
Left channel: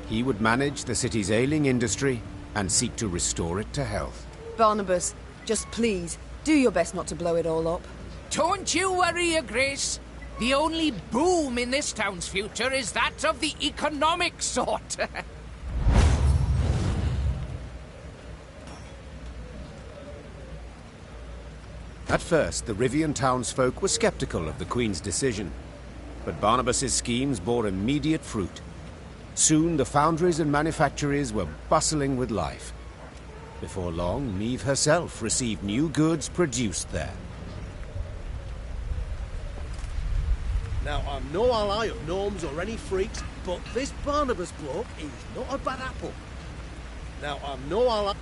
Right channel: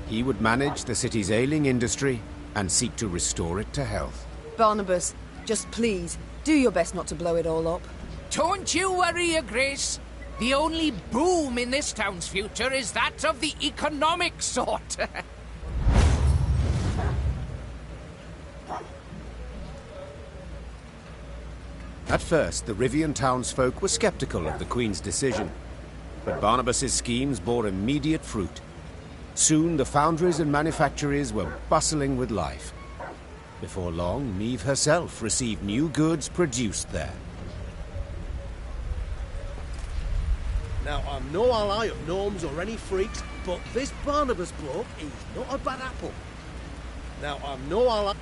He would manage the city's ailing industry and seek to restore it to health. Barnabas, just please, do your best not to blow it all up. Don't you worry, Your Grace. The only boom in this town's future is that of the economic sort. At first, the Rivian townsfolk were skeptical of the Queen's decision, but Barnabas's schemes bore immediate fruit. Soon, the foundries and manufactories were bustling with life. Before long, Meve herself received new goods produced there. Now, I'm no ally of gnomes or any freaks, but this Barnabas bloke, he's not a bad apple. Now, I'm no ally...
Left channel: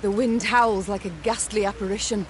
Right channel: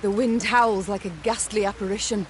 The wind howls like a ghastly apparition.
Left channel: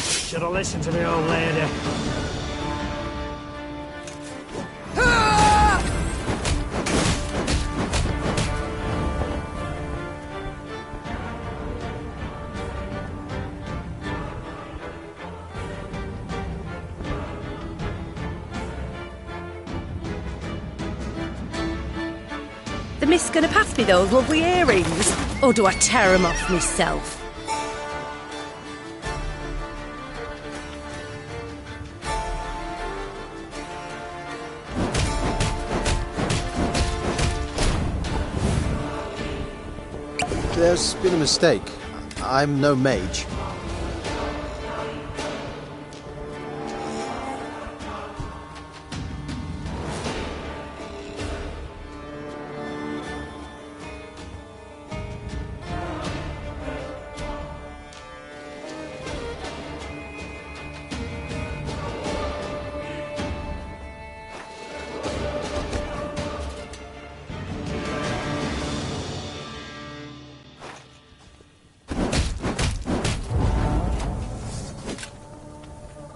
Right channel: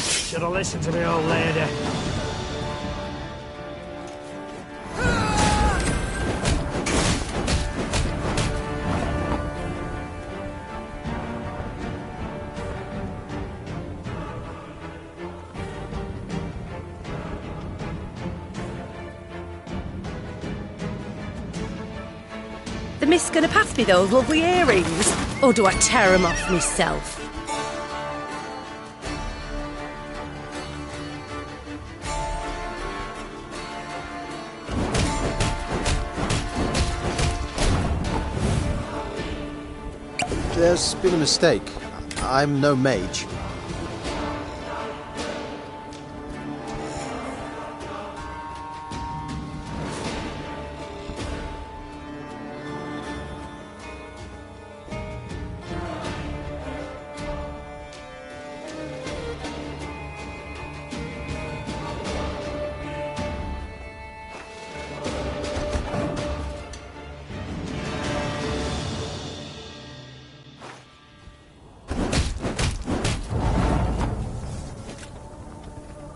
Should have listened to me old lady. The mist's gonna pass me those lovely earrings, or do I tear 'em off myself? There's been a mistake. I'm no mage.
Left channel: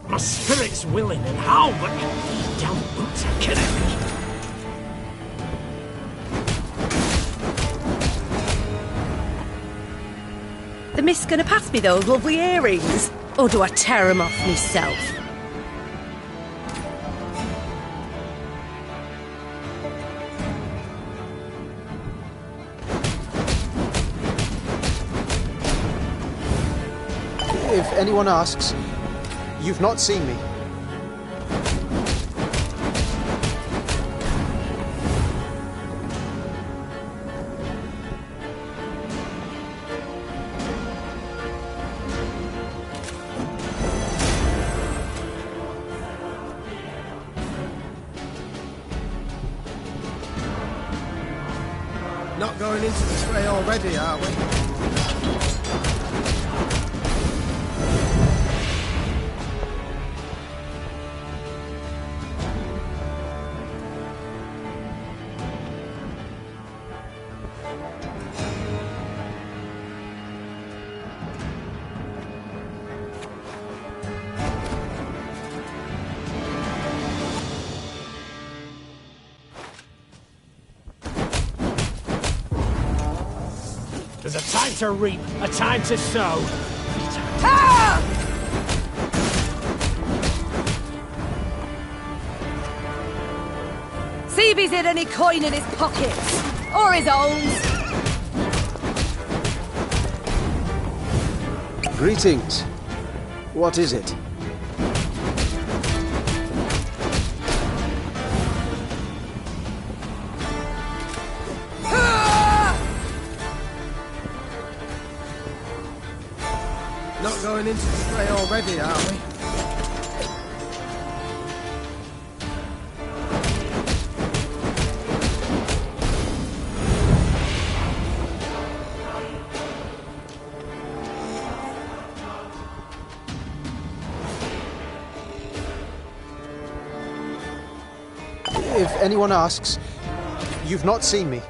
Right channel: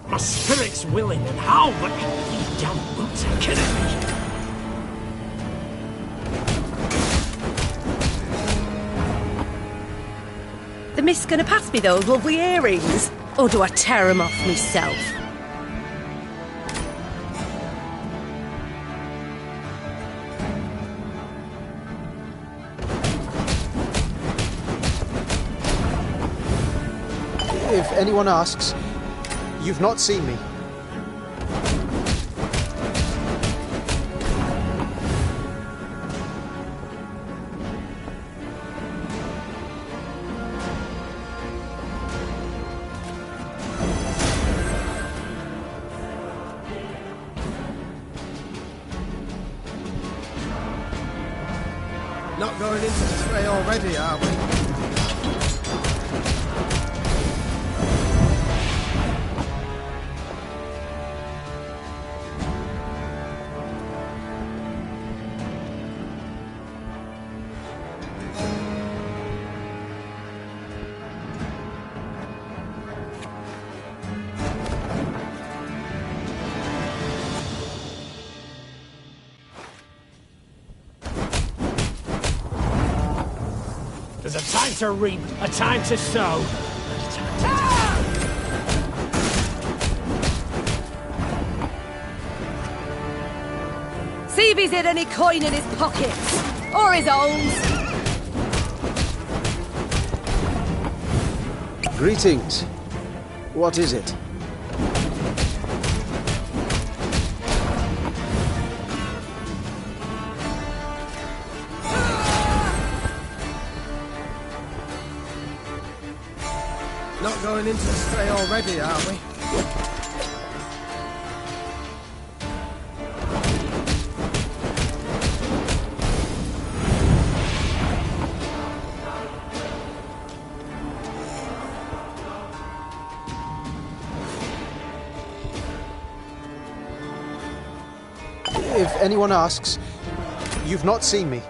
My spirit's willing and all, but these damn boots are killing me. The mist's gonna pass me those lovely earrings, or do I tear 'em off myself? If anyone asks, you've not seen me. Not going into the fray already, are we? There's a time to reap, a time to sow. See if he's hid any coin in his pockets, or his own. Greetings. What is it? Not going into the fray already, are we? If anyone asks, you've not seen me.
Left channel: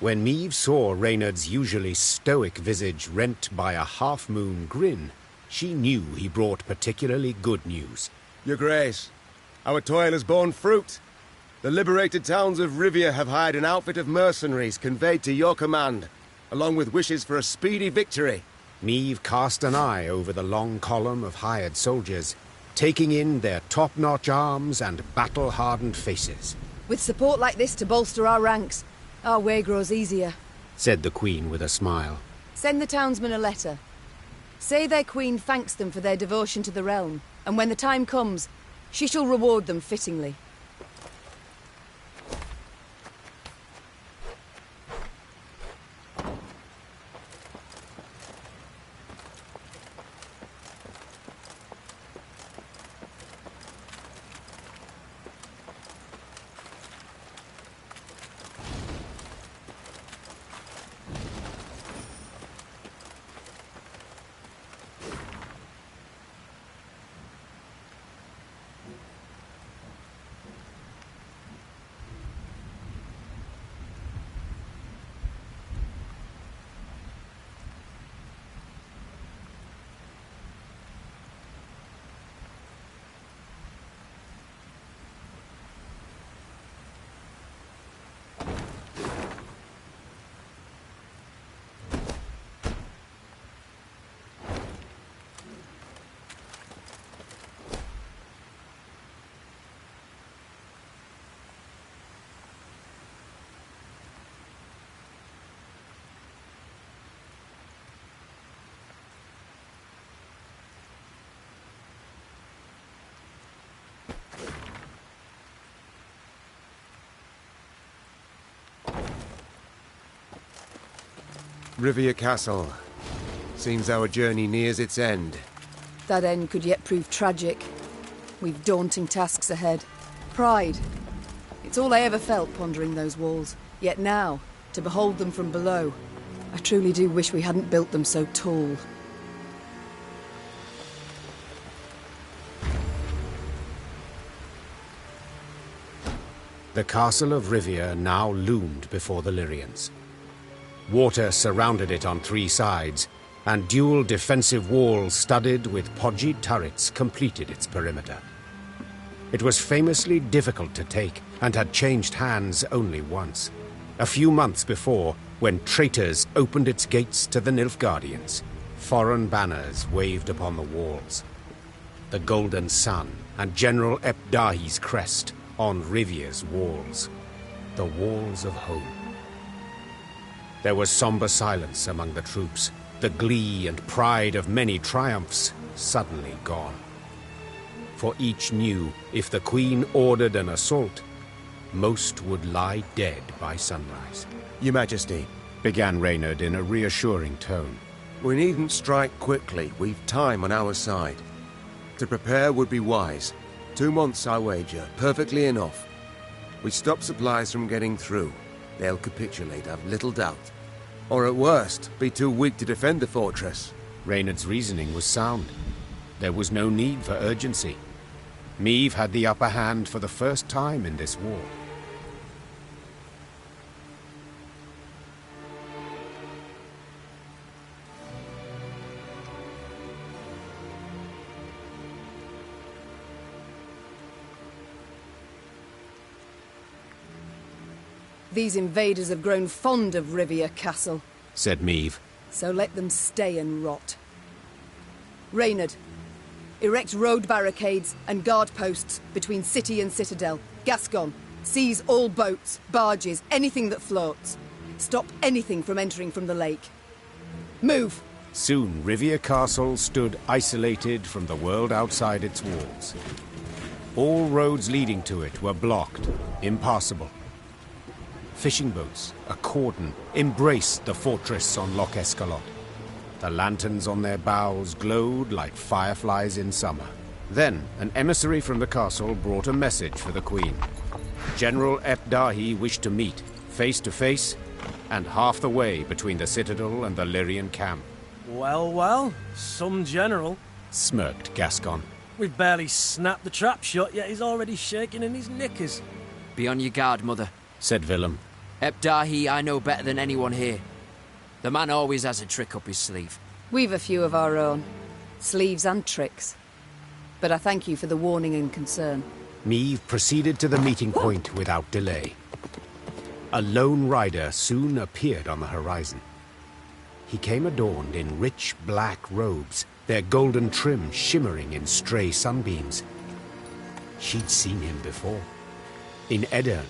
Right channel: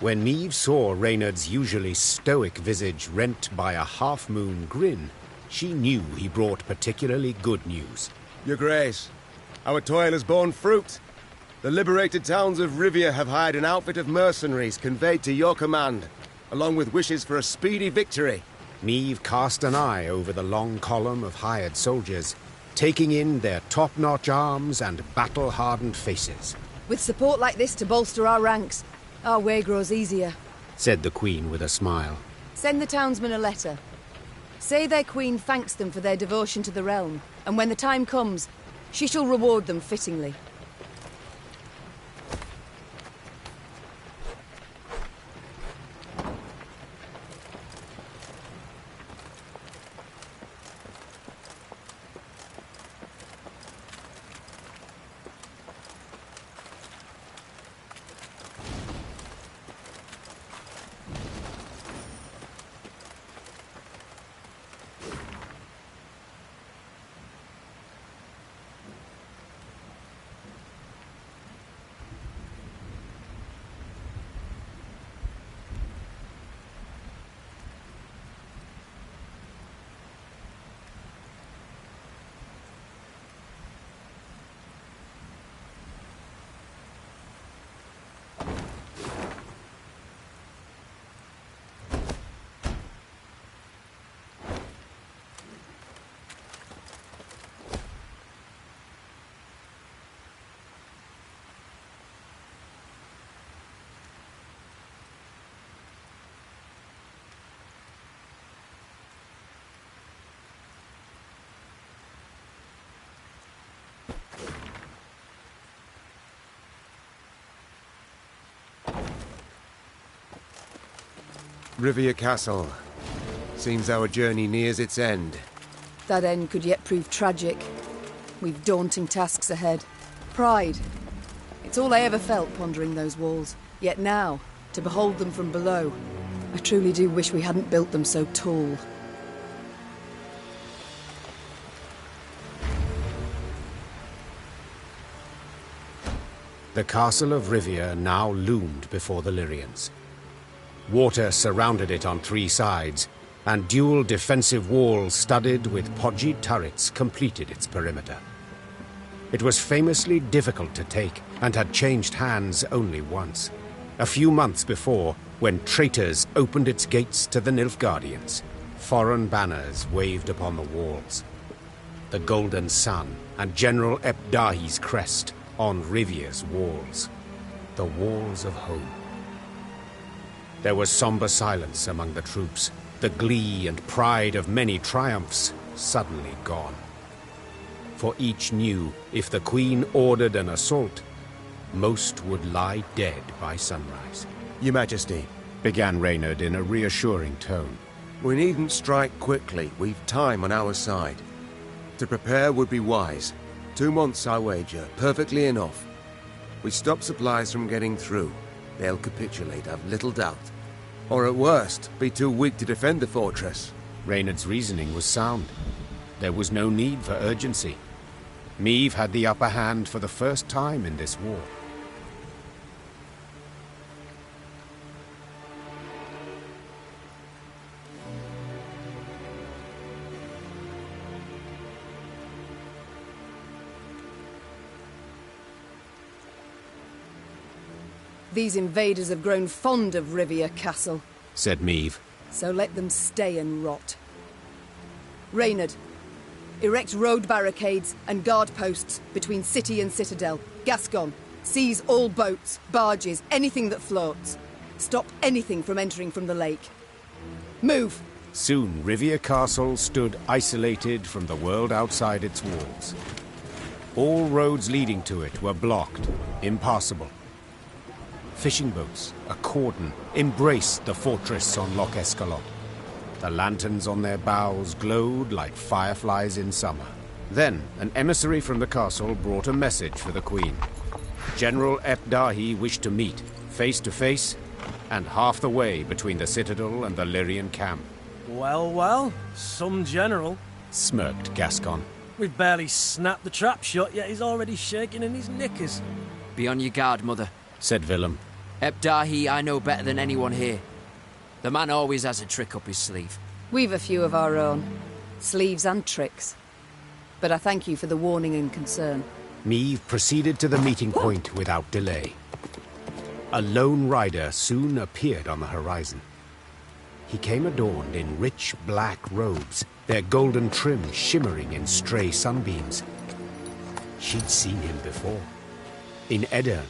When Meve saw Reynard's usually stoic visage rent by a half-moon grin, she knew he brought particularly good news. Your Grace, our toil has borne fruit. The liberated towns of Rivia have hired an outfit of mercenaries conveyed to your command, along with wishes for a speedy victory. Meve cast an eye over the long column of hired soldiers, taking in their top-notch arms and battle-hardened faces. With support like this to bolster our ranks, our way grows easier, said the Queen with a smile. Send the townsmen a letter. Say their queen thanks them for their devotion to the realm, and when the time comes, she shall reward them fittingly. Rivia Castle. Seems our journey nears its end. That end could yet prove tragic. We've daunting tasks ahead. Pride. It's all I ever felt pondering those walls. Yet now, to behold them from below, I truly do wish we hadn't built them so tall. The castle of Rivia now loomed before the Lyrians. Water surrounded it on 3 sides, and dual defensive walls studded with podgy turrets completed its perimeter. It was famously difficult to take, and had changed hands only once. A few months before, when traitors opened its gates to the Nilfgaardians. Foreign banners waved upon the walls. The Golden Sun and General Epdahi's crest on Rivia's walls. The walls of home. There was somber silence among the troops, the glee and pride of many triumphs suddenly gone. For each knew if the Queen ordered an assault, most would lie dead by sunrise. Your Majesty, began Reynard in a reassuring tone. We needn't strike quickly. We've time on our side. To prepare would be wise. 2 months, I wager. Perfectly enough. We stop supplies from getting through. They'll capitulate, I've little doubt. Or at worst, be too weak to defend the fortress. Reynard's reasoning was sound. There was no need for urgency. Meve had the upper hand for the first time in this war. These invaders have grown fond of Rivia Castle, said Meve. So let them stay and rot. Reynard, erect road barricades and guard posts between city and citadel. Gascon, seize all boats, barges, anything that floats. Stop anything from entering from the lake. Move! Soon Rivia Castle stood isolated from the world outside its walls. All roads leading to it were blocked, impassable. Fishing boats, a cordon, embraced the fortress on Loch Escalot. The lanterns on their bows glowed like fireflies in summer. Then, an emissary from the castle brought a message for the Queen. General Epdahi wished to meet, face to face, and half the way between the citadel and the Lyrian camp. Well, well, some general, smirked Gascon. We've barely snapped the trap shut, yet he's already shaking in his knickers. Be on your guard, Mother, said Willem. Epdahi I know better than anyone here. The man always has a trick up his sleeve. We've a few of our own. Sleeves and tricks. But I thank you for the warning and concern. Meve proceeded to the meeting point without delay. A lone rider soon appeared on the horizon. He came adorned in rich black robes, their golden trim shimmering in stray sunbeams. She'd seen him before. In Edirn,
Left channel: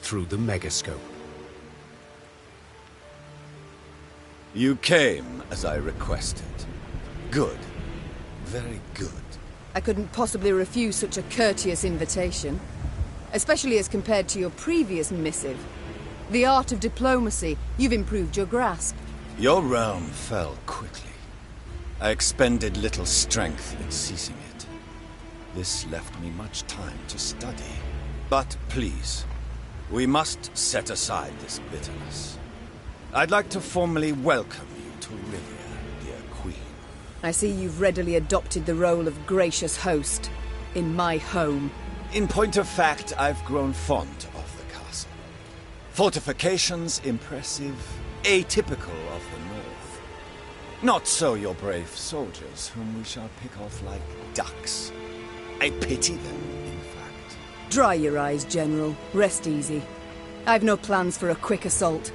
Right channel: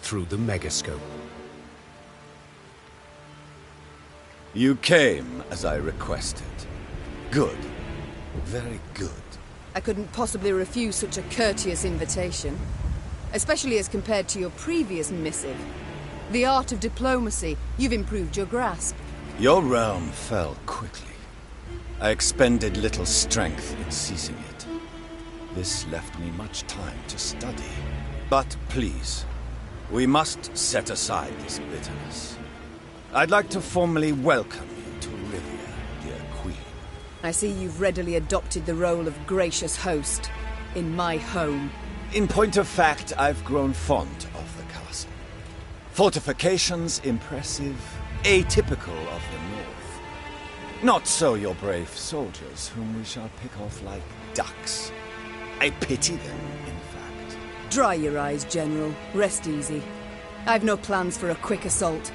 through the megascope. You came as I requested. Good. Very good. I couldn't possibly refuse such a courteous invitation, especially as compared to your previous missive. The art of diplomacy, you've improved your grasp. Your realm fell quickly. I expended little strength in seizing it. This left me much time to study. But please, we must set aside this bitterness. I'd like to formally welcome you to Rivia, dear Queen. I see you've readily adopted the role of gracious host in my home. In point of fact, I've grown fond of the castle. Fortifications impressive, atypical of the north. Not so your brave soldiers, whom we shall pick off like ducks. I pity them, in fact. Dry your eyes, General. Rest easy. I've no plans for a quick assault.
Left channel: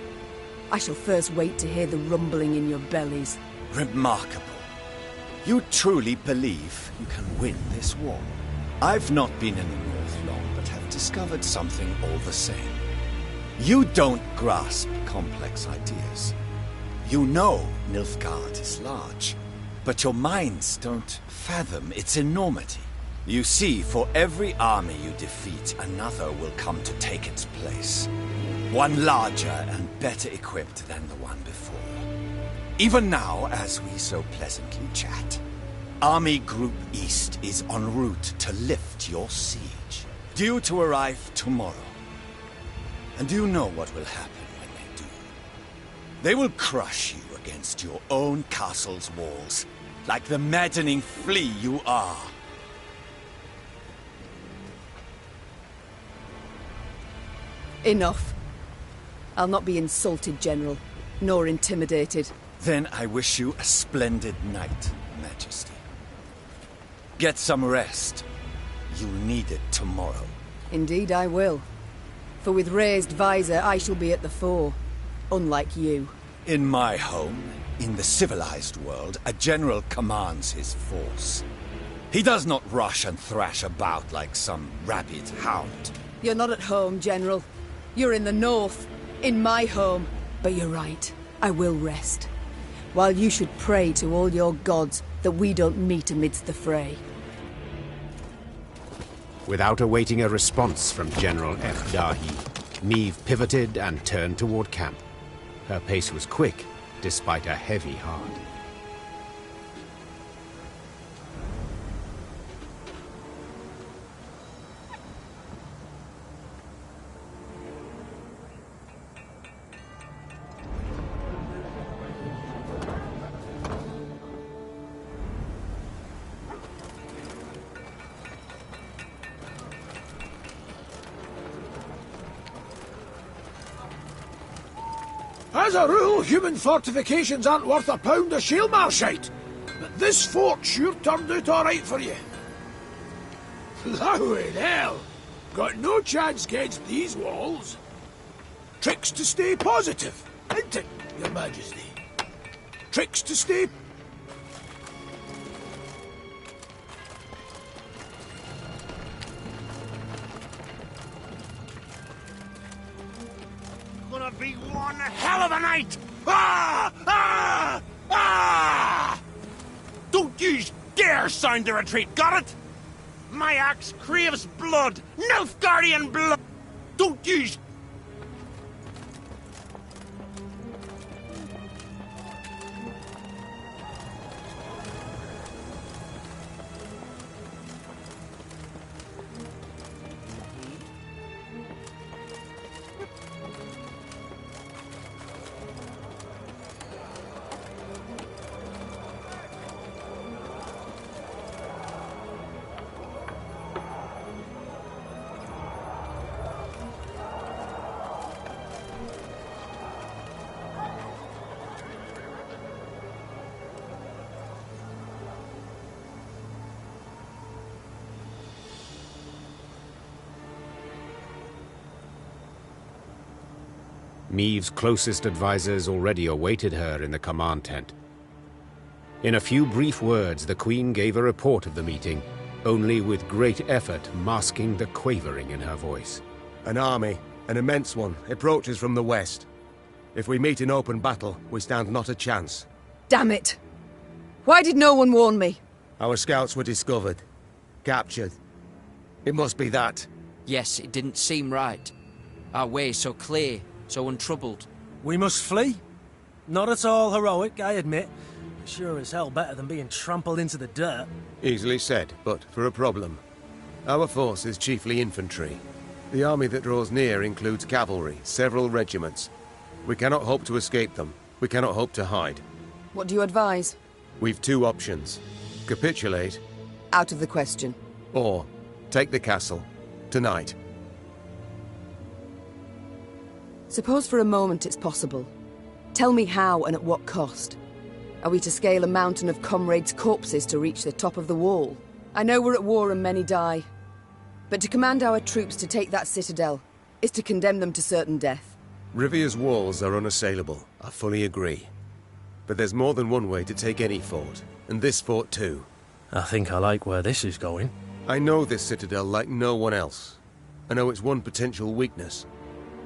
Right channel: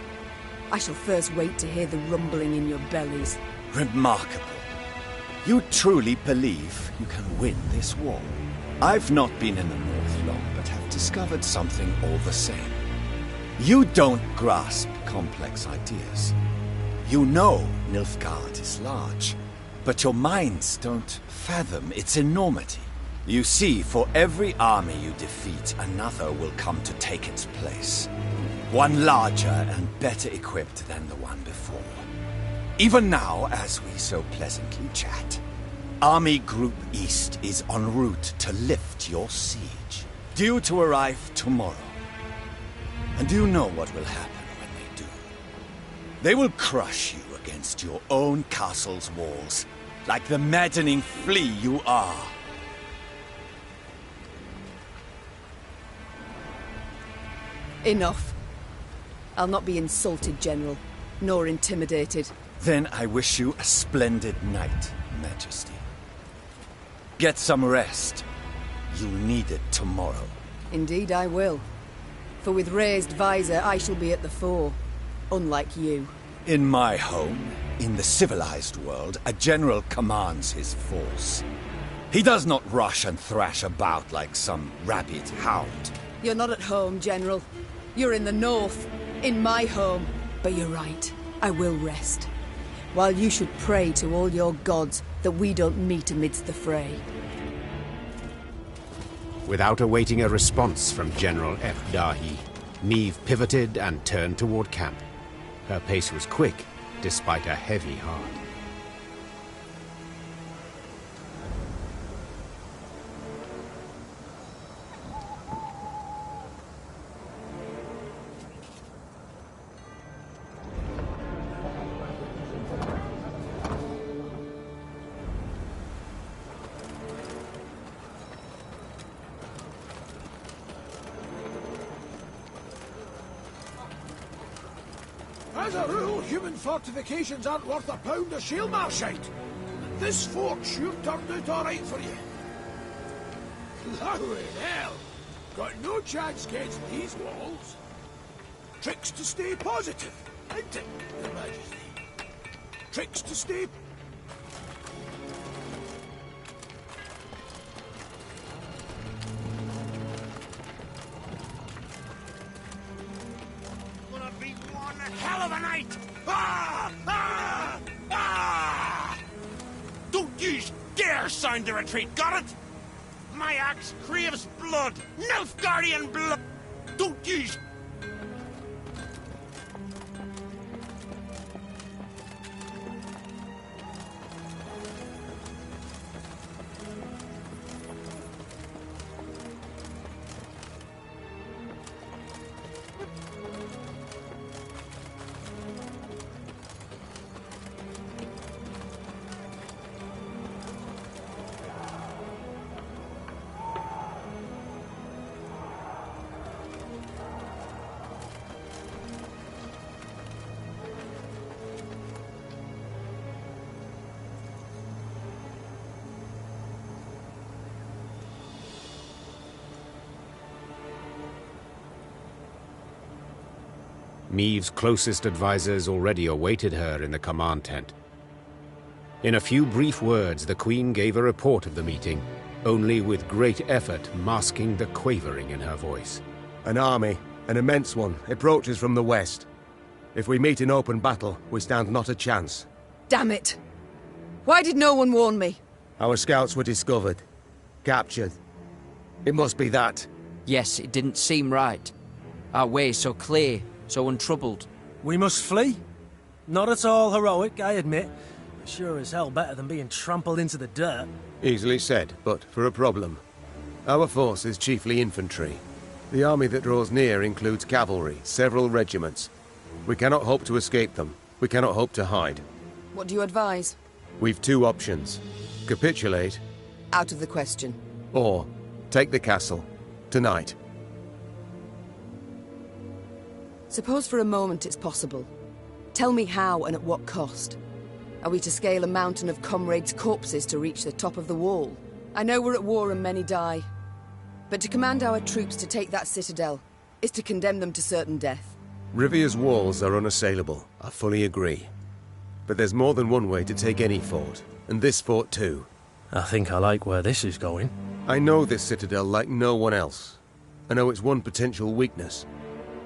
I shall first wait to hear the rumbling in your bellies. Remarkable. You truly believe you can win this war? I've not been in the north long, but have discovered something all the same. You don't grasp complex ideas. You know Nilfgaard is large, but your minds don't fathom its enormity. You see, for every army you defeat, another will come to take its place. One larger and better equipped than the one before. Even now, as we so pleasantly chat, Army Group East is en route to lift your siege, due to arrive tomorrow. And do you know what will happen when they do? They will crush you against your own castle's walls, like the maddening flea you are. Enough. I'll not be insulted, General, nor intimidated. Then I wish you a splendid night, Majesty. Get some rest. You'll need it tomorrow. Indeed I will. For with raised visor, I shall be at the fore. Unlike you. In my home, in the civilized world, a general commands his force. He does not rush and thrash about like some rabid hound. You're not at home, General. You're in the north, in my home. But you're right, I will rest. While you should pray to all your gods that we don't meet amidst the fray. Without awaiting a response from General F. Dahi, Meve pivoted and turned toward camp. Her pace was quick, despite a heavy heart. As a rule, human fortifications aren't worth a pound of shield marshite. But this fort sure turned out all right for you. Blowing hell! Got no chance against these walls. Tricks to stay positive, isn't it, Your Majesty? Tricks to stay... Gonna be one hell of a night! Ah! Ah! Ah! Don't you dare sound the retreat, got it? My axe craves blood! Nilfgaardian blood! Don't you... Meve's closest advisors already awaited her in the command tent. In a few brief words, the Queen gave a report of the meeting, only with great effort masking the quavering in her voice. An army, an immense one, approaches from the west. If we meet in open battle, we stand not a chance. Damn it! Why did no one warn me? Our scouts were discovered. Captured. It must be that. Yes, it didn't seem right. Our way so clear, so untroubled. We must flee? Not at all heroic, I admit, but sure as hell better than being trampled into the dirt. Easily said, but for a problem. Our force is chiefly infantry. The army that draws near includes cavalry, several regiments. We cannot hope to escape them. We cannot hope to hide. What do you advise? We've two options. Capitulate. Out of the question. Or take the castle. Tonight. Suppose for a moment it's possible. Tell me how and at what cost. Are we to scale a mountain of comrades' corpses to reach the top of the wall? I know we're at war and many die. But to command our troops to take that citadel is to condemn them to certain death. Rivia's walls are unassailable, I fully agree. But there's more than one way to take any fort, and this fort too. I think I like where this is going. I know this citadel like no one else. I know its one potential weakness.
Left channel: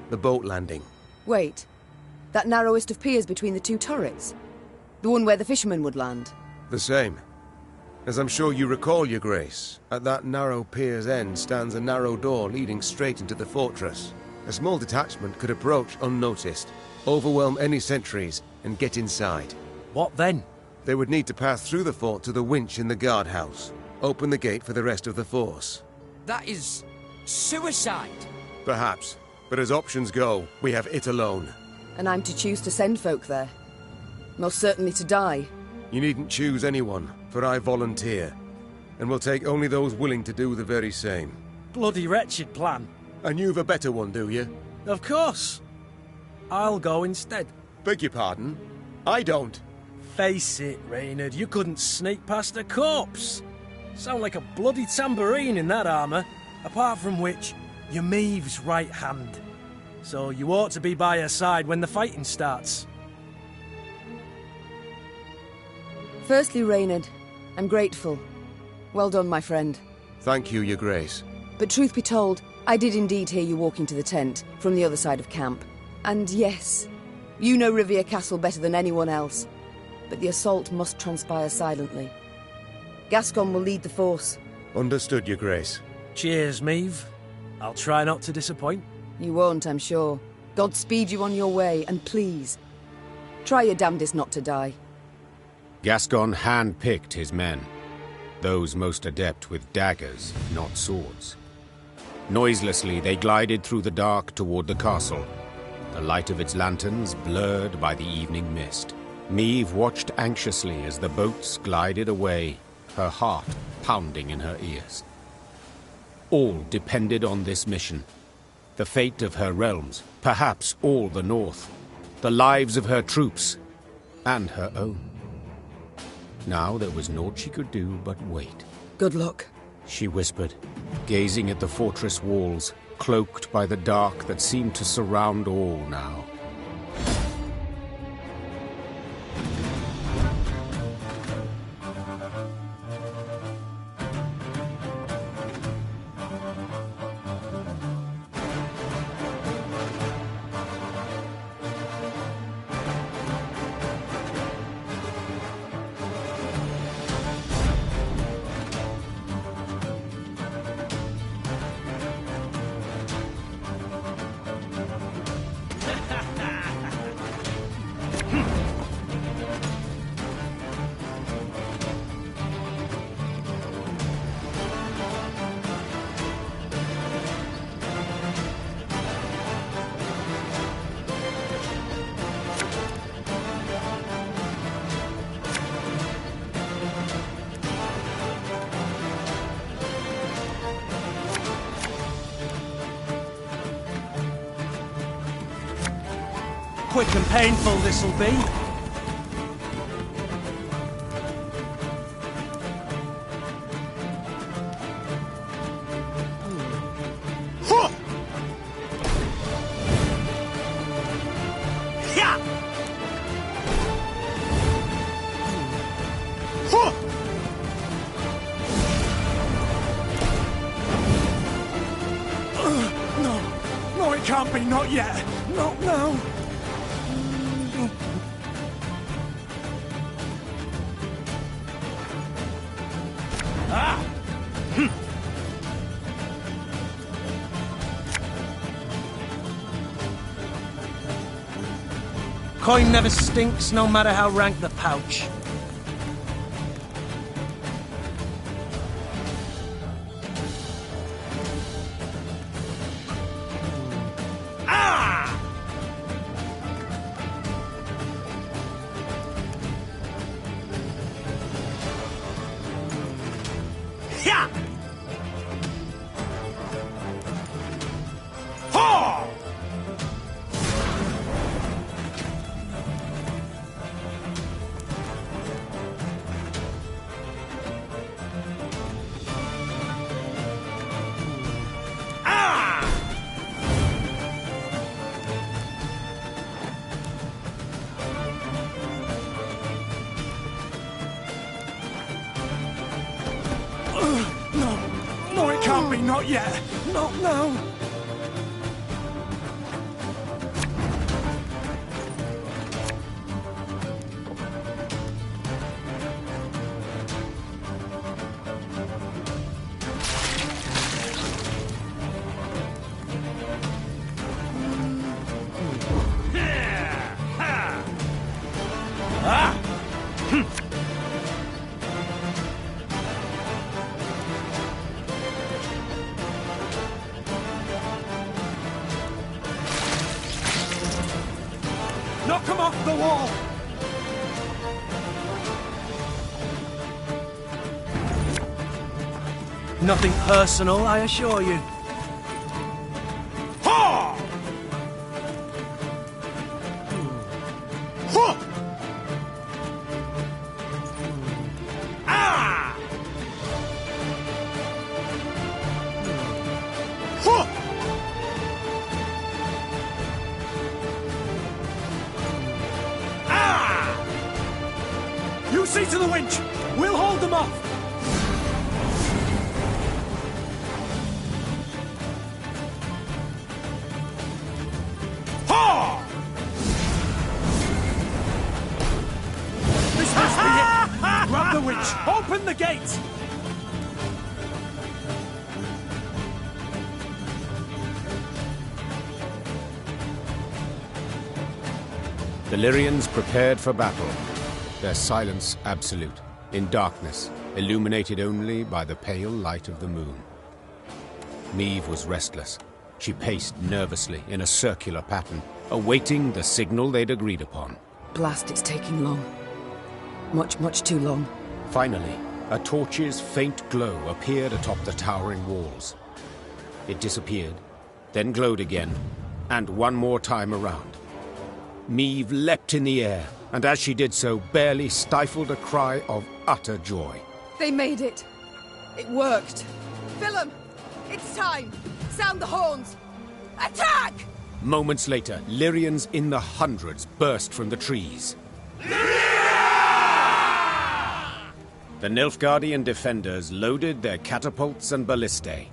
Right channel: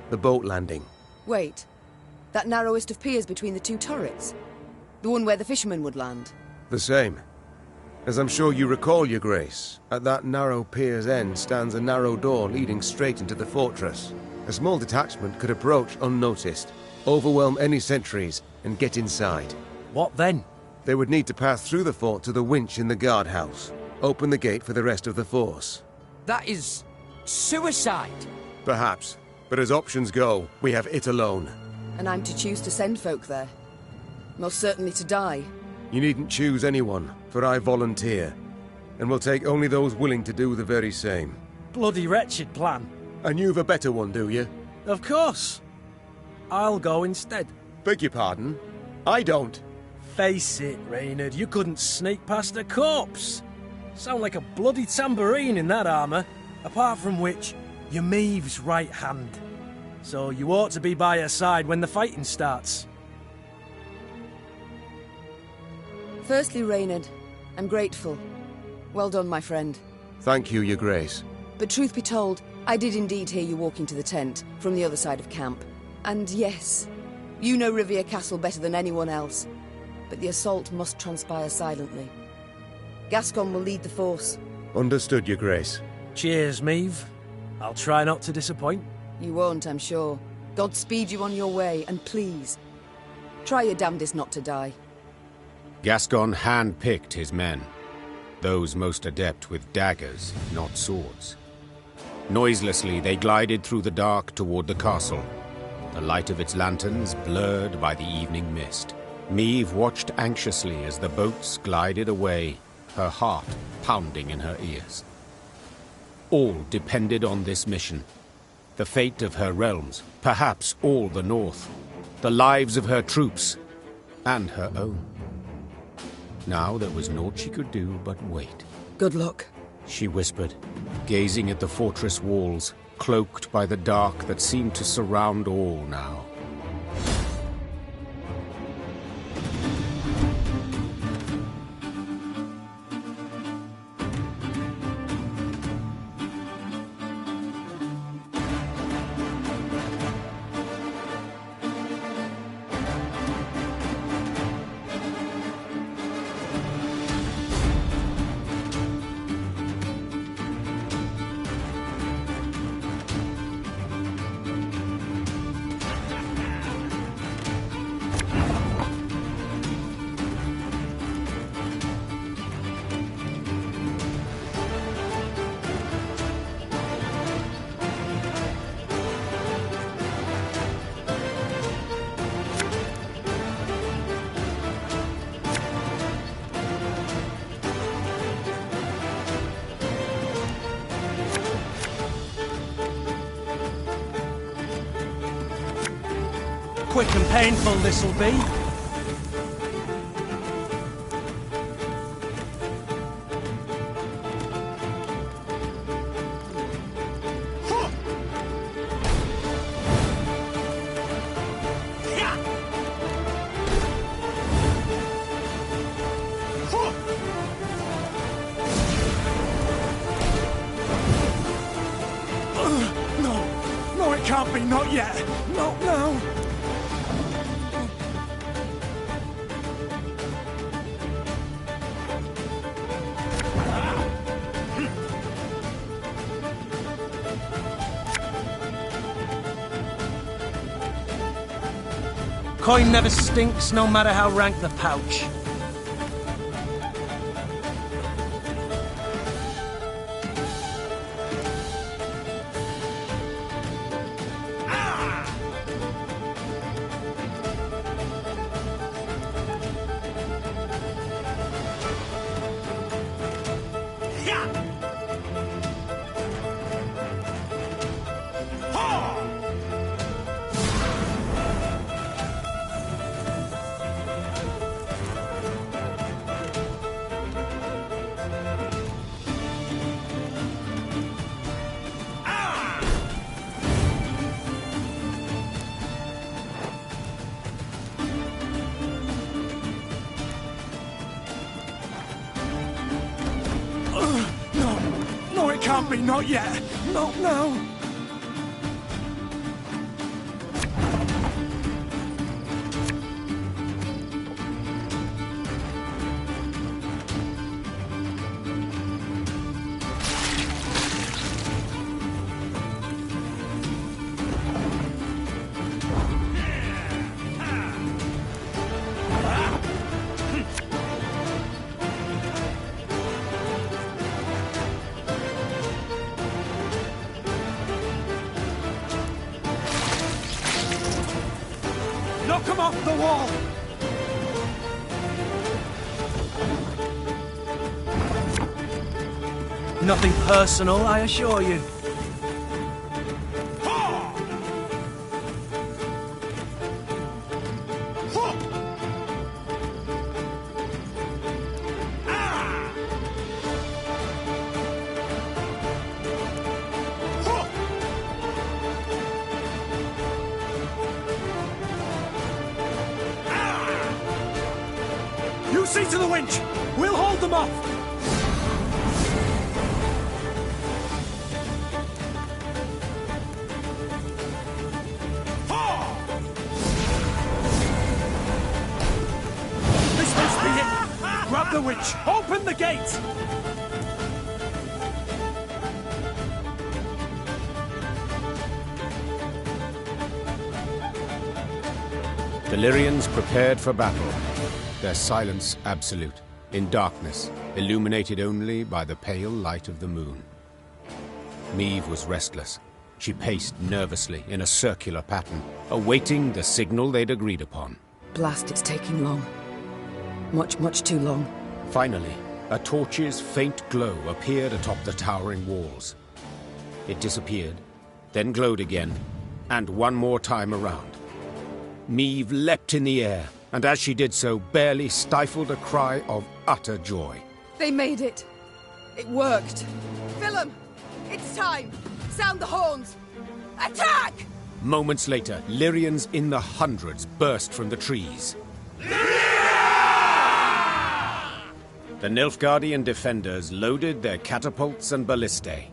The boat landing. Wait. That narrowest of piers between the two turrets? The one where the fishermen would land? The same. As I'm sure you recall, Your Grace, at that narrow pier's end stands a narrow door leading straight into the fortress. A small detachment could approach unnoticed, overwhelm any sentries, and get inside. What then? They would need to pass through the fort to the winch in the guardhouse. Open the gate for the rest of the force. That is... suicide! Perhaps. But as options go, we have it alone. And I'm to choose to send folk there. Most certainly to die. You needn't choose anyone, for I volunteer. And will take only those willing to do the very same. Bloody wretched plan. And you've a better one, do you? Of course. I'll go instead. Beg your pardon? I don't. Face it, Rainha, you couldn't sneak past a corpse. Sound like a bloody tambourine in that armour, apart from which, you're Meve's right hand. So you ought to be by her side when the fighting starts. Firstly, Rainha, I'm grateful. Well done, my friend. Thank you, Your Grace. But truth be told, I did indeed hear you walking to the tent from the other side of camp. And yes, you know Rivia Castle better than anyone else. But the assault must transpire silently. Gascon will lead the force. Understood, Your Grace. Cheers, Meve. I'll try not to disappoint. You won't, I'm sure. God speed you on your way, and please, try your damnedest not to die. Gascon hand-picked his men, those most adept with daggers, not swords. Noiselessly, they glided through the dark toward the castle, the light of its lanterns blurred by the evening mist. Meve watched anxiously as the boats glided away, her heart pounding in her ears. All depended on this mission. The fate of her realms, perhaps all the North, the lives of her troops, and her own. Now there was naught she could do but wait. Good luck, she whispered, gazing at the fortress walls, cloaked by the dark that seemed to surround all now. Quick and painful this'll be. No, it can't be, not yet. Not now. Coin never stinks, no matter how rank the pouch. No, it can't be, not yet. Not now. him off the wall! Nothing personal, I assure you. Ha! Ha! Ah! Ha! Ah! You see to the winch! We'll hold them off! Ha! This must be it! Grab the winch! Open the gate! The Lyrians prepared for battle, their silence absolute, in darkness, illuminated only by the pale light of the moon. Meve was restless. She paced nervously in a circular pattern, awaiting the signal they'd agreed upon. Blast, it's taking long. Much, much too long. Finally, a torch's faint glow appeared atop the towering walls. It disappeared, then glowed again, and one more time around. Meve leapt in the air, and as she did so, barely stifled a cry of utter joy. They made it. It worked. Willem, it's time. Sound the horns. Attack! Moments later, Lyrians in the hundreds burst from the trees. The Nilfgaardian defenders loaded their catapults and ballistae.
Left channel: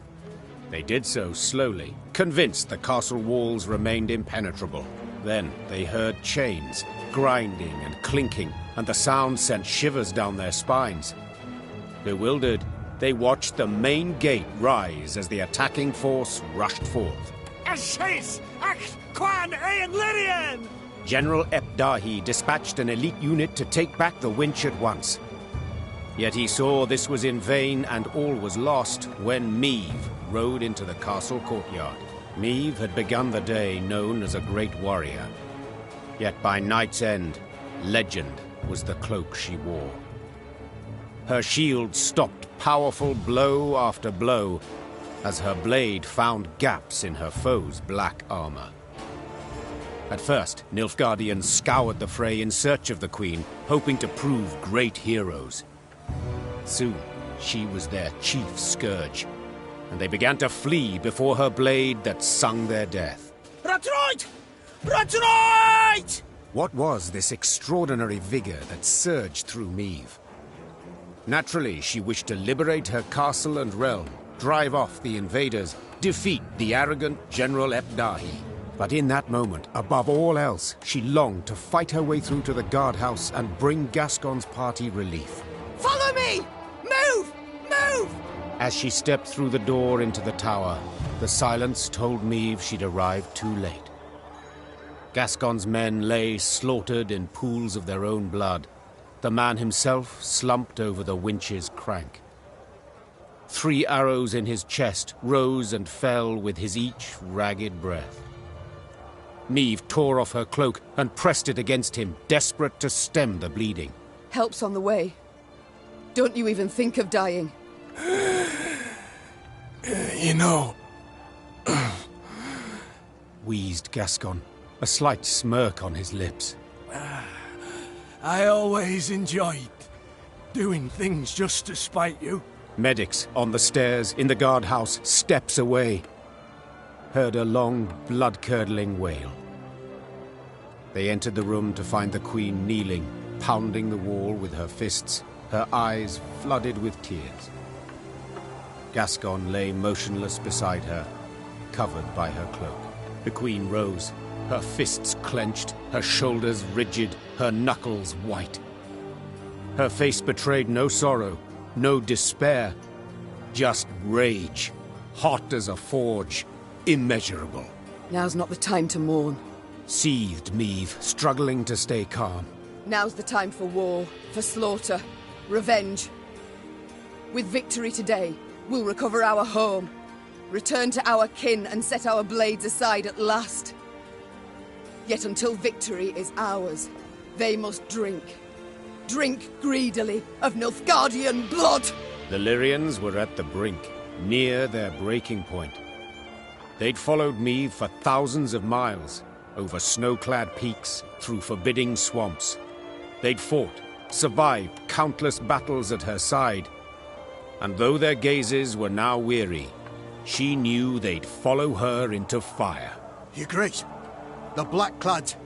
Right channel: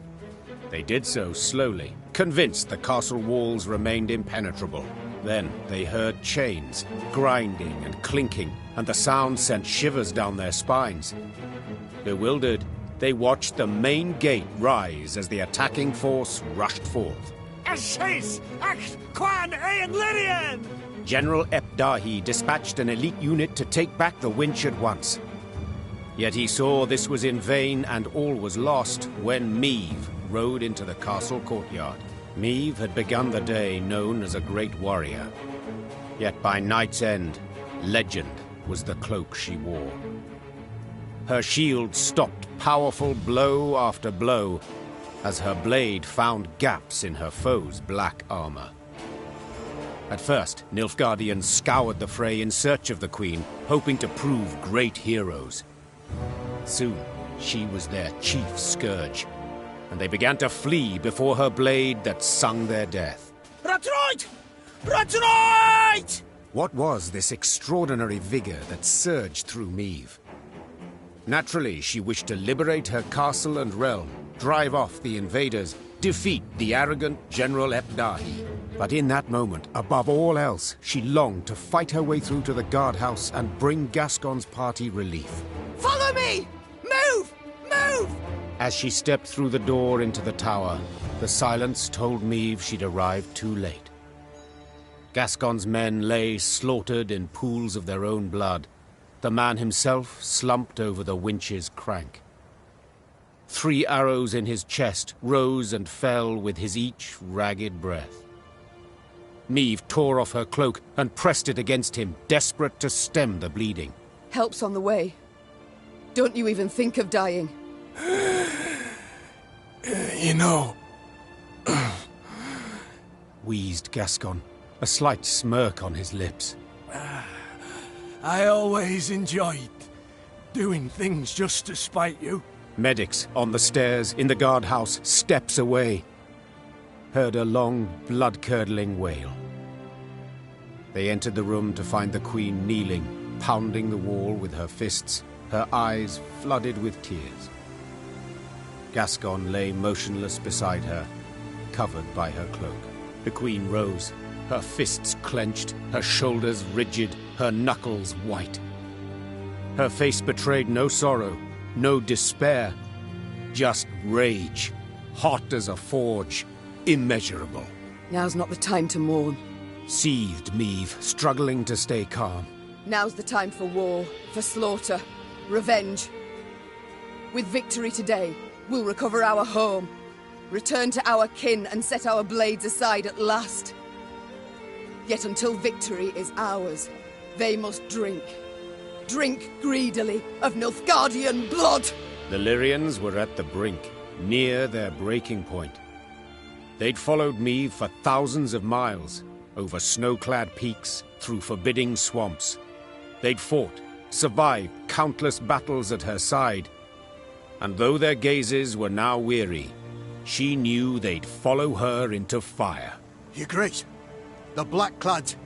They did so slowly, convinced the castle walls remained impenetrable. Then they heard chains, grinding and clinking, and the sound sent shivers down their spines. Bewildered, they watched the main gate rise as the attacking force rushed forth. General Epdahi dispatched an elite unit to take back the winch at once. Yet he saw this was in vain and all was lost when Meve rode into the castle courtyard. Meve had begun the day known as a great warrior. Yet by night's end, legend was the cloak she wore. Her shield stopped powerful blow after blow as her blade found gaps in her foe's black armor. At first, Nilfgaardians scoured the fray in search of the Queen, hoping to prove great heroes. Soon, she was their chief scourge, and they began to flee before her blade that sung their death. Ratroid! Ratroid! What was this extraordinary vigor that surged through Meve? Naturally, she wished to liberate her castle and realm, drive off the invaders, defeat the arrogant General Epdahi. But in that moment, above all else, she longed to fight her way through to the guardhouse and bring Gascon's party relief. Follow me! Move! Move! As she stepped through the door into the tower, the silence told Meve she'd arrived too late. Gascon's men lay slaughtered in pools of their own blood. The man himself slumped over the winch's crank. 3 arrows in his chest rose and fell with his each ragged breath. Meve tore off her cloak and pressed it against him, desperate to stem the bleeding. Help's on the way. Don't you even think of dying. You know... wheezed Gascon, a slight smirk on his lips. I always enjoyed doing things just to spite you. Medics on the stairs in the guardhouse, steps away, heard a long, blood-curdling wail. They entered the room to find the Queen kneeling, pounding the wall with her fists, her eyes flooded with tears. Gascon lay motionless beside her, covered by her cloak. The Queen rose, her fists clenched, her shoulders rigid, her knuckles white. Her face betrayed no sorrow, no despair, just rage, hot as a forge, immeasurable. Now's not the time to mourn. Seethed Meve, struggling to stay calm. Now's the time for war, for slaughter, revenge. With victory today, we'll recover our home, return to our kin and set our blades aside at last. Yet until victory is ours, they must drink. Drink greedily of Nilfgaardian blood! The Lyrians were at the brink, near their breaking point. They'd followed Meve for thousands of miles, over snow-clad peaks, through forbidding swamps. They'd fought, survived countless battles at her side. And though their gazes were now weary, she knew they'd follow her into fire. Your Grace, the Blackclads,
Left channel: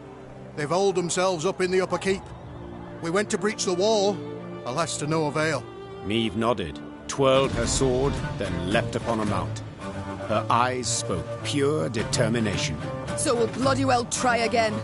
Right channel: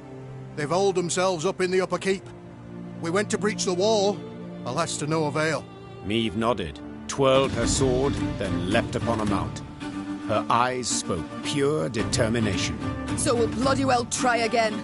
they've holed themselves up in the upper keep. We went to breach the wall, alas to no avail. Meve nodded, twirled her sword, then leapt upon a mount. Her eyes spoke pure determination. So we'll bloody well try again.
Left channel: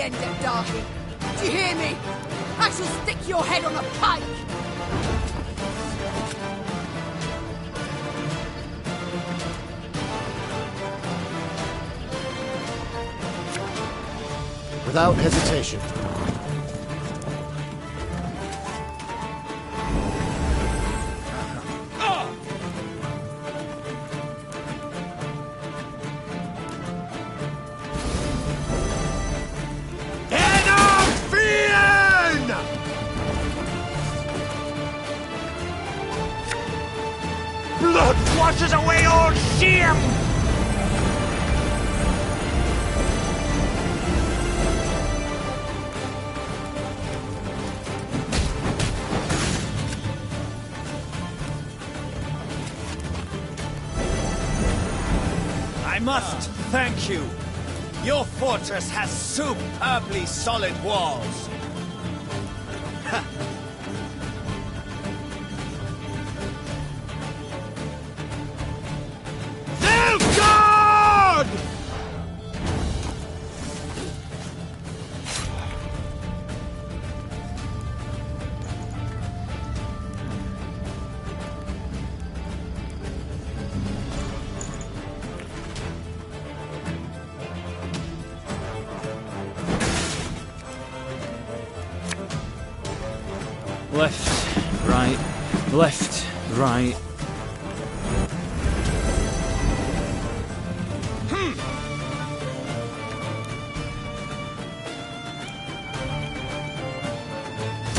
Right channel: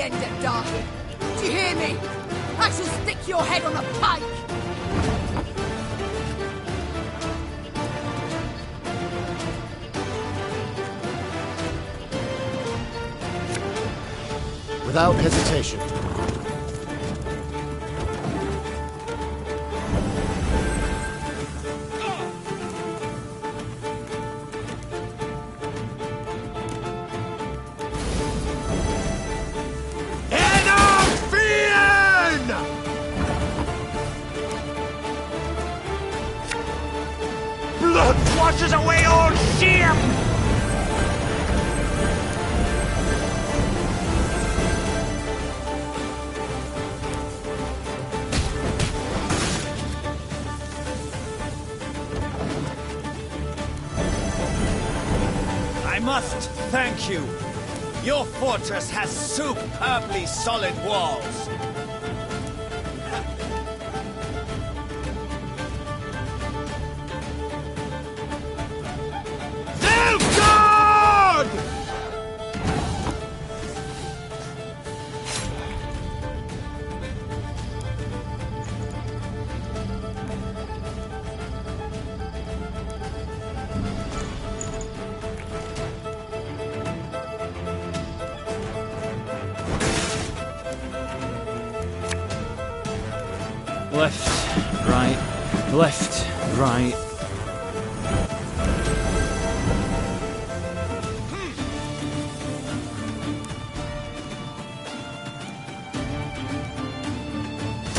End at Darhy. Do you hear me? I shall stick your head on a pike! Without hesitation. Blood washes away all shame! I must thank you. Your fortress has superbly solid walls. Left, right, left, right.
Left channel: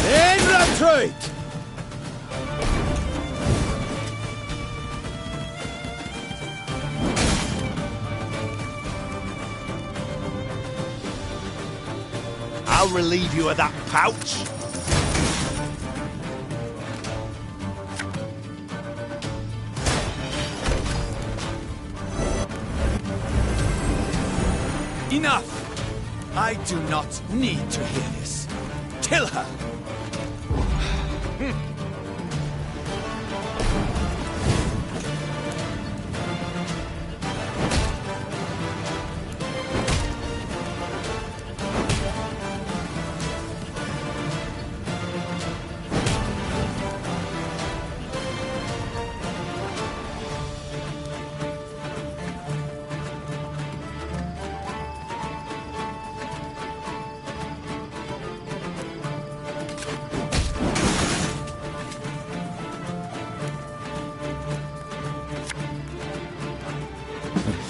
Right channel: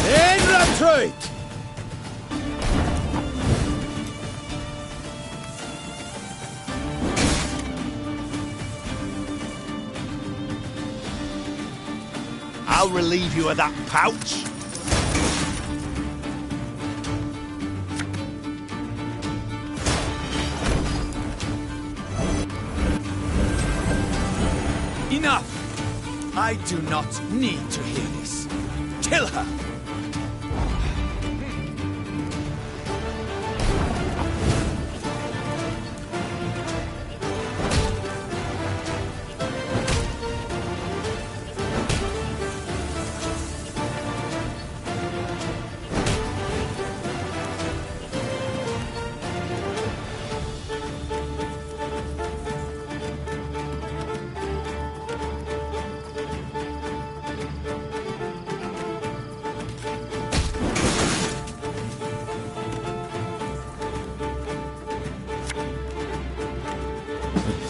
In retreat! I'll relieve you of that pouch. Enough! I do not need to hear this. Kill her!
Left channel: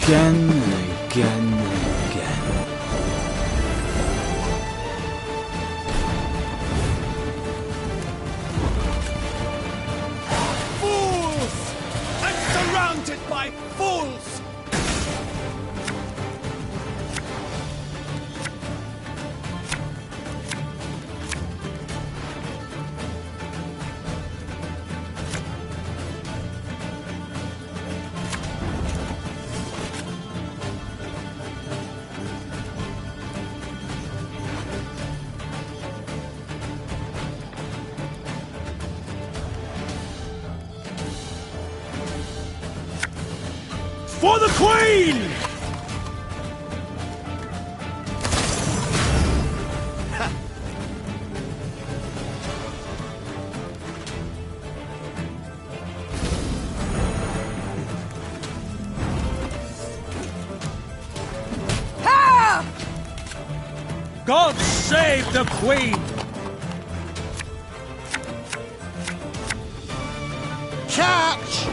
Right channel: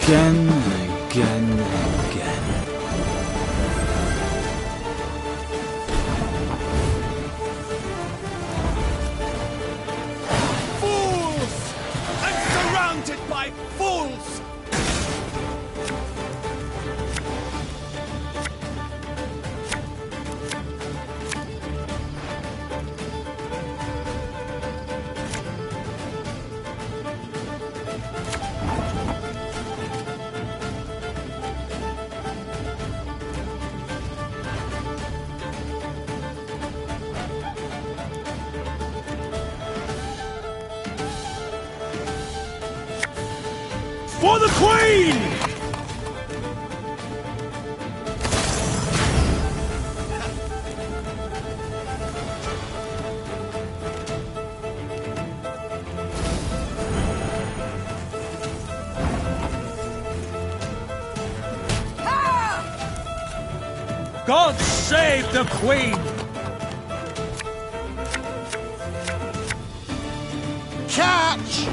Again and again and again. Fools! I'm surrounded by fools! For the Queen! God save the Queen! Catch!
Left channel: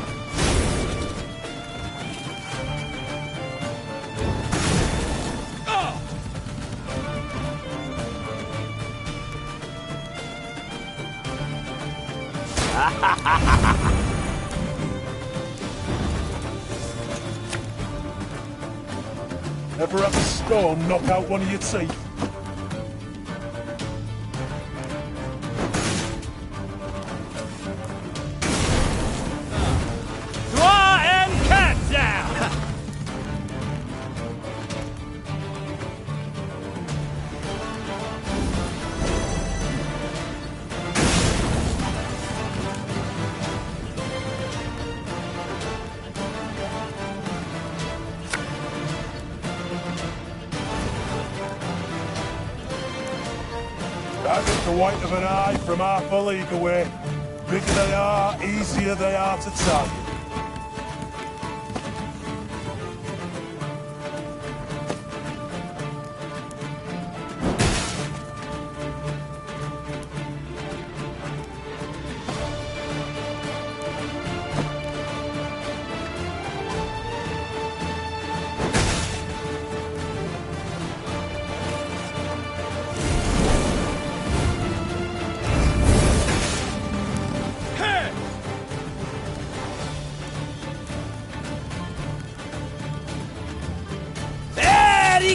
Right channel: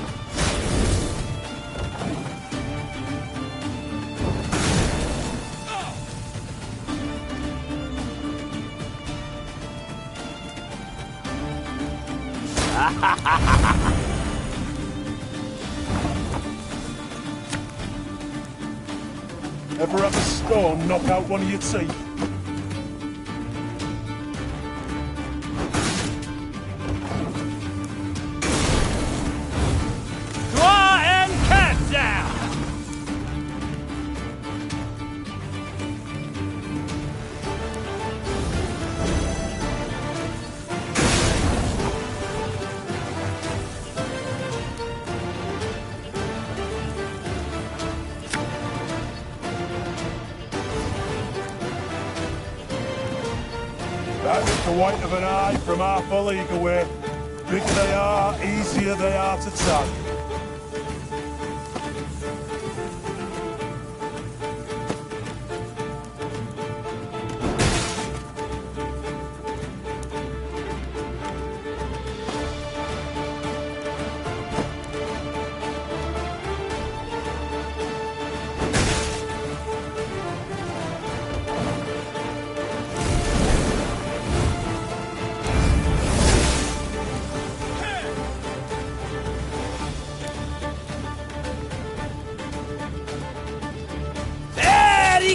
Ever have a stone knock out one of your teeth? Claw and cat down! That is the white of an eye from half a league away. Bigger they are, easier they are to target.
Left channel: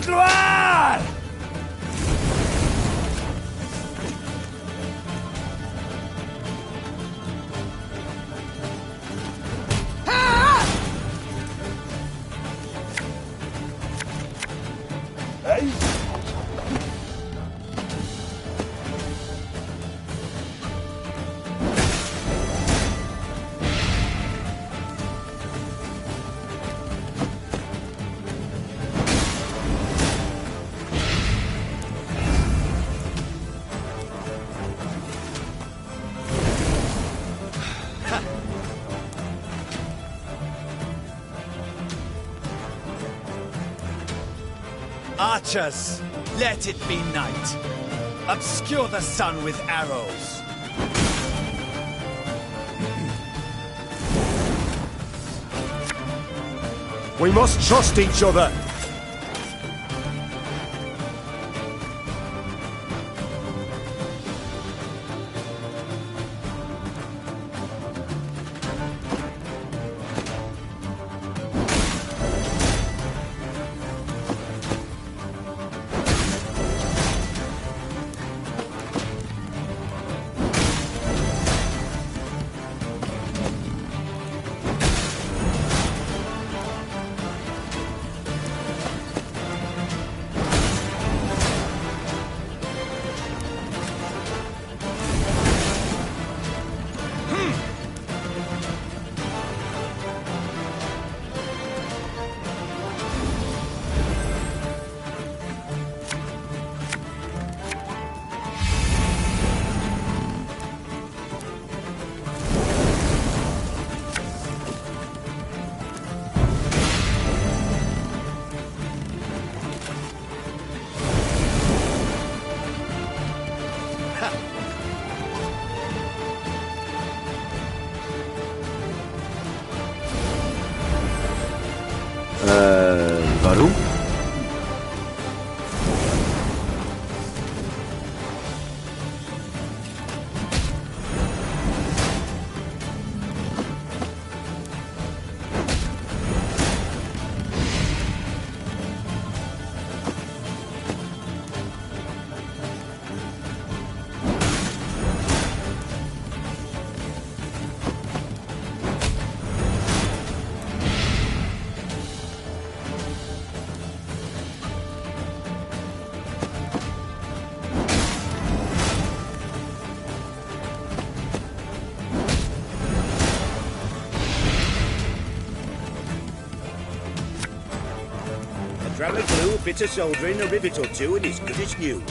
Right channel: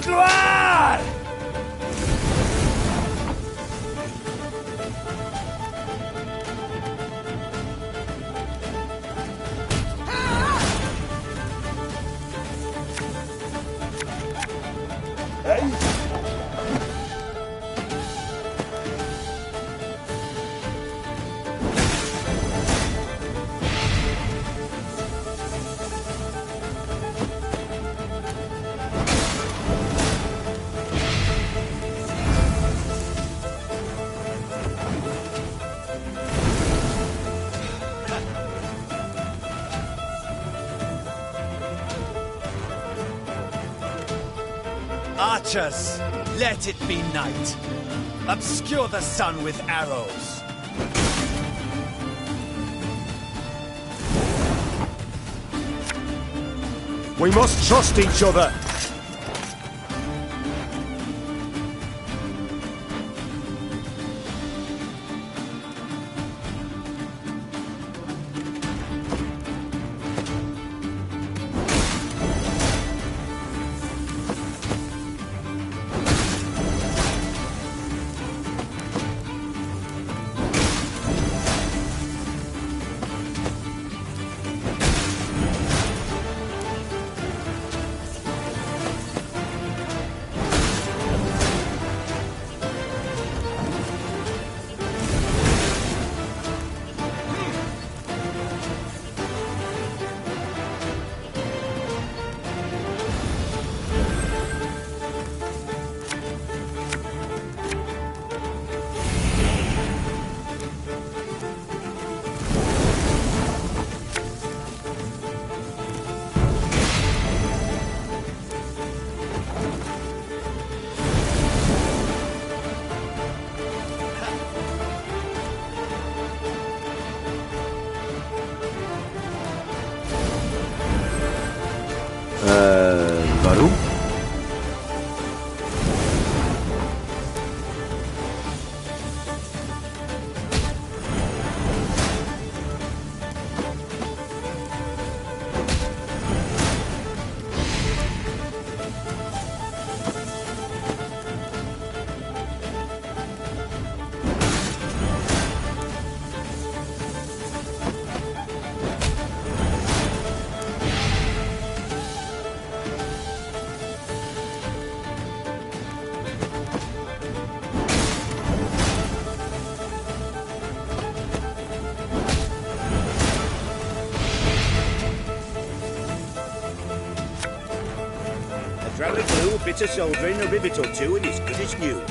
Gloire! Hey! Archers, let it be night. Obscure the sun with arrows. We must trust each other. Warum? Drag glue, a bit of soldering, a rivet or two, and it's good as new.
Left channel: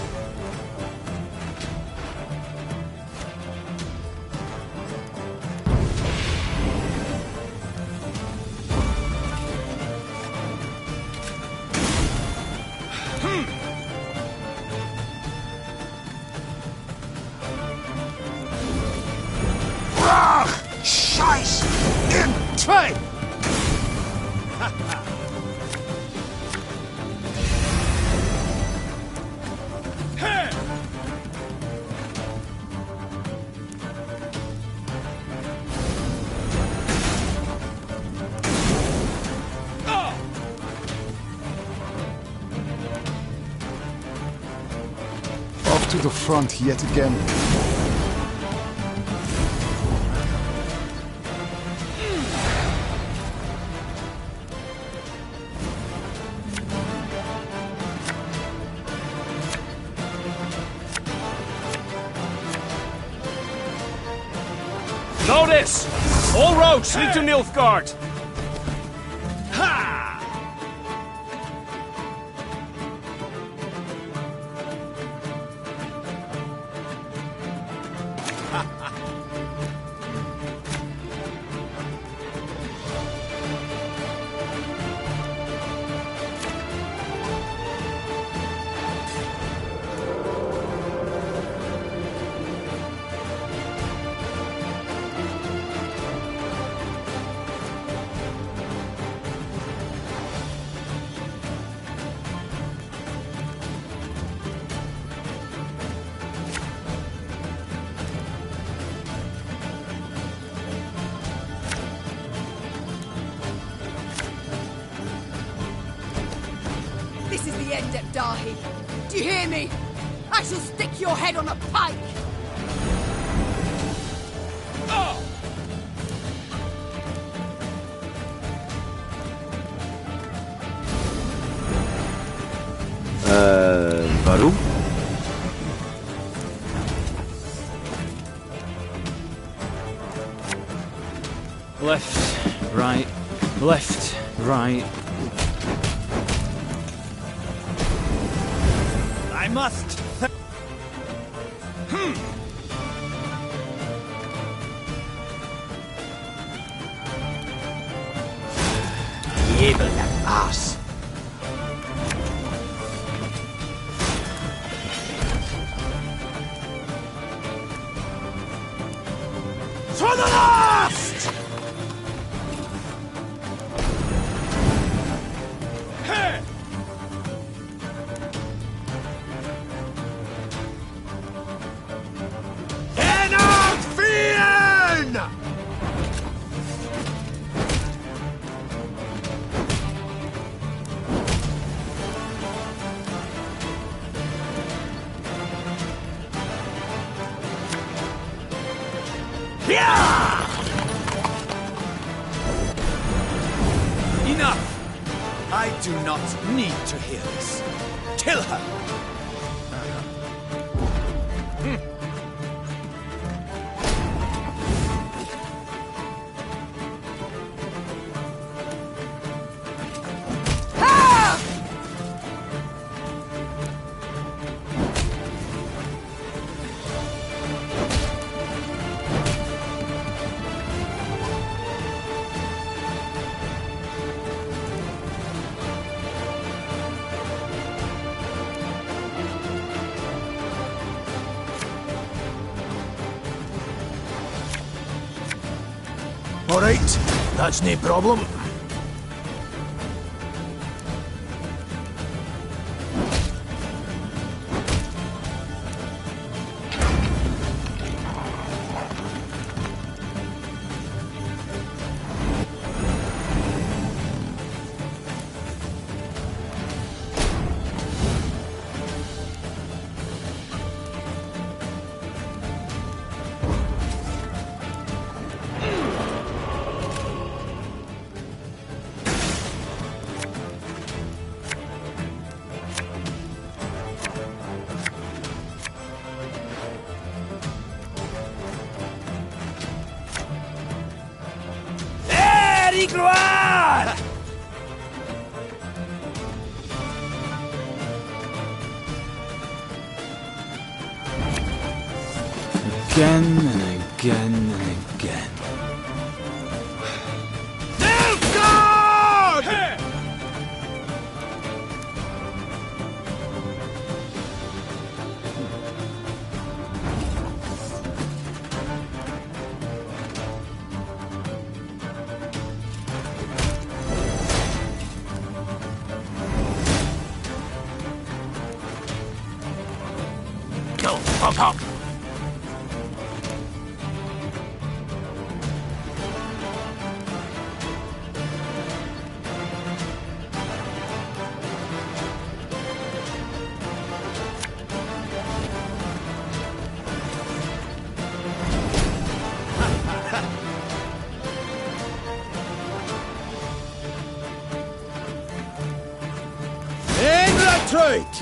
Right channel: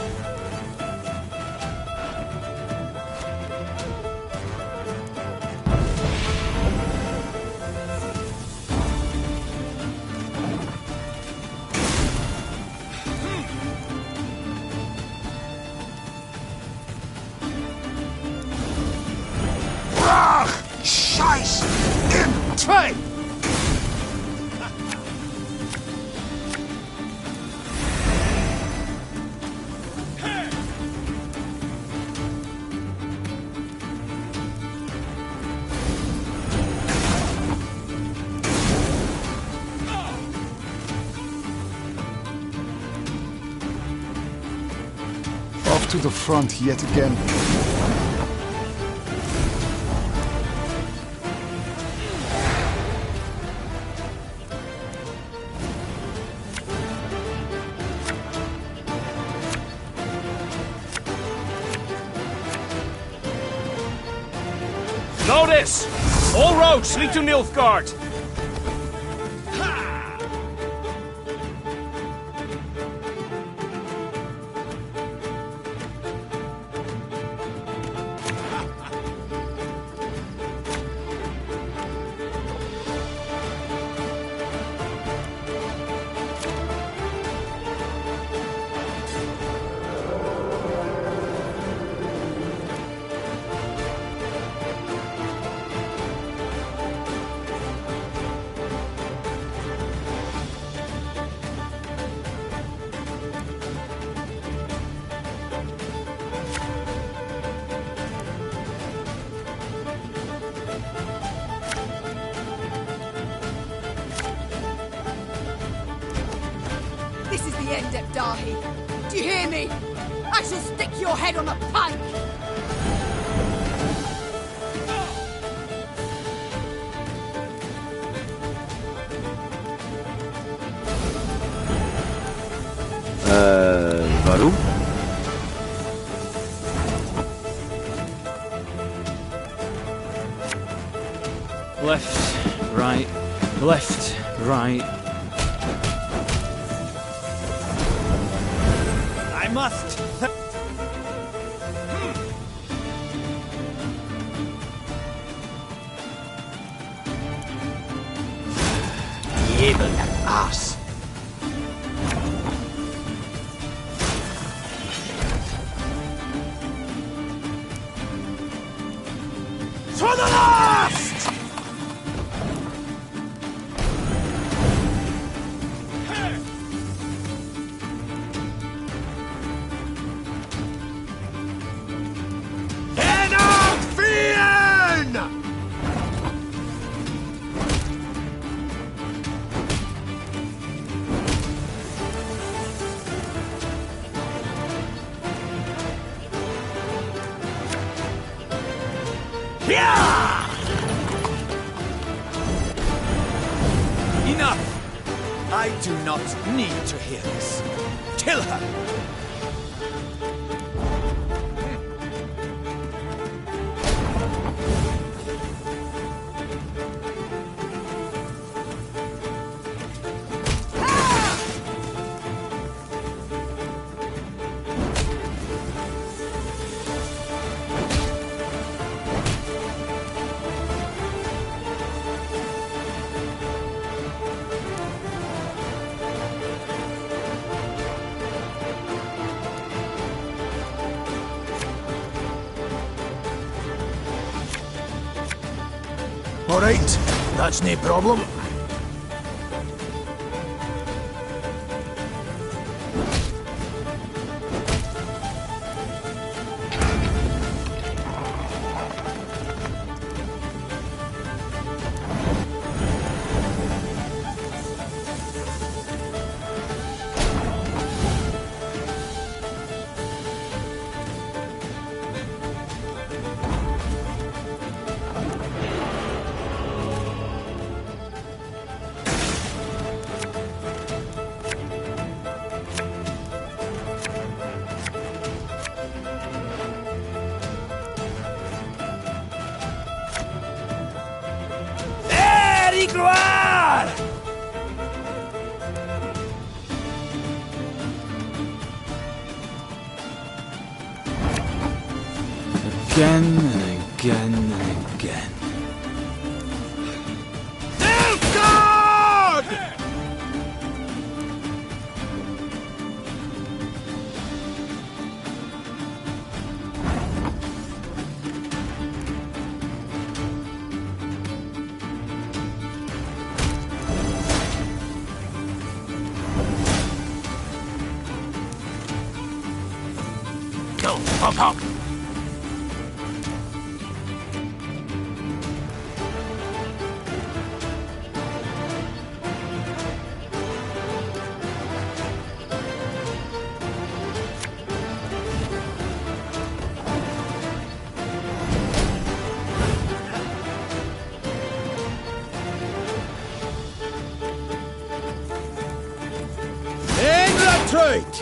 Scheiß in time! Off to the front yet again. Notice! All roads lead to Nilfgaard! This is the end, Ebdahi. Do you hear me? I shall stick your head on a pike! Warum? Left, right, left, right. I must. Evil ass. To the last! Enough! I do not need to hear this. Kill her! All right, that's no problem. Gloire! Again and again and again. Nilfgaard! Go, hop, hop. Retreat!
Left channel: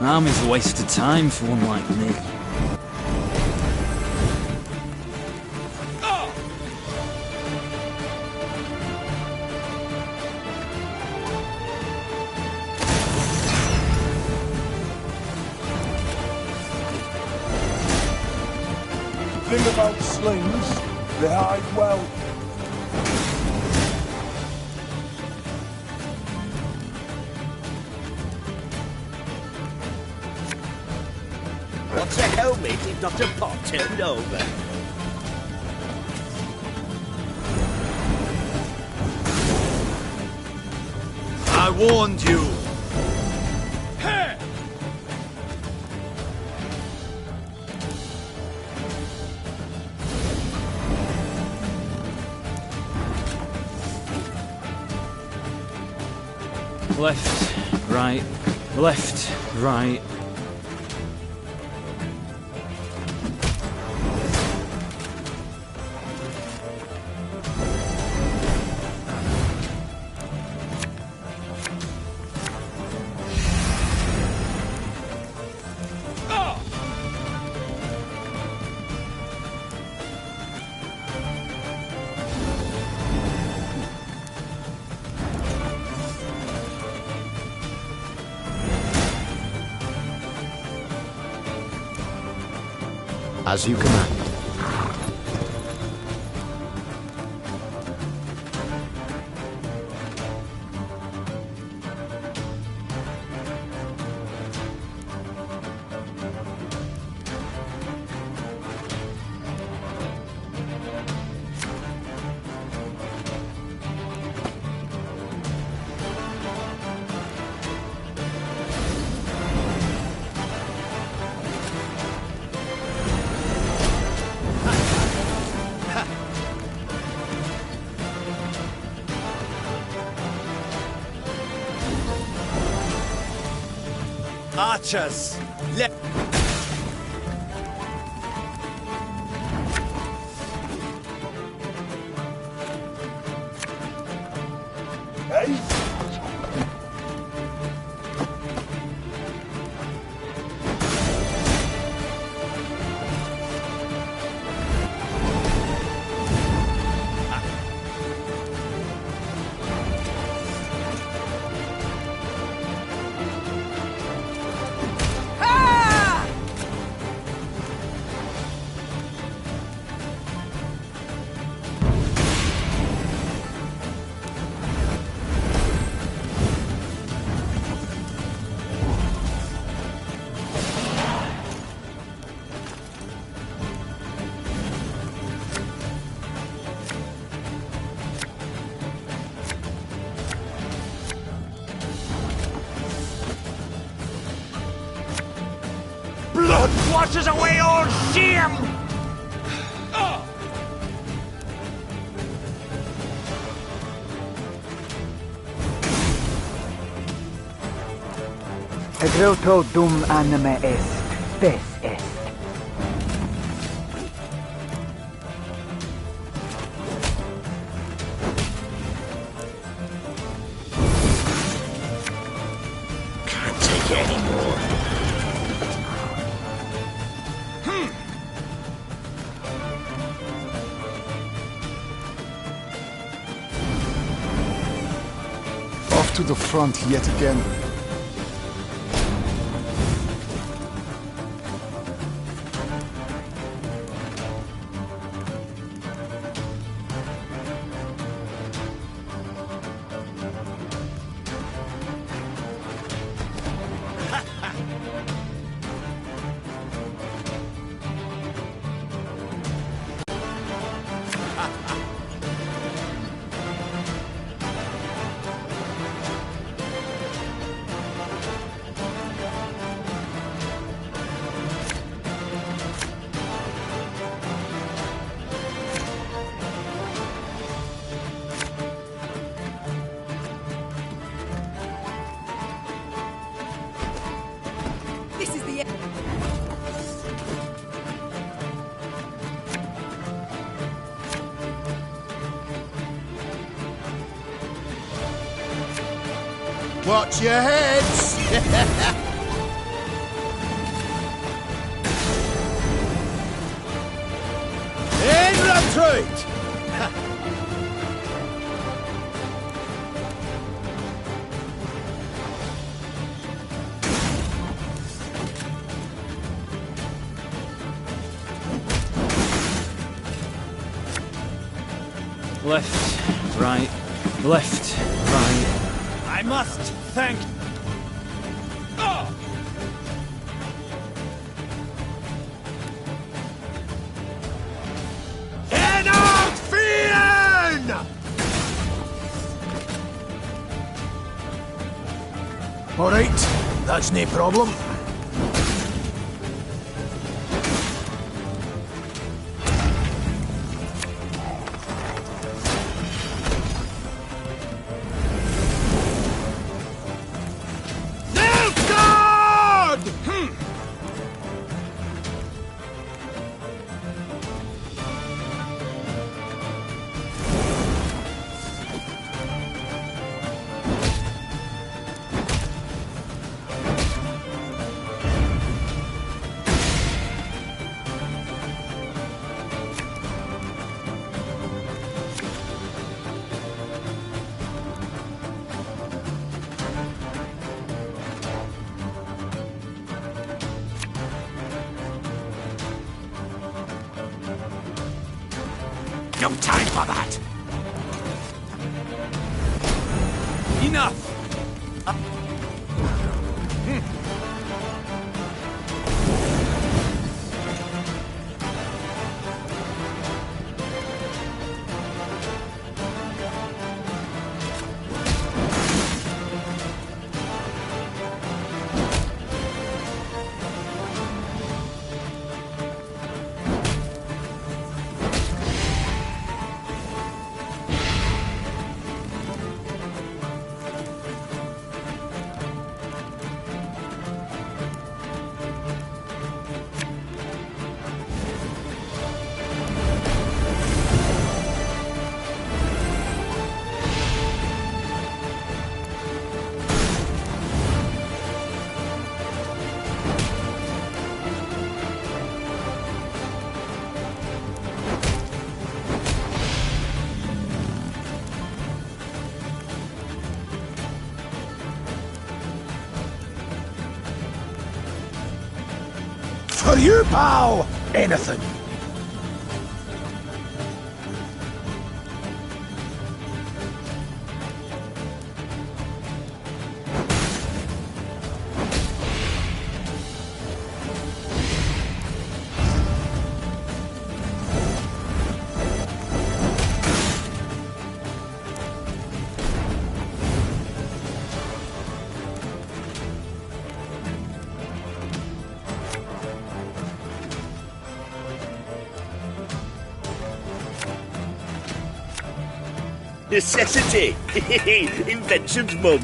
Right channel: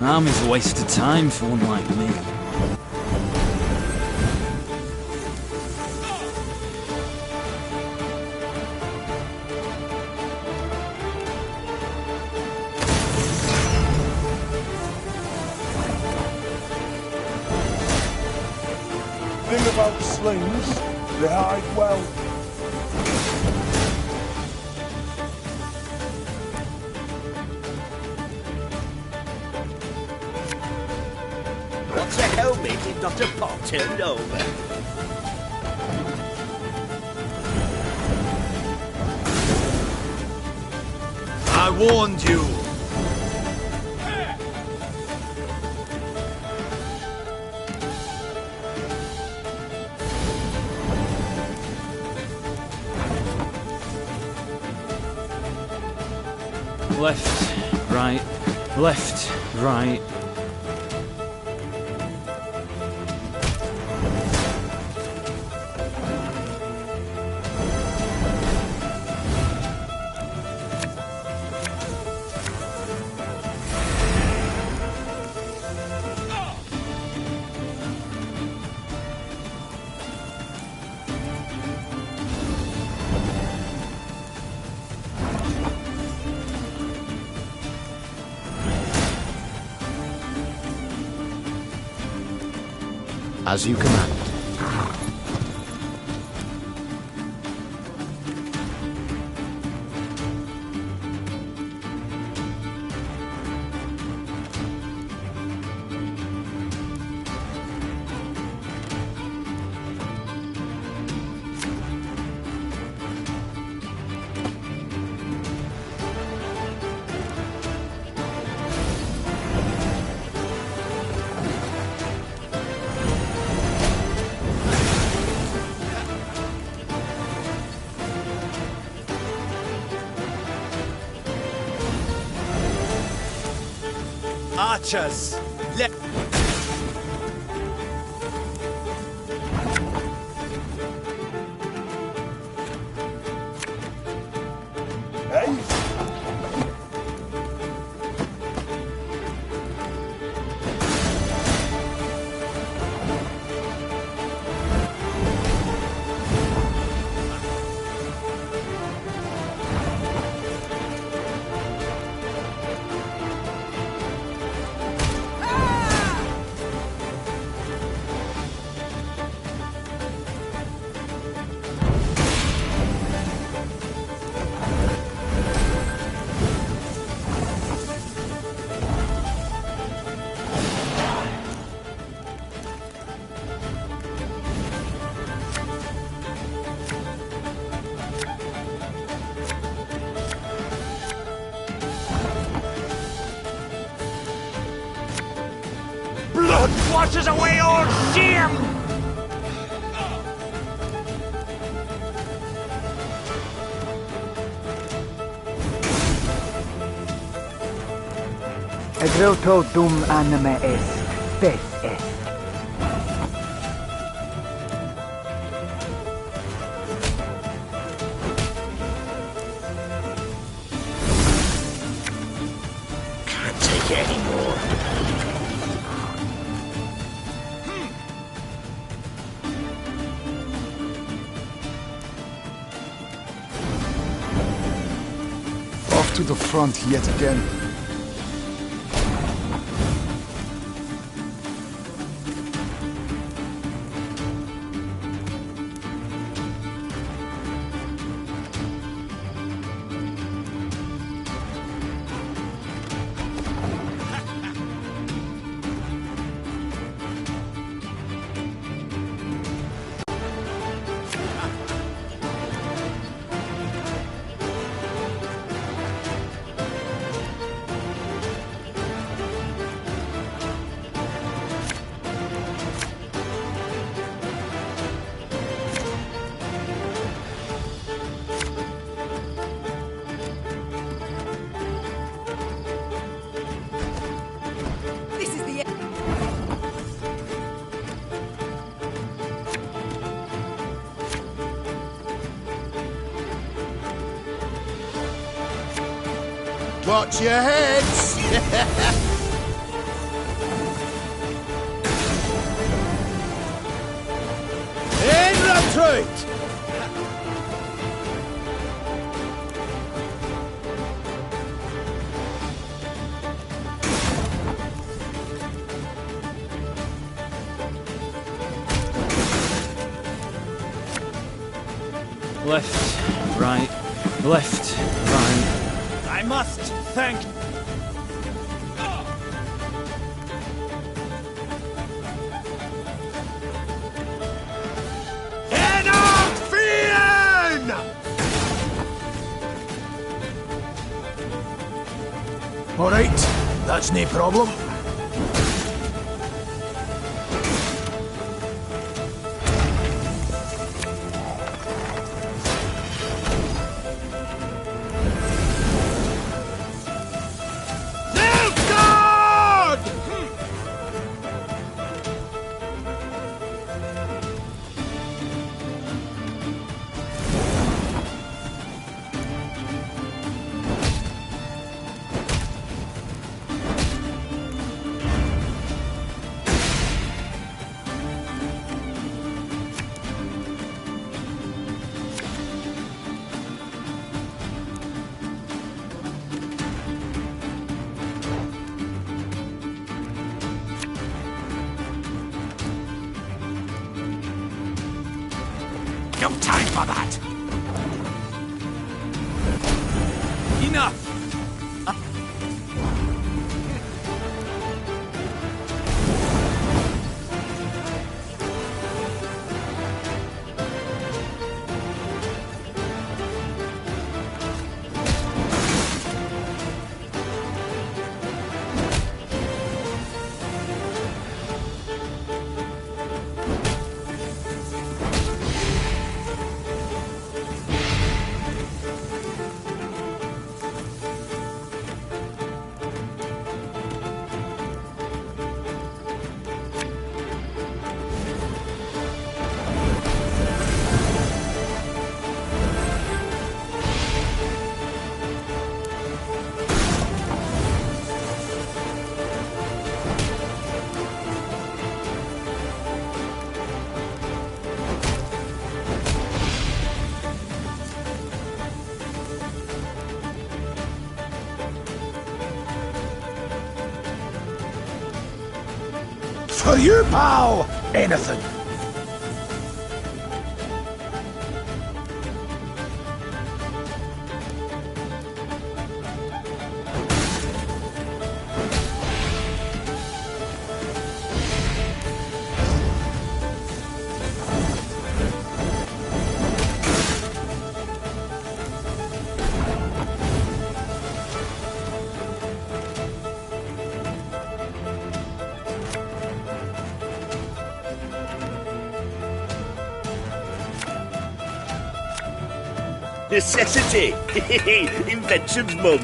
Army's a waste of time for one like me. Thing about slings, they hide well. What's a helmet if not a pot turned over? I warned you. Left, right, left, right. As you command. Archers, Hey? Blood washes away all shame! Egroto dum anime est, spes est. Can't take it anymore. Off to the front yet again. This is the end. Watch your heads! In retreat! Left, right, left, right. I must thank... Enough fear! All right, that's no problem. No time for that! Enough! for you, pal? Anything. Necessity! Invention's mum.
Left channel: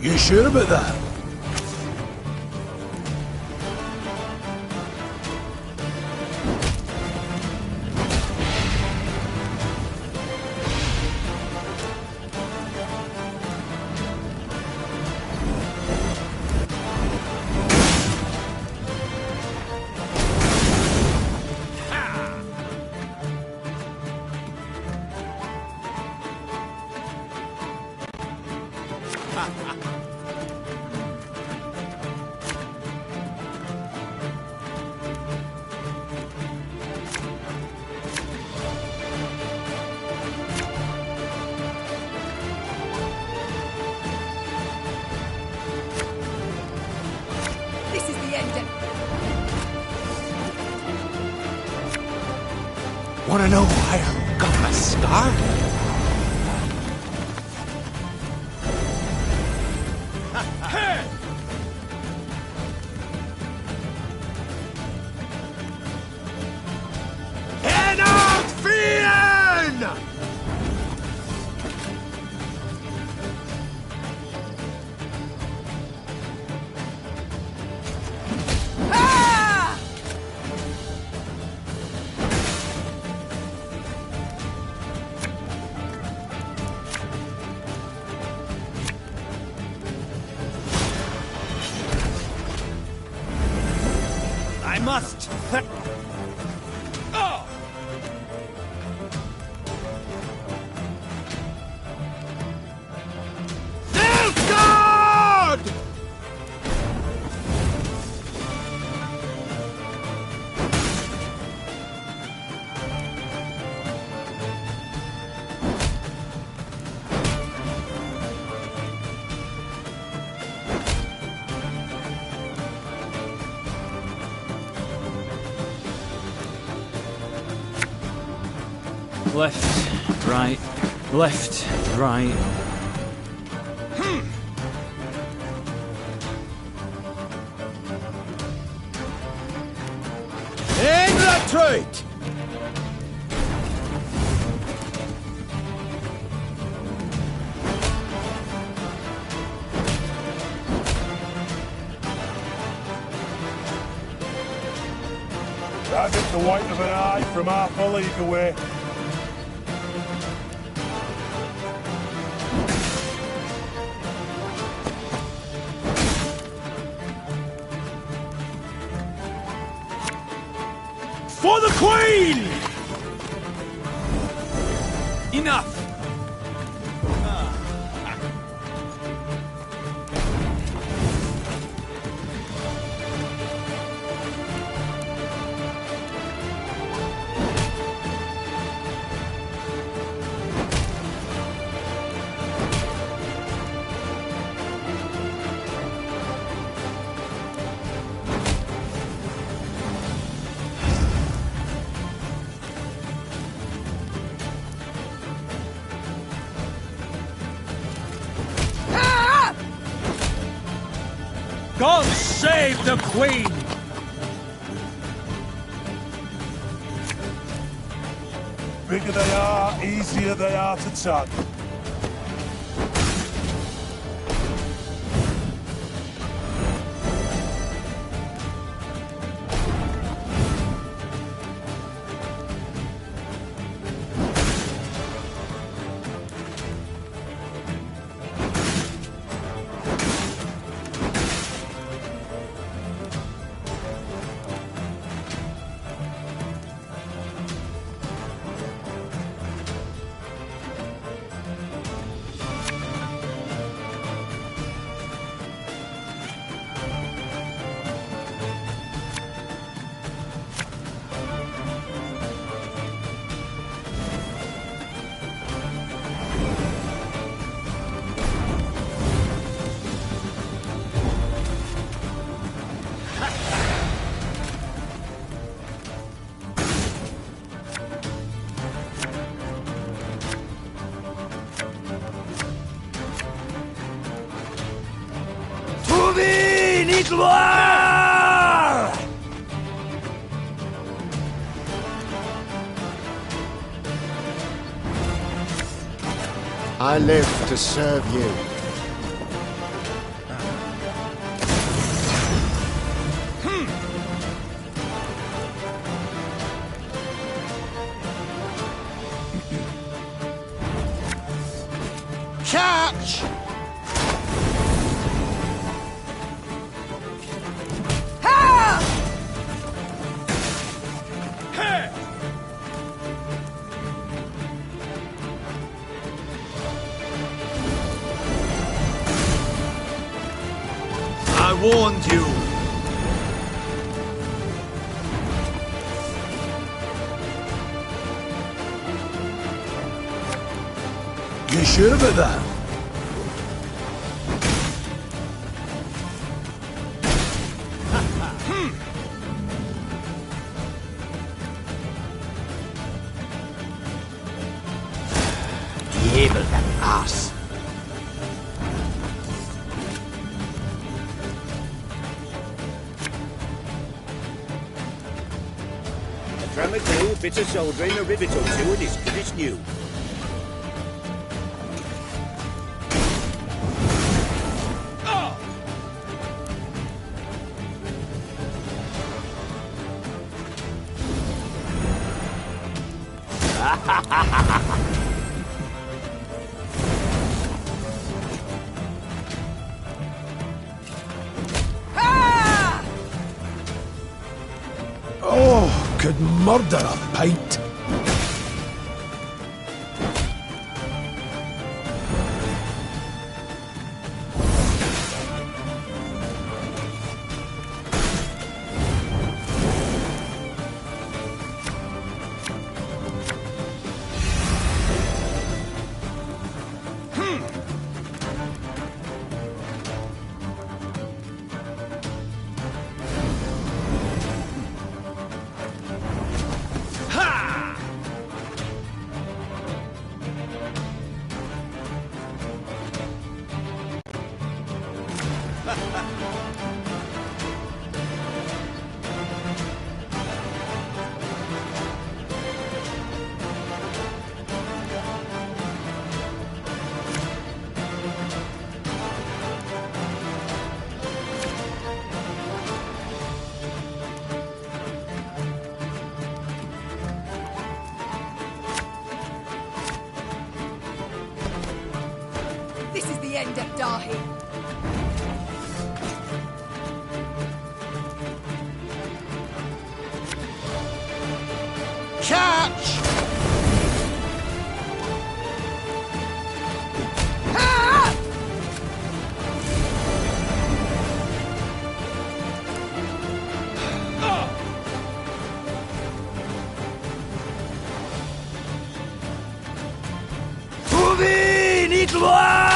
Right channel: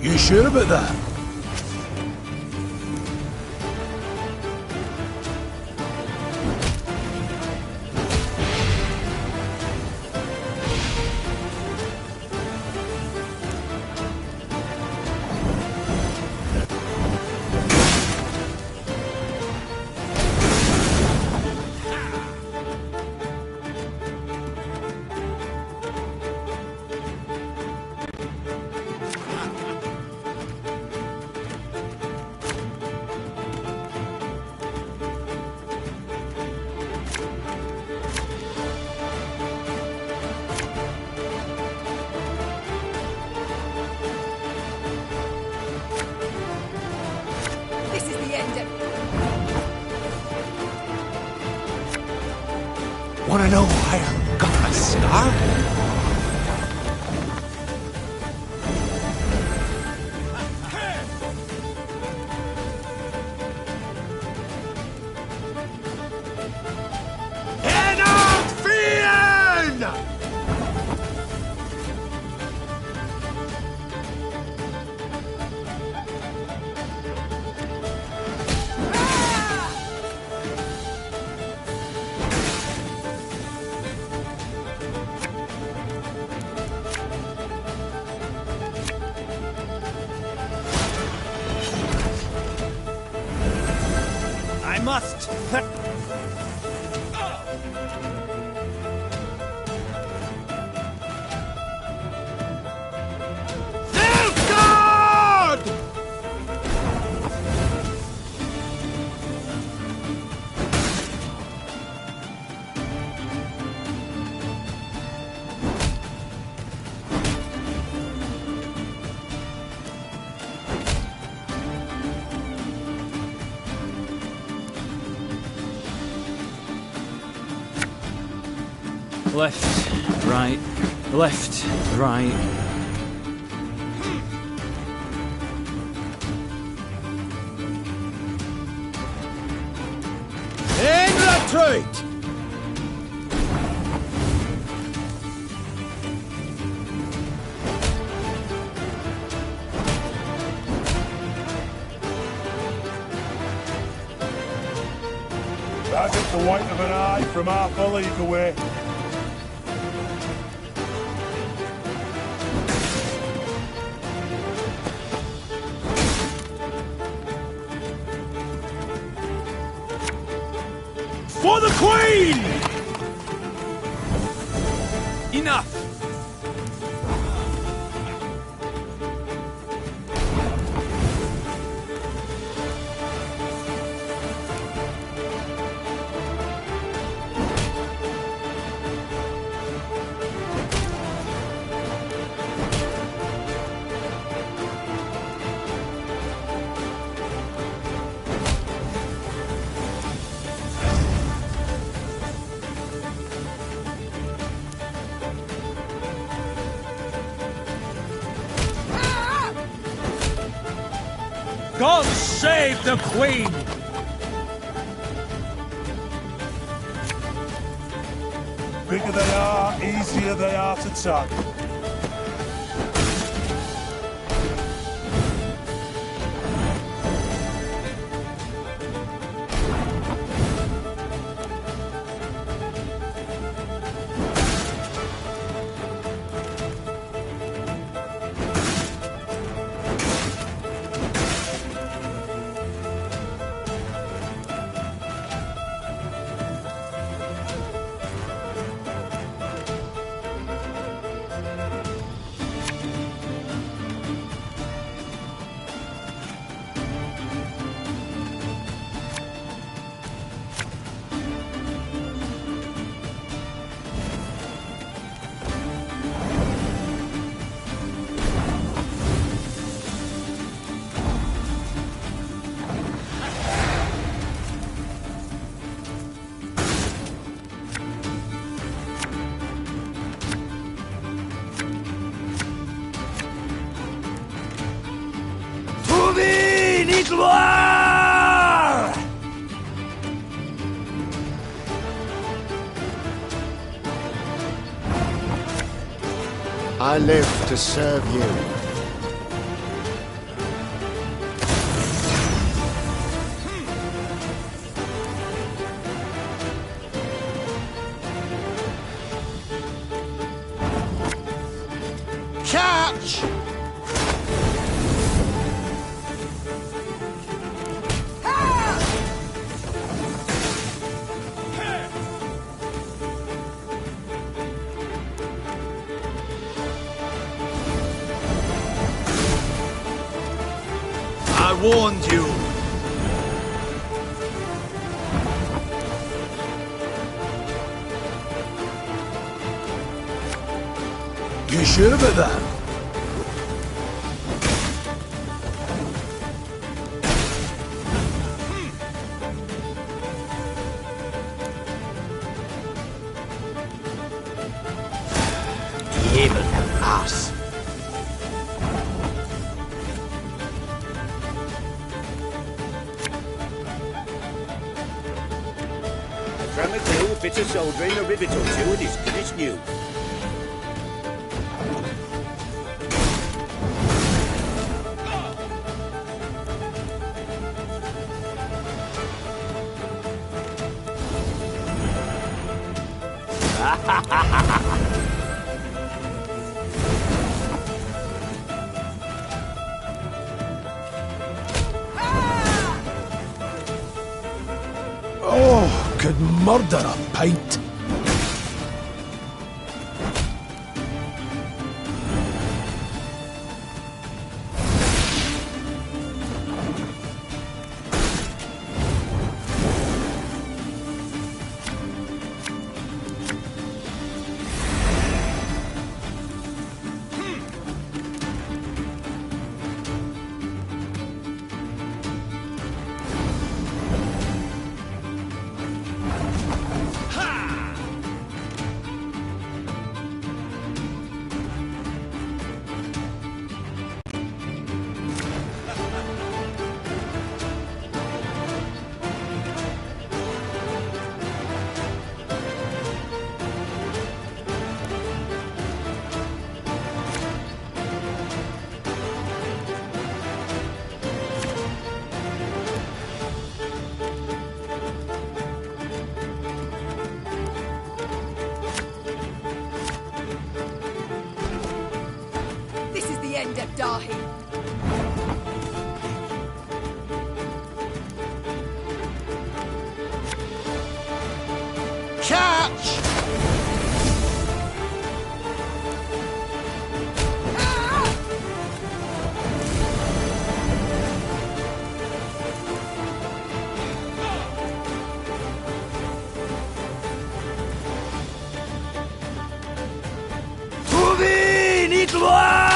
You sure about that? This is the end of... Wanna know why I got my scar? I must. Oh. Nilfgaard! Left, right, left, right. In retreat! That hit the white of an eye from half a league away. For the Queen! Enough! God save the Queen! Bigger they are, easier they are to tag. gloire! I live to serve you. Catch! I warned you. You sure about that? Diable them ass. A dram of glue, a bit of soldering, a rivet or two, and it's good as new. Oh, could murder a pint. This is the end of Dahi. Catch! Trouver ni gloire!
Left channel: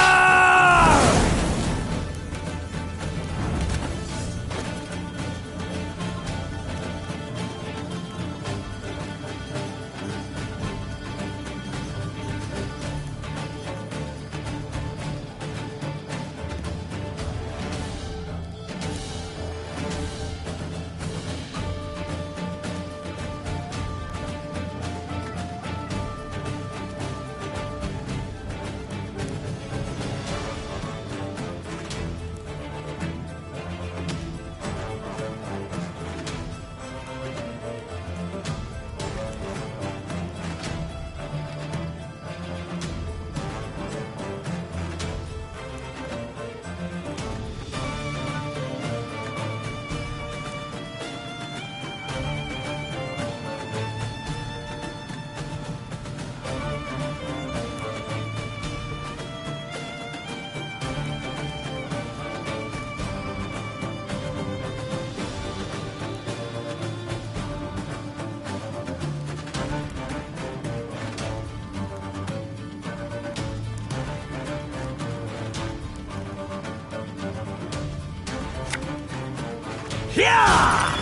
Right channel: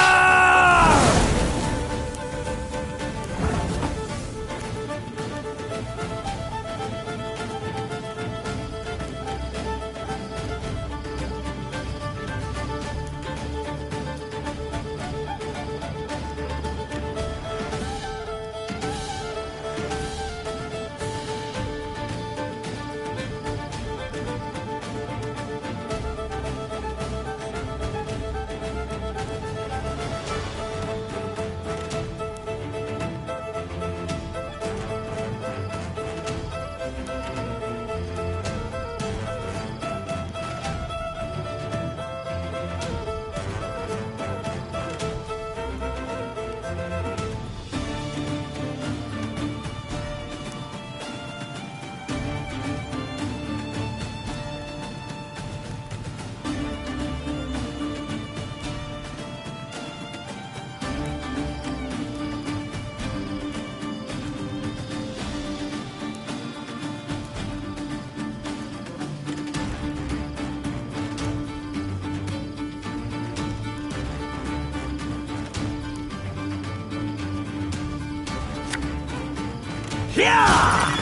Yeah!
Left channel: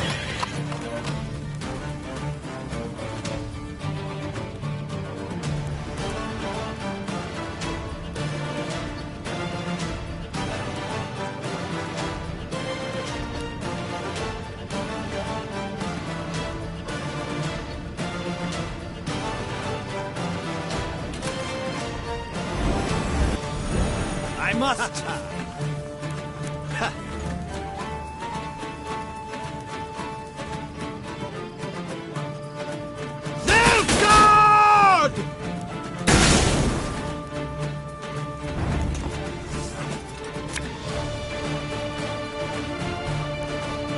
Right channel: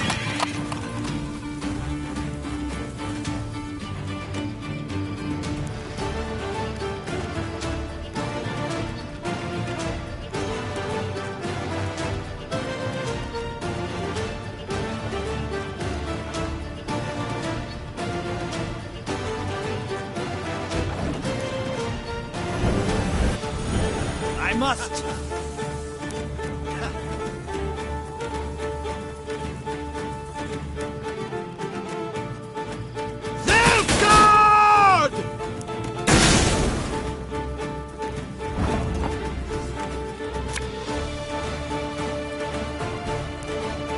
I must! Nilfgaard!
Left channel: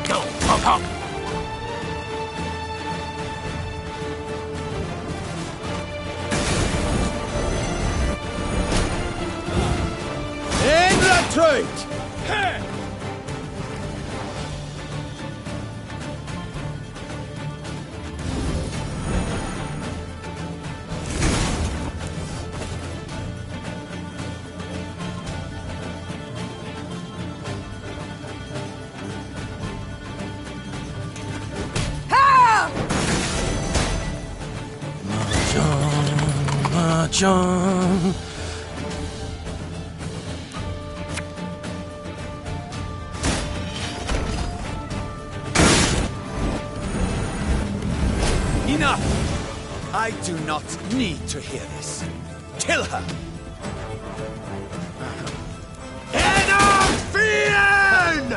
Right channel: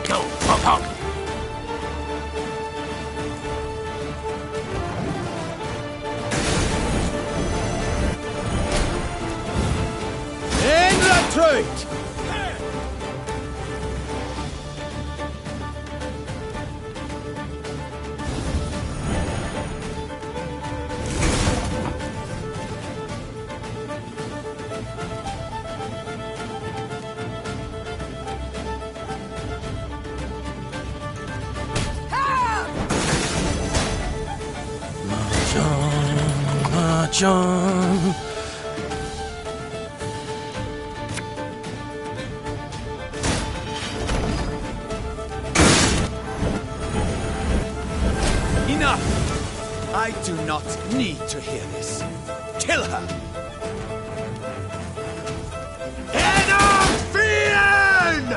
Go, hop, hop! In retreat! Mahjong. Enough! I do not need to hear this. Kill her! Fiend!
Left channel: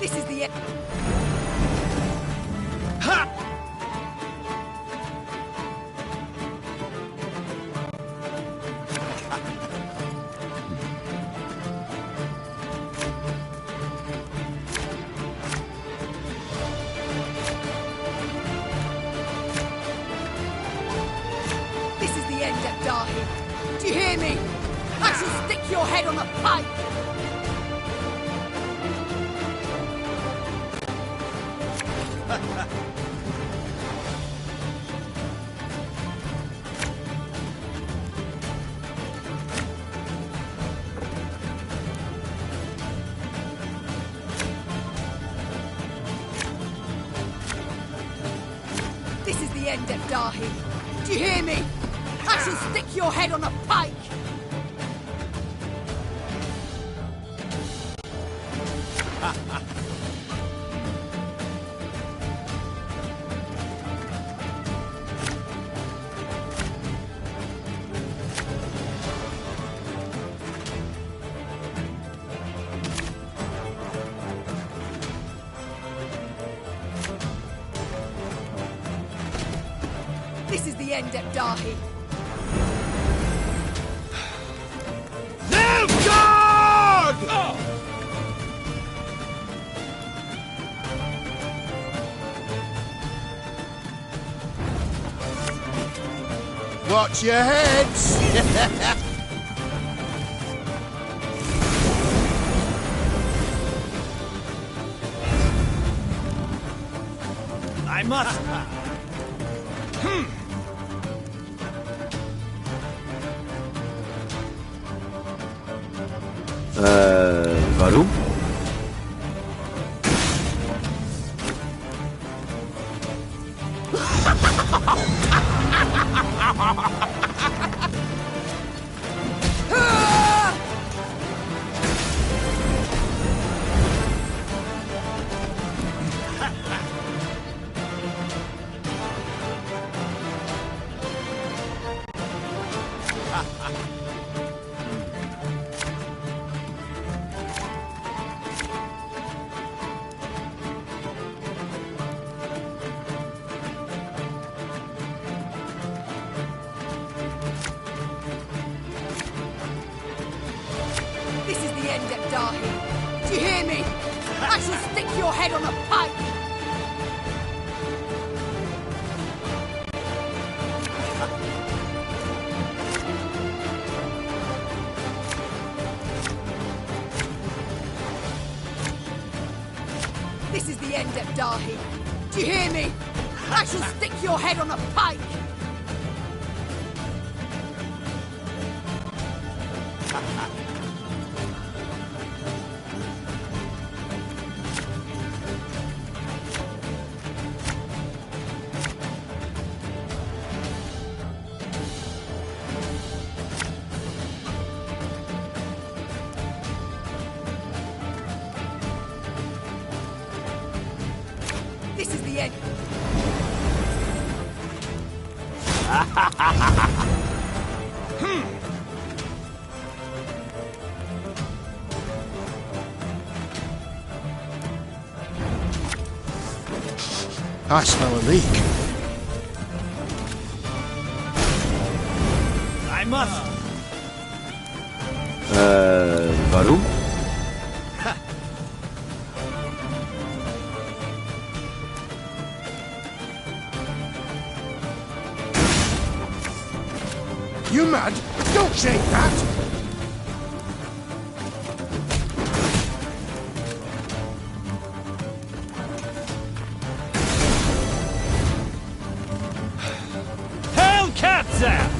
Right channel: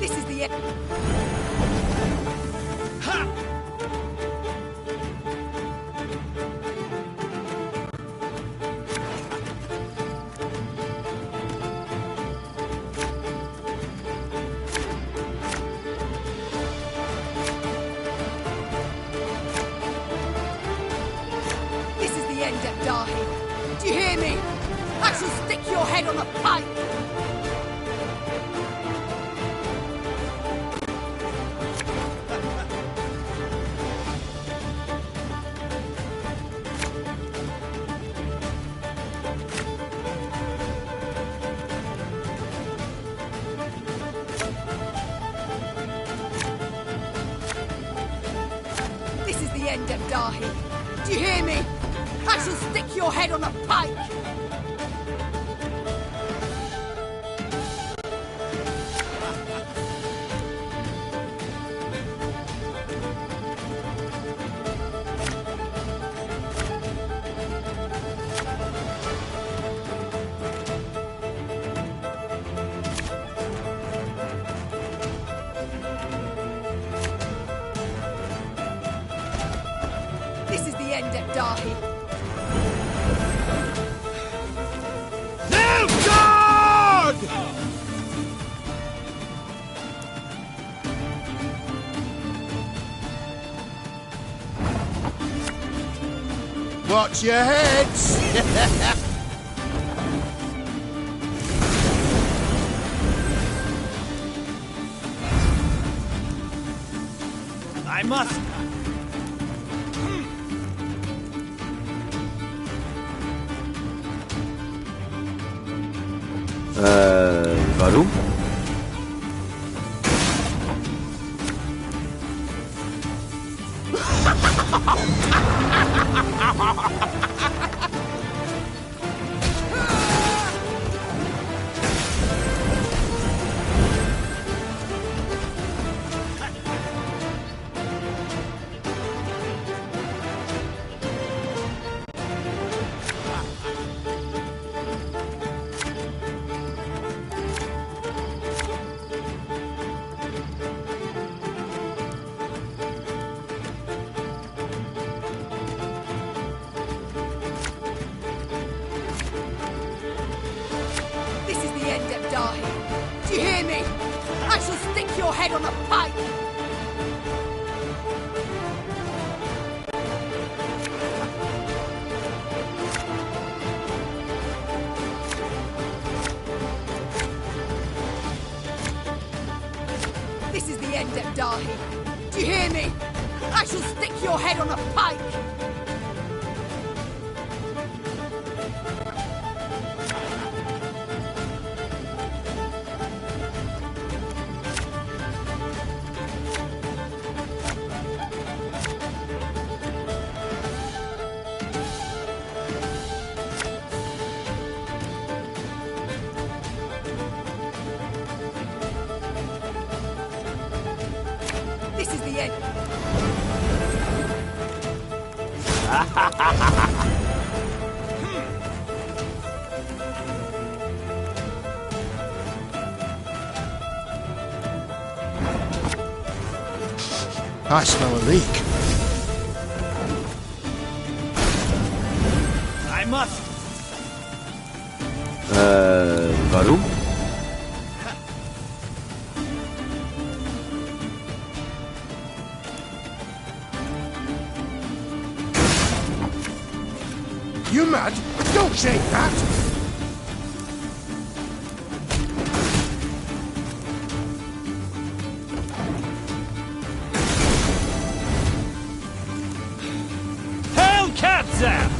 This is the end. Ha! This is the end of Dahi. Do you hear me? I shall stick your head on a pike. This is the end of Dahi. Do you hear me? I shall stick your head on a pike. This is the end of Dahi. Nilfgaard! Watch your heads! I must! Warum? Dahi. Do you hear me? I shall stick your head on a pike! This is the end, Dahi. Do you hear me? I shall stick your head on a pike! This is the end. I smell a leak. I must. Warum? You mad? Don't shake that! Hellkatze!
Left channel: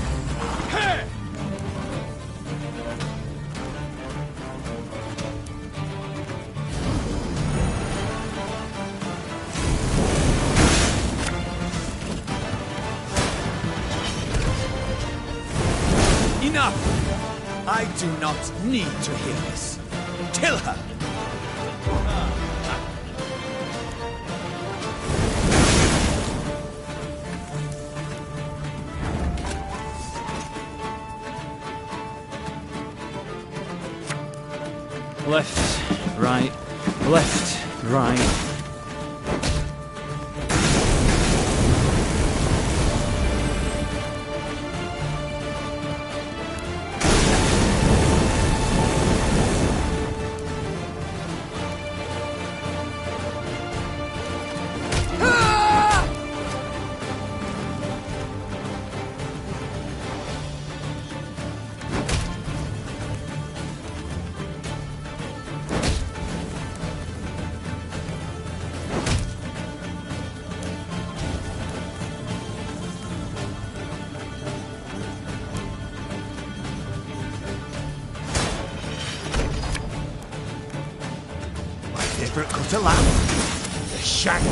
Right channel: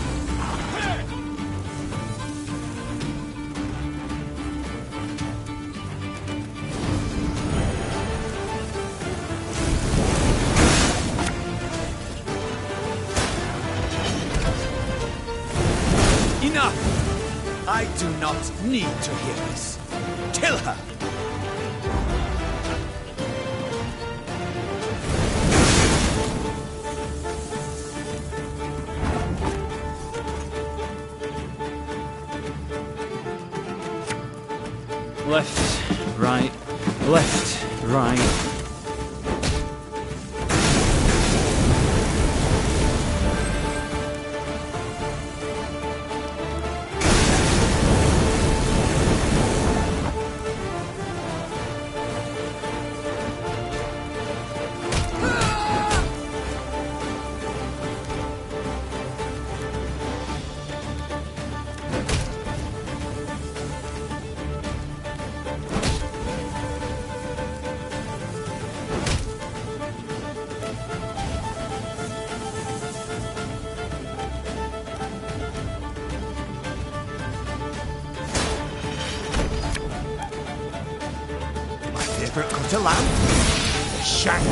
Enough! I do not need to hear this. Kill her! Left, right, left, right. Favourite cut of lamb? The shank.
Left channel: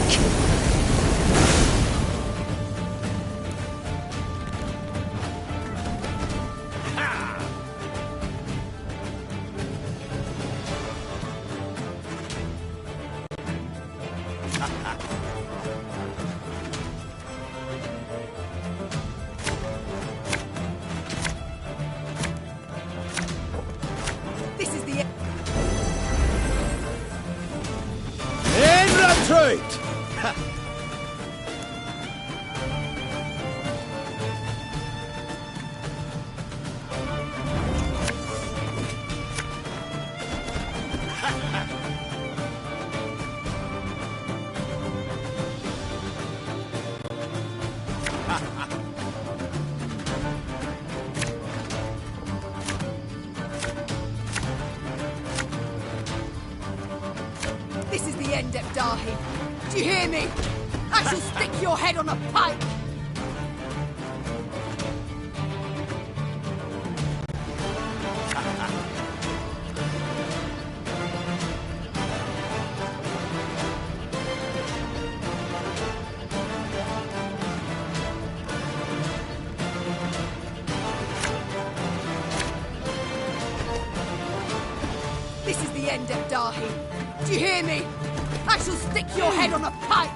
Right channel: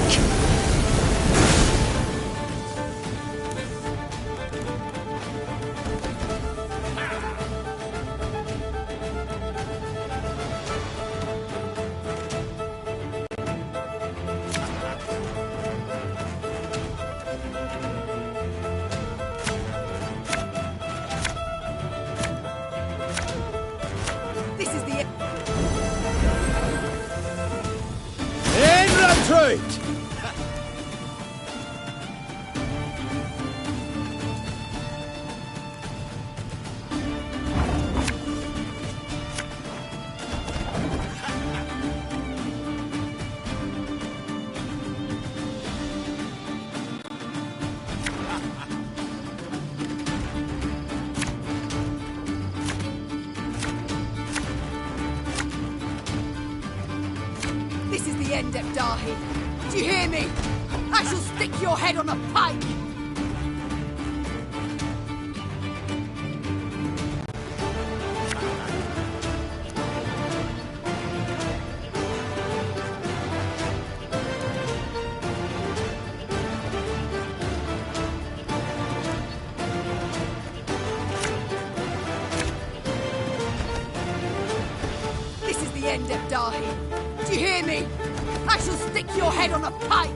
This is the end. Retreat! This is the end, Dahi. Do you hear me? I shall stick your head on a pike! This is the end, Dahi. Do you hear me? I shall stick your head on a pike!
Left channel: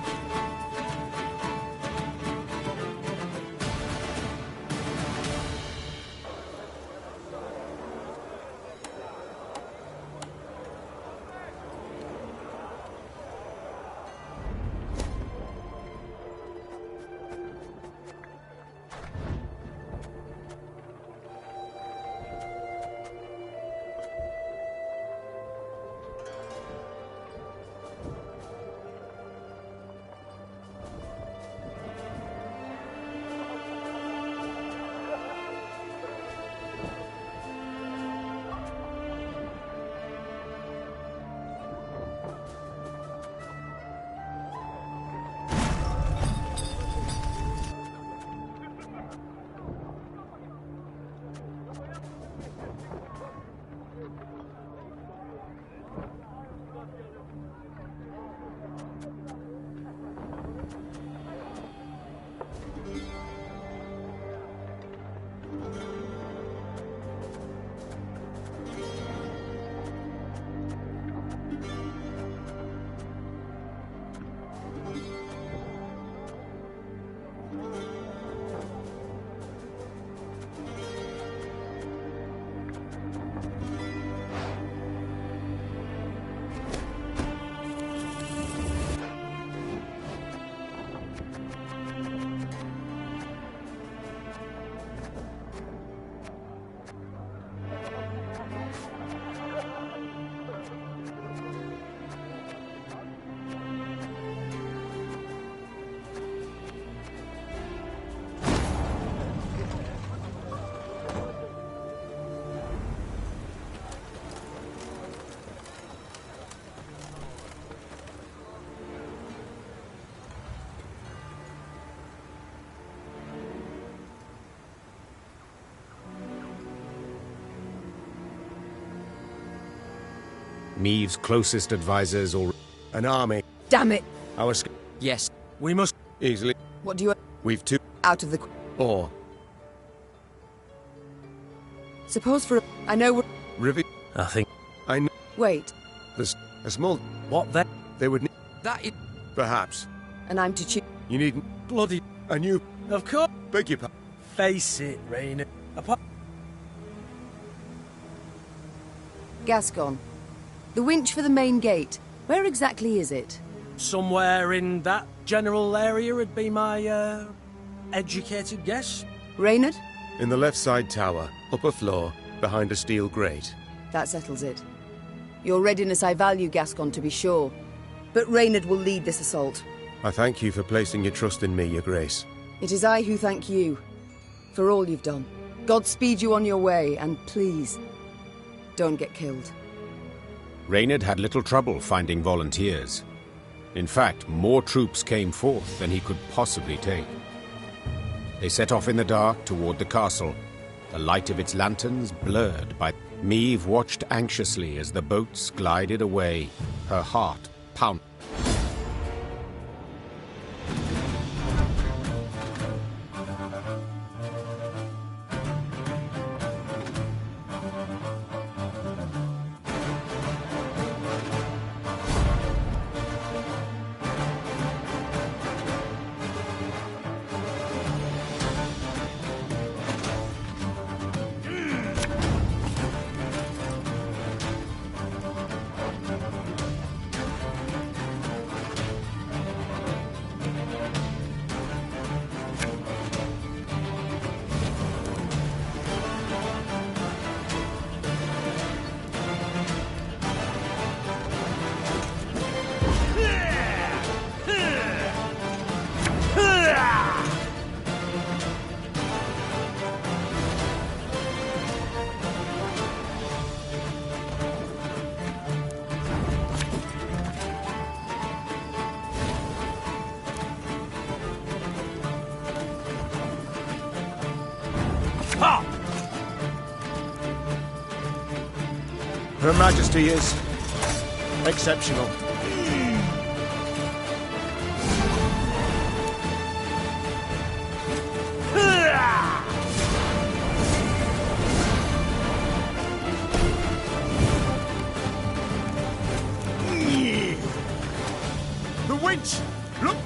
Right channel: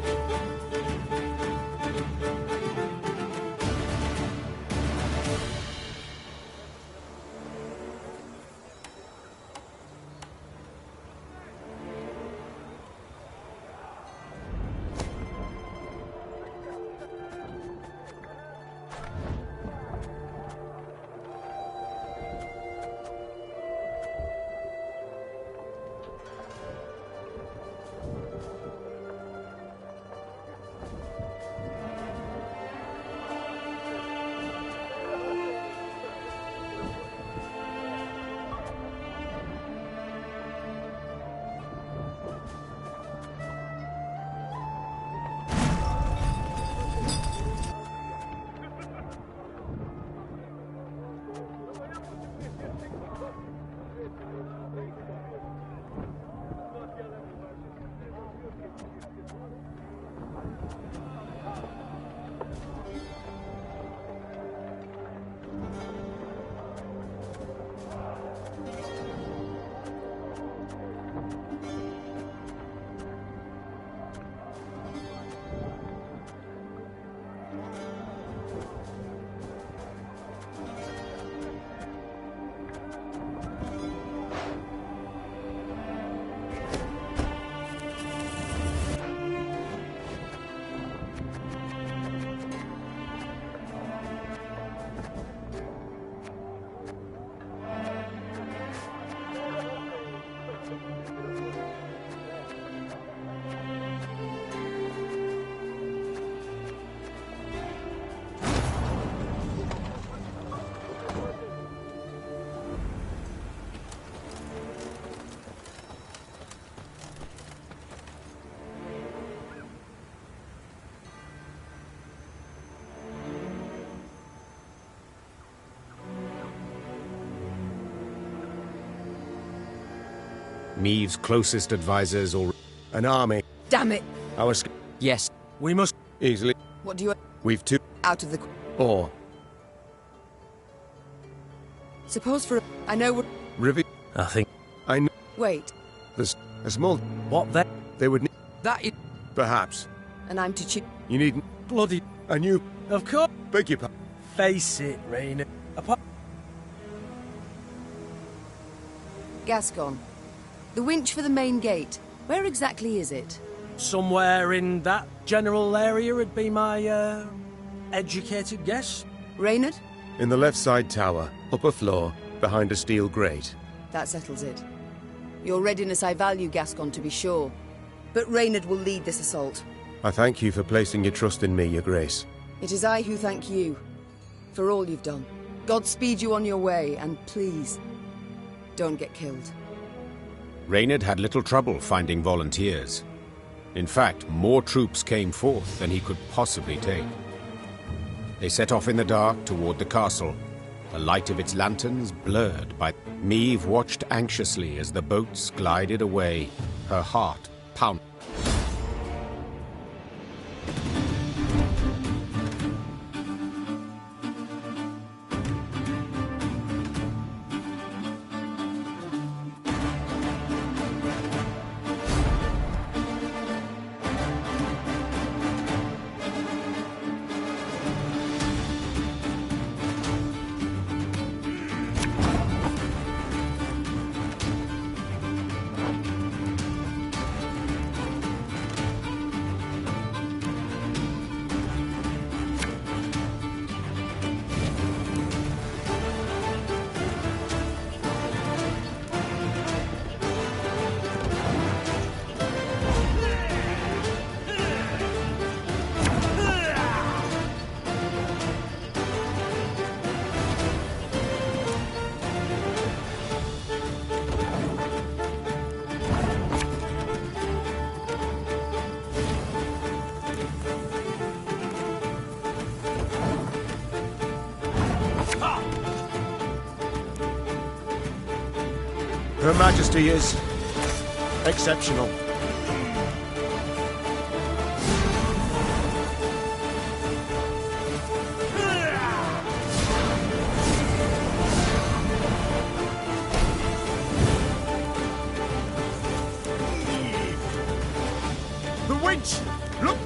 Meve's closest advisors or an army. Damn it! Yes. We must Easily. What do you... We've two. Out of the... Or. Suppose for... I know we're... Rivi. I think. I know. Wait. There's a small. What then? They would need. That is... Perhaps. And I'm to choose... You needn't. Bloody... And you. Of course. Beg your pardon. Face it, Rainha. Gascon. The winch for the main gate. Where exactly is it? Somewhere in that general area would be my, educated guess. Reynard? In the left side tower, upper floor, behind a steel grate. That settles it. Your readiness I value, Gascon, to be sure. But Reynard will lead this assault. I thank you for placing your trust in me, Your Grace. It is I who thank you. For all you've done. God speed you on your way, and please, don't get killed. Reynard had little trouble finding volunteers. In fact, more troops came forth than he could possibly take. They set off in the dark toward the castle, the light of its lanterns blurred by... Meve watched anxiously as the boats glided away, her heart pounding. Her Majesty is exceptional. The winch! Look!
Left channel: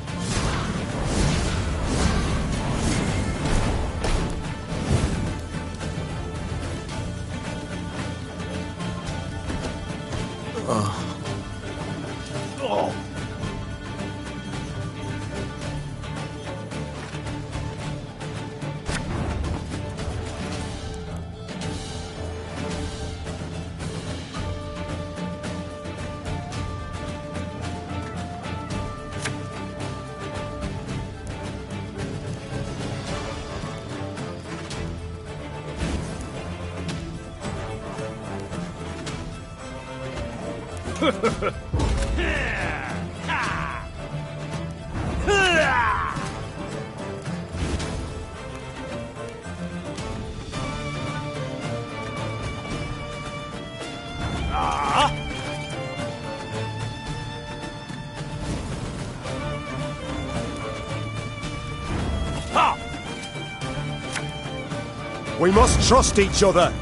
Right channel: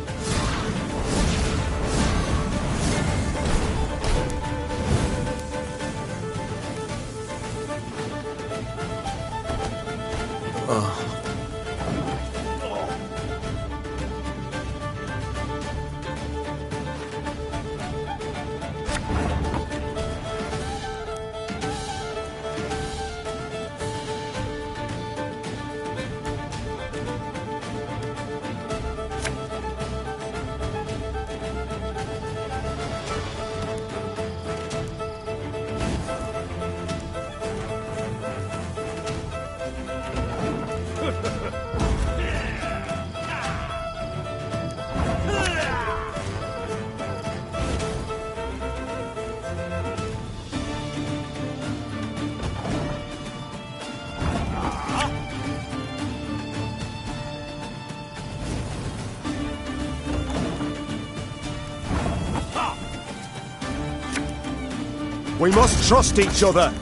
We must trust each other.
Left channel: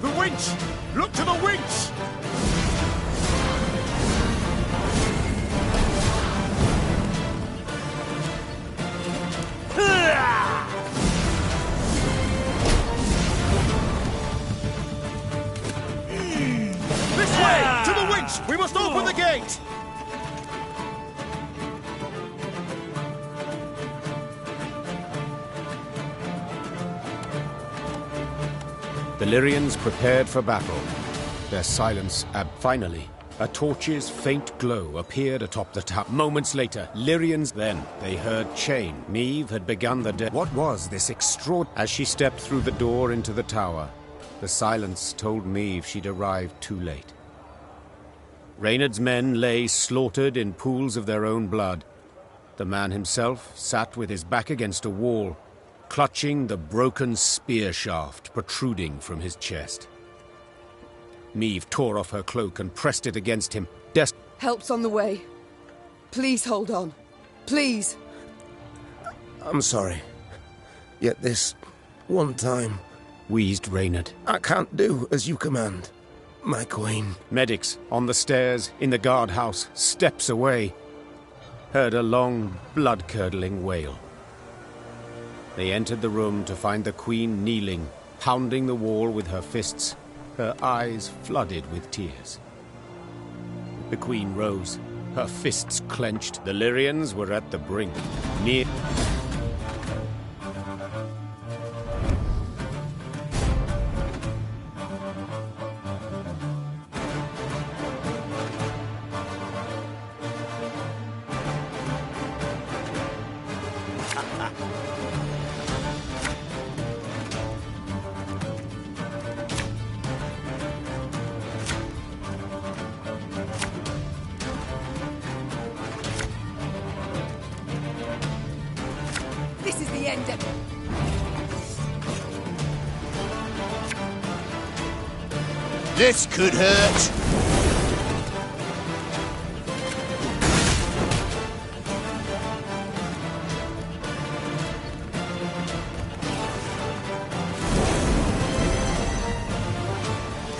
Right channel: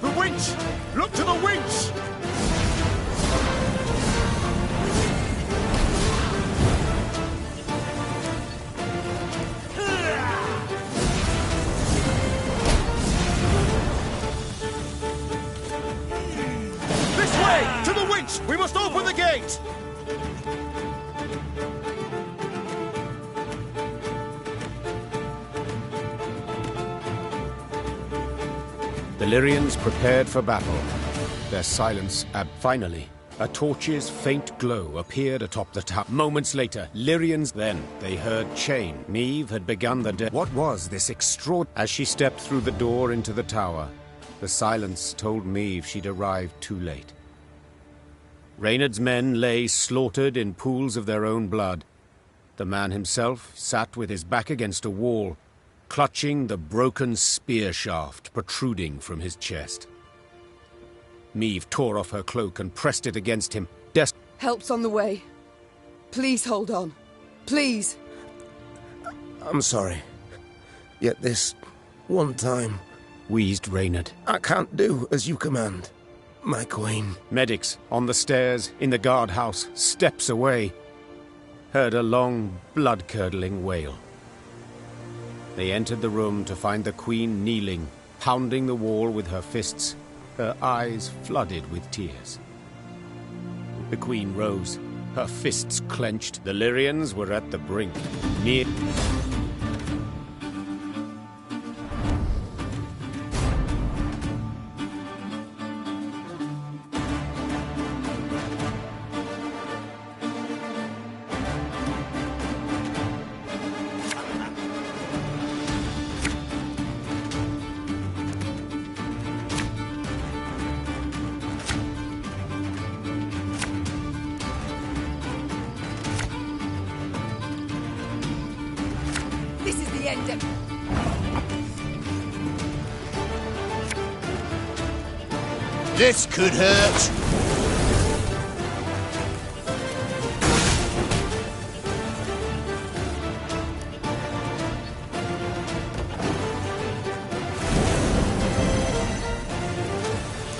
The winch! Look to the winch! This way! To the winch! We must open the gate! The Lyrians prepared for battle. Their silence finally, A torch's faint glow appeared atop the tower. Moments later, Lyrians. Then they heard chain. Meve had begun the What was this As she stepped through the door into the tower, the silence told Meve she'd arrived too late. Reynard's men lay slaughtered in pools of their own blood. The man himself sat with his back against a wall, clutching the broken spear shaft protruding from his chest. Meve tore off her cloak and pressed it against him. Help's on the way. Please hold on. Please. I'm sorry. Yet this one time, wheezed Reynard. I can't do as you command, my queen. Medics on the stairs in the guardhouse, steps away, heard a long, blood-curdling wail. They entered the room to find the queen kneeling, pounding the wall with her fists, her eyes flooded with tears. The queen rose, her fists clenched. The Lyrians were at the brink, near... This is the end of... This could hurt.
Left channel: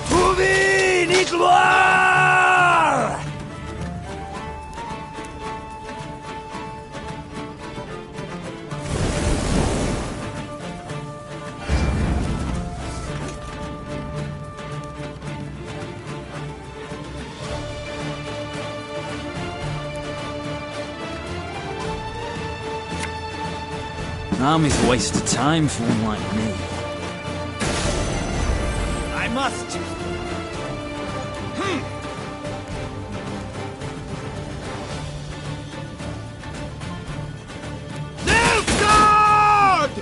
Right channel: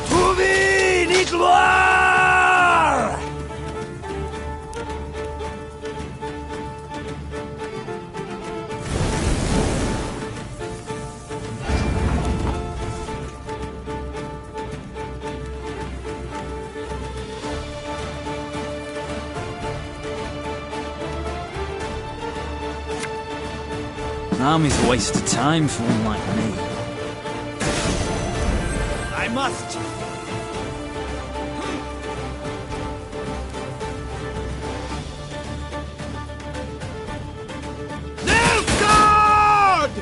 Trouver ni gloire! An army's a waste of time for one like me. I must. Nilfgaard!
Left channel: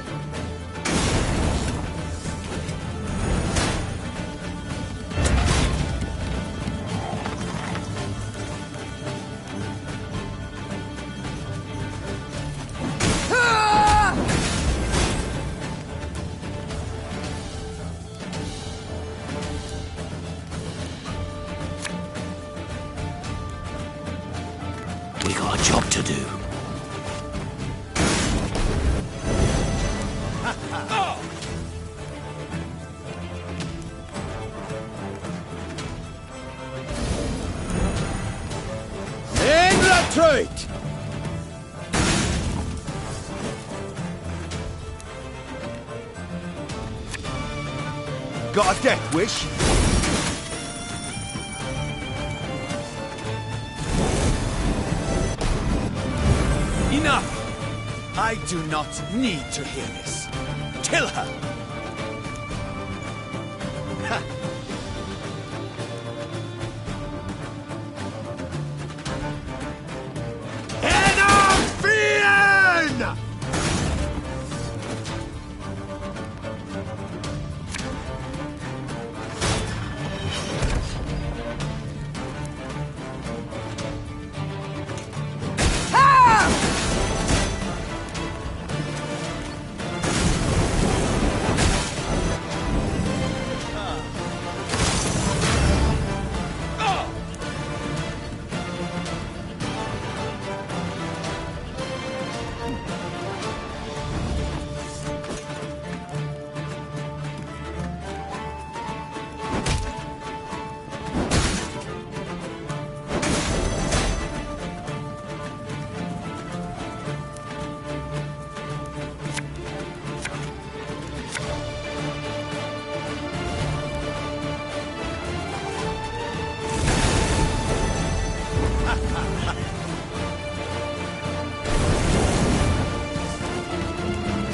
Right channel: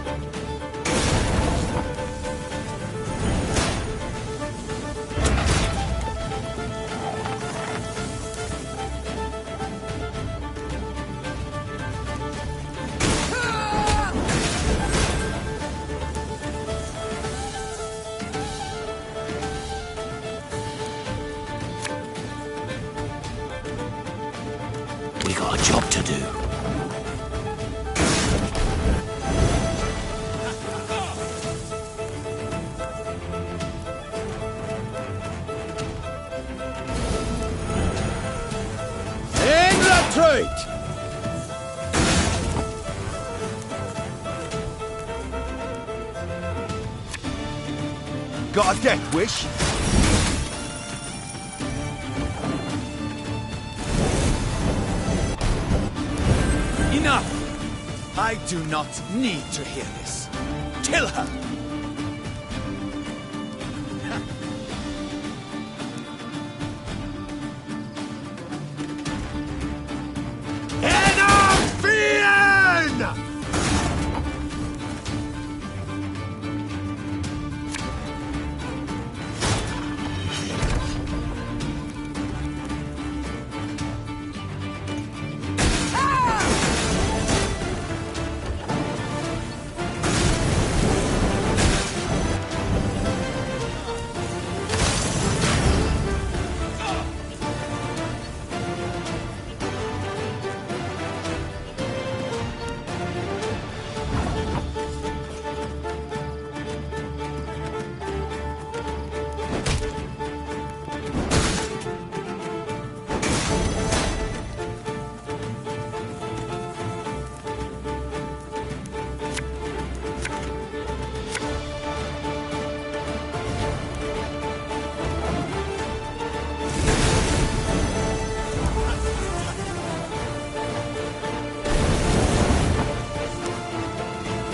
We got a job to do. QuebraTronos! Got a death wish? Enough! I do not need to hear this. Kill her! Enough!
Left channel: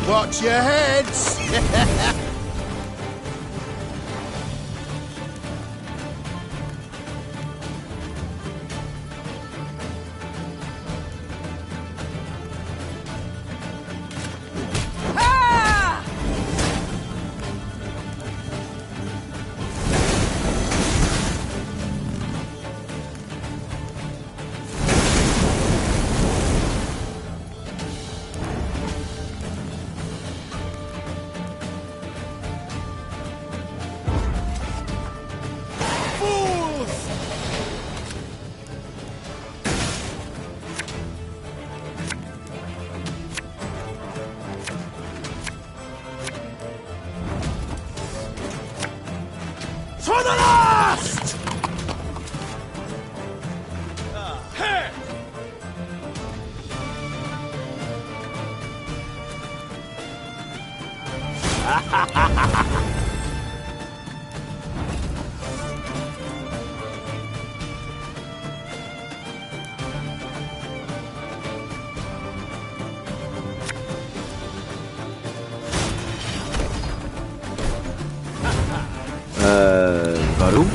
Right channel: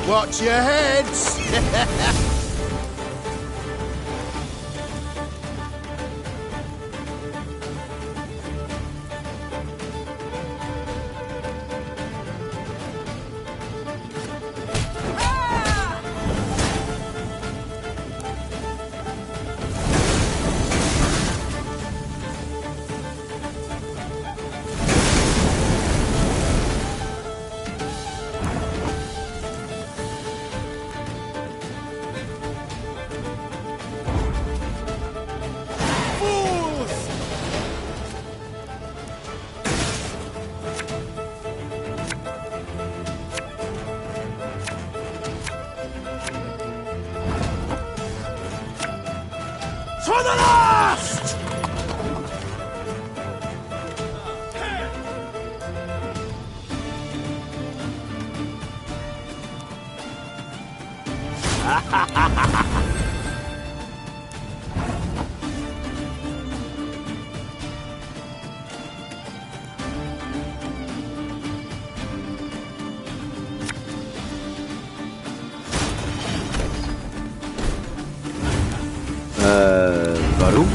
Watch your heads! For the last! Warum?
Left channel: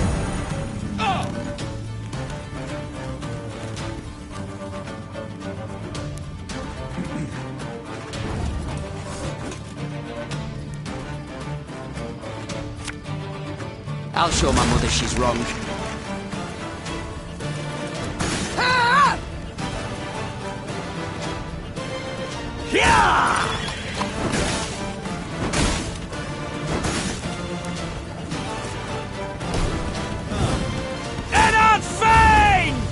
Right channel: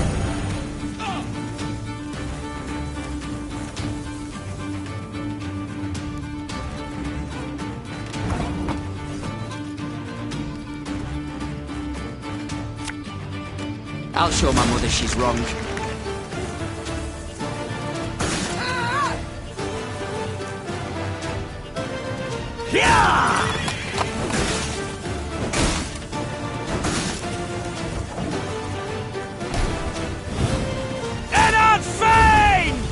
I'll show my mother she's wrong. Yeah! Eddard Fane!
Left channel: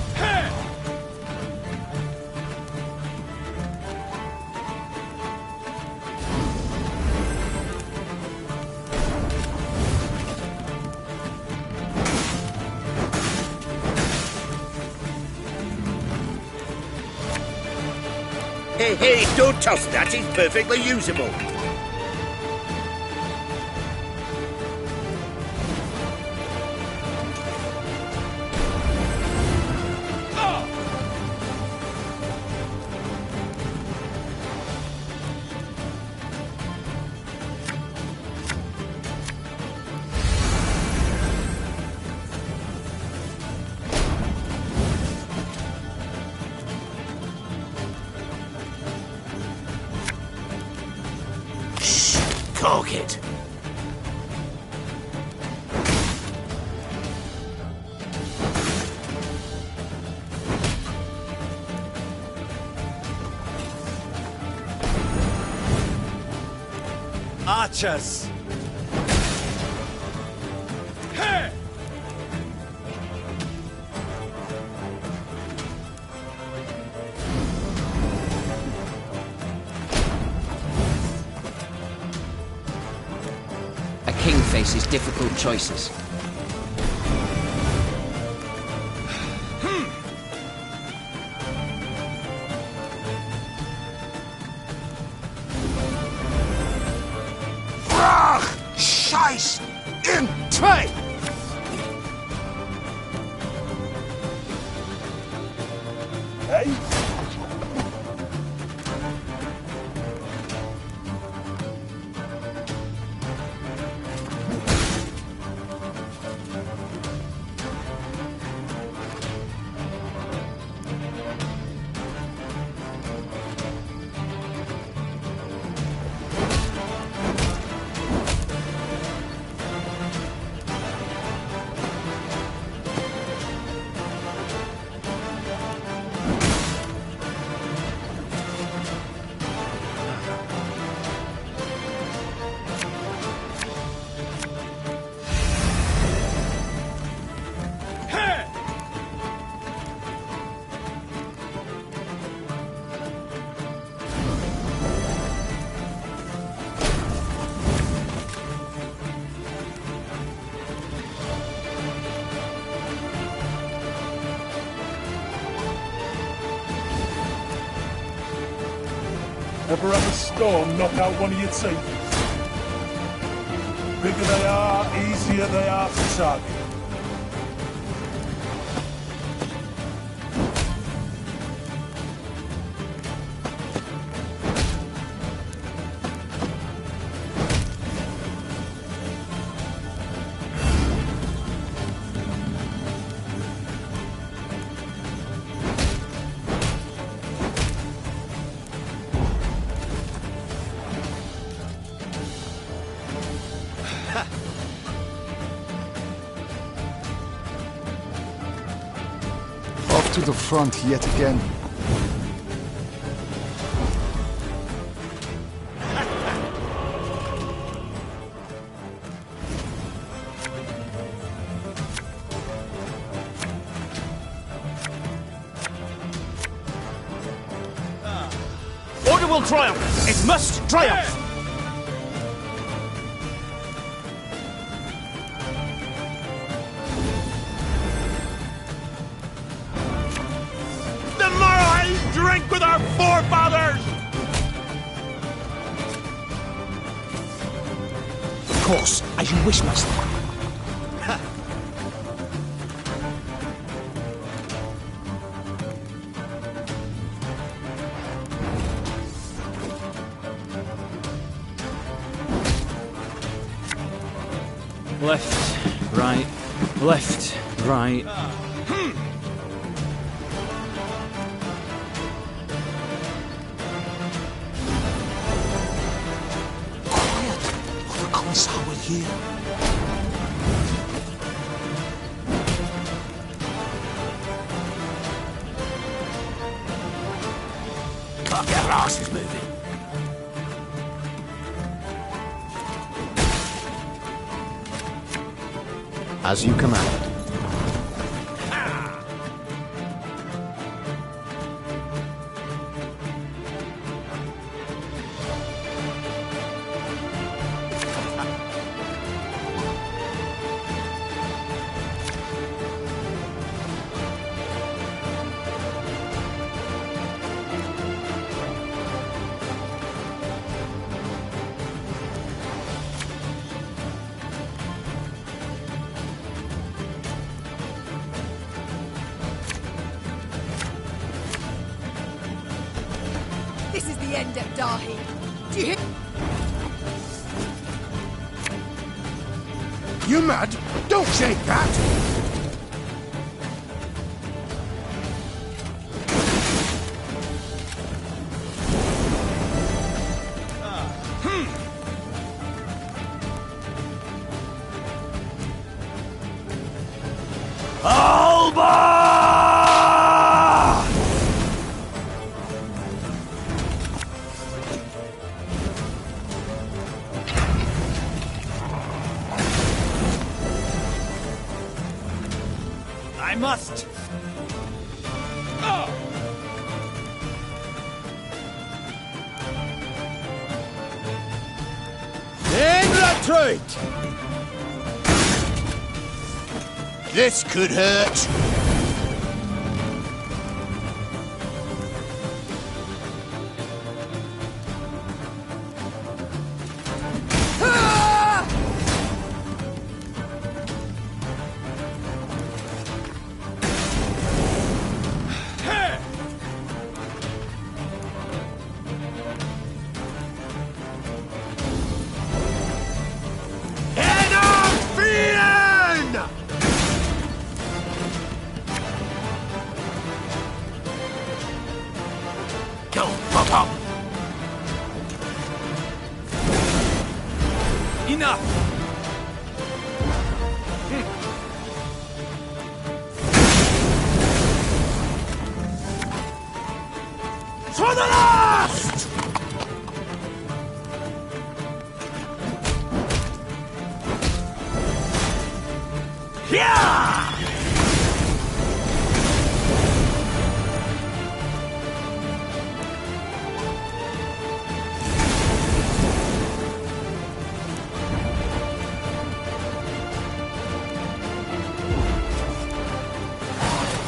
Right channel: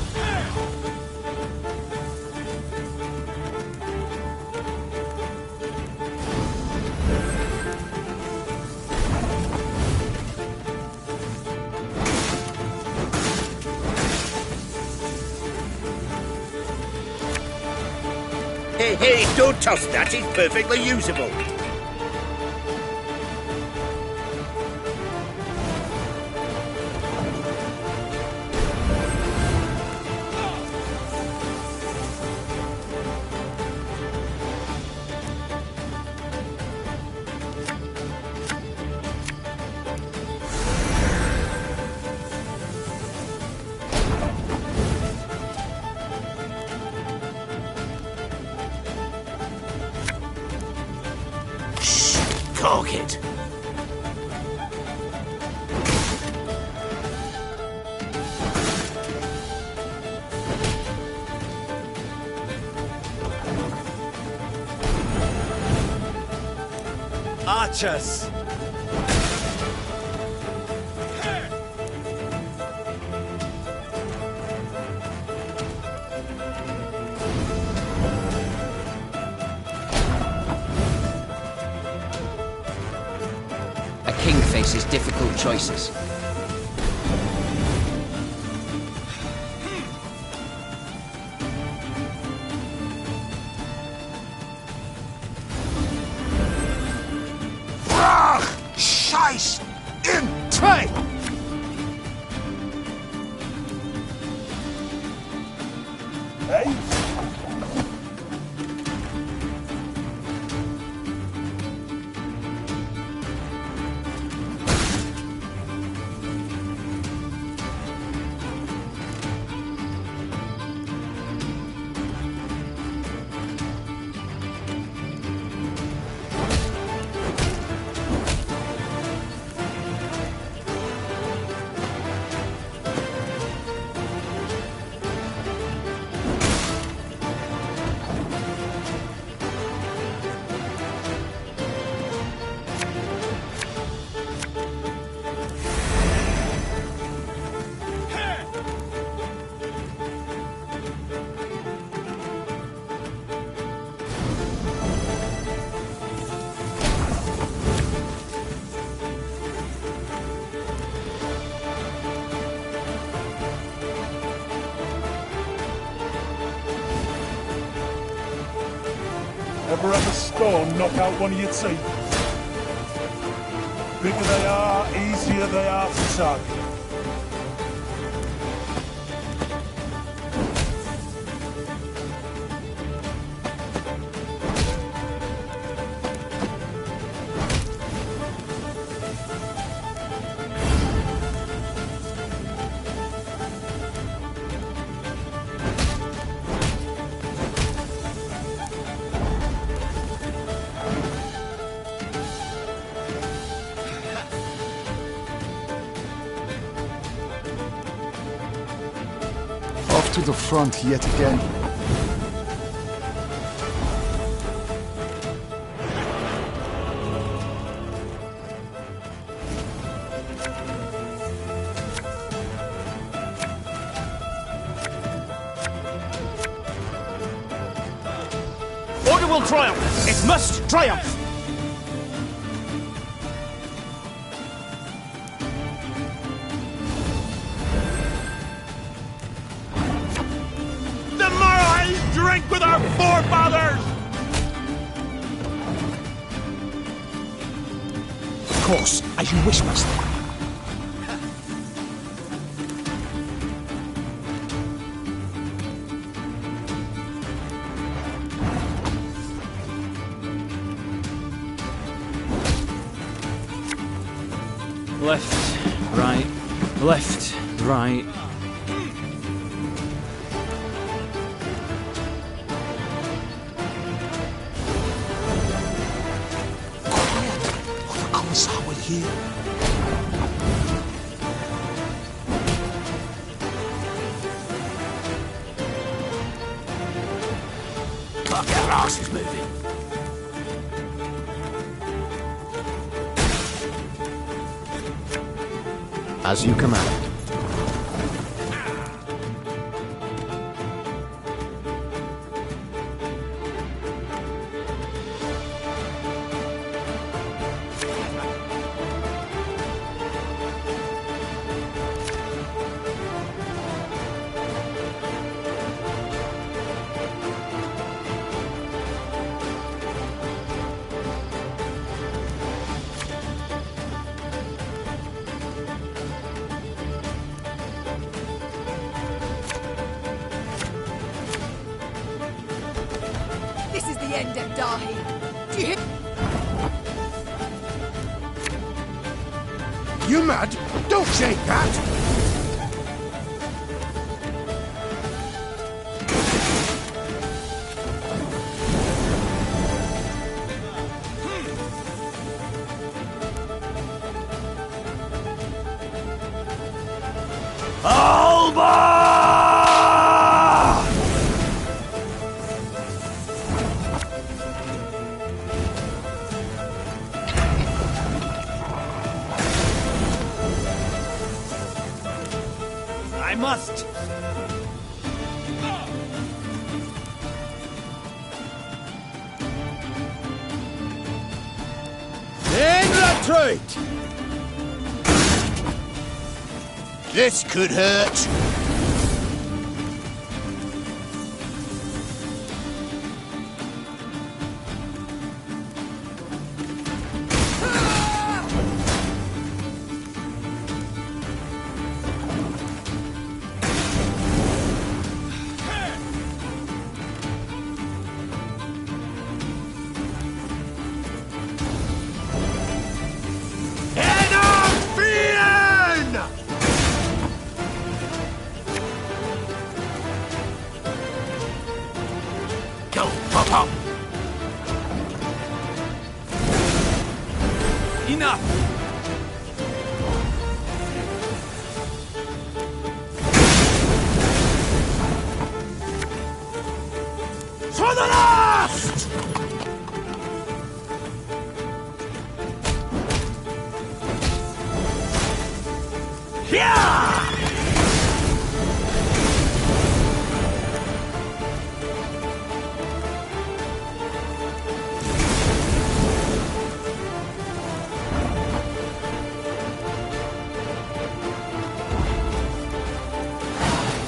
Hey, hey, don't toss that. It's perfectly usable. Cork it. Archers! A king faces difficult choices. Scheiß in zwei! Hey? Ever have a stone knock out one of your teeth? Bigger they are, easier they are to target. Off to the front yet again. Order will triumph! It must triumph! course, as you wish, master. Left, right, left, right. Quiet, or the Commissar will hear. Can't get our asses moving. As you command. This is the end of Dahi. Do you hear? You mad? Don't say that! I must. In retreat! This could hurt. Go, pop up. Enough. For the last! Yeah!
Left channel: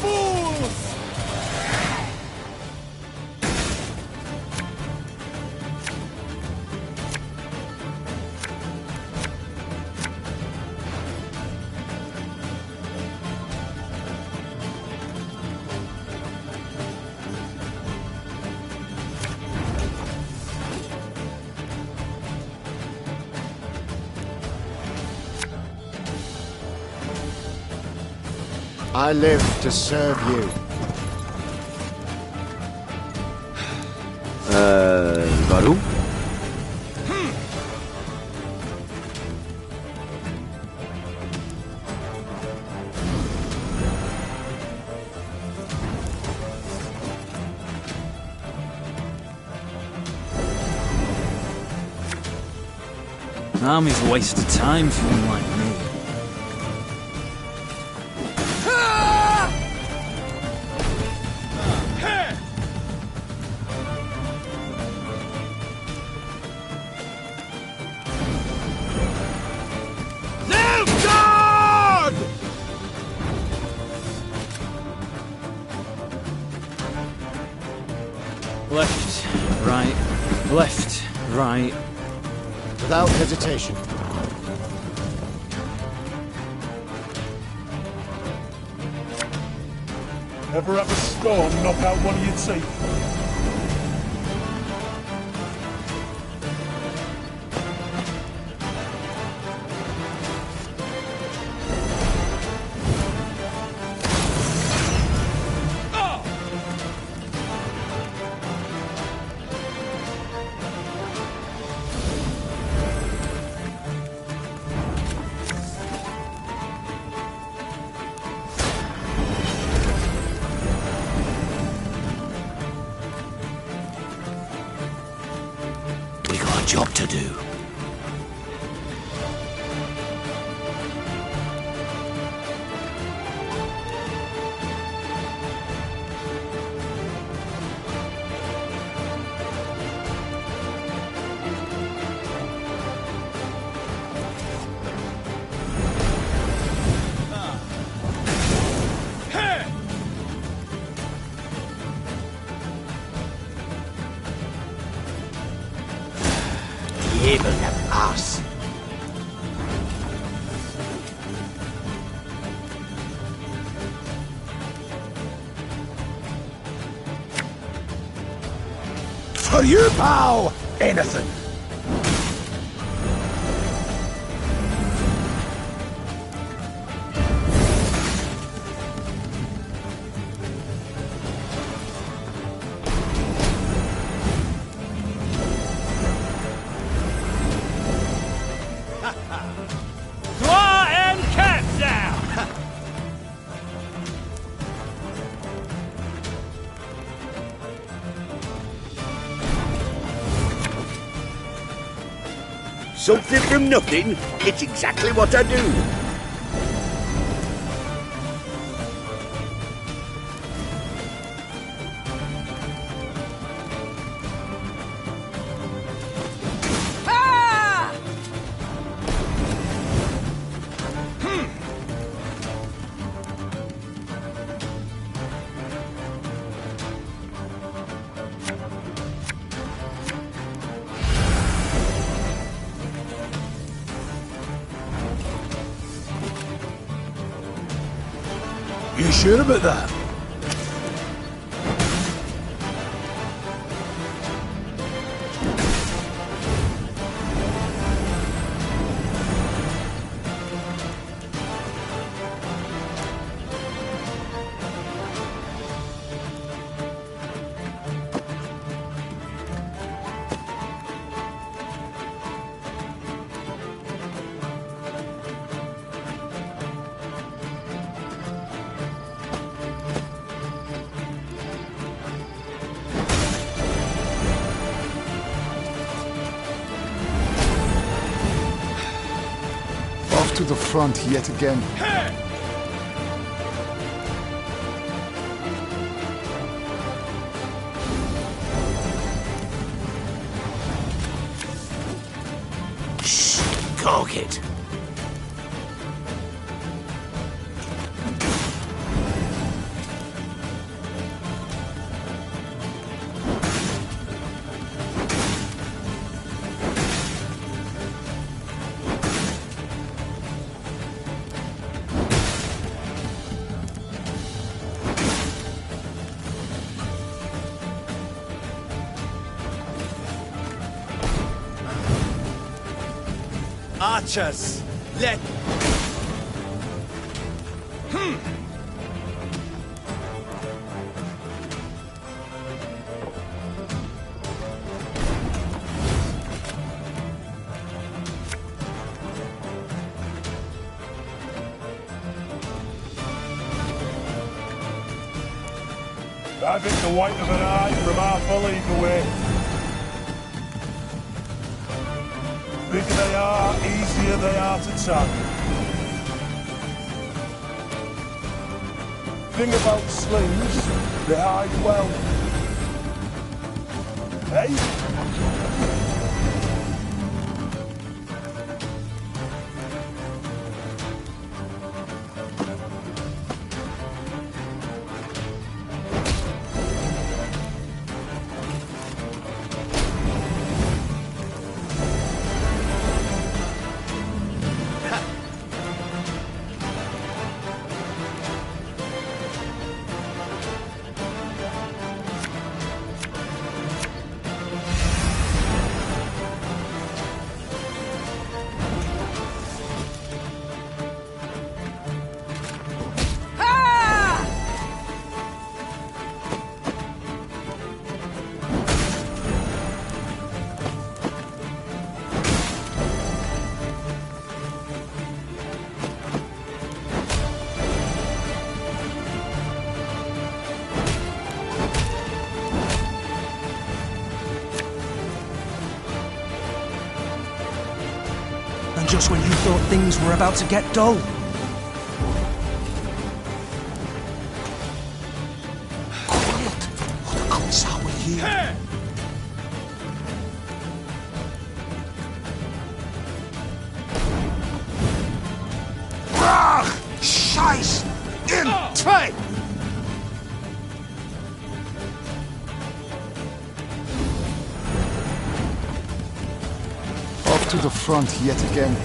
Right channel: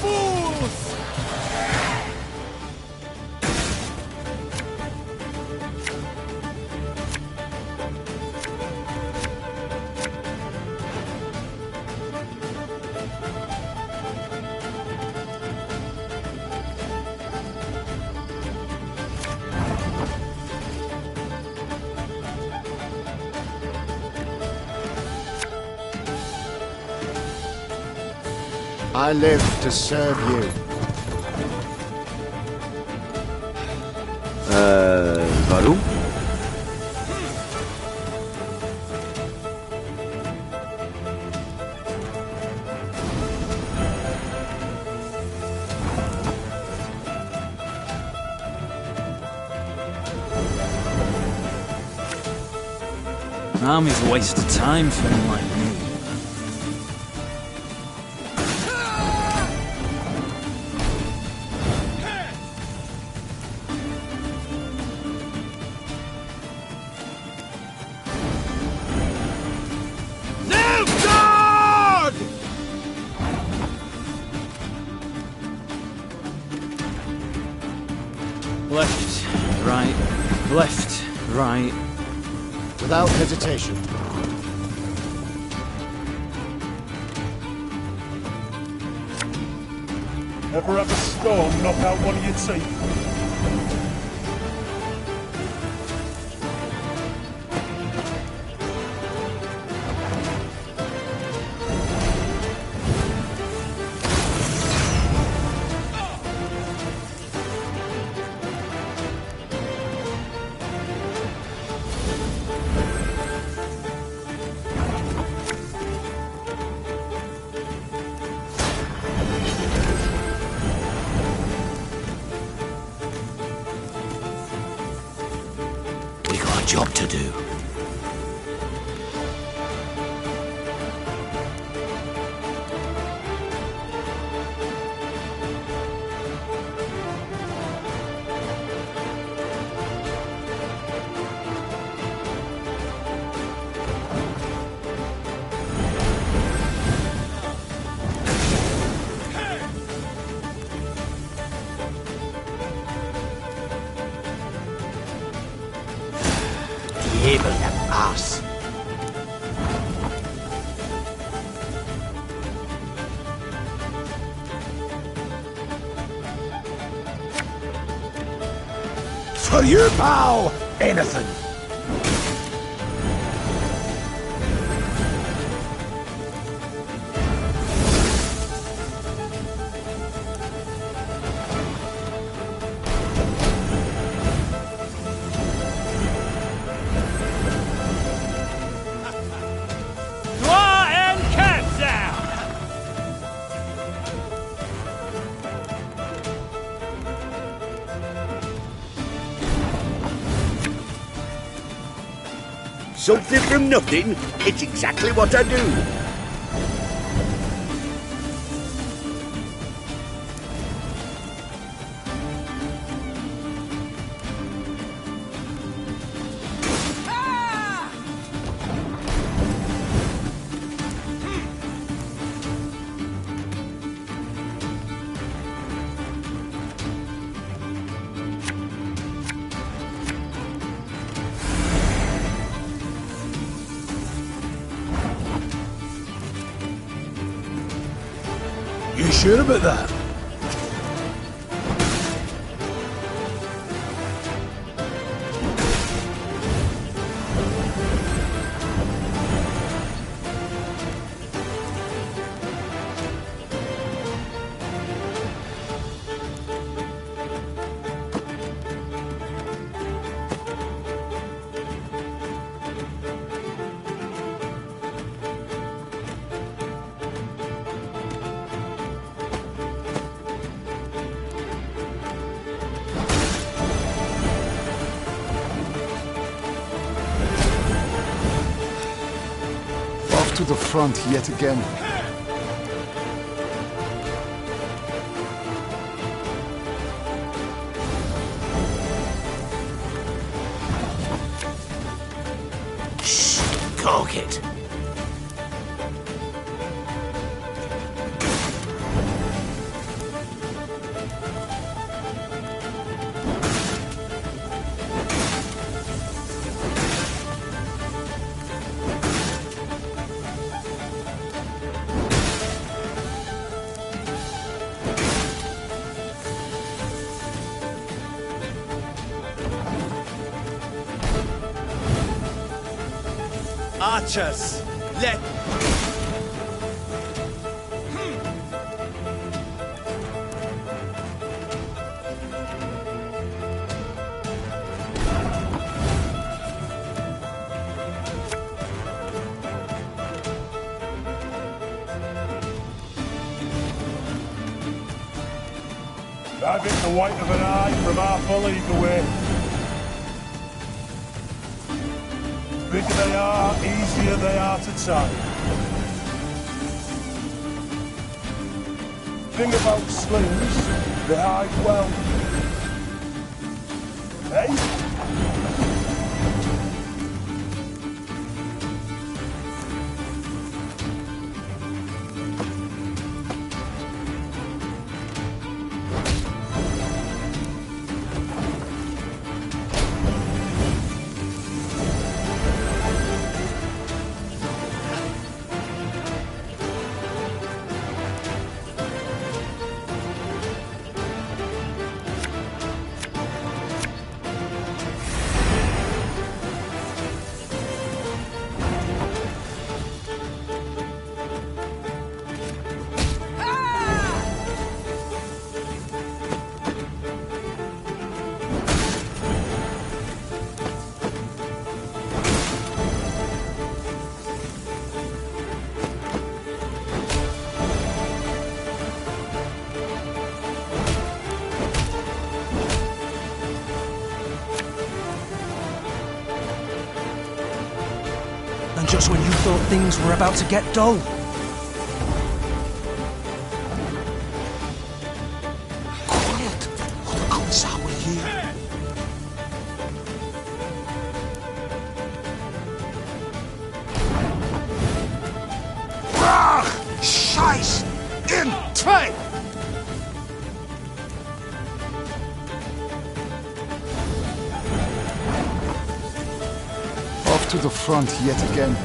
Fools! I live to serve you. Warum? An army's a waste of time for one like me. Left, right, right. Without hesitation. Ever have a stone knock out one of your teeth? Job to do. Able that ass. For you, pal! Anything! Something from nothing, it's exactly what I do. You sure about that? To the front yet again. Shh! Cork it! Archers, let... I've hit the white of an eye from half a league away. Bigger they are, easier they are to tag. Thing about slings, they hide well. Hey? And just when you thought things were about to get dull. Quiet, or the Commissar will hear. Scheiß! In time! Off to the front yet again.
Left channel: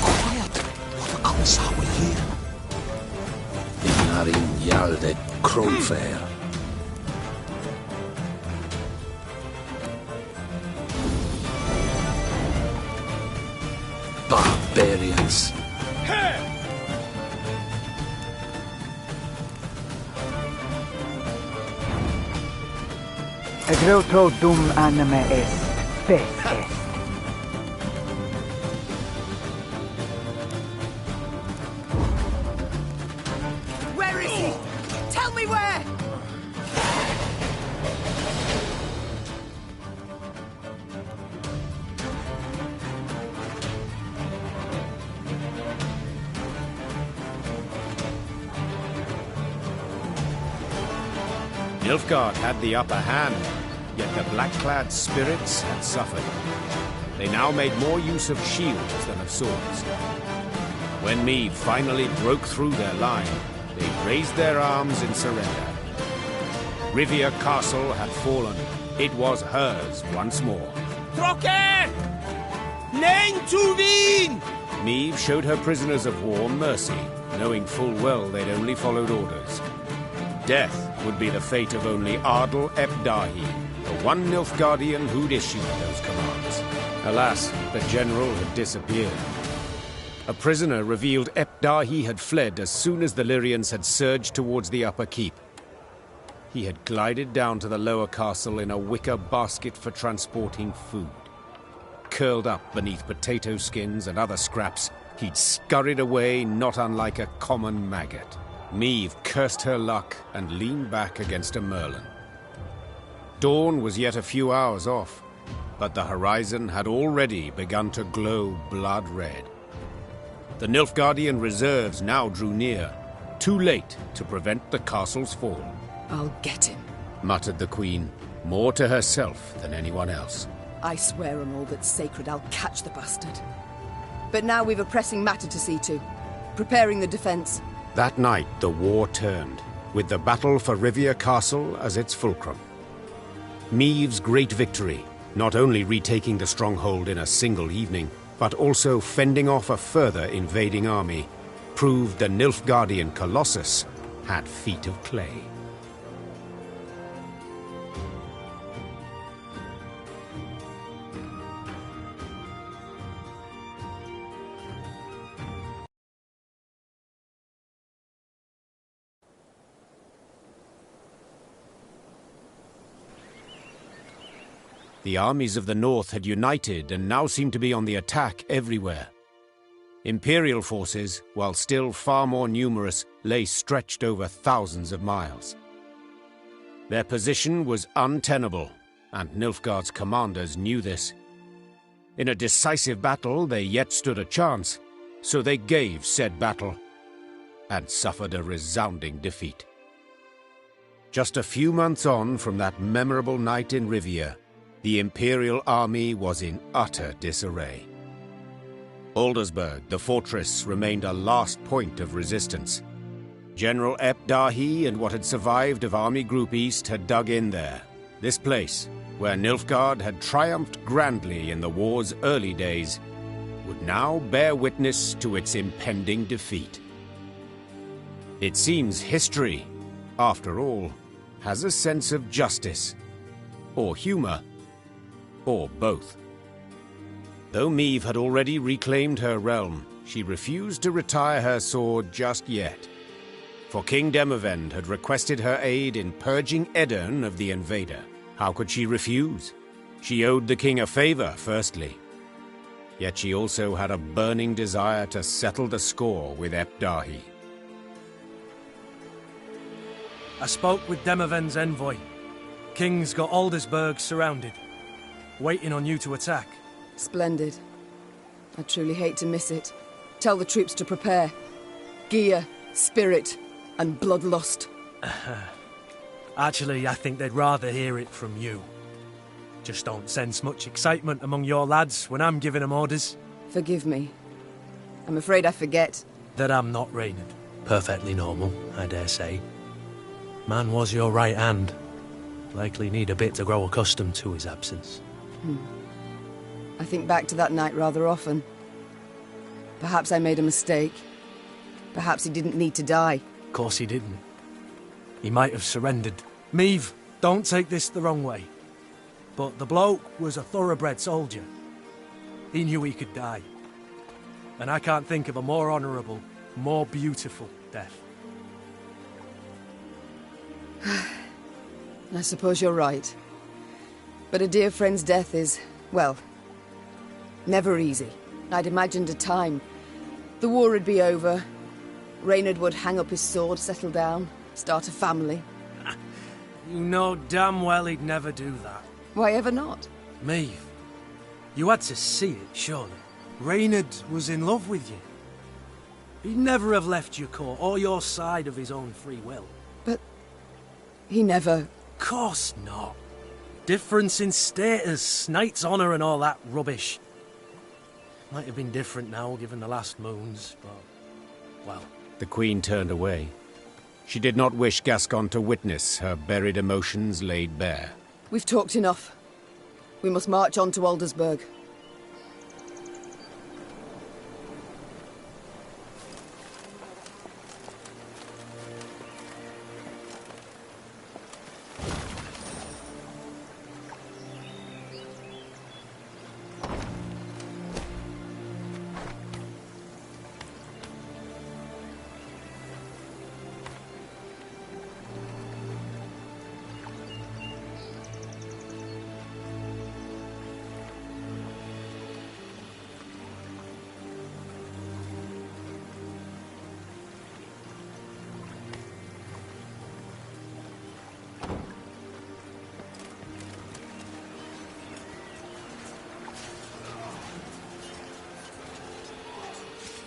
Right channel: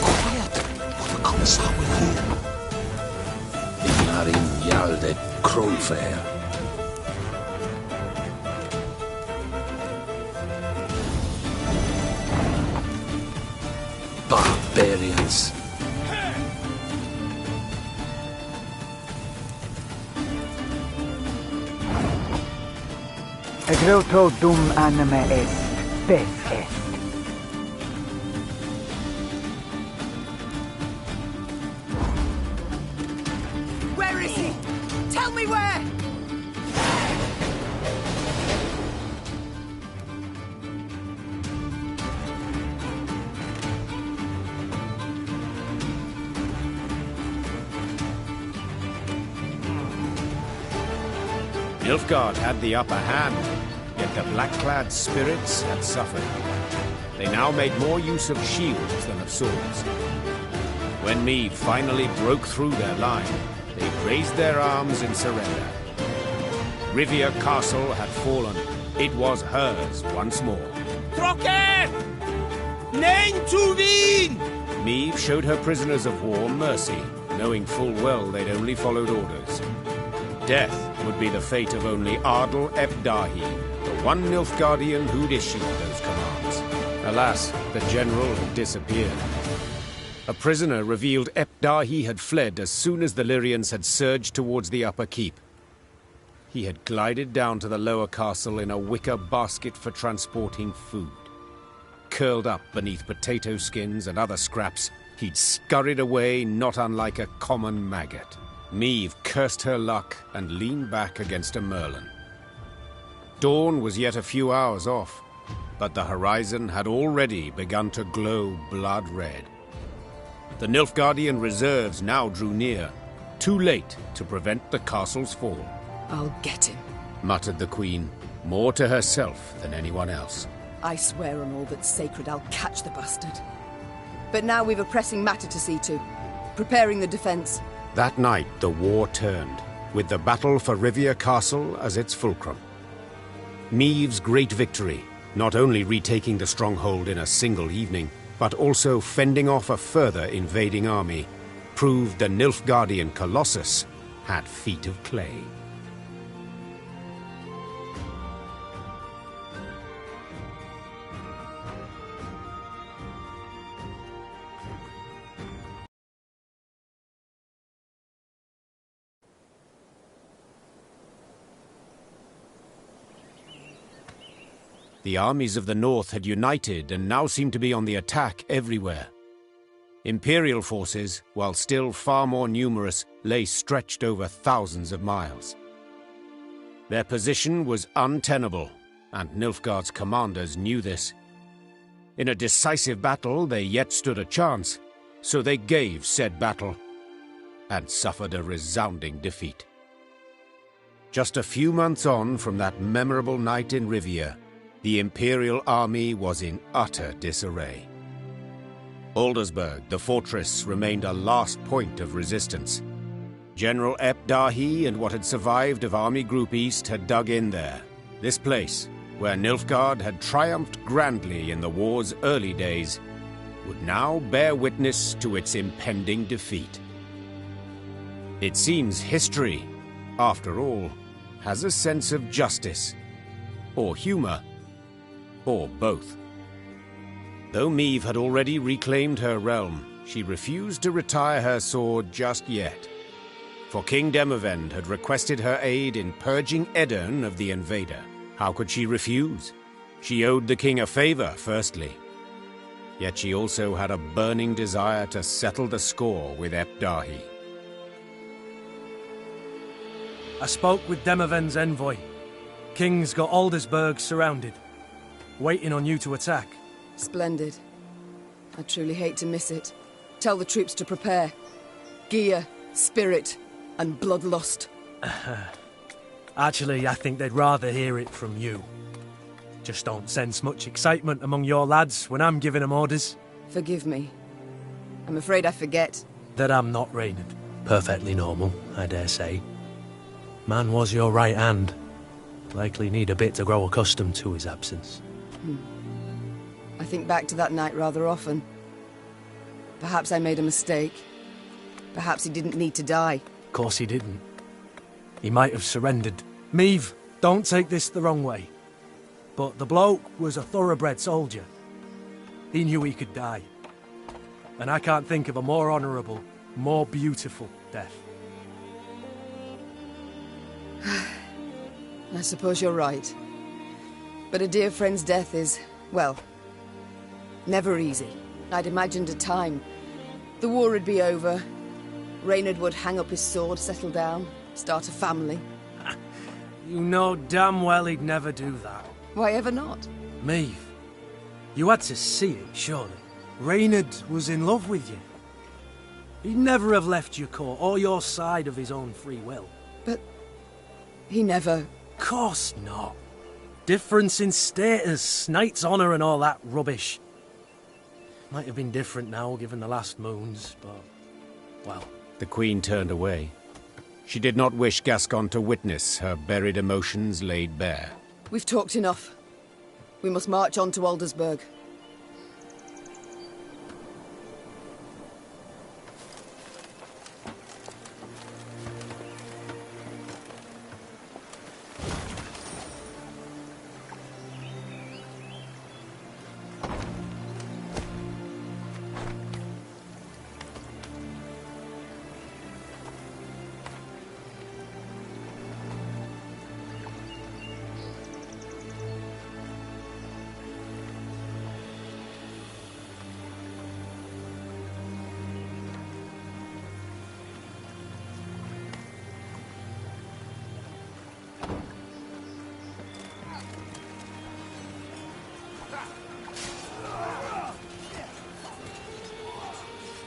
Quiet, or the Commissar will hear. Ignarin Jalde Kronfair. Barbarians. Egreutro dum anima est, spes est. Where is he? Tell me where! Nilfgaard had the upper hand, yet the black-clad spirits had suffered. They now made more use of shields than of swords. When Meve finally broke through their line, they raised their arms in surrender. Rivia Castle had fallen. It was hers once more. Trocker! Nein to Wien! Meve showed her prisoners of war mercy, knowing full well they'd only followed orders. Death would be the fate of only Ardal ep Dahi, the one Nilfgaardian who'd issued those commands. Alas, the general had disappeared. A prisoner revealed ep Dahi had fled as soon as the Lyrians had surged towards the upper keep. He had glided down to the lower castle in a wicker basket for transporting food. Curled up beneath potato skins and other scraps, he'd scurried away not unlike a common maggot. Meve cursed her luck and leaned back against a merlin. Dawn was yet a few hours off, but the horizon had already begun to glow blood red. The Nilfgaardian reserves now drew near, too late to prevent the castle's fall. I'll get him, muttered the Queen, more to herself than anyone else. I swear on all that's sacred I'll catch the bastard. But now we've a pressing matter to see to. Preparing the defense. That night the war turned, with the battle for Rivia Castle as its fulcrum. Meve's great victory, not only retaking the stronghold in a single evening, but also fending off a further invading army, proved the Nilfgaardian Colossus had feet of clay. The armies of the north had united and now seemed to be on the attack everywhere. Imperial forces, while still far more numerous, lay stretched over thousands of miles. Their position was untenable, and Nilfgaard's commanders knew this. In a decisive battle, they yet stood a chance, so they gave said battle, and suffered a resounding defeat. Just a few months on from that memorable night in Rivia, the Imperial army was in utter disarray. Aldersburg, the fortress, remained a last point of resistance. General ep Dahi and what had survived of Army Group East had dug in there. This place, where Nilfgaard had triumphed grandly in the war's early days, would now bear witness to its impending defeat. It seems history, after all, has a sense of justice, or humor, or both. Though Meve had already reclaimed her realm, she refused to retire her sword just yet. For King Demavend had requested her aid in purging Edirn of the invader. How could she refuse? She owed the king a favor, firstly. Yet she also had a burning desire to settle the score with Epdahi. I spoke with Demoven's envoy. King's got Aldersburg surrounded, waiting on you to attack. Splendid. I truly hate to miss it. Tell the troops to prepare. Gear, spirit, and bloodlust. Actually, I think they'd rather hear it from you. Just don't sense much excitement among your lads when I'm giving them orders. Forgive me. I'm afraid I forget. That I'm not Reynard. Perfectly normal, I dare say. Man was your right hand. Likely need a bit to grow accustomed to his absence. I think back to that night rather often. Perhaps I made a mistake. Perhaps he didn't need to die. Of course he didn't. He might have surrendered. Meve, don't take this the wrong way. But the bloke was a thoroughbred soldier. He knew he could die. And I can't think of a more honourable, more beautiful death. I suppose you're right. But a dear friend's death is, well, never easy. I'd imagined a time. The war would be over. Reynard would hang up his sword, settle down, start a family. You know damn well he'd never do that. Why ever not? Meve, you had to see it, surely. Reynard was in love with you. He'd never have left your court or your side of his own free will. But he never... Course not. Difference in status, knight's honour and all that rubbish. Might have been different now, given the last moons, but... well... The Queen turned away. She did not wish Gascon to witness her buried emotions laid bare. We've talked enough. We must march on to Aldersburg.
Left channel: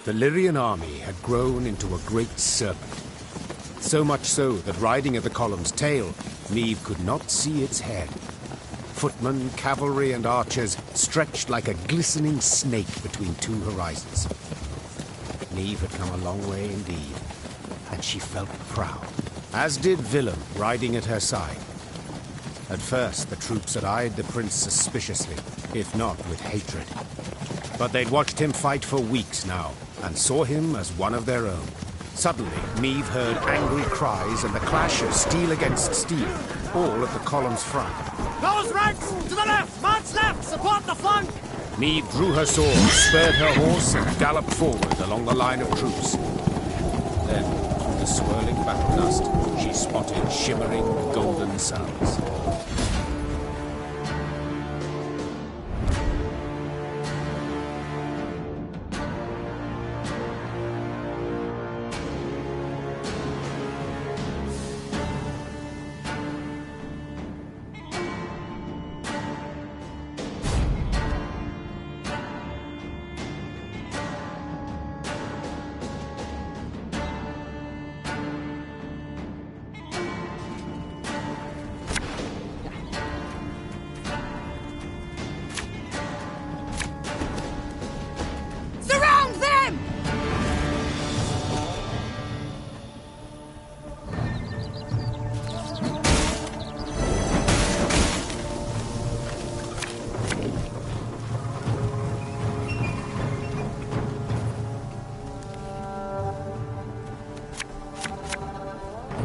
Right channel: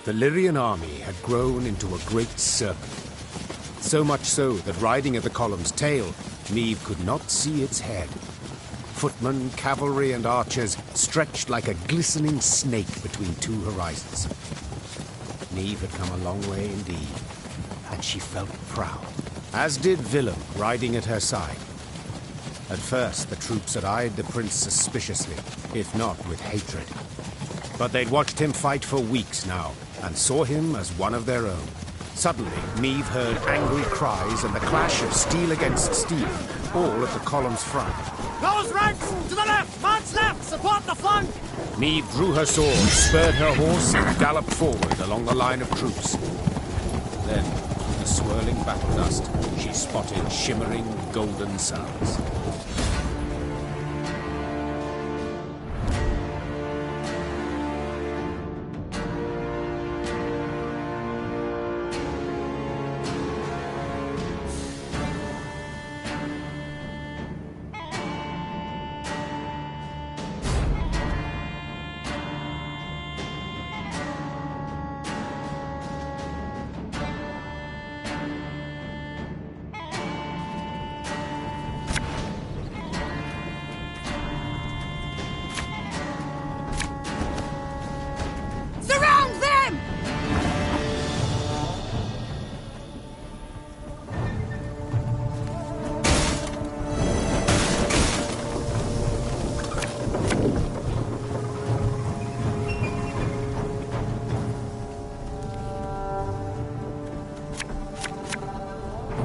The Lyrian army had grown into a great serpent. So much so that riding at the column's tail, Meve could not see its head. Footmen, cavalry, and archers stretched like a glistening snake between two horizons. Meve had come a long way indeed, and she felt proud, as did Willem riding at her side. At first, the troops had eyed the prince suspiciously, if not with hatred. But they'd watched him fight for weeks now, and saw him as one of their own. Suddenly, Meve heard angry cries and the clash of steel against steel, all at the column's front. Close ranks! To the left! March left! Support the flank! Meve drew her sword, spurred her horse, and galloped forward along the line of troops. Then, through the swirling battle dust, she spotted shimmering golden suns.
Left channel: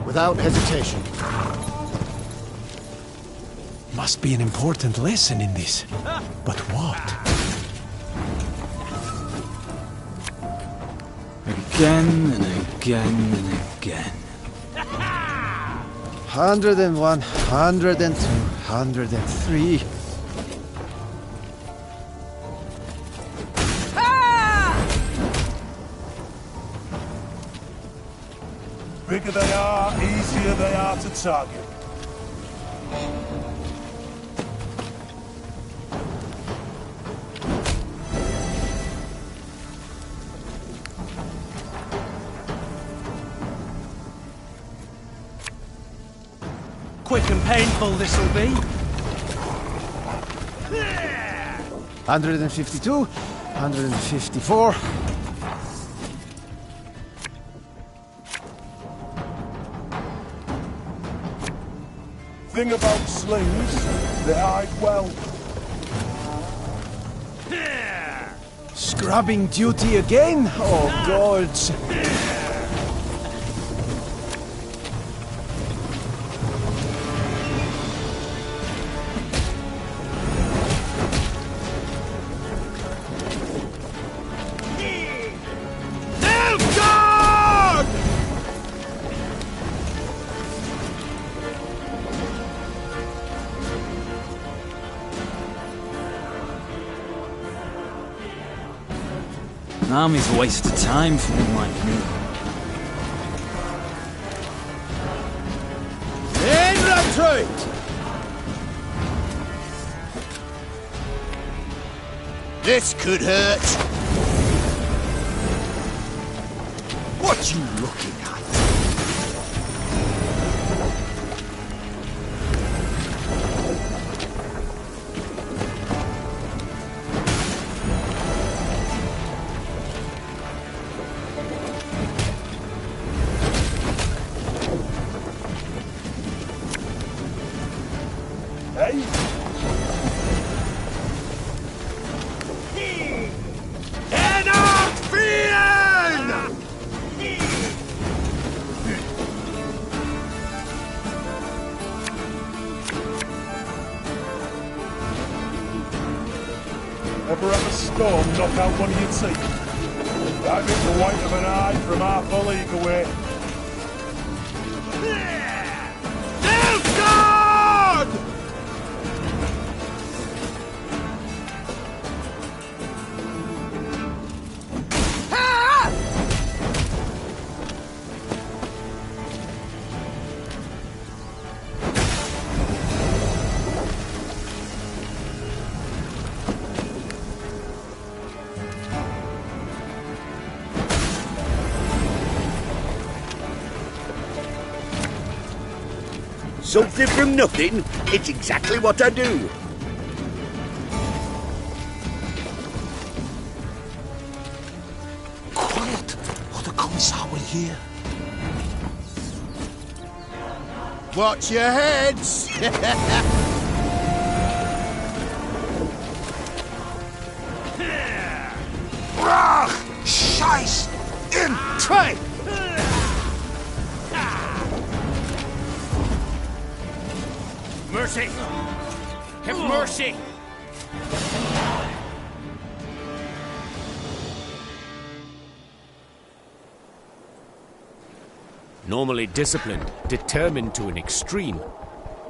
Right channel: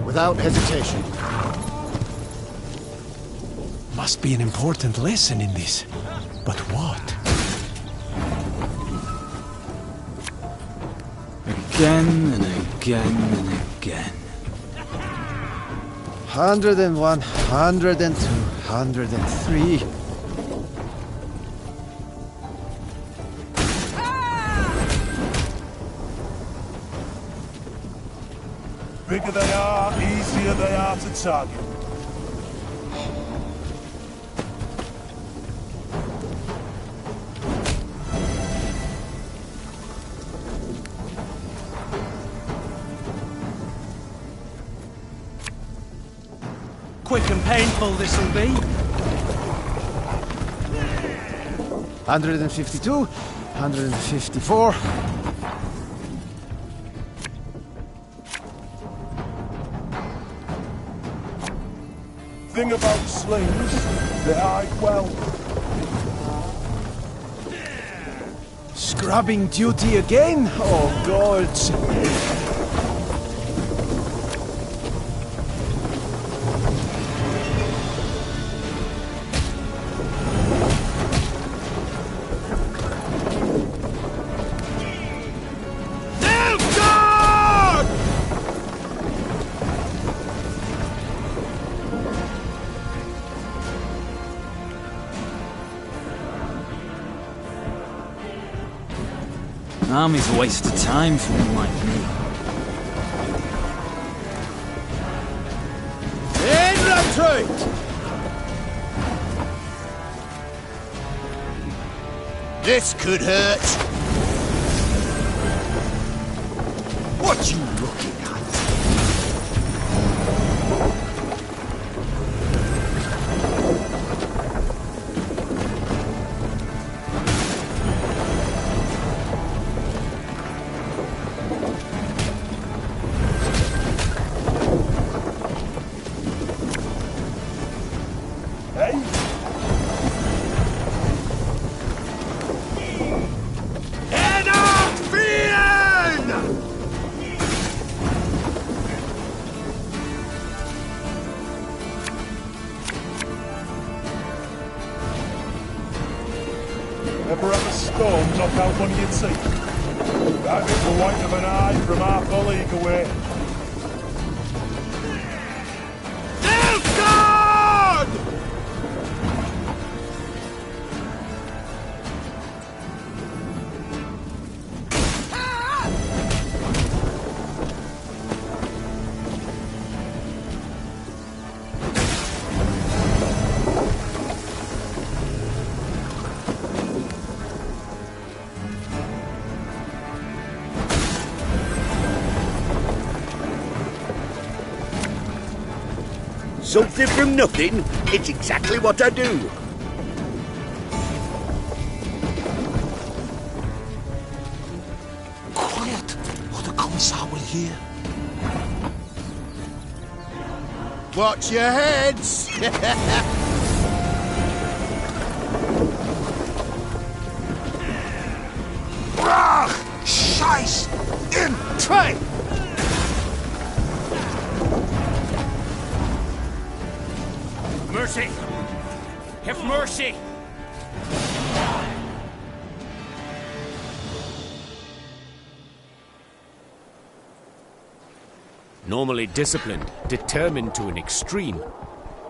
Without hesitation. Must be an important lesson in this. But what? Again and again and again. 101, 102, 103. Bigger they are, easier they are to target. Quick and painful this'll be. 152, 154. Thing about slings, they hide well. Scrubbing duty again? Oh, gods. An army's a waste of time for one like me. In retreat! This could hurt. What you looking at? Ever have a storm knock out one of your teeth? That hit the white of an eye from half a league away. Nilfgaard! Something from nothing? It's exactly what I do. Quiet, or the Commissar will hear. Watch your heads! Brach! Scheiß! In train! Mercy! Have mercy! Normally disciplined, determined to an extreme,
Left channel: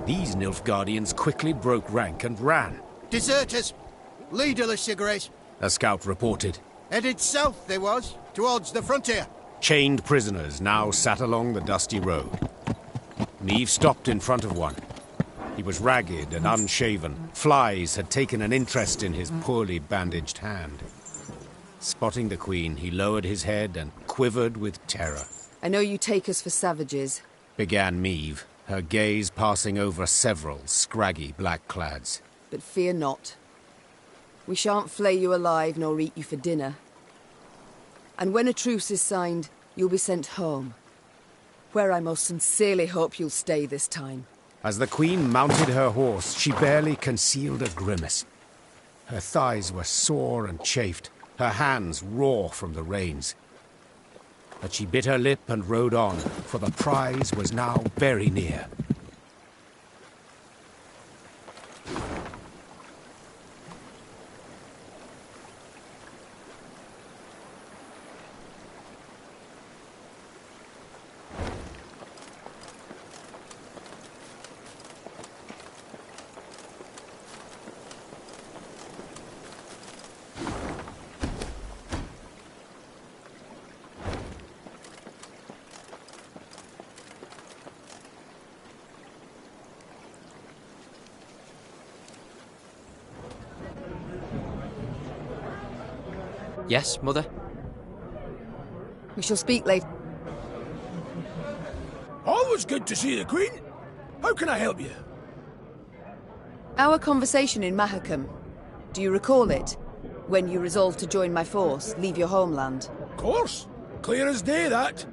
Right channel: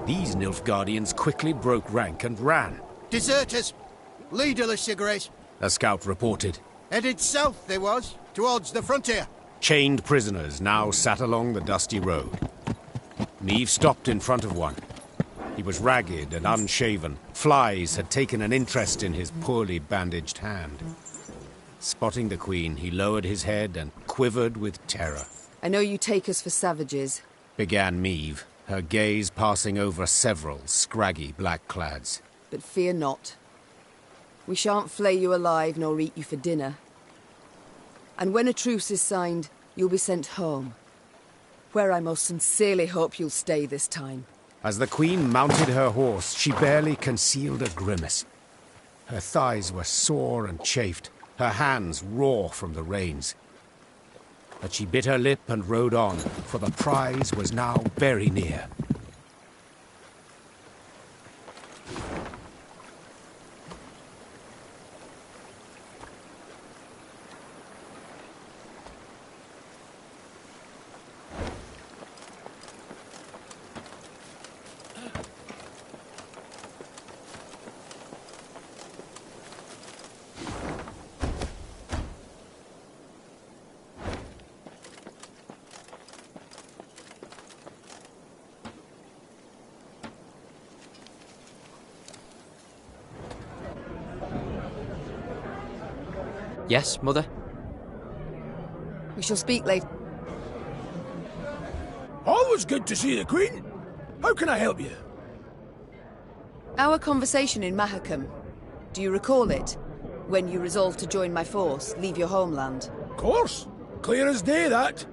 these Nilfgaardians quickly broke rank and ran. Deserters! Leaderless, your grace. A scout reported. Headed south they was, towards the frontier. Chained prisoners now sat along the dusty road. Meve stopped in front of one. He was ragged and unshaven. Flies had taken an interest in his poorly bandaged hand. Spotting the Queen, he lowered his head and quivered with terror. I know you take us for savages, Began Meve, her gaze passing over several scraggy black-clads. but fear not. We shan't flay you alive nor eat you for dinner. And when a truce is signed, you'll be sent home, where I most sincerely hope you'll stay this time. As the Queen mounted her horse, she barely concealed a grimace. Her thighs were sore and chafed, her hands raw from the reins. But she bit her lip and rode on, for the prize was now very near. Yes, Mother? We shall speak later. Always good to see the Queen. How can I help you? Our conversation in Mahakam. Do you recall it? When you resolved to join my force, leave your homeland. Of course. Clear as day, that.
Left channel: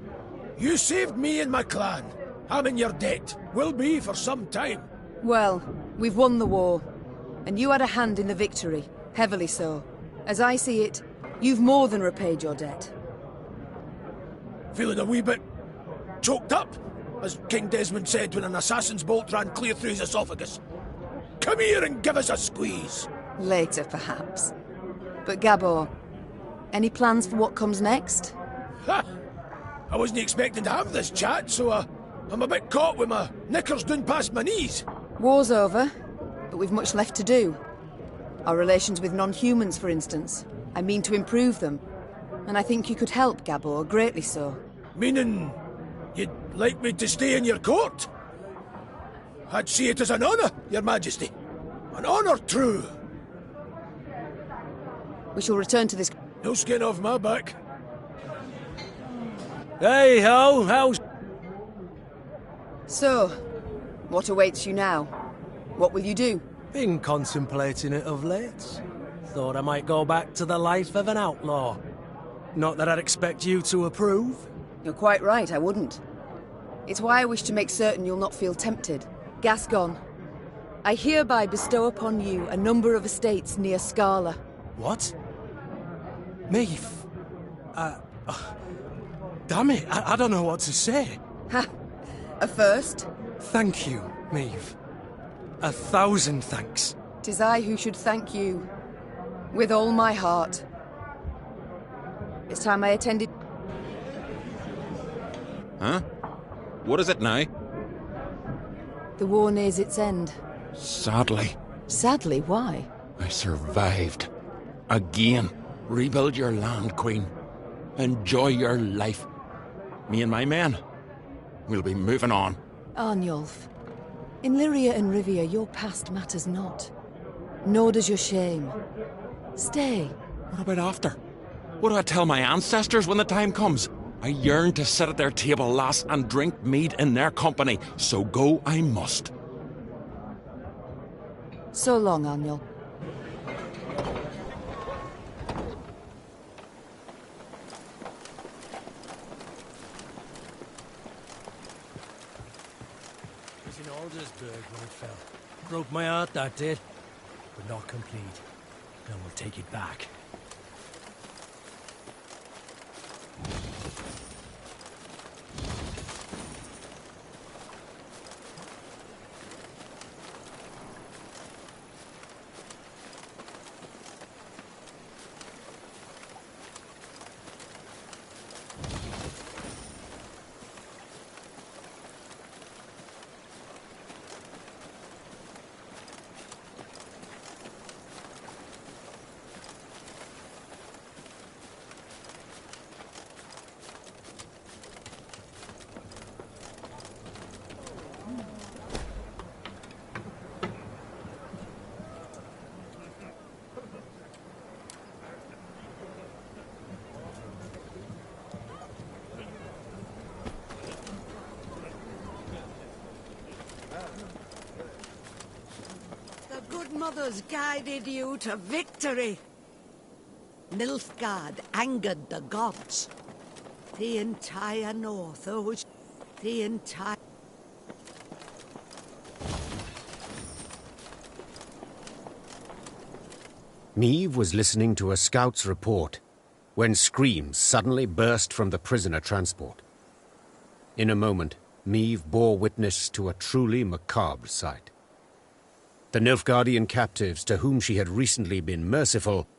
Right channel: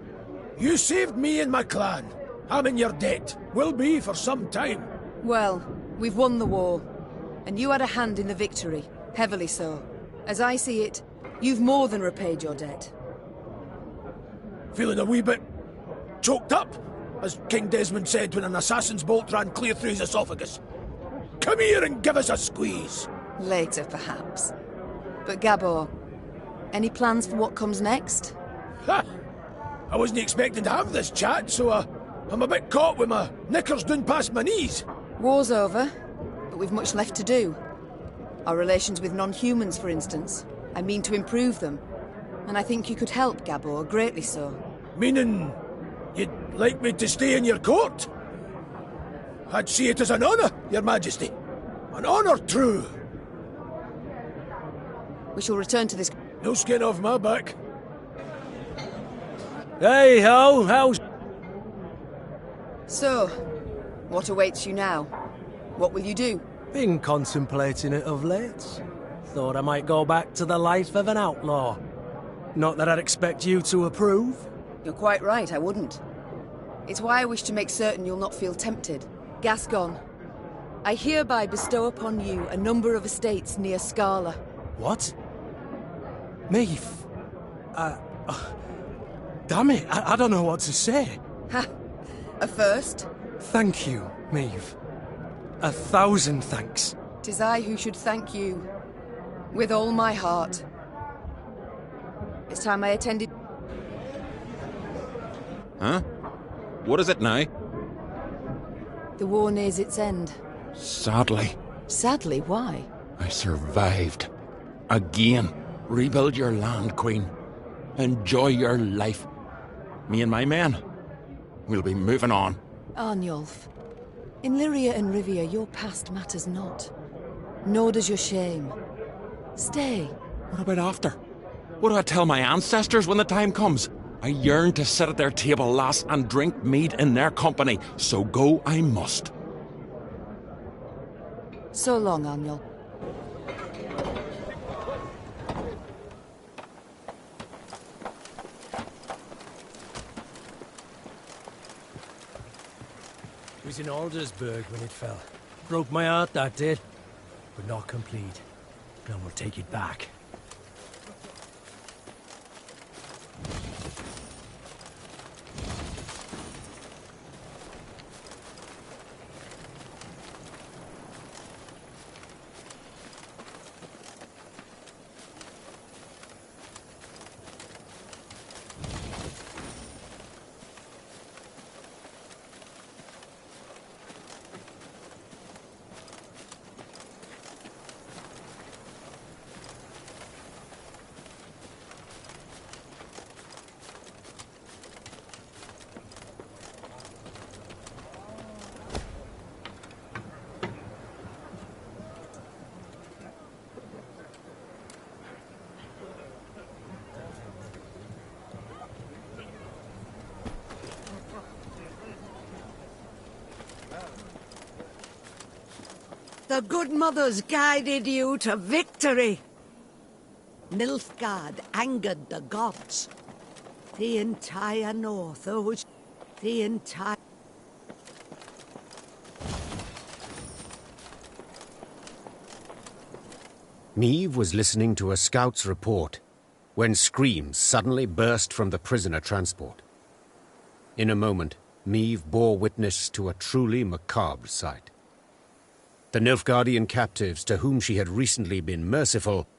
You saved me and my clan. I'm in your debt. Will be for some time. Well, we've won the war. And you had a hand in the victory. Heavily so. As I see it, you've more than repaid your debt. Feeling a wee bit choked up, as King Desmond said when an assassin's bolt ran clear through his esophagus. Come here and give us a squeeze. Later, perhaps. But Gabor, any plans for what comes next? Ha! I wasn't expecting to have this chat, so I'm a bit caught with my knickers down past my knees. War's over, but we've much left to do. Our relations with non-humans, for instance. I mean to improve them. And I think you could help, Gabor, greatly so. Meaning, you'd like me to stay in your court? I'd see it as an honour, your majesty. An honour true. We shall return to this... No skin off my back. Hey ho, how's... So, what awaits you now? What will you do? Been contemplating it of late. Thought I might go back to the life of an outlaw. Not that I'd expect you to approve. You're quite right, I wouldn't. It's why I wish to make certain you'll not feel tempted. Gascon, I hereby bestow upon you a number of estates near Scala. What? Meve? Damn it, I don't know what to say. Ha! A first? Thank you, Meve. 1,000 thanks. 'Tis I who should thank you. With all my heart. It's time I attended... Huh? What is it now? The war nears its end. Sadly. Sadly, why? I survived. Again. Rebuild your land, Queen. Enjoy your life. Me and my men. We'll be moving on. Arnulf, in Lyria and Rivia, your past matters not. Nor does your shame. Stay. What about after? What do I tell my ancestors when the time comes? I yearn to sit at their table, lass, and drink mead in their company, so go I must. So long, Arnul. It was in Aldersburg when it fell. Broke my heart, that did. But not complete. Now we'll take it back. The good mothers guided you to victory. Nilfgaard angered the gods. The entire north owes... The entire... Meve was listening to a scout's report when screams suddenly burst from the prisoner transport. In a moment, Meve bore witness to a truly macabre sight. The Nilfgaardian captives to whom she had recently been merciful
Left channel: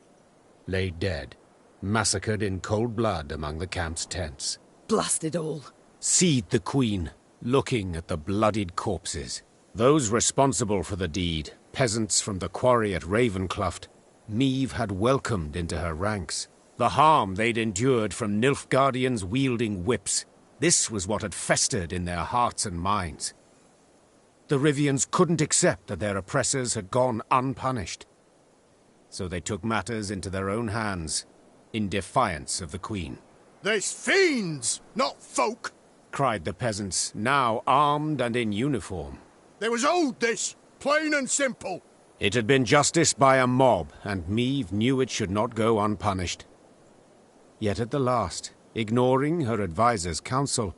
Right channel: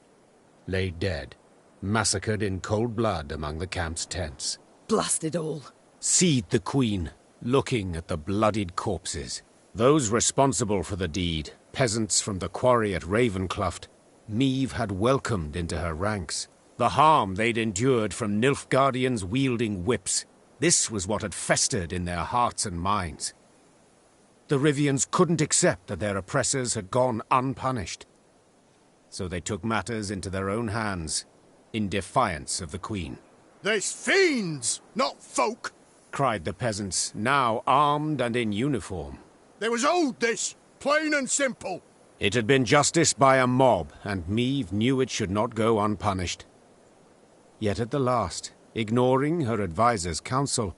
lay dead, massacred in cold blood among the camp's tents. Blast it all. Seethed the Queen, looking at the bloodied corpses. Those responsible for the deed, peasants from the quarry at Ravencloft, Meve had welcomed into her ranks. The harm they'd endured from Nilfgaardians wielding whips, this was what had festered in their hearts and minds. The Rivians couldn't accept that their oppressors had gone unpunished. So they took matters into their own hands, in defiance of the Queen. There's fiends, not folk! Cried the peasants, now armed and in uniform. There was owed this, plain and simple. It had been justice by a mob, and Meve knew it should not go unpunished. Yet at the last, ignoring her advisor's counsel,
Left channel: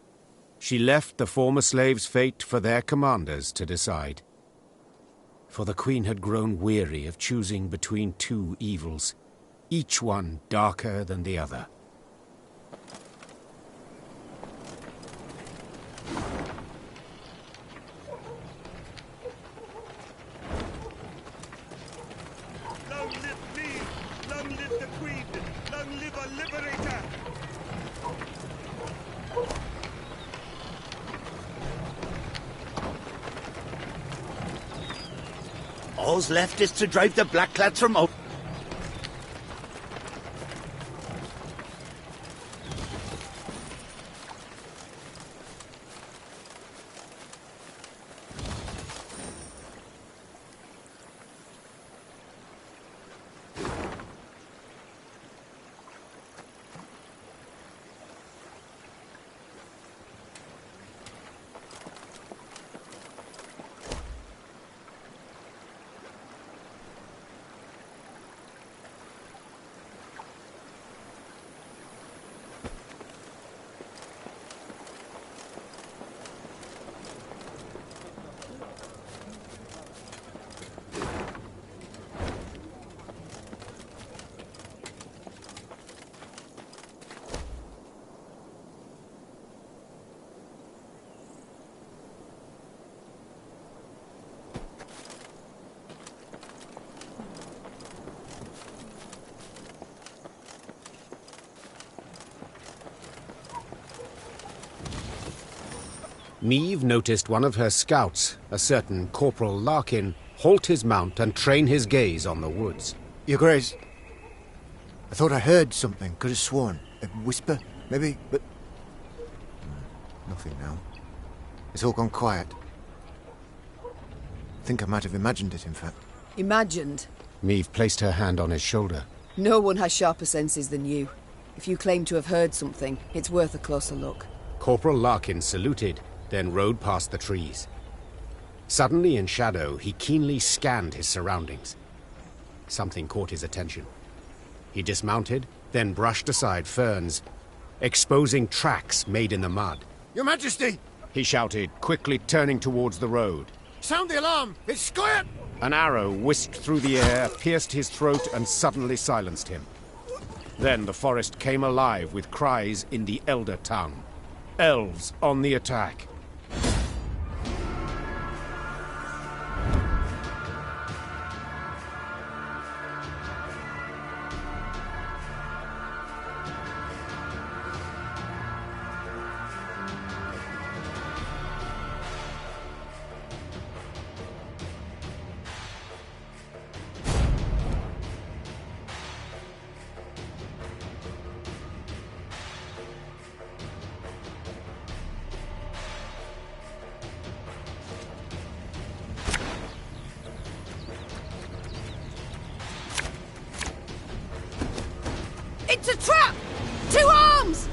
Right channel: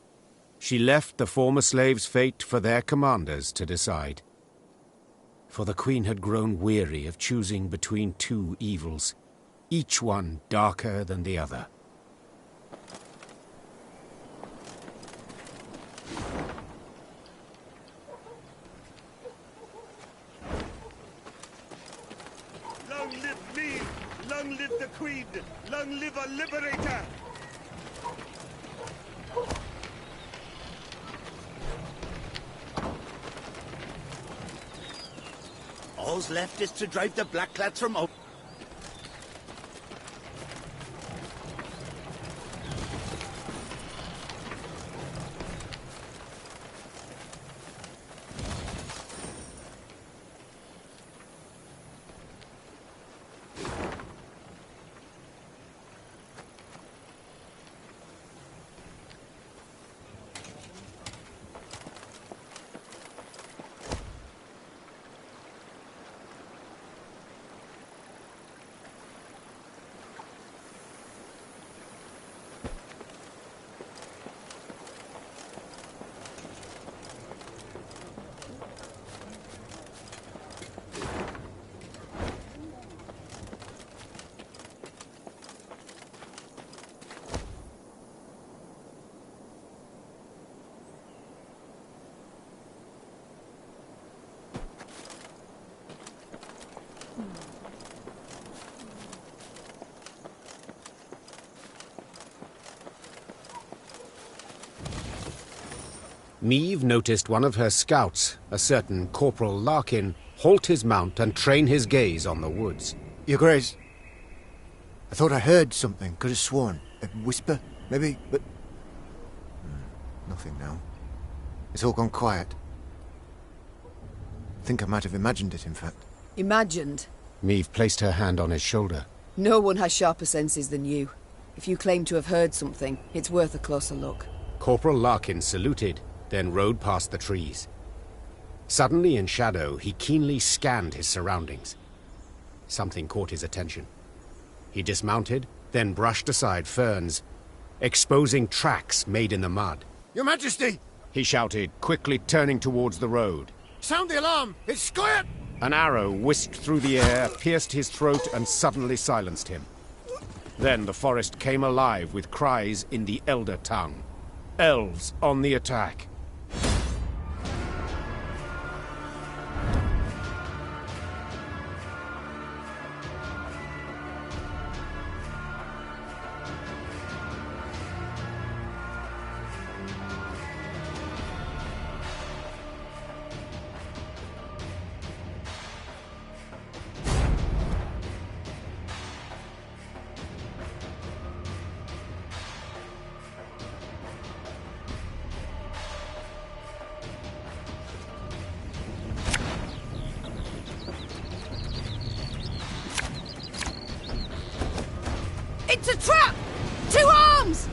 she left the former slaves' fate for their commanders to decide. For the Queen had grown weary of choosing between two evils, each one darker than the other. Long live me! Long live the Queen! Long live our liberator! All's left is to drive the Blackclads from out. Meve noticed one of her scouts, a certain Corporal Larkin, halt his mount and train his gaze on the woods. Your Grace, I thought I heard something, could have sworn. A whisper, maybe, but... nothing now. It's all gone quiet. I think I might have imagined it, in fact. Imagined? Meve placed her hand on his shoulder. No one has sharper senses than you. If you claim to have heard something, it's worth a closer look. Corporal Larkin saluted, then rode past the trees. Suddenly in shadow, he keenly scanned his surroundings. Something caught his attention. He dismounted, then brushed aside ferns, exposing tracks made in the mud. Your Majesty! He shouted, quickly turning towards the road. Sound the alarm! It's squirt! An arrow whisked through the air, pierced his throat, and suddenly silenced him. Then the forest came alive with cries in the Elder tongue. Elves on the attack. It's a trap! 2 arms!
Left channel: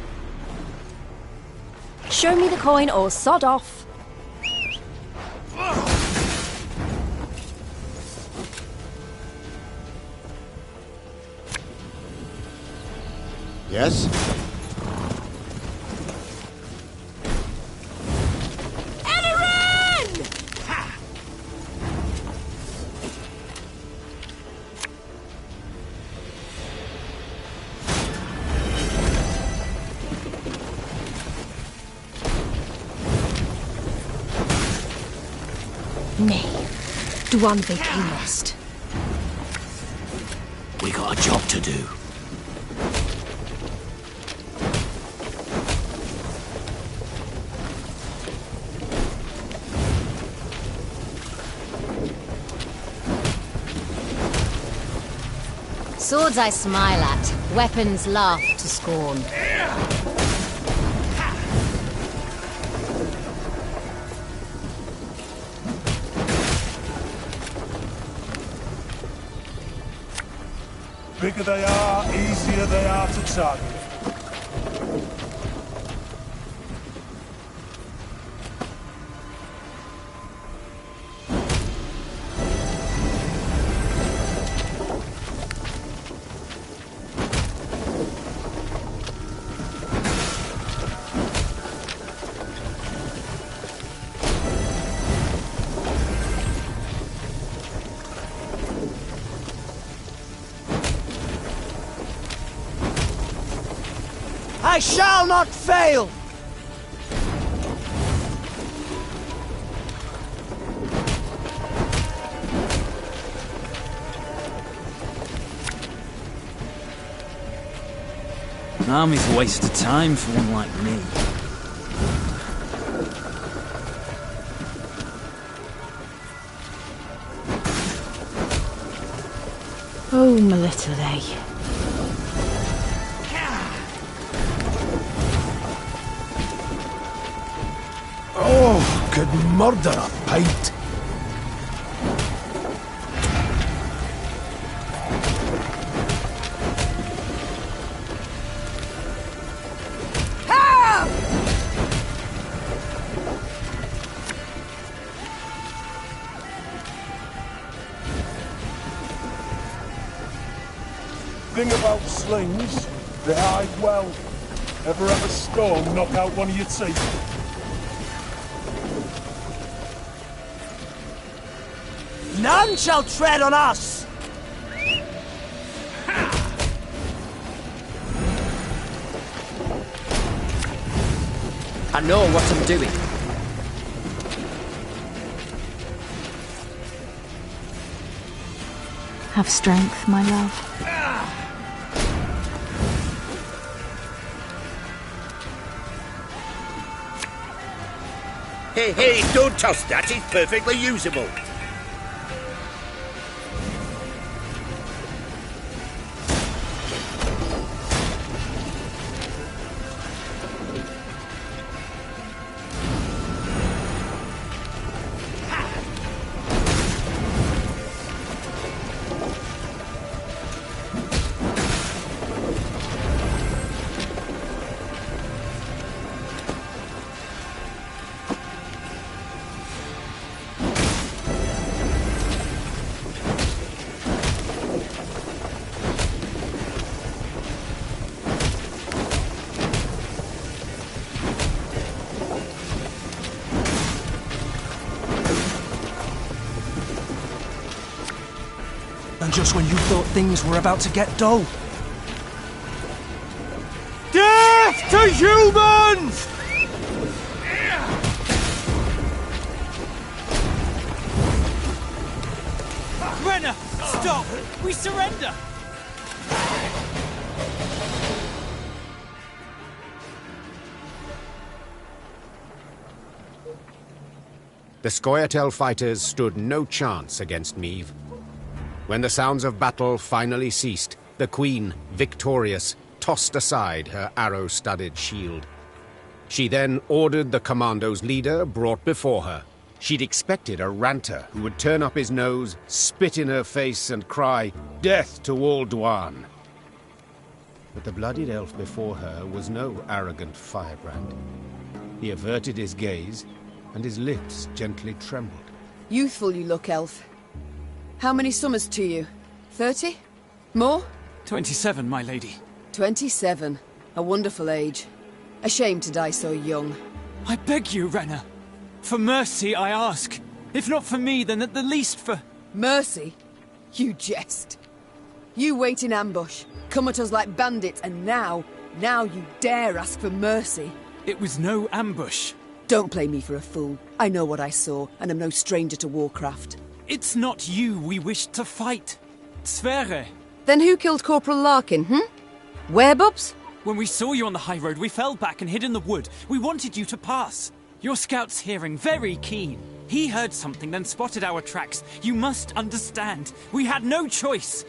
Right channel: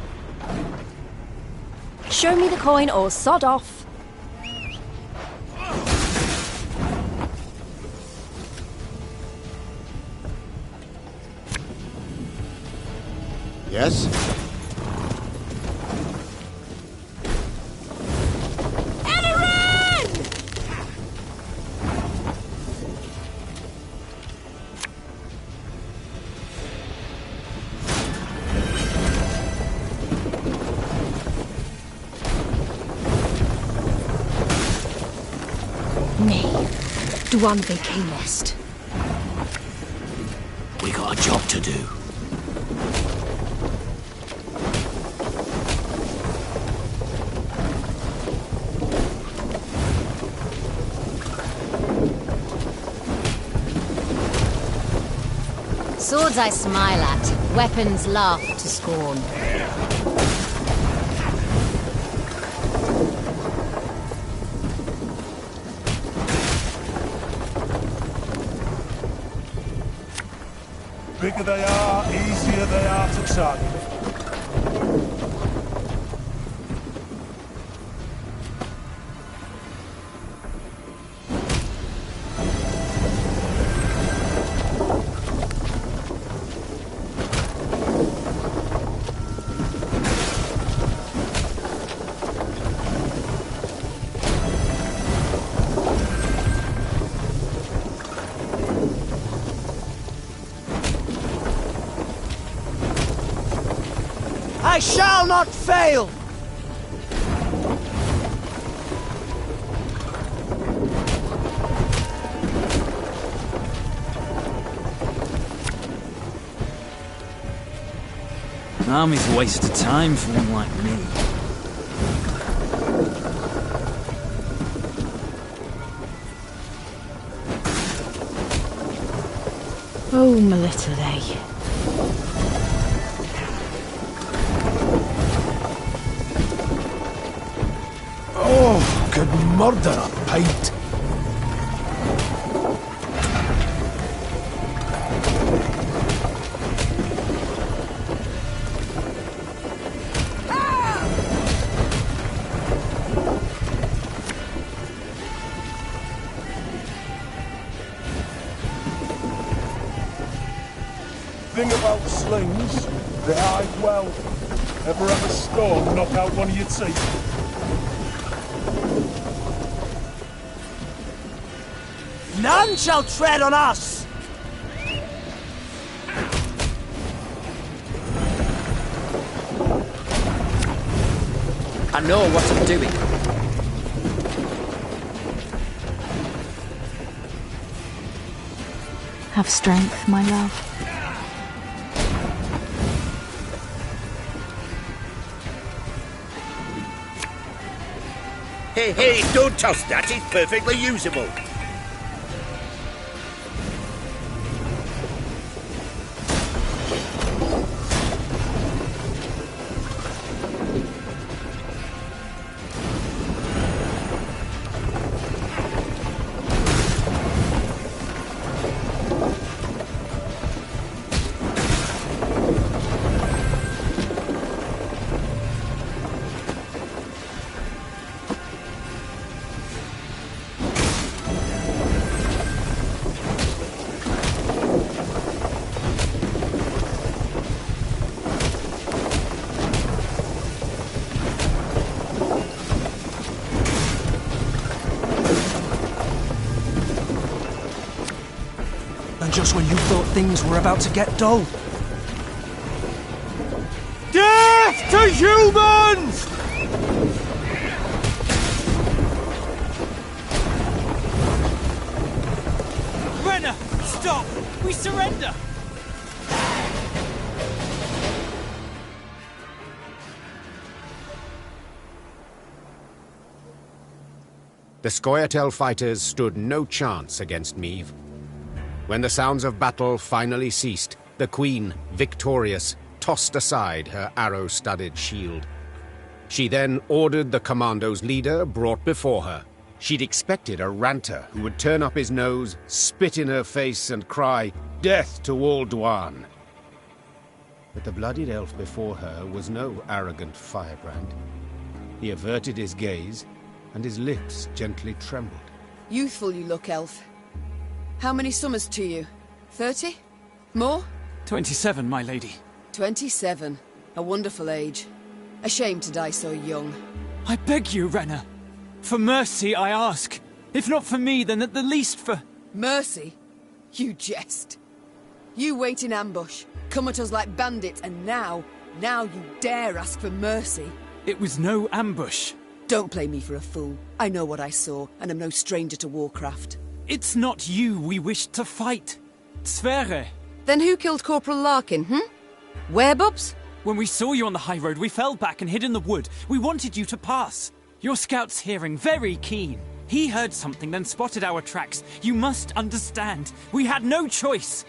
Show me the coin or sod off. Yes? One vacay nest. We got a job to do. Swords I smile at, weapons laugh to scorn. Bigger they are, easier they are to target. I shall not fail! An army's a waste of time for one like me. Oh, my little lay. Oh, could murder a pint. Thing about slings, they hide well. Ever have a storm knock out one of your teeth? None shall tread on us! I know what I'm doing. Have strength, my love. Hey, hey, don't toss that, it's perfectly usable. And just when you thought things were about to get dull. Death to humans! Rainha, stop! We surrender! The Scoia'tael fighters stood no chance against Meve. When the sounds of battle finally ceased, the Queen, victorious, tossed aside her arrow-studded shield. She then ordered the commando's leader brought before her. She'd expected a ranter who would turn up his nose, spit in her face, and cry, "Death to all Dwan!" But the bloodied elf before her was no arrogant firebrand. He averted his gaze, and his lips gently trembled. Youthful you look, elf. How many summers to you? 30? More? 27, my lady. 27. A wonderful age. A shame to die so young. I beg you, Rainha. For mercy, I ask. If not for me, then at the least for... Mercy? You jest. You wait in ambush, come at us like bandits, and now you dare ask for mercy. It was no ambush. Don't play me for a fool. I know what I saw, and I'm no stranger to warcraft. It's not you we wished to fight. Sverre. Then who killed Corporal Larkin, Werebubs? When we saw you on the high road, we fell back and hid in the wood. We wanted you to pass. Your scout's hearing very keen. He heard something, then spotted our tracks. You must understand. We had no choice.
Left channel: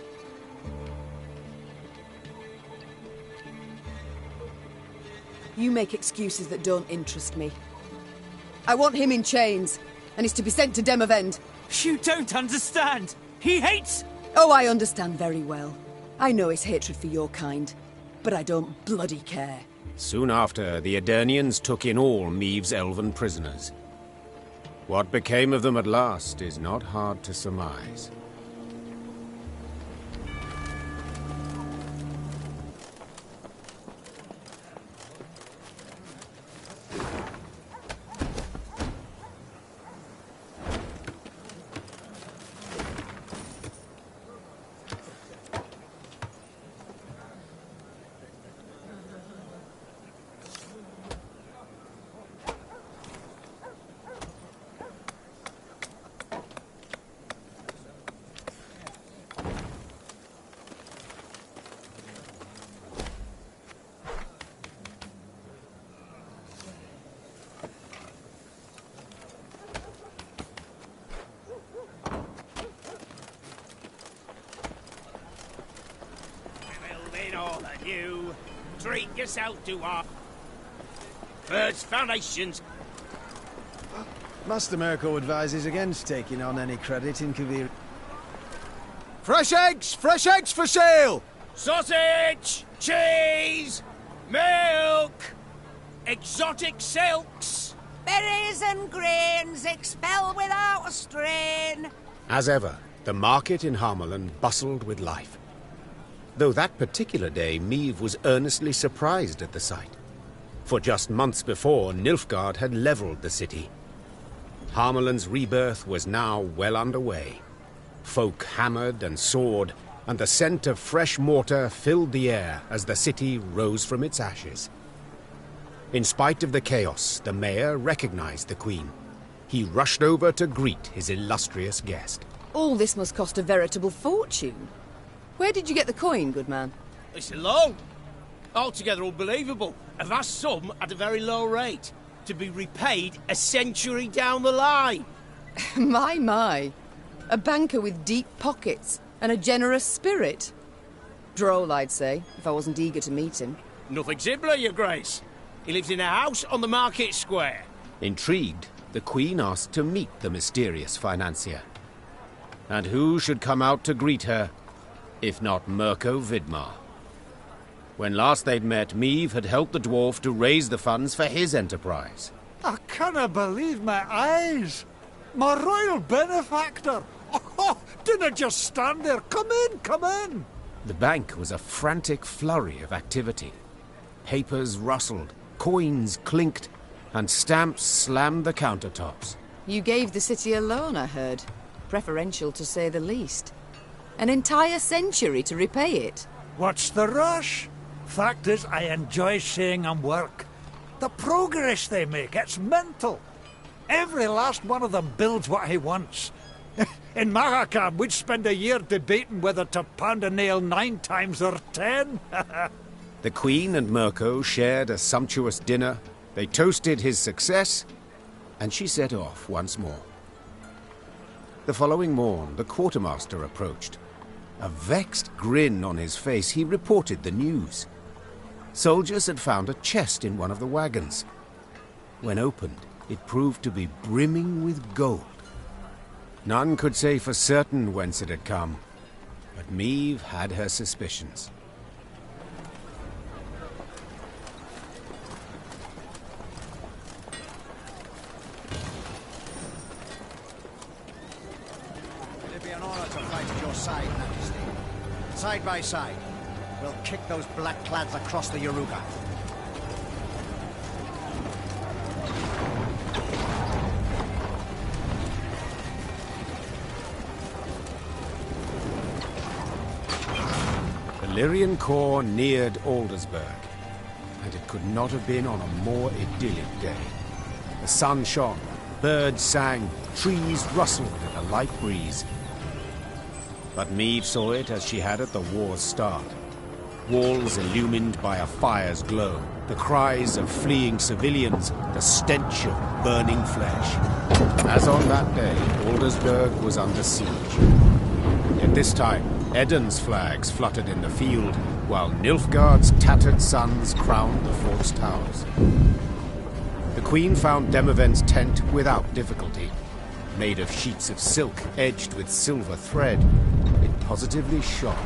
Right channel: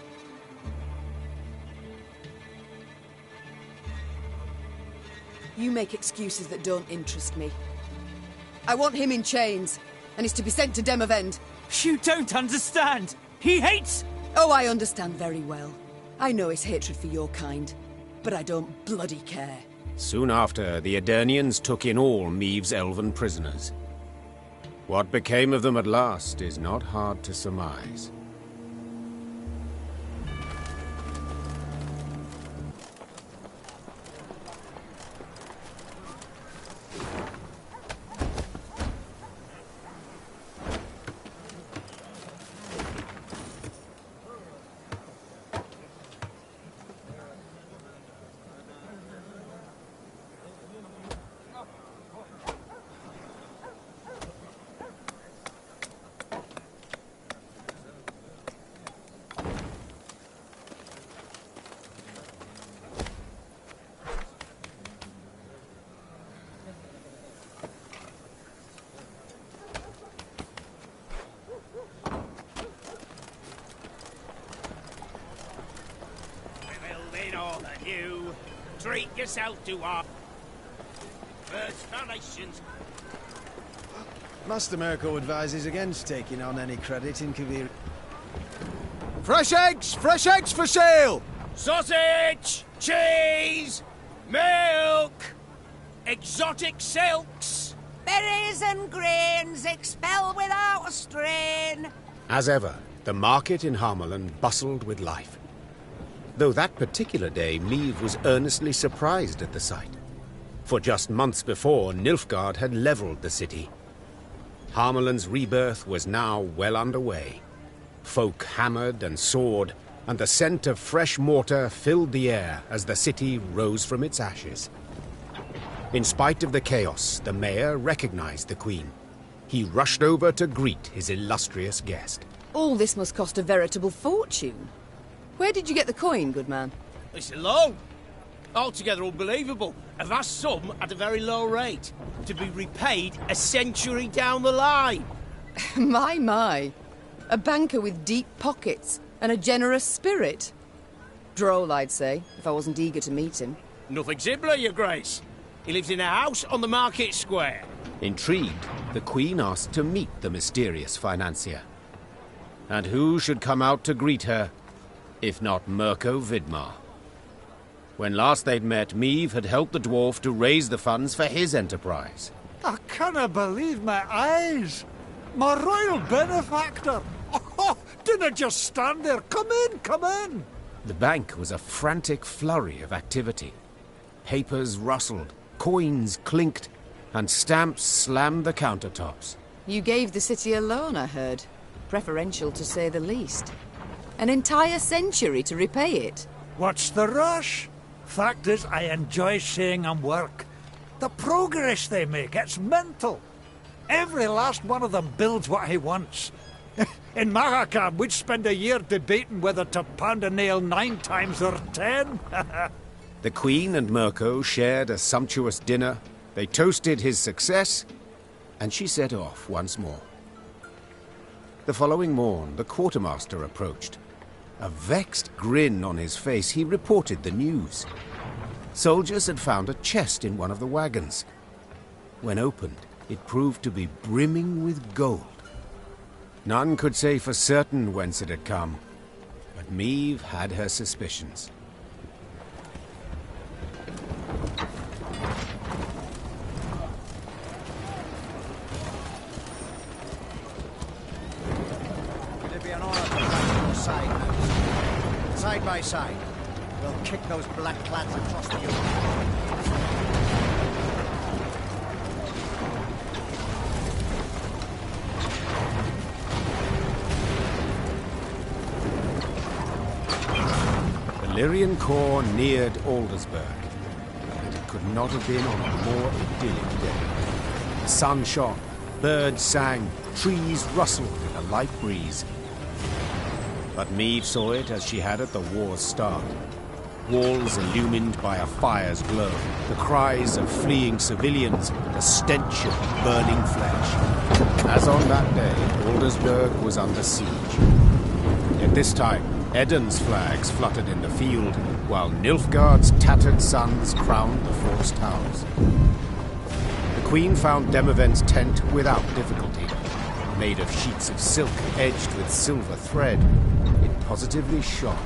You make excuses that don't interest me. I want him in chains, and he's to be sent to Demavend. You don't understand! He hates... Oh, I understand very well. I know his hatred for your kind, but I don't bloody care. Soon after, the Aedirnians took in all Meve's elven prisoners. What became of them at last is not hard to surmise. All of you, treat yourself to our first foundations. Master Mirko advises against taking on any credit in Kavir. Fresh eggs for sale! Sausage, cheese, milk, exotic silks. Berries and grains expel without a strain. As ever, the market in Harmelan bustled with life. Though that particular day, Meve was earnestly surprised at the sight. For just months before, Nilfgaard had leveled the city. Harmelan's rebirth was now well underway. Folk hammered and sawed, and the scent of fresh mortar filled the air as the city rose from its ashes. In spite of the chaos, the mayor recognized the queen. He rushed over to greet his illustrious guest. All this must cost a veritable fortune. Where did you get the coin, good man? It's a loan. Altogether unbelievable. A vast sum at a very low rate. To be repaid a century down the line. My. A banker with deep pockets and a generous spirit. Droll, I'd say, if I wasn't eager to meet him. Nothing simpler, Your Grace. He lives in a house on the market square. Intrigued, the queen asked to meet the mysterious financier. And who should come out to greet her if not Mirko Vidmar? When last they'd met, Meve had helped the dwarf to raise the funds for his enterprise. I cannot believe my eyes. My royal benefactor. Oh, didn't just stand there. Come in. The bank was a frantic flurry of activity. Papers rustled, coins clinked, and stamps slammed the countertops. You gave the city a loan, I heard. Preferential, to say the least. An entire century to repay it. What's the rush? Fact is, I enjoy seeing them work. The progress they make, it's mental. Every last one of them builds what he wants. In Mahakam, we'd spend a year debating whether to pound a nail 9 times or 10. The Queen and Mirko shared a sumptuous dinner. They toasted his success, and she set off once more. The following morn, the quartermaster approached. A vexed grin on his face, he reported the news. Soldiers had found a chest in one of the wagons. When opened, it proved to be brimming with gold. None could say for certain whence it had come, but Meve had her suspicions. It'd be an honor to fight at your side, Majesty. Side by side, we'll kick those black-clads across the Yoruba. The Lyrian corps neared Aldersburg, and it could not have been on a more idyllic day. The sun shone, birds sang, trees rustled in a light breeze. But Meve saw it as she had at the war's start. Walls illumined by a fire's glow, the cries of fleeing civilians, the stench of burning flesh. As on that day, Aldersburg was under siege. Yet this time, Eden's flags fluttered in the field, while Nilfgaard's tattered sons crowned the fort's towers. The Queen found Demavend's tent without difficulty. Made of sheets of silk edged with silver thread, it positively shone.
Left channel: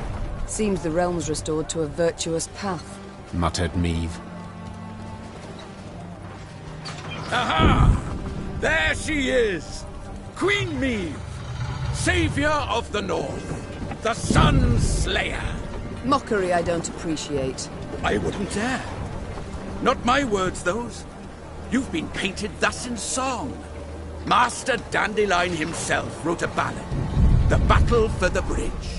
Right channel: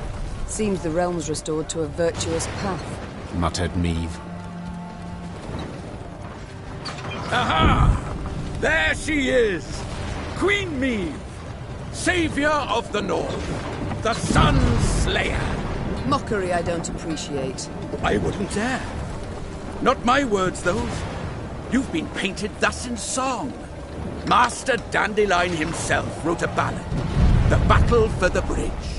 Seems the realm's restored to a virtuous path. Muttered Meve. Aha! There she is! Queen Meve, Saviour of the North, the Sun Slayer. Mockery I don't appreciate. I wouldn't dare. Not my words, those. You've been painted thus in song. Master Dandelion himself wrote a ballad, The Battle for the Bridge.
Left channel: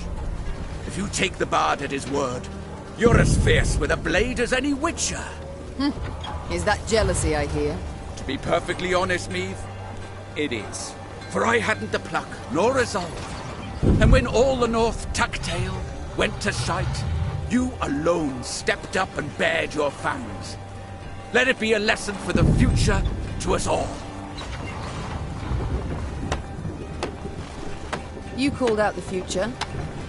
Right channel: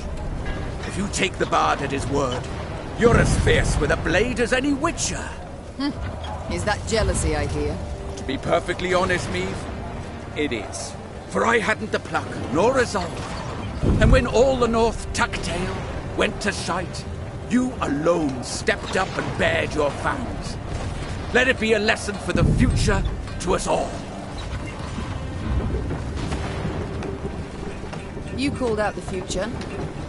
If you take the bard at his word, you're as fierce with a blade as any witcher. Is that jealousy I hear? To be perfectly honest, Meve, it is. For I hadn't the pluck, nor resolve. And when all the North tuck-tail went to shite, you alone stepped up and bared your fangs. Let it be a lesson for the future to us all. You called out the future.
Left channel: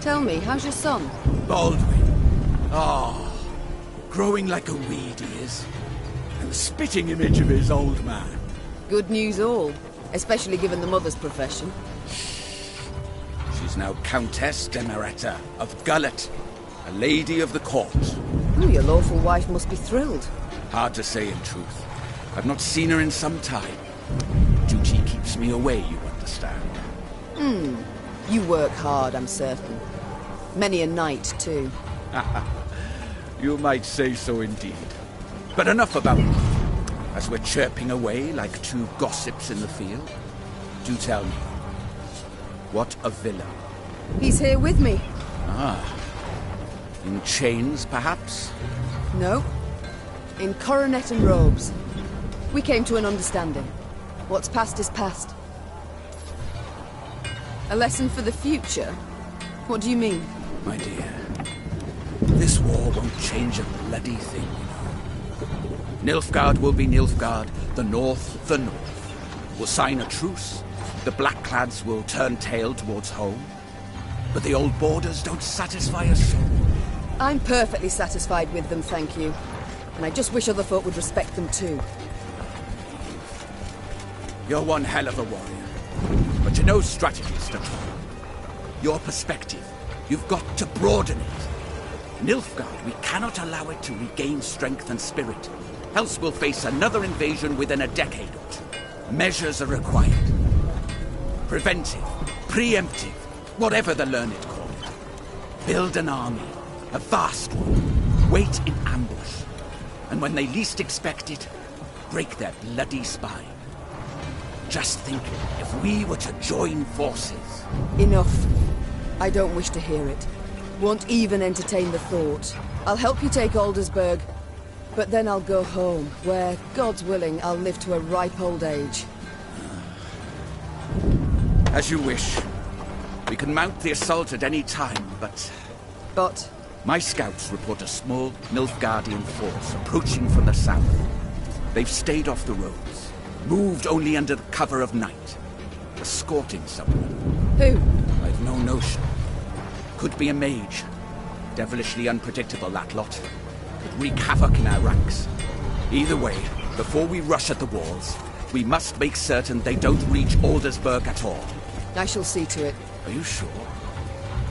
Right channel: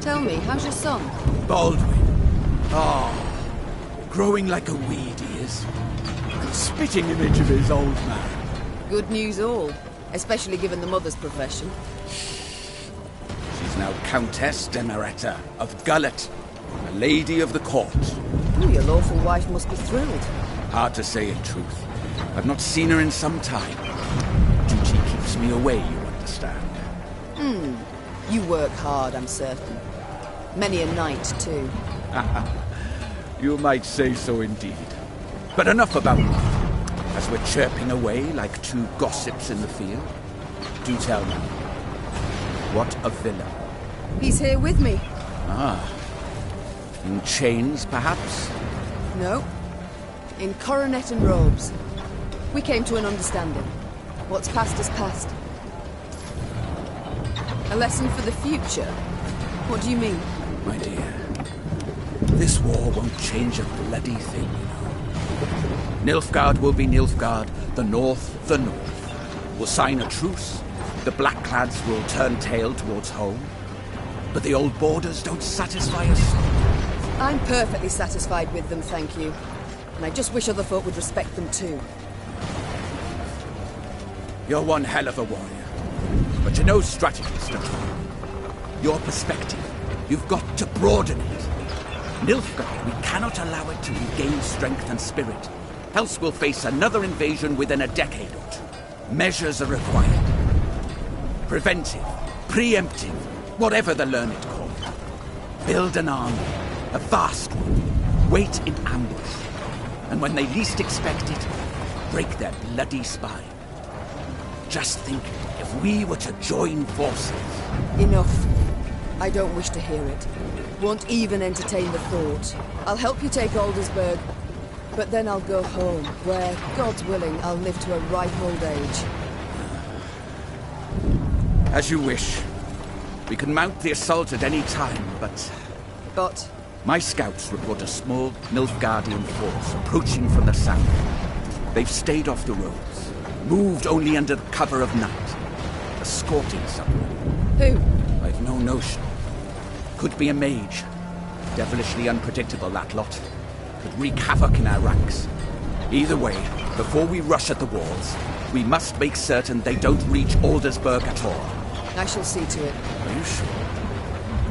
Tell me, how's your son? Baldwin. Growing like a weed he is. And the spitting image of his old man. Good news all, especially given the mother's profession. She's now Countess Demeretta of Gullet, a lady of the court. Oh, your lawful wife must be thrilled. Hard to say in truth. I've not seen her in some time. Duty keeps me away, you understand. You work hard, I'm certain. Many a night, too. You might say so indeed. But enough about me. As we're chirping away like two gossips in the field, do tell me, what a villain. He's here with me. In chains, perhaps? No. In coronet and robes. We came to an understanding. What's past is past. A lesson for the future? What do you mean? My dear, this war won't change a bloody thing, you know. Nilfgaard will be Nilfgaard, the North the North. We'll sign a truce, the Blackclads will turn tail towards home. But the old borders don't satisfy us so. I'm perfectly satisfied with them, thank you. And I just wish other folk would respect them too. You're one hell of a warrior. But you're no strategist at all. Your perspective, you've got to broaden it. Nilfgaard, we cannot allow it to regain strength and spirit. Else we'll face another invasion within a decade or two. Measures are required. Preventive, preemptive, whatever the learned call it. Build an army, a vast one. Wait in ambush. And when they least expect it, break their bloody spine. Just think, if we were to join forces... Enough. I don't wish to hear it. Won't even entertain the thought. I'll help you take Aldersburg, but then I'll go home, where, God's willing, I'll live to a ripe old age. As you wish. We can mount the assault at any time, but... But? My scouts report a small Nilfgaardian force approaching from the south. They've stayed off the roads. Moved only under the cover of night. Escorting someone. Who? I've no notion. Could be a mage. Devilishly unpredictable, that lot. Could wreak havoc in our ranks. Either way, before we rush at the walls, we must make certain they don't reach Aldersburg at all. I shall see to it. Are you sure?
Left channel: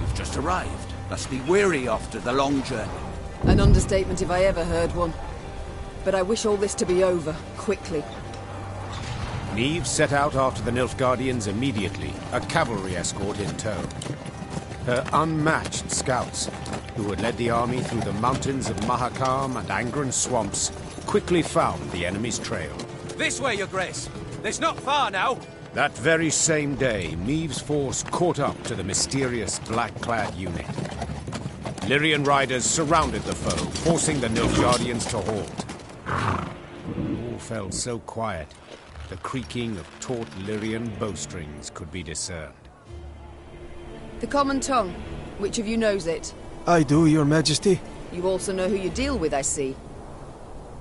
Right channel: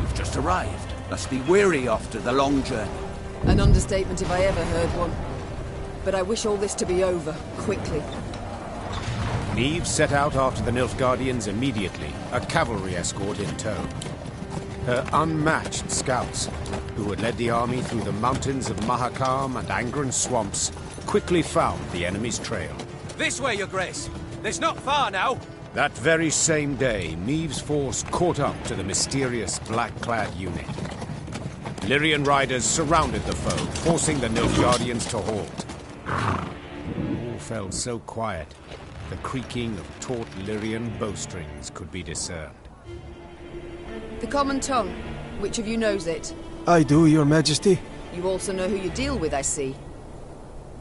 You've just arrived. Must be weary after the long journey. An understatement if I ever heard one. But I wish all this to be over, quickly. Meve set out after the Nilfgaardians immediately, a cavalry escort in tow. Her unmatched scouts, who had led the army through the mountains of Mahakam and Angren swamps, quickly found the enemy's trail. This way, Your Grace. It's not far now. That very same day, Meve's force caught up to the mysterious black-clad unit. Lyrian riders surrounded the foe, forcing the Nilfgaardians to halt. All felt so quiet, the creaking of taut Lyrian bowstrings could be discerned. The common tongue. Which of you knows it? I do, Your Majesty. You also know who you deal with, I see.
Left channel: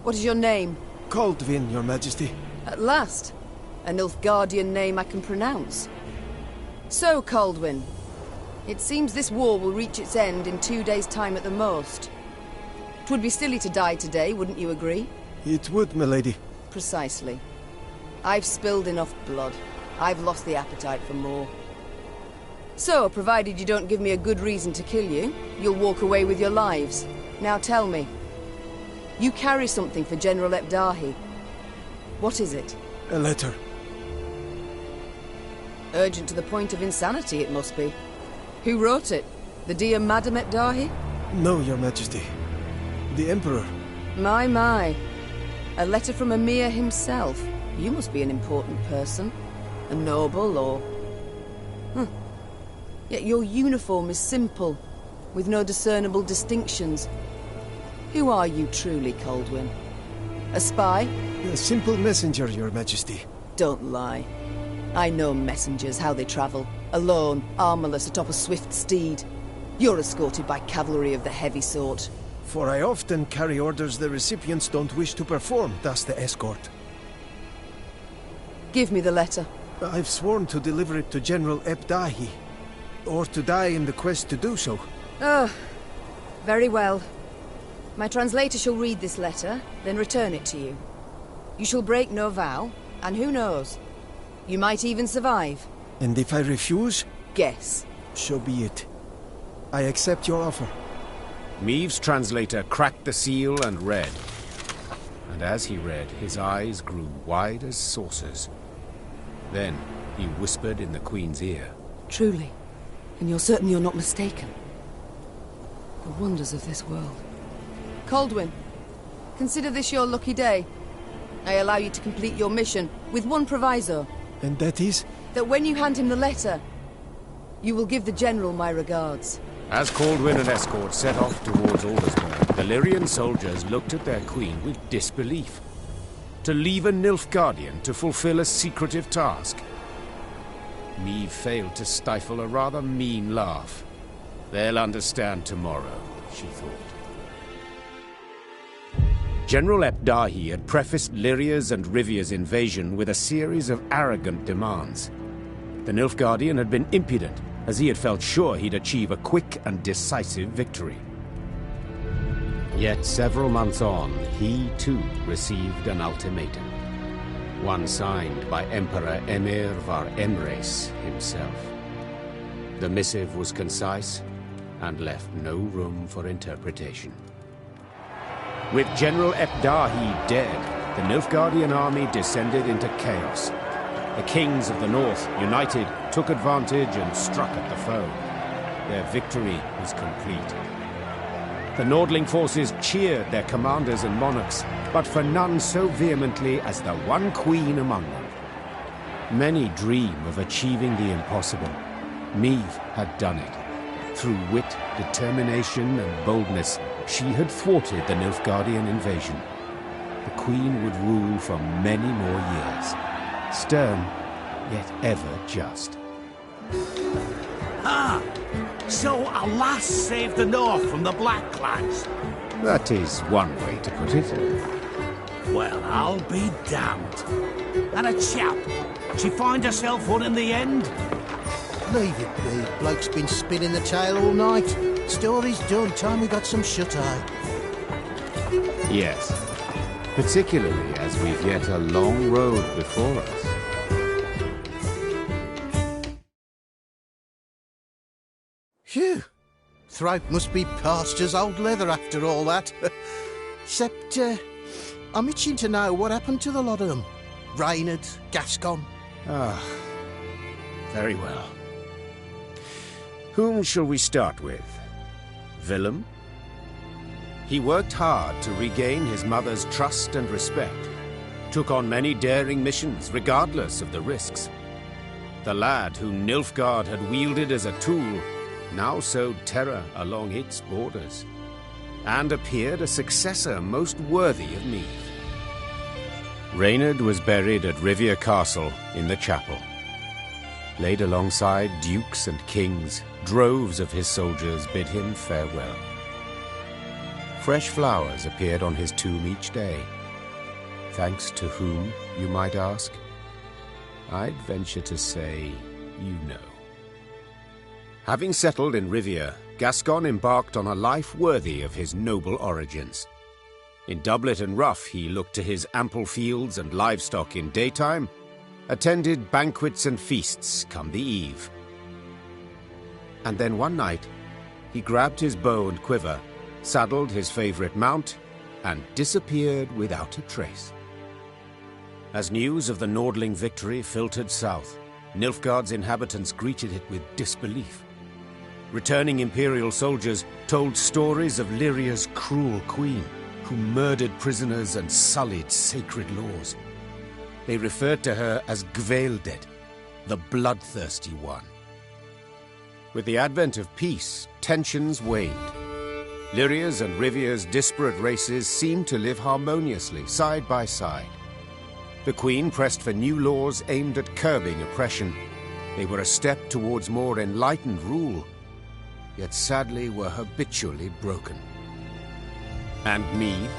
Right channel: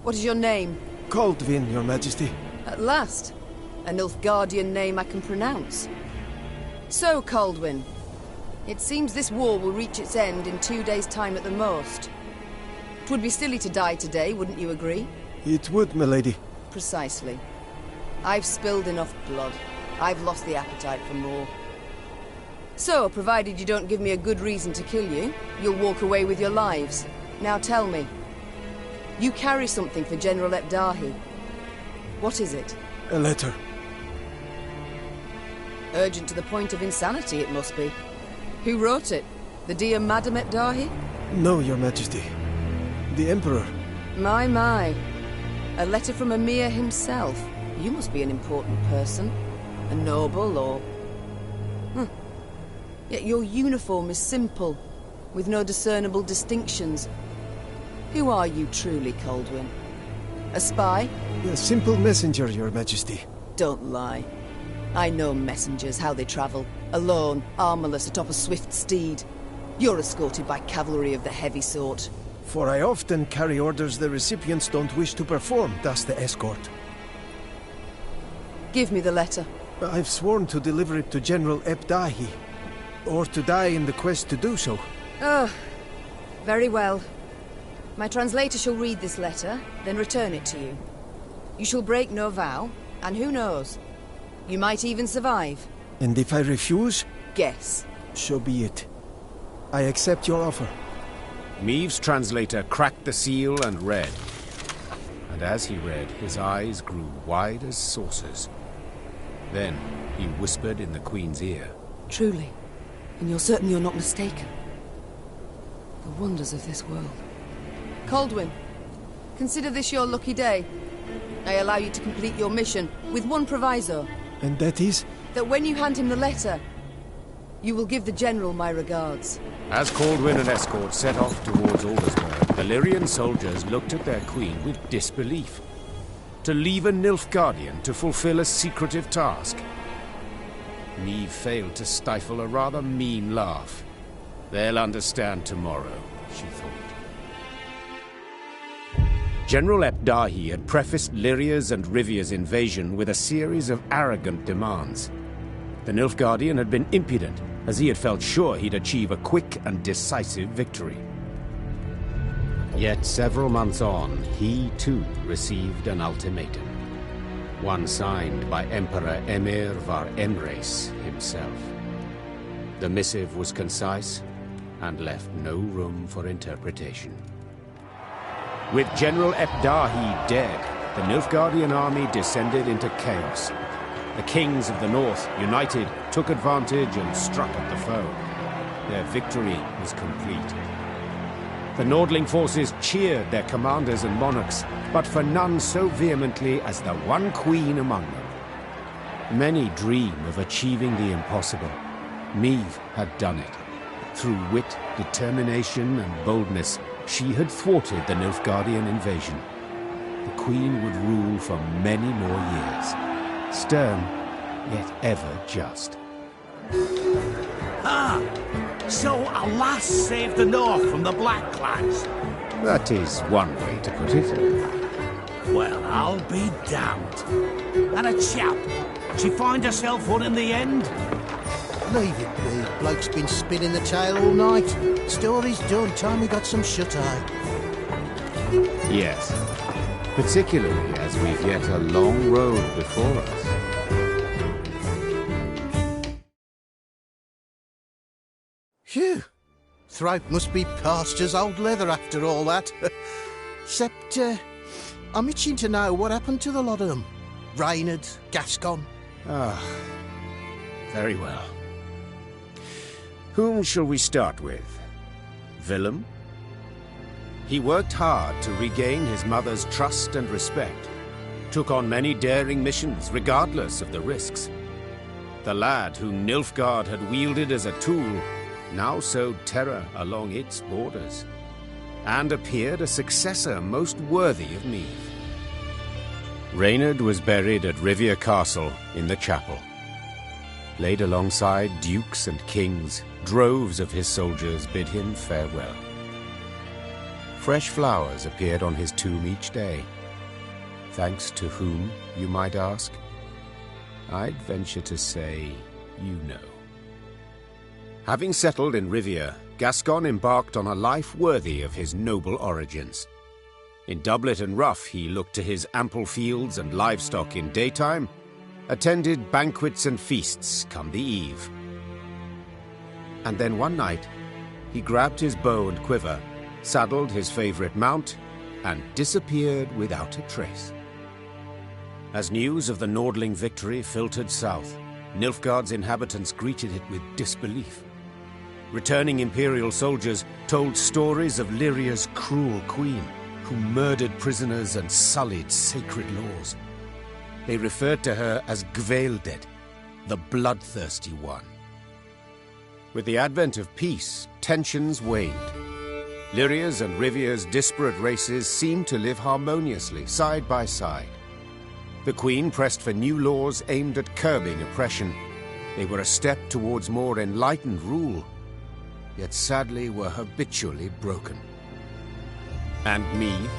What is your name? Kaldvin, Your Majesty. At last. A Nilfgaardian name I can pronounce. So, Kaldwin. It seems this war will reach its end in 2 days' time at the most. 'Twould be silly to die today, wouldn't you agree? It would, milady. Precisely. I've spilled enough blood. I've lost the appetite for more. So, provided you don't give me a good reason to kill you, you'll walk away with your lives. Now tell me. You carry something for General Ebdahi. What is it? A letter. Urgent to the point of insanity, it must be. Who wrote it? The dear Madam Ebdahi? No, Your Majesty. The Emperor. My. A letter from Emir himself. You must be an important person. A noble, or... Yet your uniform is simple, with no discernible distinctions. Who are you truly, Coldwyn? A spy? A simple messenger, Your Majesty. Don't lie. I know messengers, how they travel. Alone, armorless, atop a swift steed. You're escorted by cavalry of the heavy sort. For I often carry orders the recipients don't wish to perform, thus the escort. Give me the letter. I've sworn to deliver it to General Ebdahi, or to die in the quest to do so. Oh, very well. My translator shall read this letter, then return it to you. You shall break no vow, and who knows? You might even survive. And if I refuse? Guess. So be it. I accept your offer. Meve's translator cracked the seal and read. And as he read, his eyes grew wide as saucers. Then he whispered in the Queen's ear. Truly. And you're certain you're not mistaken. The wonders of this world. Coldwyn, consider this your lucky day. I allow you to complete your mission, with one proviso. And that is? That when you hand him the letter, you will give the General my regards. As Coldwyn and escort set off towards Aldersburg, the Lyrian soldiers looked at their queen with disbelief. To leave a Nilfgaardian to fulfill a secretive task. Meve failed to stifle a rather mean laugh. They'll understand tomorrow, she thought. General Ebdahi had prefaced Lyria's and Rivia's invasion with a series of arrogant demands. The Nilfgaardian had been impudent, as he had felt sure he'd achieve a quick and decisive victory. Yet several months on, he too received an ultimatum. One signed by Emperor Emir var Emreis himself. The missive was concise and left no room for interpretation. With General Ebdahi dead, the Nilfgaardian army descended into chaos. The kings of the north, united, took advantage and struck at the foe. Their victory was complete. The Nordling forces cheered their commanders and monarchs, but for none so vehemently as the one queen among them. Many dream of achieving the impossible. Meve had done it. Through wit, determination, and boldness, she had thwarted the Nilfgaardian invasion. The queen would rule for many more years. Stern, yet ever just. Ah! So a lass saved the North from the Blackclads? That is one way to put it. Well, I'll be damned. And a chap. She find herself one in the end? Leave it be. Bloke's been spinning the tale all night. Story's done. Time we got some shut-eye. Yes. Particularly as we've yet a long road before us. Phew. Throat must be parched as old leather after all that. Except, I'm itching to know what happened to the lot of them. Reynard, Gascon. Ah, very well. Whom shall we start with? Willem? He worked hard to regain his mother's trust and respect, took on many daring missions regardless of the risks. The lad who Nilfgaard had wielded as a tool now sowed terror along its borders, and appeared a successor most worthy of Meve. Reynard was buried at Rivia Castle in the chapel. Laid alongside dukes and kings, droves of his soldiers bid him farewell. Fresh flowers appeared on his tomb each day. Thanks to whom, you might ask? I'd venture to say, you know. Having settled in Rivia, Gascon embarked on a life worthy of his noble origins. In doublet and ruff, he looked to his ample fields and livestock in daytime, attended banquets and feasts come the eve. And then one night, he grabbed his bow and quiver, saddled his favorite mount, and disappeared without a trace. As news of the Nordling victory filtered south, Nilfgaard's inhabitants greeted it with disbelief. Returning Imperial soldiers told stories of Lyria's cruel queen, who murdered prisoners and sullied sacred laws. They referred to her as Gvaeldead, the bloodthirsty one. With the advent of peace, tensions waned. Lyria's and Rivia's disparate races seemed to live harmoniously, side by side. The Queen pressed for new laws aimed at curbing oppression. They were a step towards more enlightened rule, yet sadly were habitually broken. And Meve?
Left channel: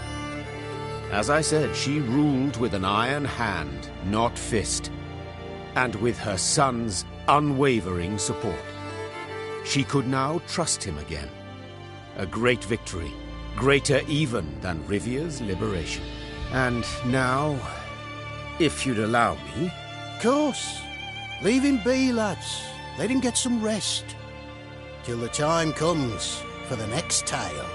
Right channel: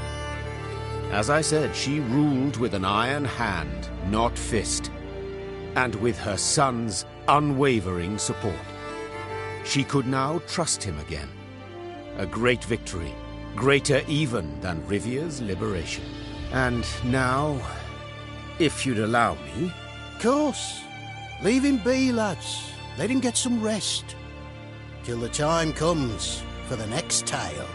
As I said, she ruled with an iron hand, not fist, and with her son's unwavering support. She could now trust him again. A great victory, greater even than Rivia's liberation. And now, if you'd allow me... Course. Leave him be, lads. Let him get some rest. Till the time comes for the next tale.